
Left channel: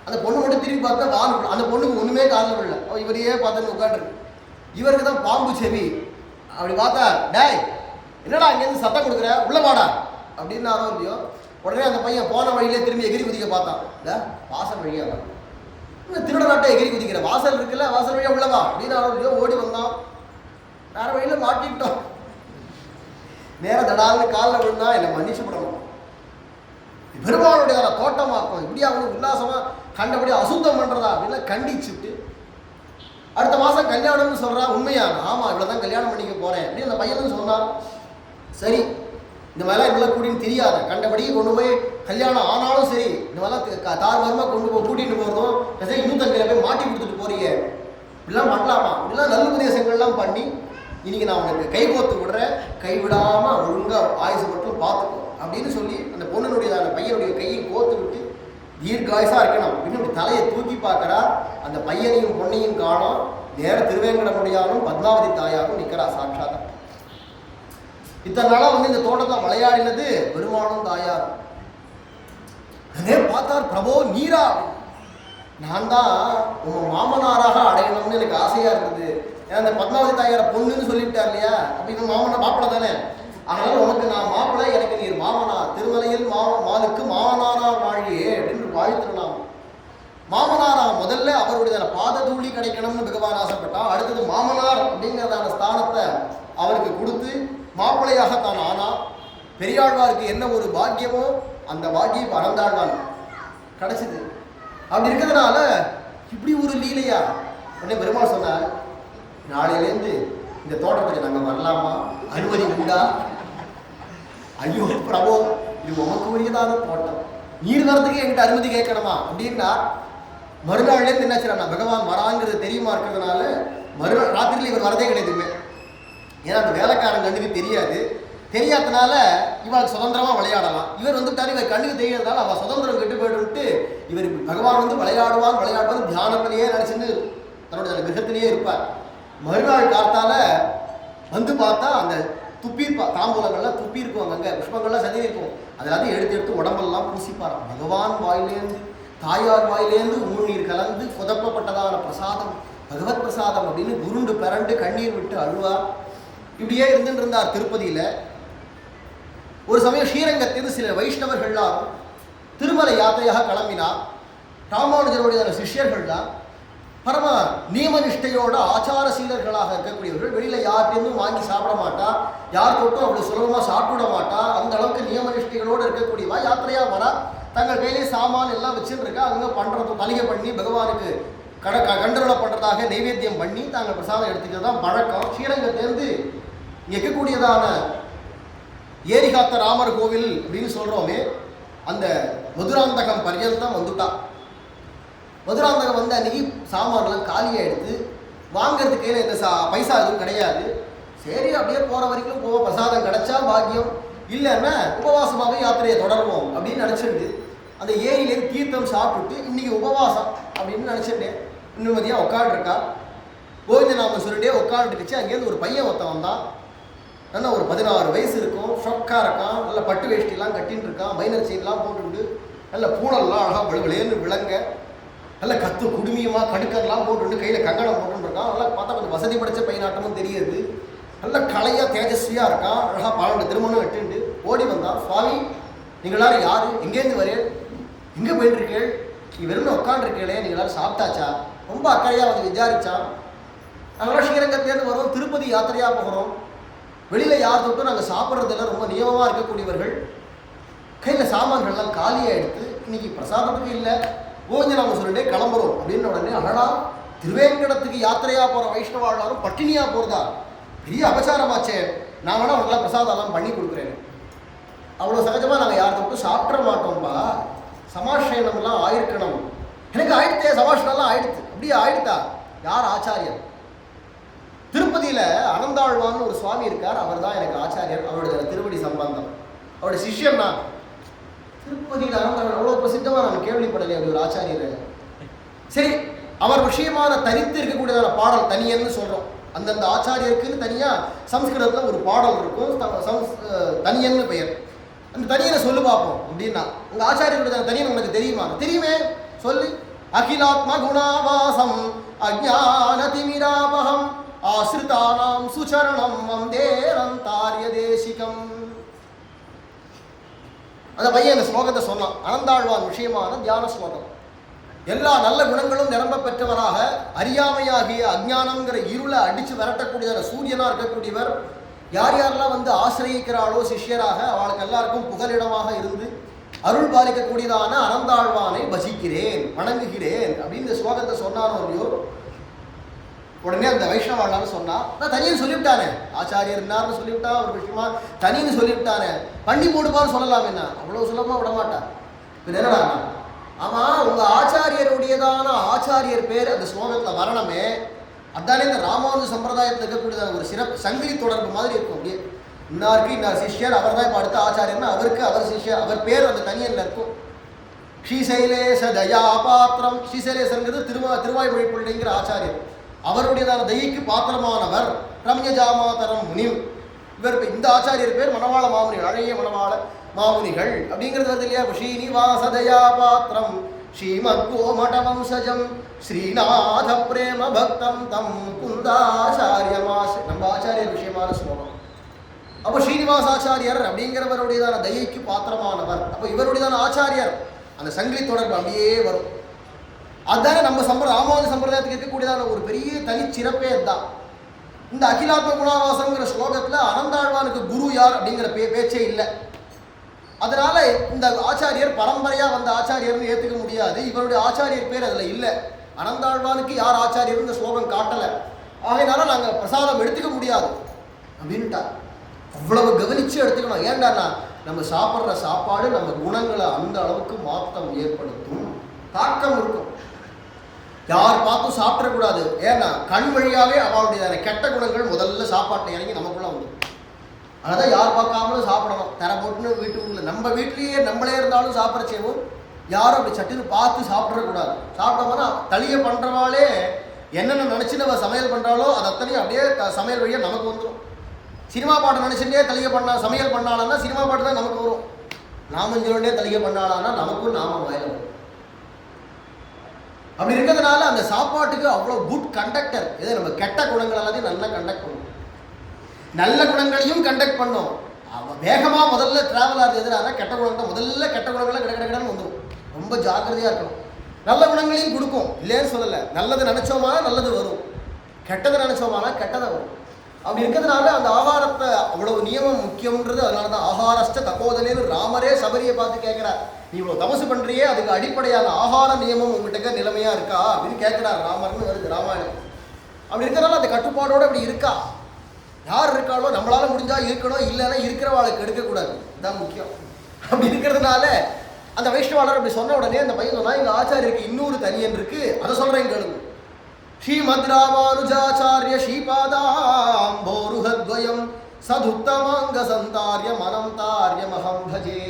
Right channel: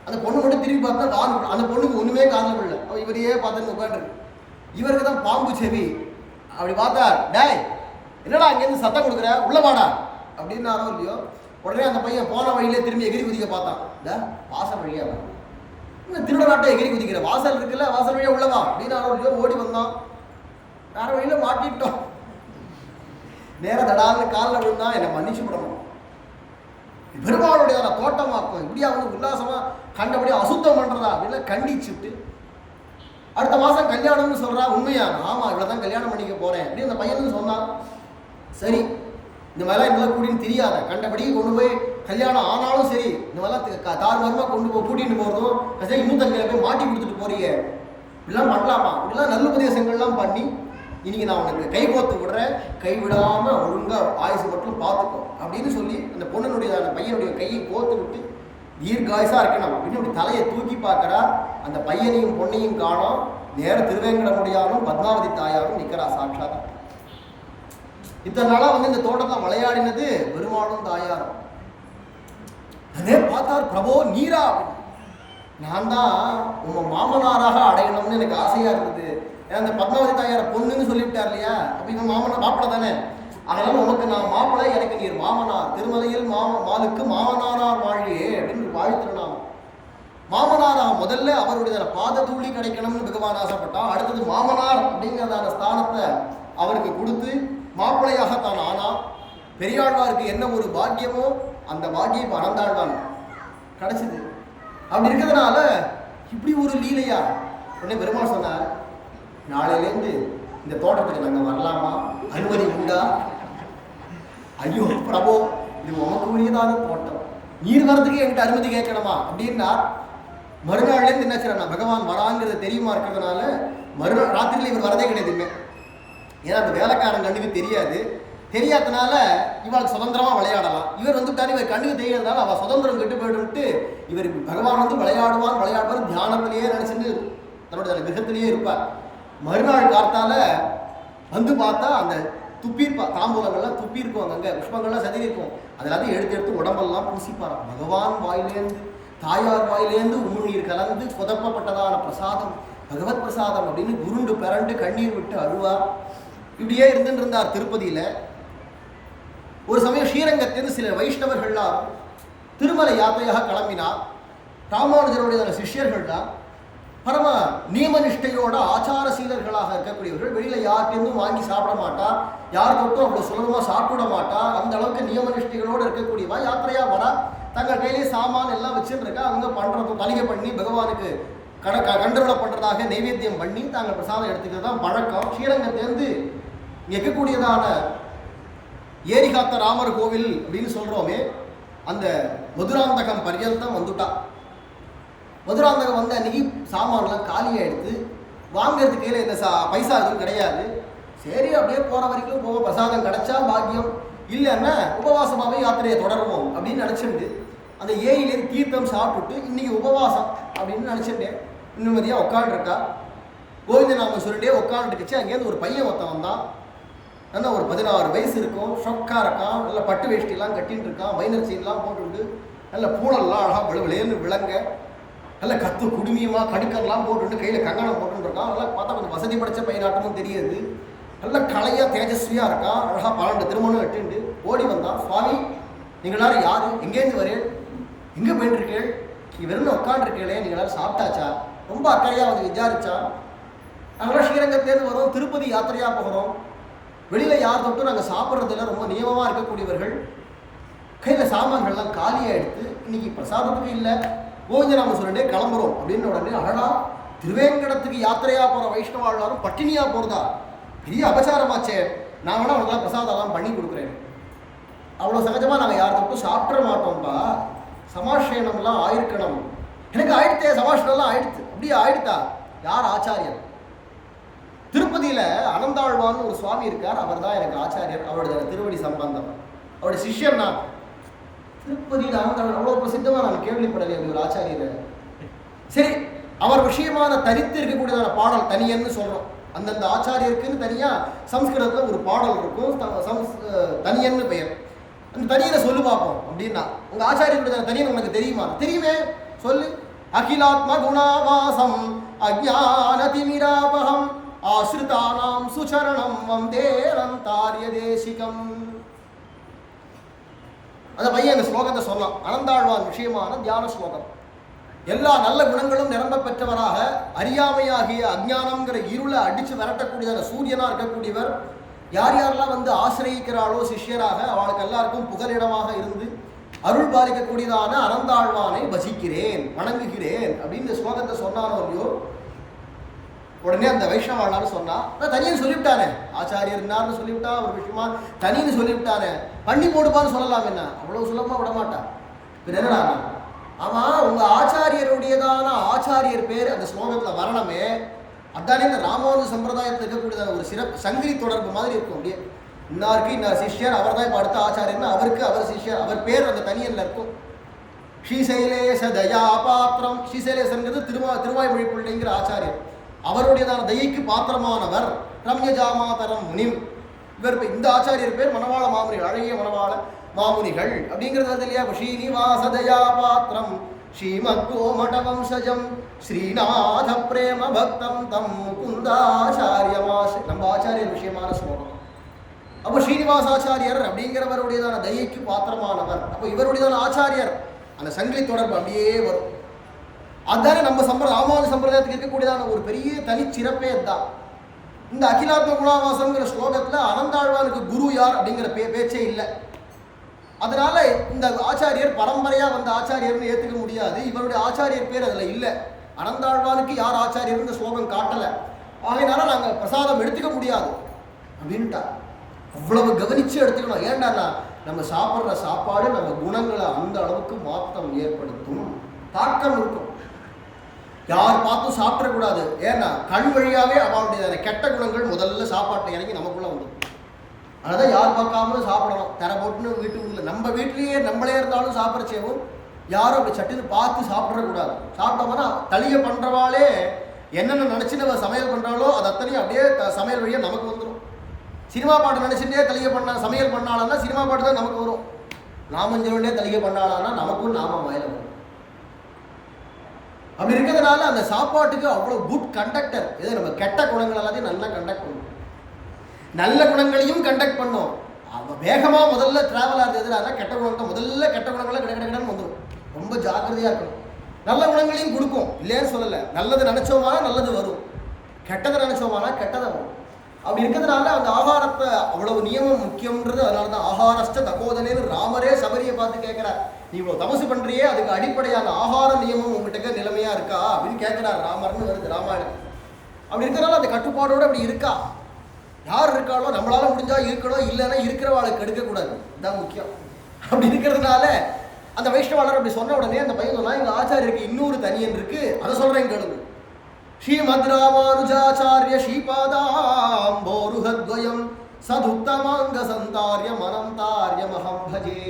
அந்த பொண்ணு மட்டும் திரும்பி பார்த்தா வால், அந்த பொண்ணுக்கு ஒன்றுமே காரணம் இல்லை, அவள் இவரையே பார்த்துன்னு உட்காந்துருக்கு. இவருக்கு தான் பாம்பு செவி. அப்படி பார்த்தா, டேய் என்னடா அங்கேருந்து சத்தம் கொடுக்குற, உள்ள வாடா அப்படின்னாரோ இல்லையோ. உடனே அந்த பையன் போன வழியிலே திரும்பி எகிரி குதிக்க பார்த்தான். வாசல் வழியா வா, இன்னும் திருடனாட்டம் எகிரி குதிக்கிற, வாசல் இருக்குல்ல வாசல் வழியா உள்ளவா அப்படின்னாரோ இல்லையோ. ஓடி வந்தான், வேற வழியில மாட்டிட்டோம். நேரம் தடால்னு காலில் விழுந்தா, என்னை மன்னிச்சு விடணும், பெருமாளுடைய தோட்டமாக்கும், இப்படியா வந்து உல்லாசமா கண்டபடி அசுத்தம் பண்றதா அப்படின்னு கண்டிச்சுட்டு. அடுத்த மாதம் கல்யாணம்னு சொல்றா. உண்மையா? ஆமாம் இவ்வளோதான் கல்யாணம் பண்ணிக்க போறேன் அப்படின்னு அந்த பையனும் சொன்னான். சரி, இந்த மாதிரிலாம் இதெல்லாம் கூட்டின்னு தெரியாத, கண்டபடி கொண்டு போய் கல்யாணம் ஆனாலும் சரி இந்த மாதிரிலாம் தார்மாரமாக கொண்டு போய் கூட்டிகிட்டு போகிறதும் சரி, இன்னும் தங்கையில் போய் மாட்டி கொடுத்துட்டு போறீங்க, இப்படிலாம் பண்ணலாமா? இப்படிலாம் நல்ல உபதேசங்கள்லாம் பண்ணி இன்னைக்கு நான் உனக்கு கை கோத்து விடுறேன், கைவிடாமல் ஒழுங்காக ஆயுசு மட்டும் பார்த்துக்கோ அப்படின்னு சொல்லி அந்த பொண்ணுடைய அந்த பையனுடைய கையை கோத்து விட்டு தீர்காயுசா இருக்கணும் அப்படின்னு அப்படி தலையை தூக்கி பார்க்குறா. அந்த பையனையும் பொண்ணையும் காணோம். நேர திருவேங்கடமுடியானும் பத்மாவதி தாயாரும் நிற்கிறா சாட்சாத்தா. இத்தனை நாளாக வந்து இந்த தோட்டத்தில் விளையாடினது பெருமாளும் தாயாரும். அதே பார்த்தார், பிரபோ நீரா, நான் தான் உங்க மாமனாராக அடையணும்னு எனக்கு ஆசையா இருந்தது. ஏன்னா அந்த பத்மாவதி தாயார பொண்ணுன்னு சொல்லிவிட்டார் இல்லையா, அப்ப இந்த மாப்பிள்ளை தானே, அதனால உனக்கு நான் மாப்பிள்ளை, எனக்கு நீர் மாமனார், திருமலையில் மாலுக்கு மாமனாரார் வாழியே அப்படின்னு வாழ்த்துறோம். மாமனாரா முதல்ல அவருடைய பாத தூளி கிடைக்கணும்னு பகவான் ஆசைப்பட்டா, அடுத்தது மாமனார் அப்படிங்கிறதான ஸ்தானத்தை அவருக்கு கொடுத்து மாப்பிள்ளையாக தான் ஆனா. பெரியாழ்வாருக்கு என்ன ஒரு பாக்கியமோ அந்த பாக்கியம் அனந்தாழ்வான் கிடைச்சிது. அப்படி இருக்கிறதுனால இப்படி ஒரு லீலையா உடனே பெருமாள் சொன்னார், நாளையிலேருந்து இந்த தோட்டத்துக்கு நாங்கள் வரலாமா, அனுமதி உண்டா? ஐயோ பிரபோ, இது உமக்கு உரியதான தோட்டம், நீர் வரதுக்கு என்கிட்ட அனுமதி கேட்கணுமா அப்படின்னா. மறுநாள்லேருந்து என்னாச்சுன்னா பகவான் வராங்கிறது தெரியுமா இருக்கிறதுனால மறுநாள் ராத்திரியில் இவர் வரதே கிடையாதுமே. ஏன்னா அந்த வேலைக்காரன் கண்ணுக்கு தெரியாது, தெரியாதனால இவளுக்கு சுதந்திரமாக விளையாடலாம். இவர் வந்துட்டாரு, இவர் கண்ணுக்கு தெரியாதனால அவள் சுதந்திரம் கெட்டு போயிட்டு இவர் பகவான் வந்து விளையாடுவான் தியானத்திலேயே நினச்சிட்டு தன்னுடைய கிரகத்திலேயே இருப்பார். மறுநாள் காத்தால வந்து பார்த்தா அந்த துப்பியிருப்பா, தாம்பூலங்கள்லாம் துப்பியிருக்கும், அங்கே புஷ்பங்கள்லாம் சதி இருக்கும், அதெல்லாத்தையும் எடுத்து உடம்பெல்லாம் பூசிப்பாராம். பகவான் வாயிலேருந்து தாயார் வாயிலேருந்து உமிழ்நீர் கலந்து குதப்பப்பட்டதான பிரசாதம் பகவத் பிரசாதம் அப்படின்னு உருண்டு பிறண்டு கண்ணீர் விட்டு அழுவார். இப்படியே இருந்துட்டு இருந்தார் திருப்பதியில். ஒரு சமயம் ஸ்ரீரங்கத்திலிருந்து சில வைஷ்ணவர்கள்லாம் திருமலை யாத்திரையாக கிளம்பினார். ராமானுஜருடைய சிஷ்யர்கள் தான் பரம நியமனிஷ்டையோட ஆச்சார சீலர்களாக இருக்கக்கூடியவர்கள். வெளியில் யார்கிட்டேருந்தும் வாங்கி சாப்பிட மாட்டா, யார் தொட்டும் அவ்வளோ சுலபமாக சாப்பிட மாட்டா, அந்த அளவுக்கு நியமனிஷ்டைகளோடு இருக்கக்கூடியவா யாத்திரையாக வரா. தங்கள் கையிலே சாமான் எல்லாம் வச்சுட்டு இருக்கா. அவங்க பண்ணுறது தலிகை பண்ணி பகவானுக்கு கண்டருளை பண்ணுறதாக நைவேத்தியம் பண்ணி தாங்கள் பிரசாதம் எடுத்துக்கிறது தான் பழக்கம். ஸ்ரீரங்கத்திலேருந்து இங்கே இருக்கக்கூடியதான ஏரிகாத்த ராமர் கோவில் அப்படின்னு சொல்கிறோமே, அந்த மதுராந்தகம் பர்யந்தம் வந்துட்டா. மதுராந்தகம் வந்து அன்றைக்கி சாமான்லாம் காலியாக எடுத்து வாங்கிறதுக்கு கையில் இந்த பைசா எதுவும் கிடையாது. சரி அப்படியே போகிற வரைக்கும் போவோம், பிரசாதம் கிடைச்சா பாக்கியம், இல்லைன்னா உபவாசமாகவே யாத்திரையை தொடருவோம் அப்படின்னு நினச்சிட்டு அந்த ஏரியிலேருந்து தீர்த்தம் சாப்பிட்டுட்டு இன்றைக்கி உபவாசம் அப்படின்னு நினச்சிட்டே நிம்மதியாக உட்காந்துருக்கா. கோவிந்த நாம சொல்லிட்டே உட்காந்துருக்குச்சு. அங்கேருந்து ஒரு பையன் ஒருத்தன் வந்தான். நல்லா ஒரு 16 வயசு இருக்கும், ஷொக்கா இருக்கான், நல்ல பட்டு வேஷ்டிலாம் கட்டின்னு இருக்கான், மைனர் சீன்லாம் போட்டுட்டு நல்ல பூனெல்லாம் அழகாக விளையன்னு விளங்க, நல்ல கத்து குடுமியமாக கடுக்கெல்லாம் போட்டுட்டு கையில் கங்கணம் போட்டுன்னு இருக்கான். நல்லா பார்த்தா கொஞ்சம் வசதி படைச்ச பையனாட்டமும் தெரியுது. நல்ல கலையாக தேஜஸ்வியாக இருக்கான், அழகாக 12 திருமணம் எட்டுண்டு ஓடி வந்தான். சுவாமி நீங்கள் எல்லாரும் யார், எங்கேருந்து வரேன், எங்கே போயிட்டுருக்கேள், நீ வெறும் உட்காண்டிருக்கேளே, நீங்கள் எல்லாரும் சாப்பிட்டாச்சா, ரொம்ப அக்கறையாக வந்து விசாரித்தான். நாங்களாம் ஸ்ரீரங்கத்திலேருந்து வரோம், திருப்பதி யாத்திரையாக போகிறோம், வெளியில் யார் தொட்டும் நாங்கள் சாப்பிட்றதில்ல, ரொம்ப நியமமாக இருக்கக்கூடியவர்கள், கையில் சாமான்கள்லாம் காலியாக எடுத்து இன்றைக்கி பிரசாதத்துக்கு இல்லை, கோவிந்த நாம சொல்லிட்டே கிளம்புறோம் அப்படின்னு உடனே அழகா திருவேங்கடத்துக்கு யாத்திரையாக போகிற வைஷ்ணவாழ்வாரும் பட்டினியாக போகிறதா, பெரிய அபச்சாரமாச்சே, நான் வேணா அவங்களாம் பிரசாதம்லாம் பண்ணி கொடுக்குறேன். அவ்வளோ சகஜமாக நாங்கள் யார் தொட்டும் சாப்பிட்ற மாட்டோம்ப்பா, சமாஷயனம்லாம் ஆயிருக்கணும். எனக்கு ஆயிடுத்தே, சமாஷனம்லாம் ஆயிடுத்து. அப்படியே ஆயிடுத்தா? யார் ஆச்சாரியர்? திருப்பதியில் அனந்தாழ்வான்னு ஒரு சுவாமி இருக்கார், அவர் தான் எனக்கு ஆச்சாரியர். அவருடைய திருவடி சம்பந்தம், அவருடைய சிஷ்யன் நான். திருப்பதியில் அனந்தாழ்வான் அவ்வளோ பிரசித்தமாக நான் கேள்விப்படலை அப்படி ஒரு ஆச்சாரியர். சரி, அவர் விஷயமான தனித்து இருக்கக்கூடியதான பாடல் தனியன்னு சொல்கிறோம். அந்தந்த ஆச்சாரியருக்குன்னு தனியாக சம்ஸ்கிருதத்தில் ஒரு பாடல் இருக்கும், தனியன்னு பெயர். அந்த தனியனை சொல்லு பார்ப்போம் அப்படின்னா, உங்கள் ஆச்சாரியருடைய தனியன் உனக்கு தெரியுமா? தெரியுமே, சொல்லு. அகிலாத்ம குணாவாசம் அஜ்ஞான திமிராபகம் ஆஸ்ரிதானாம் சுச்சரணம் வந்தேரந்தாரிய தேசிகம். அந்த பையன் அந்த ஸ்லோகத்தை சொன்னான். அனந்தாழ்வான் விஷயமான தியான ஸ்லோகம். எல்லா நல்ல குணங்களும் நிரம்ப பெற்றவராக அறியாமையாகிய அஜ்ஞானம்ங்கிற இருளை அடித்து விரட்டக்கூடியதான சூரியனாக இருக்கக்கூடியவர். யார் யாரெல்லாம் வந்து ஆசிரியிக்கிறாளோ சிஷ்யராக அவளுக்கு எல்லாருக்கும் புகலிடமாக இருந்து அருள் பாலிக்கக்கூடியதான அனந்தாழ்வானை பஜிக்கிறேன், வணங்குகிறேன் அப்படின்னு இந்த ஸ்லோகத்தை சொன்னானோ இல்லையோ, உடனே அந்த வைஷ்ணவாளான்னு சொன்னா, நான் தனியன்னு சொல்லிவிட்டானே, ஆச்சாரியர் இருந்தார்னு சொல்லிவிட்டான், ஒரு விஷயமா தனின்னு சொல்லிவிட்டானே, பண்ணி போடுப்பான்னு சொல்லலாம். என்ன அவ்வளோ சுலபமாக விடமாட்டா. இப்போ என்னடா, ஆமாம் உங்கள் ஆச்சாரியருடையதான ஆச்சாரியர் பேர் அந்த ஸ்லோகத்தில் வரணுமே, அதானே இந்த ராமானுஜ சம்பிரதாயத்தில் இருக்கக்கூடியதான ஒரு சிறப்பு சங்கிலி தொடர்பு மாதிரி இருக்கும். அப்படியே இன்னாருக்கு இன்னார் சிஷ்யர், அவர் தான் இப்போ அடுத்த ஆச்சாரியர்னா அவருக்கு அவர் சிஷ்யர், அவர் பேர் அந்த தனியல்ல இருக்கும். ஸ்ரீசைலேச தயா பாத்திரம், ஸ்ரீசைலேசங்கிறது திருவாய்மொழி பிள்ளைங்கிற ஆச்சாரியர், அவருடையதான தயைக்கு பாத்திரமானவர். ரம்யஜாமாதரம் முனிம், இவர் இந்த ஆச்சாரியர் பேர் மணவாள மாமுனிகள், அழகிய மணவாள மாமுனிகள் அப்படிங்கிறது வருது இல்லையா. ஸ்ரீனிவாச தயா பாத்திரம் ஸ்ரீமத்கோமட வம்சஜம் ஸ்ரீநாத பிரேம பக்தம் தம் முகுந்தாச்சாரியமாச, நம்ம ஆச்சாரியர் விஷயமான ஸ்லோகம். அப்போ ஸ்ரீனிவாசாச்சாரியர் அப்படிங்கிறவருடையதான தயைக்கு பாத்திரமானவர். அப்போ இவருடையதான ஆச்சாரியர், அந்த சங்கிலி தொடர்பு அப்படியே வரும். அதுதானே நம்ம ராமானுஜ சம்பிரதாயத்துக்கு இருக்கக்கூடியதான ஒரு பெரிய தனிச்சிறப்பே அதுதான். இந்த அகிலாத்ம குணாவாசம்ங்கிற ஸ்லோகத்தில் அனந்தாழ்வானுக்கு குரு யார் அப்படிங்கிற பேச்சே இல்லை. அதனால இந்த ஆச்சாரியர் பரம்பரையாக வந்த ஆச்சாரியர்னு ஏற்றுக்க முடியாது. இவருடைய ஆச்சாரியர் பேர் அதில் இல்லை. அனந்தாழ்வானுக்கு யார் ஆச்சாரியர் இந்த ஸ்லோகம் காட்டலை, ஆகையினால நாங்கள் பிரசாதம் எடுத்துக்க முடியாது அப்படின்ட்டா. அவ்வளவு கவனித்து எடுத்துக்கணும். ஏண்டாண்ணா நம்ம சாப்பிட்ற சாப்பாடு நம்ம குணங்களை அந்த அளவுக்கு மாற்றம் ஏற்படுத்தும், தாக்கம் இருக்கும். யார் பார்த்தும் சாப்பிடக்கூடாது. ஏன்னா கண் வழியாகவே அவளுடைய கெட்ட குணங்கள் முதல்ல சாப்பாட்டை இறங்கி நமக்குள்ளே வந்து, அதனால் யார் பார்க்காமலும் சாப்பிடணும். தர போட்டுன்னு வீட்டுக்குள்ள நம்ம வீட்லேயே நம்மளே இருந்தாலும் சாப்பிட்றச்சேவும் யாரும் அப்படி சட்டுன்னு பார்த்து சாப்பிடக்கூடாது. சாப்பிட்டோம்னா தளியை பண்ணுறவாளே என்னென்ன நினச்சி நம்ம சமையல் பண்ணுறாலோ அது அத்தனையும் அப்படியே சமையல் வழியாக நமக்கு வந்துடும். சினிமா பாட்டு நினச்சிட்டே தளிகை சமையல் பண்ணாலான்னா சினிமா பாட்டு தான் நமக்கு வரும். நாமஞ்சோடனே தளிகை பண்ணாலான்னா நமக்கும் நாம வாயில வரும். அப்படி இருக்கிறதுனால அந்த சாப்பாட்டுக்கு அவ்வளோ குட் கண்டக்டர். இதை நம்ம கெட்ட குணங்கள் எல்லாத்தையும் நல்லா கண்டக்ட் பண்ணும், நல்ல குணங்களையும் கண்டக்ட் பண்ணும். வேகமாக முதல்ல ட்ராவல் ஆகுது எதிராக கெட்ட குணங்கள், முதல்ல கெட்ட குணங்களை கிடக்கிடன்னு வந்துடும். ரொம்ப ஜாக்கிரதையாக இருக்கணும். நல்ல குணங்களையும் கொடுக்கும், இல்லைன்னு சொல்லலை. நல்லது நினச்சோமானா நல்லது வரும், கெட்டதை நினச்சோமானா கெட்டதை வரும். அப்படி இருக்கிறதுனால அந்த ஆகாரத்தை அவ்வளவு நியமம் முக்கியம்ன்றது. அதனால தான் ஆகாரஸ்ட தகோதனேன்னு ராமரே சபரியை பார்த்து கேட்குறார், நீ இவ்வளோ தமசு பண்ணுறியே அதுக்கு அடிப்படையான ஆகார நியமம் உங்கள்கிட்ட நிலைமையாக இருக்கா அப்படின்னு கேட்குறார் ராமர்னு வருது ராமாயணம். அப்படி இருக்கிறனால அந்த கட்டுப்பாடோடு அப்படி இருக்கா. யார் இருக்காளோ நம்மளால முடிஞ்சா இருக்கணும், இல்லைன்னா இருக்கிறவாளுக்கு எடுக்கக்கூடாது, இதுதான் முக்கியம். அப்படி இருக்கிறதுனால அந்த வைஷ்ணவாளர் அப்படி சொன்ன உடனே அந்த பையன் சொன்னா, எங்கள் ஆச்சாரியருக்கு இன்னொரு தனியன் இருக்கு, அதை சொல்கிறேன் கேளுங்க. ஸ்ரீமத் ராமானுஜாச்சாரிய ஸ்ரீபாதாம்போருஹத்வயம் சதுத்தமாங்க சந்தாரிய மனம் தாரியமஹம் பஜே.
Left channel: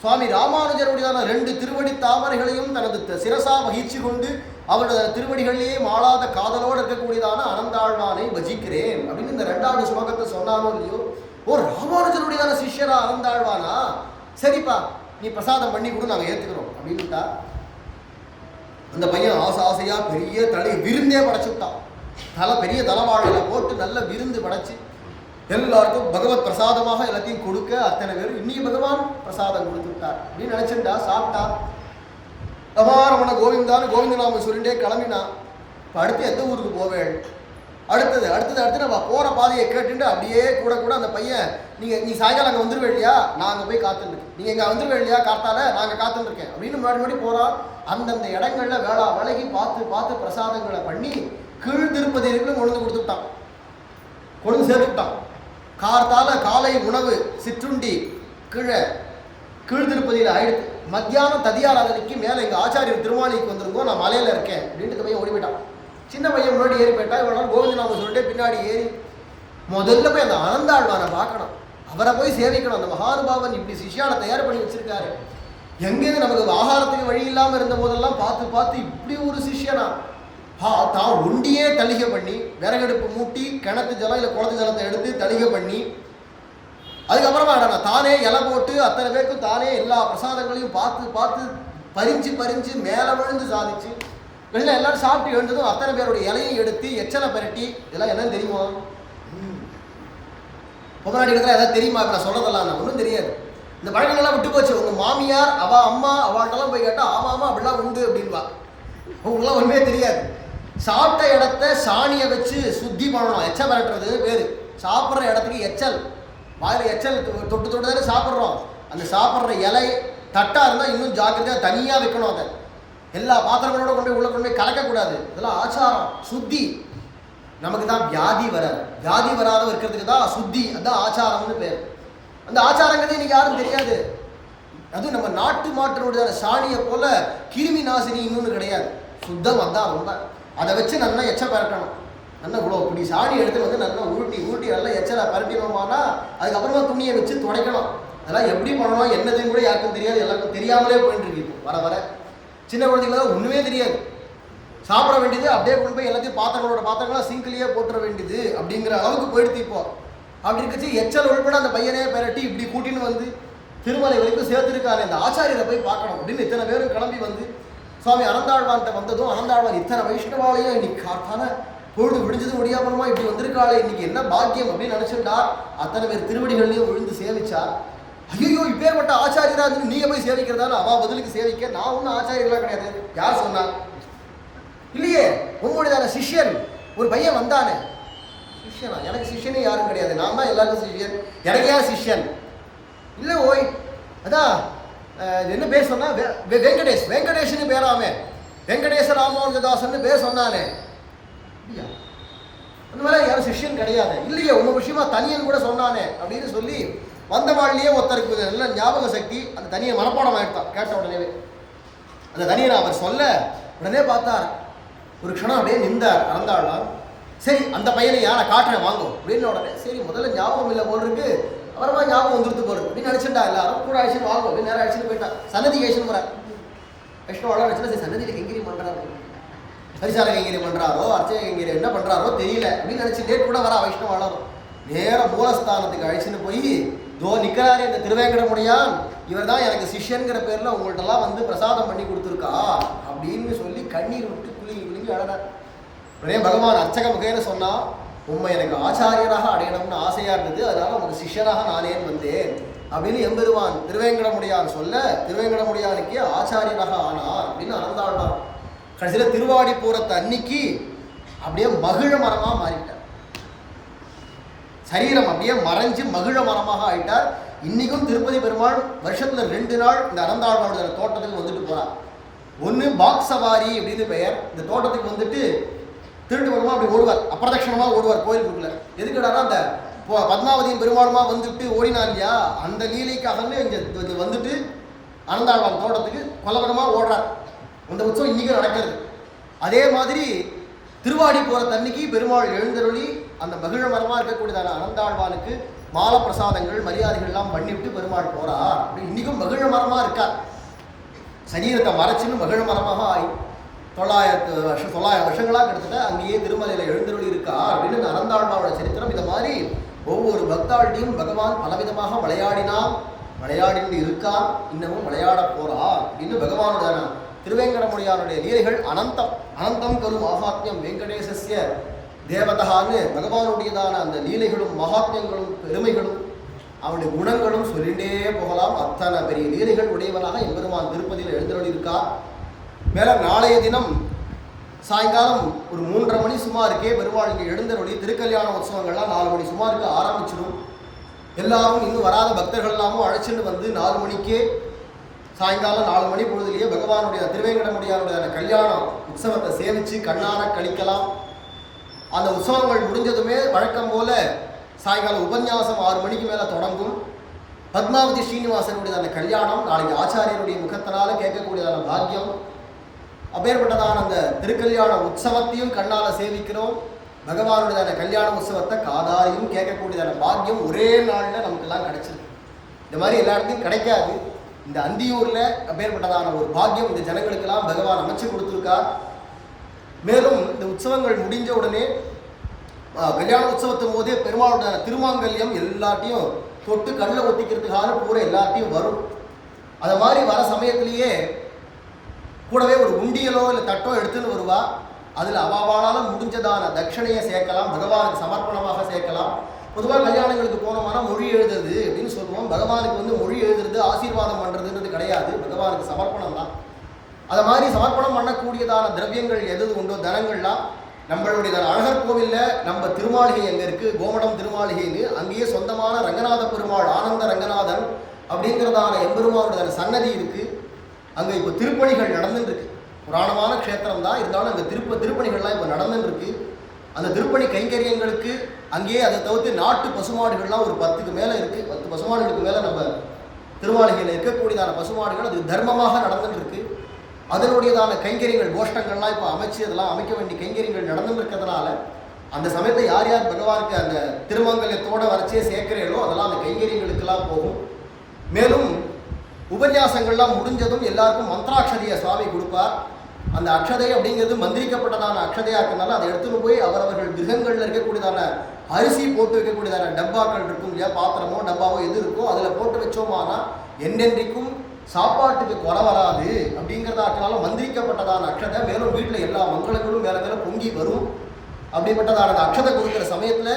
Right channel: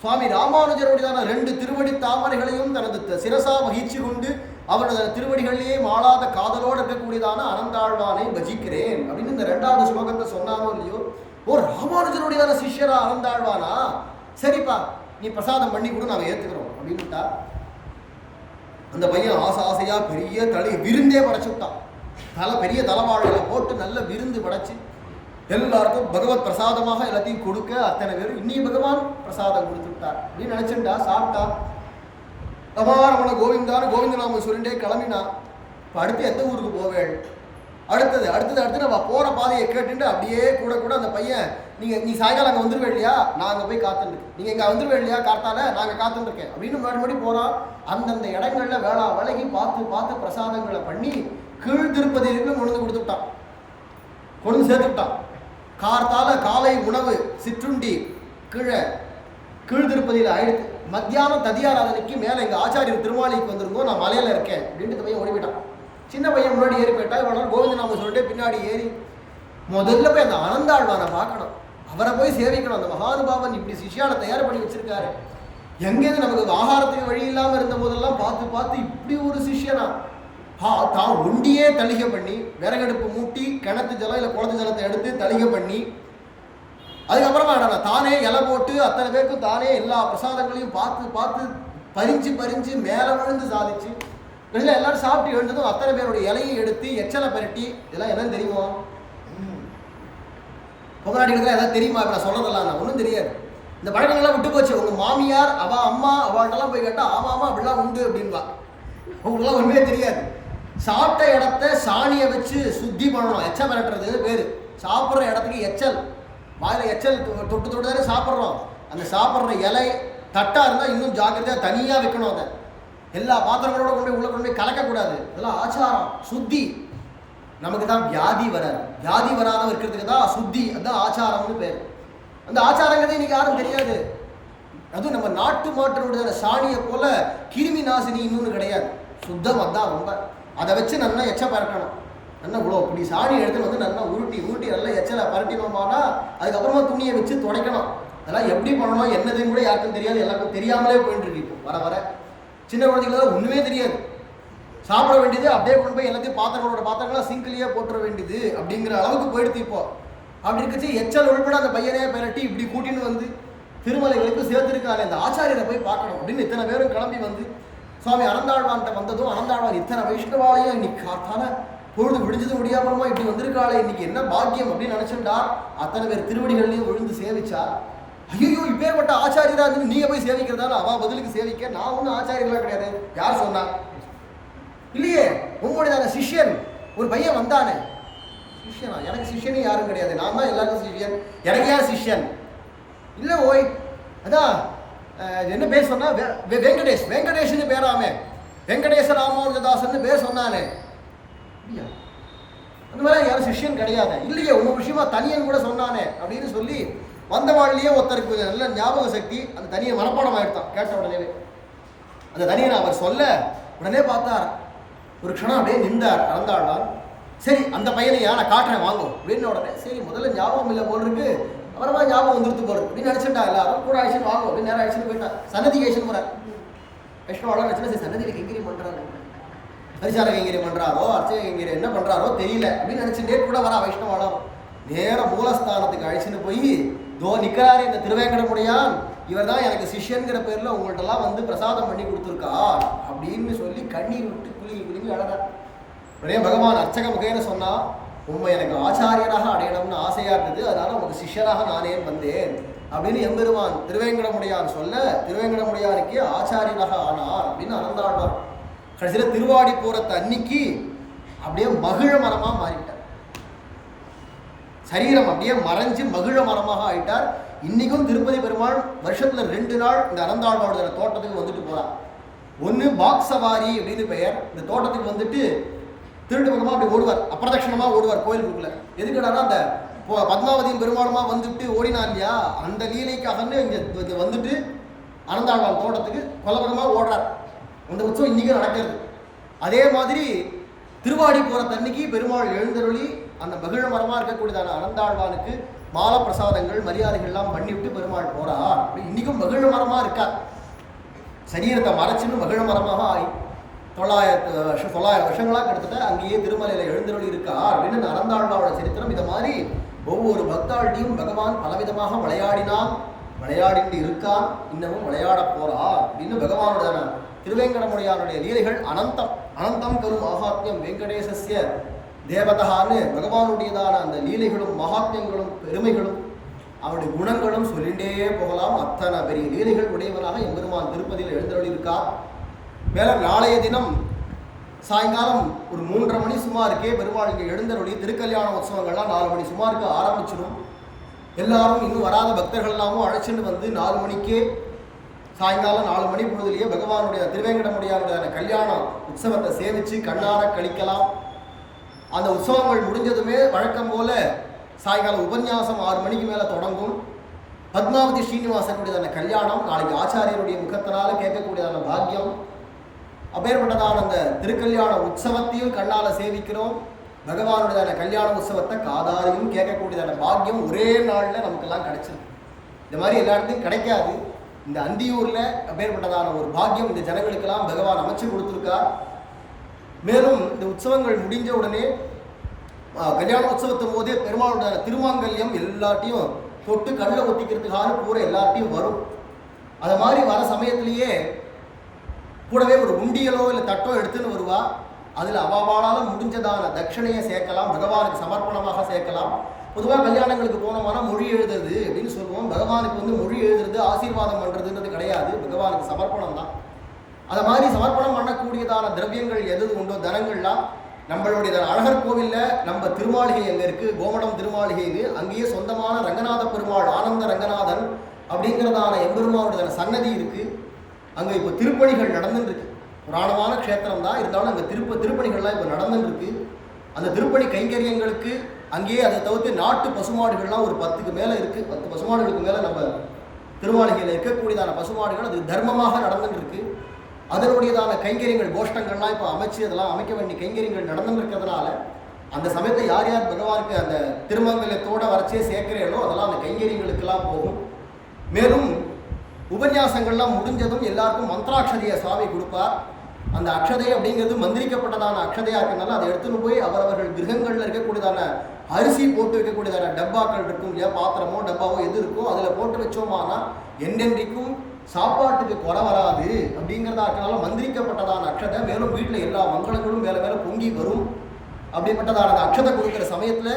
சுவாமி ராமானுஜருடையதான 2 திருவடி தாமரைகளையும் தனது சிரசா வகிச்சு கொண்டு அவருடைய திருவடிகளிலேயே மாளாத காதலோடு இருக்கக்கூடியதான அனந்தாழ்வானை பஜிக்கிறேன் அப்படின்னு இந்த 2வது ஸ்லோகத்தை சொன்னானோ இல்லையோ. ஓ, ராமானுஜருடையதான சிஷ்யரா அனந்தாழ்வானா, சரிப்பா நீ பிரசாதம் பண்ணி கூட நாங்கள் ஏற்றுக்கிறோம் அப்படின்ட்டா. அந்த பையன் ஆசையாக பெரிய விருந்தே படைச்சுட்டான். பெரிய தலைவாழையில் போட்டு நல்ல விருந்து படைச்சு எல்லாருக்கும் பகவத் பிரசாதமாக எல்லாத்தையும் கொடுக்க அத்தனை பேரும் இன்னைக்கு பகவான் பிரசாதம் கொடுத்து விட்டார் அப்படின்னு நினச்சிட்டா. சாப்பிட்டா ரமாரமண கோவிந்தான்னு கோவிந்த நாம சொல்லிட்டே கிளம்பினா. இப்போ அடுத்து எந்த ஊருக்கு போவேள்? அடுத்தது நம்ம போகிற பாதையை கேட்டுட்டு அப்படியே கூட அந்த பையன், நீ சாயங்காலம் அங்கே வந்துடுவேன் இல்லையா, நான் அங்கே போய் காத்துருக்கேன், நீங்கள் இங்கே வந்துடுவேன் இல்லையா காத்தால நாங்கள் காத்துருக்கேன் அப்படின்னு முன்னாடி போகிறான். அந்தந்த இடங்களில் விலகி பார்த்து பிரசாதங்களை பண்ணி கீழ் திருப்பதியிலும் கொண்டு சேர்த்து விட்டான். காலை உணவு சிற்றுண்டி கீழ் திருப்பதியில் ஆயிடுச்சு. மத்தியானம் ததியாராதனைக்கு மேலே எங்கள் ஆச்சாரியர் திருமாலிக்கு வந்திருந்தோம், நான் மலையில் இருக்கேன் அப்படின்ட்டு பையன் ஓடி போயிட்டான். சின்ன பையன் முன்னாடி ஏறி போயிட்டா. இவ்வளோ கோவிந்த நாம சொல்லிட்டு பின்னாடி ஏறி முதல்ல போய் அந்த அனந்தாழ்வானை பார்க்கணும், அவரை போய் சேவிக்கணும். அந்த மகானுபாவன் இப்படி சிஷ்யாவை தயார் பண்ணி வச்சிருக்காரு. எங்கேருந்து நமக்கு ஆகாரத்துக்கு வழி இல்லாமல் இருந்த போதெல்லாம் பார்த்து இப்படி ஒரு சிஷ்யனா தான் ஒண்டியே தளிகை பண்ணி விறகடுப்பு மூட்டி கிணத்து ஜலம் இல்லை குளத்து ஜலத்தை எடுத்து தளிகை பண்ணி அதுக்கப்புறமா நான் தானே இலை போட்டு அத்தனை பேருக்கும் தானே எல்லா பிரசாதங்களையும் பார்த்து பறிஞ்சு மேலே விழுந்து சாதிச்சு வெளில எல்லாரும் சாப்பிட்டு எழுந்ததும் அத்தனை பேருடைய இலையும் எடுத்து எச்சலை பரட்டி. இதெல்லாம் என்னன்னு தெரியுமா? பொம்மநாட்டிகளுக்கு எதாவது தெரியுமா? இப்போ நான் சொல்கிறதெல்லாம் நான் ஒன்றும் தெரியாது. இந்த பழக்கங்கள்லாம் விட்டு போச்சு. உங்கள் மாமியார் அம்மா அவள்கிட்டலாம் போய் கேட்டால் ஆமாம் அப்படிலாம் உண்டு அப்படின்வா. அவங்களுக்குலாம் ஒன்றுமே தெரியாது. சாப்பிட்ட இடத்த சாணியை வச்சு சுத்தி பண்ணணும், எச்சல் பரட்டுறது பேர். சாப்பிட்ற இடத்துக்கு எச்சல், வாயில் எச்சல் தொட்டு தானே சாப்பிட்றோம். அந்த சாப்பிட்ற இலை தட்டாக இருந்தால் இன்னும் ஜாக்கிரதையாக தனியாக வைக்கணும். அதை எல்லா பாத்திரங்களோட கொண்டு போய் கலக்கக்கூடாது. இதெல்லாம் ஆச்சாரம், சுத்தி. நமக்கு தான் வியாதி வராத இருக்கிறதுக்கு தான் சுத்தி, அதுதான் ஆச்சாரம்னு பேர். அந்த ஆச்சாரங்கிறதே இன்னைக்கு யாரும் தெரியாது. அதுவும் நம்ம நாட்டு மாட்டினுடைய சாணியை போல கிருமி நாசினி இன்னொன்று கிடையாது. சுத்தம் அதுதான் ரொம்ப. அதை வச்சு நல்லா எச்ச பரட்டணும். நல்லா இவ்வளோ இப்படி சாணி எடுத்துன்னு வந்து நல்லா ஊட்டி நல்லா எச்சலை பரட்டினோம்னா அதுக்கப்புறமா துணியை வச்சு துடைக்கணும். அதெல்லாம் எப்படி பண்ணணும் என்னதுன்னு கூட யாருக்கும் தெரியாது, எல்லாருக்கும் தெரியாமலே போயிட்டு இருக்கு. இப்போ வர வர சின்ன குழந்தைங்களாம் ஒன்றுமே தெரியாது. சாப்பிட வேண்டியது அப்படியே கொண்டு போய் எல்லாத்தையும் பாத்திரங்களாம் சிங்கிலேயே போட்டுற வேண்டியது அப்படிங்கிற அளவுக்கு போயிடுத்து இப்போ. அப்படி இருக்கச்சு எச்சல் உள்பட அந்த பையனே பெரட்டி இப்படி கூட்டின்னு வந்து திருமலை வரைக்கும் சேர்த்துருக்காரு. அந்த ஆச்சாரியரை போய் பார்க்கணும் அப்படின்னு இத்தனை பேரும் கிளம்பி வந்து சுவாமி அனந்தாழ்வான்கிட்ட வந்ததும் அனந்தாழ்வான் இத்தனை வைஷ்ணவாலையும் இன்னைக்கு காத்தான பொழுது விடிஞ்சது முடியாமலமா இப்படி வந்திருக்காளே, இன்னைக்கு என்ன பாக்கியம் அப்படின்னு நினைச்சுட்டா. அத்தனை பேர் திருவடிகள்லையும் விழுந்து சேவிச்சார். ஐயோ இப்பேற்பட்ட ஆச்சாரியரா இருந்து நீங்க போய் சேவிக்கிறதான்னு அவ பதிலுக்கு சேவிக்க, நான் ஒன்றும் ஆச்சாரியர்களாக கிடையாது. யார் சொன்னா? இல்லையே, உங்களுடைய சிஷ்யன் ஒரு பையன் வந்தானே. சிஷ்யனா? எனக்கு சிஷ்யனே யாரும் கிடையாது, நான் தான் எல்லாருக்கும் சிஷ்யன். எனக்கு யார் சிஷ்யன்? இல்லை ஓய், அதான் என்ன பேர் சொன்னா? வெங்கடேஷ்னு பேராமே, வெங்கடேச ராமானுஜதாசன் பேர் சொன்னானே. இல்லையா, அந்த மாதிரி யாரும் சிஷ்யன் கிடையாது. இல்லையே, உங்க விஷயமா தனியன் கூட சொன்னானே அப்படின்னு சொல்லி வந்த வாழ்லையே ஒருத்தருக்கு நல்ல ஞாபக சக்தி. அந்த தனியை மனப்பாடம் ஆயிடுத்தான் கேட்ட உடனே. அந்த தனியனை அவர் சொல்ல உடனே பார்த்தார். ஒரு க்ஷணம் அப்படியே நின்றார் அனந்தாழ்வார். சரி அந்த பையனையா நான் காட்டுறேன் வாங்கும் அப்படின்னு உடனே சரி முதல்ல ஞாபகம் இல்லை போல் இருக்கு, அப்புறமா ஞாபகம் வந்துருத்து போறது அப்படின்னு நினைச்சுட்டா. எல்லாரும் கூட அழிச்சுன்னு வாங்கும் அப்படின்னு நேரம் அழிச்சுன்னு போயிட்டான். சன்னதி அழிச்சுன்னு போறார். வைஷ்ணவாளர் வச்சுன்னா சரி சன்னதியில் கைங்கரியம் பண்றாரு, பரிசால கைங்கரியம் பண்றாரோ அர்ச்சக கைங்கரியம் என்ன பண்றாரோ தெரியல அப்படின்னு நினைச்சுட்டே கூட வரா வைஷ்ணவாளர். நேரம் மூலஸ்தானத்துக்கு அழிச்சுன்னு போய் தோ நிற்கிறாரு இந்த திருவேங்கடமுடையான், இவர் தான் எனக்கு சிஷ்யன்கிற பேரில் உங்கள்கிட்டலாம் வந்து பிரசாதம் பண்ணி கொடுத்துருக்கா அப்படின்னு சொல்லி கண்ணீர் விட்டு குலுங்கி அழறார். உடனே பகவான் அர்ச்சக முகேன்னு சொன்னா, உண்மை எனக்கு ஆச்சாரியராக அடையணும்னு ஆசையாக இருந்தது, அதனால உங்களுக்கு சிஷ்யராக நானே வந்தேன் அப்படின்னு எம்பெருமான் திருவேங்கடமுடையான் சொல்ல, திருவேங்கடமுடையானுக்கே ஆச்சாரியராக ஆனார் அப்படின்னு அனந்தாழ்வார். கடைசியில் திருவாடி போறத்த அன்னைக்கு அப்படியே மகிழ மரமாக மாறிட்டார். சரீரம் அப்படியே மறைஞ்சு மகிழ மரமாக ஆயிட்டார். இன்னைக்கும் திருப்பதி பெருமாள் வருஷத்துல 2 நாள் இந்த அனந்தாழ்வாரோட தோட்டத்துக்கு வந்துட்டு போறார். ஒன்று பாக்ஸவாரி அப்படின்னு பெயர். இந்த தோட்டத்துக்கு வந்துட்டு திருட்டு பக்கமாக அப்படி ஓடுவார், அப்பிரதட்சணமாக ஓடுவார் கோயிலுக்குள்ள. எதுக்குடானா அந்த பத்மாவதியும் பெருமாளுமா வந்துட்டு ஓடினா இல்லையா, அந்த லீலைக்காகன்னு இங்கே வந்துட்டு அனந்தாழ்வார் தோட்டத்துக்கு கொல்லபக்கமாக ஓடுறார். அந்த உற்சவம் இன்னைக்கும் நடக்கிறது. அதே மாதிரி திருவாடி போகிற தன்னைக்கு பெருமாள் எழுந்தருளி அந்த மகிழ மரமாக இருக்கக்கூடியதான அனந்தாழ்வானுக்கு மால பிரசாதங்கள் மரியாதைகள்லாம் பண்ணிவிட்டு பெருமாள் போறார். அப்படி இன்னைக்கும் மகிழ மரமாக இருக்கார். சரீரத்தை மறைச்சுன்னு மகிழ மரமாக ஆகி 900 வருஷங்களாக கிட்டத்தட்ட அங்கேயே திருமலையில் எழுந்தருளி இருக்கார் அப்படின்னு இந்த அனந்தாழ்வாவோட சரித்திரம். இந்த மாதிரி ஒவ்வொரு பக்தாள்கிட்டையும் பகவான் பலவிதமாக விளையாடிட்டு இருக்கார், இன்னமும் விளையாட போறார் அப்படின்னு பகவானோட திருவேங்கடமுடையானுடைய லீலைகள் அனந்தம் கரு மகாத்மியம் வெங்கடேசஸ்ய தேவதான்னு பகவானுடையதான அந்த லீலைகளும் மகாத்மியங்களும் பெருமைகளும் அவருடைய குணங்களும் சொல்லிண்டே போகலாம். அத்தனை பெரிய லீலைகள் உடையவனாக எம்பெருமான் திருப்பதியில் எழுந்தருளி இருக்கார். மேலே நாளைய தினம் சாயங்காலம் ஒரு 3:30 மணி சுமாருக்கே பெருமாள் இங்கே எழுந்தருளி திருக்கல்யாண உற்சவங்கள்லாம் 4 மணி சுமாருக்கு ஆரம்பிச்சிடும். எல்லாரும் இன்னும் வராத பக்தர்கள் எல்லாமும் அழைச்சிட்டு வந்து 4 மணிக்கே சாயங்காலம் 4 மணி பொழுதுலேயே பகவானுடைய திருவேங்கடமுடையானுடைய கல்யாண உற்சவத்தை சேவித்து கண்ணார கழிக்கலாம். அந்த உற்சவங்கள் முடிஞ்சதுமே வழக்கம் போல சாயங்காலம் உபன்யாசம் 6 மணிக்கு மேலே தொடங்கும். பத்மாவதி ஸ்ரீனிவாசனுடையதான கல்யாணம் நாளைக்கு ஆச்சாரியனுடைய முகத்தினால கேட்கக்கூடியதான பாக்கியம். அப்பேற்பட்டதான அந்த திருக்கல்யாண உற்சவத்தையும் கண்ணால சேவிக்கிறோம். பகவானுடையதான கல்யாண உற்சவத்தை காதாரையும் கேட்கக்கூடியதான பாக்கியம் ஒரே நாளில் நமக்கெல்லாம் கிடைச்சிருக்கு. இந்த மாதிரி எல்லா இடத்தையும் கிடைக்காது. இந்த அந்தியூரில் அப்பேற்பட்டதான ஒரு பாக்கியம் இந்த ஜனங்களுக்கெல்லாம் பகவான் அமைச்சு கொடுத்துருக்கார். மேலும் இந்த உற்சவங்கள் முடிஞ்ச உடனே கல்யாண உற்சவத்தின் போதே பெருமாளுடைய திருமாங்கல்யம் எல்லாத்தையும் தொட்டு கண்ணில் ஒத்திக்கிறதுக்கான பூரா எல்லாத்தையும் வரும். அது மாதிரி வர சமயத்திலேயே கூடவே ஒரு உண்டியலோ இல்லை தட்டோ எடுத்துன்னு வருவா. அதில் அவாவாளால் முடிஞ்சதான தட்சணையை சேர்க்கலாம், பகவானுக்கு சமர்ப்பணமாக சேர்க்கலாம். பொதுவாக கல்யாணங்களுக்கு போனோம்னா மொழி எழுதுறது அப்படின்னு சொல்லுவோம். பகவானுக்கு வந்து மொழி எழுதுறது ஆசீர்வாதம் பண்ணுறதுன்றது கிடையாது, பகவானுக்கு சமர்ப்பணம் தான். அதை மாதிரி சமர்ப்பணம் பண்ணக்கூடியதான திரவியங்கள் எது உண்டோ தனங்கள்லாம் நம்மளுடைய அழகர் கோவிலில் நம்ம திருமாளிகை எங்கே இருக்குது, கோமடம் திருமாளிகைன்னு அங்கேயே சொந்தமான ரங்கநாத பெருமாள் ஆனந்த ரங்கநாதன் அப்படிங்கிறதான எம்பெருமானுடைய சன்னதி இருக்குது. அங்கே இப்போ திருப்பணிகள் நடந்துருக்கு. புராணமான க்ஷேத்திரம் தான், இருந்தாலும் அங்கே திருப்பணிகள்லாம் இப்போ நடந்துருக்கு. அந்த திருப்பணி கைங்கரியங்களுக்கு அங்கேயே அதை தவிர்த்து நாட்டு பசுமாடுகள்லாம் ஒரு 10க்கு மேலே இருக்குது. 10 பசுமாடுகளுக்கு மேலே நம்ம திருமாளிகையில் இருக்கக்கூடியதான பசுமாடுகள் அது தர்மமாக நடந்துருக்கு. அதனுடையதான கைங்கரியங்கள் கோஷ்டங்கள்லாம் இப்போ அமைச்சு அதெல்லாம் அமைக்க வேண்டிய கைங்கரியங்கள் நடந்துருக்கிறதுனால அந்த சமயத்தை யார் யார் பகவானுக்கு அந்த திருமங்கலத்தோட வரைச்சே சேர்க்கிறீங்களோ அதெல்லாம் அந்த கைங்கரியங்களுக்கெல்லாம் போகும். மேலும் உபன்யாசங்கள்லாம் முடிஞ்சதும் எல்லாருக்கும் மந்திராட்சதையை சுவாமி கொடுப்பார். அந்த அக்ஷதை அப்படிங்கிறது மந்திரிக்கப்பட்டதான அக்ஷதையாக இருக்கிறதுனால அதை எடுத்துன்னு போய் அவரவர்கள் கிரகங்களில் இருக்கக்கூடியதான அரிசி போட்டு வைக்கக்கூடியதான டப்பாக்கள் இருக்கும் இல்லையா, பாத்திரமோ டப்பாவோ எது இருக்கோ அதில் போட்டு வச்சோமானா என்றென்றைக்கும் சாப்பாட்டுக்கு குறை வராது அப்படிங்கிறதா இருக்கனால மந்திரிக்கப்பட்டதான அக்ஷதை. மேலும் வீட்டில் எல்லா மங்களங்களும் மேலே மேலே பொங்கி வரும். அப்படிப்பட்டதான அந்த அக்ஷதை கொடுக்குற சமயத்தில்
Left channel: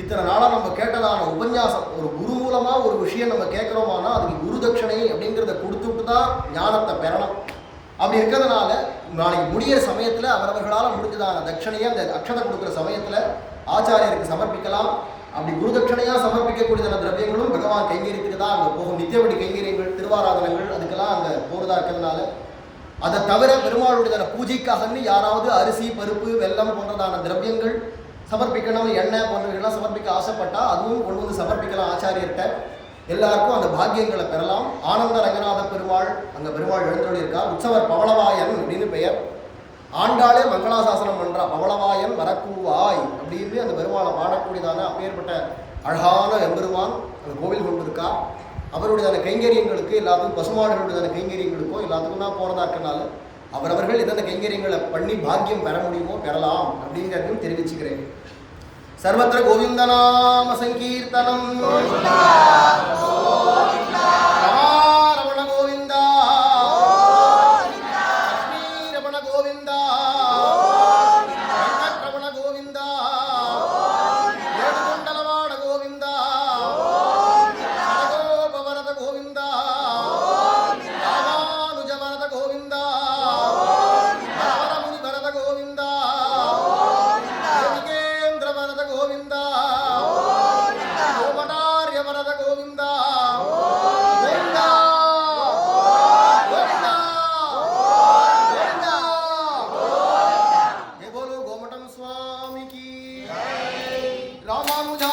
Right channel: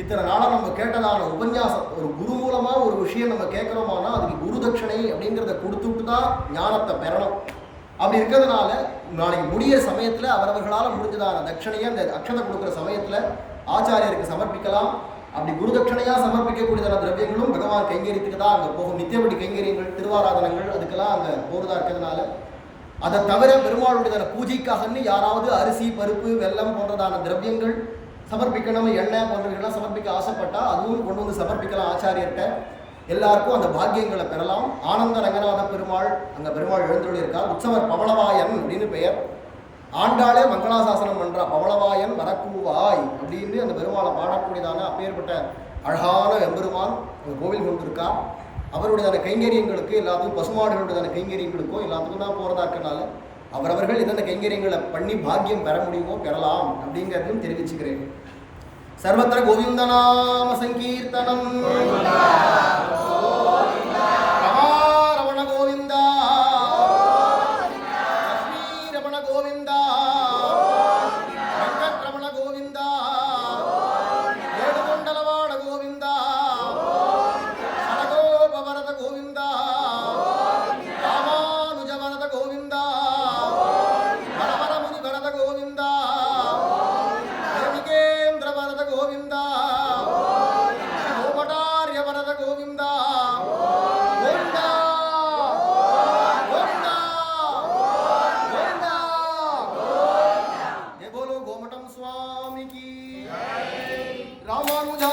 இத்தனை நாளாக நம்ம கேட்டதான உபன்யாசம் ஒரு குரு மூலமாக ஒரு விஷயம் நம்ம கேட்குறோமானா அதுக்கு குரு தட்சணை அப்படிங்கிறத கொடுத்துட்டு தான் ஞானத்தை பெறணும். அப்படி இருக்கிறதுனால நாளைக்கு முடிகிற சமயத்தில் அவரவர்களால் முடிஞ்சதான தட்சணையை அந்த அக்ஷதை கொடுக்குற சமயத்தில் ஆச்சாரியருக்கு சமர்ப்பிக்கலாம். அப்படி குரு தட்சணையாக சமர்ப்பிக்கக்கூடியதான திரவியங்களும் பகவான் கைங்கரியத்துக்கு தான் அங்கே போகும். நித்தியபடி கைங்கரியங்கள், திருவாராதனங்கள் அதுக்கெல்லாம் அங்கே போகிறதா இருக்கிறதுனால அதை தவிர பெருமாளுடையதான பூஜைக்காகன்னு யாராவது அரிசி, பருப்பு, வெல்லம் போன்றதான திரவியங்கள் சமர்ப்பிக்கணும், எண்ணெய் போன்றவைகள்லாம் சமர்ப்பிக்க ஆசைப்பட்டால் அதுவும் கொண்டு வந்து சமர்ப்பிக்கலாம் ஆச்சாரியர்கிட்ட. எல்லாருக்கும் அந்த பாக்கியங்களை பெறலாம். ஆனந்த ரங்கநாத பெருமாள் அங்கே பெருமாள் எழுந்தருளியிருக்கார். உற்சவர் பவளவாயன் அப்படின்னு பெயர். ஆண்டாளே மங்களாசாசனம் பண்ணுறா, பவளவாயன் வரக்கூவாய் அப்படின்னு அந்த பெருமாளை பாடக்கூடியதான அப்பேற்பட்ட அழகான எம்பெருமான் அந்த கோவில் கொண்டிருக்கா. அவருடையதான கைங்கரியங்களுக்கு எல்லாத்துக்கும் பசுமாடுகளுடையதான கைங்கரியங்களுக்கோ எல்லாத்துக்கும் தான் போகிறதா இருக்கனால அவரவர்கள் எந்தெந்த கைங்கரியங்களை பண்ணி பாக்கியம் பெற முடியுமோ பெறலாம் அப்படிங்கிறதையும் தெரிவிச்சுக்கிறேன். சர்வத்திர கோவிந்தநாம சங்கீர்த்தனம் ரமண கோவிந்தா, லக்ஷ்மீரமண கோவிந்தா, வெங்கட்ரமண கோவிந்தா, ஏடுகொண்டலவாட கோவிந்தா, சரகோபவரத கோவிந்தா, ராமானுஜ வரத கோவிந்தா, வரவர முனி வரத கோவிந்தா, தேவிகேந்திர வரத கோவிந்தா, கோபடாரிய வரத கோவிந்தா, கோவிந்தா கோவிந்தா கோவிந்தா. ஜெய போலோ கோமடம் சுவாமி கி. ராமானுஜா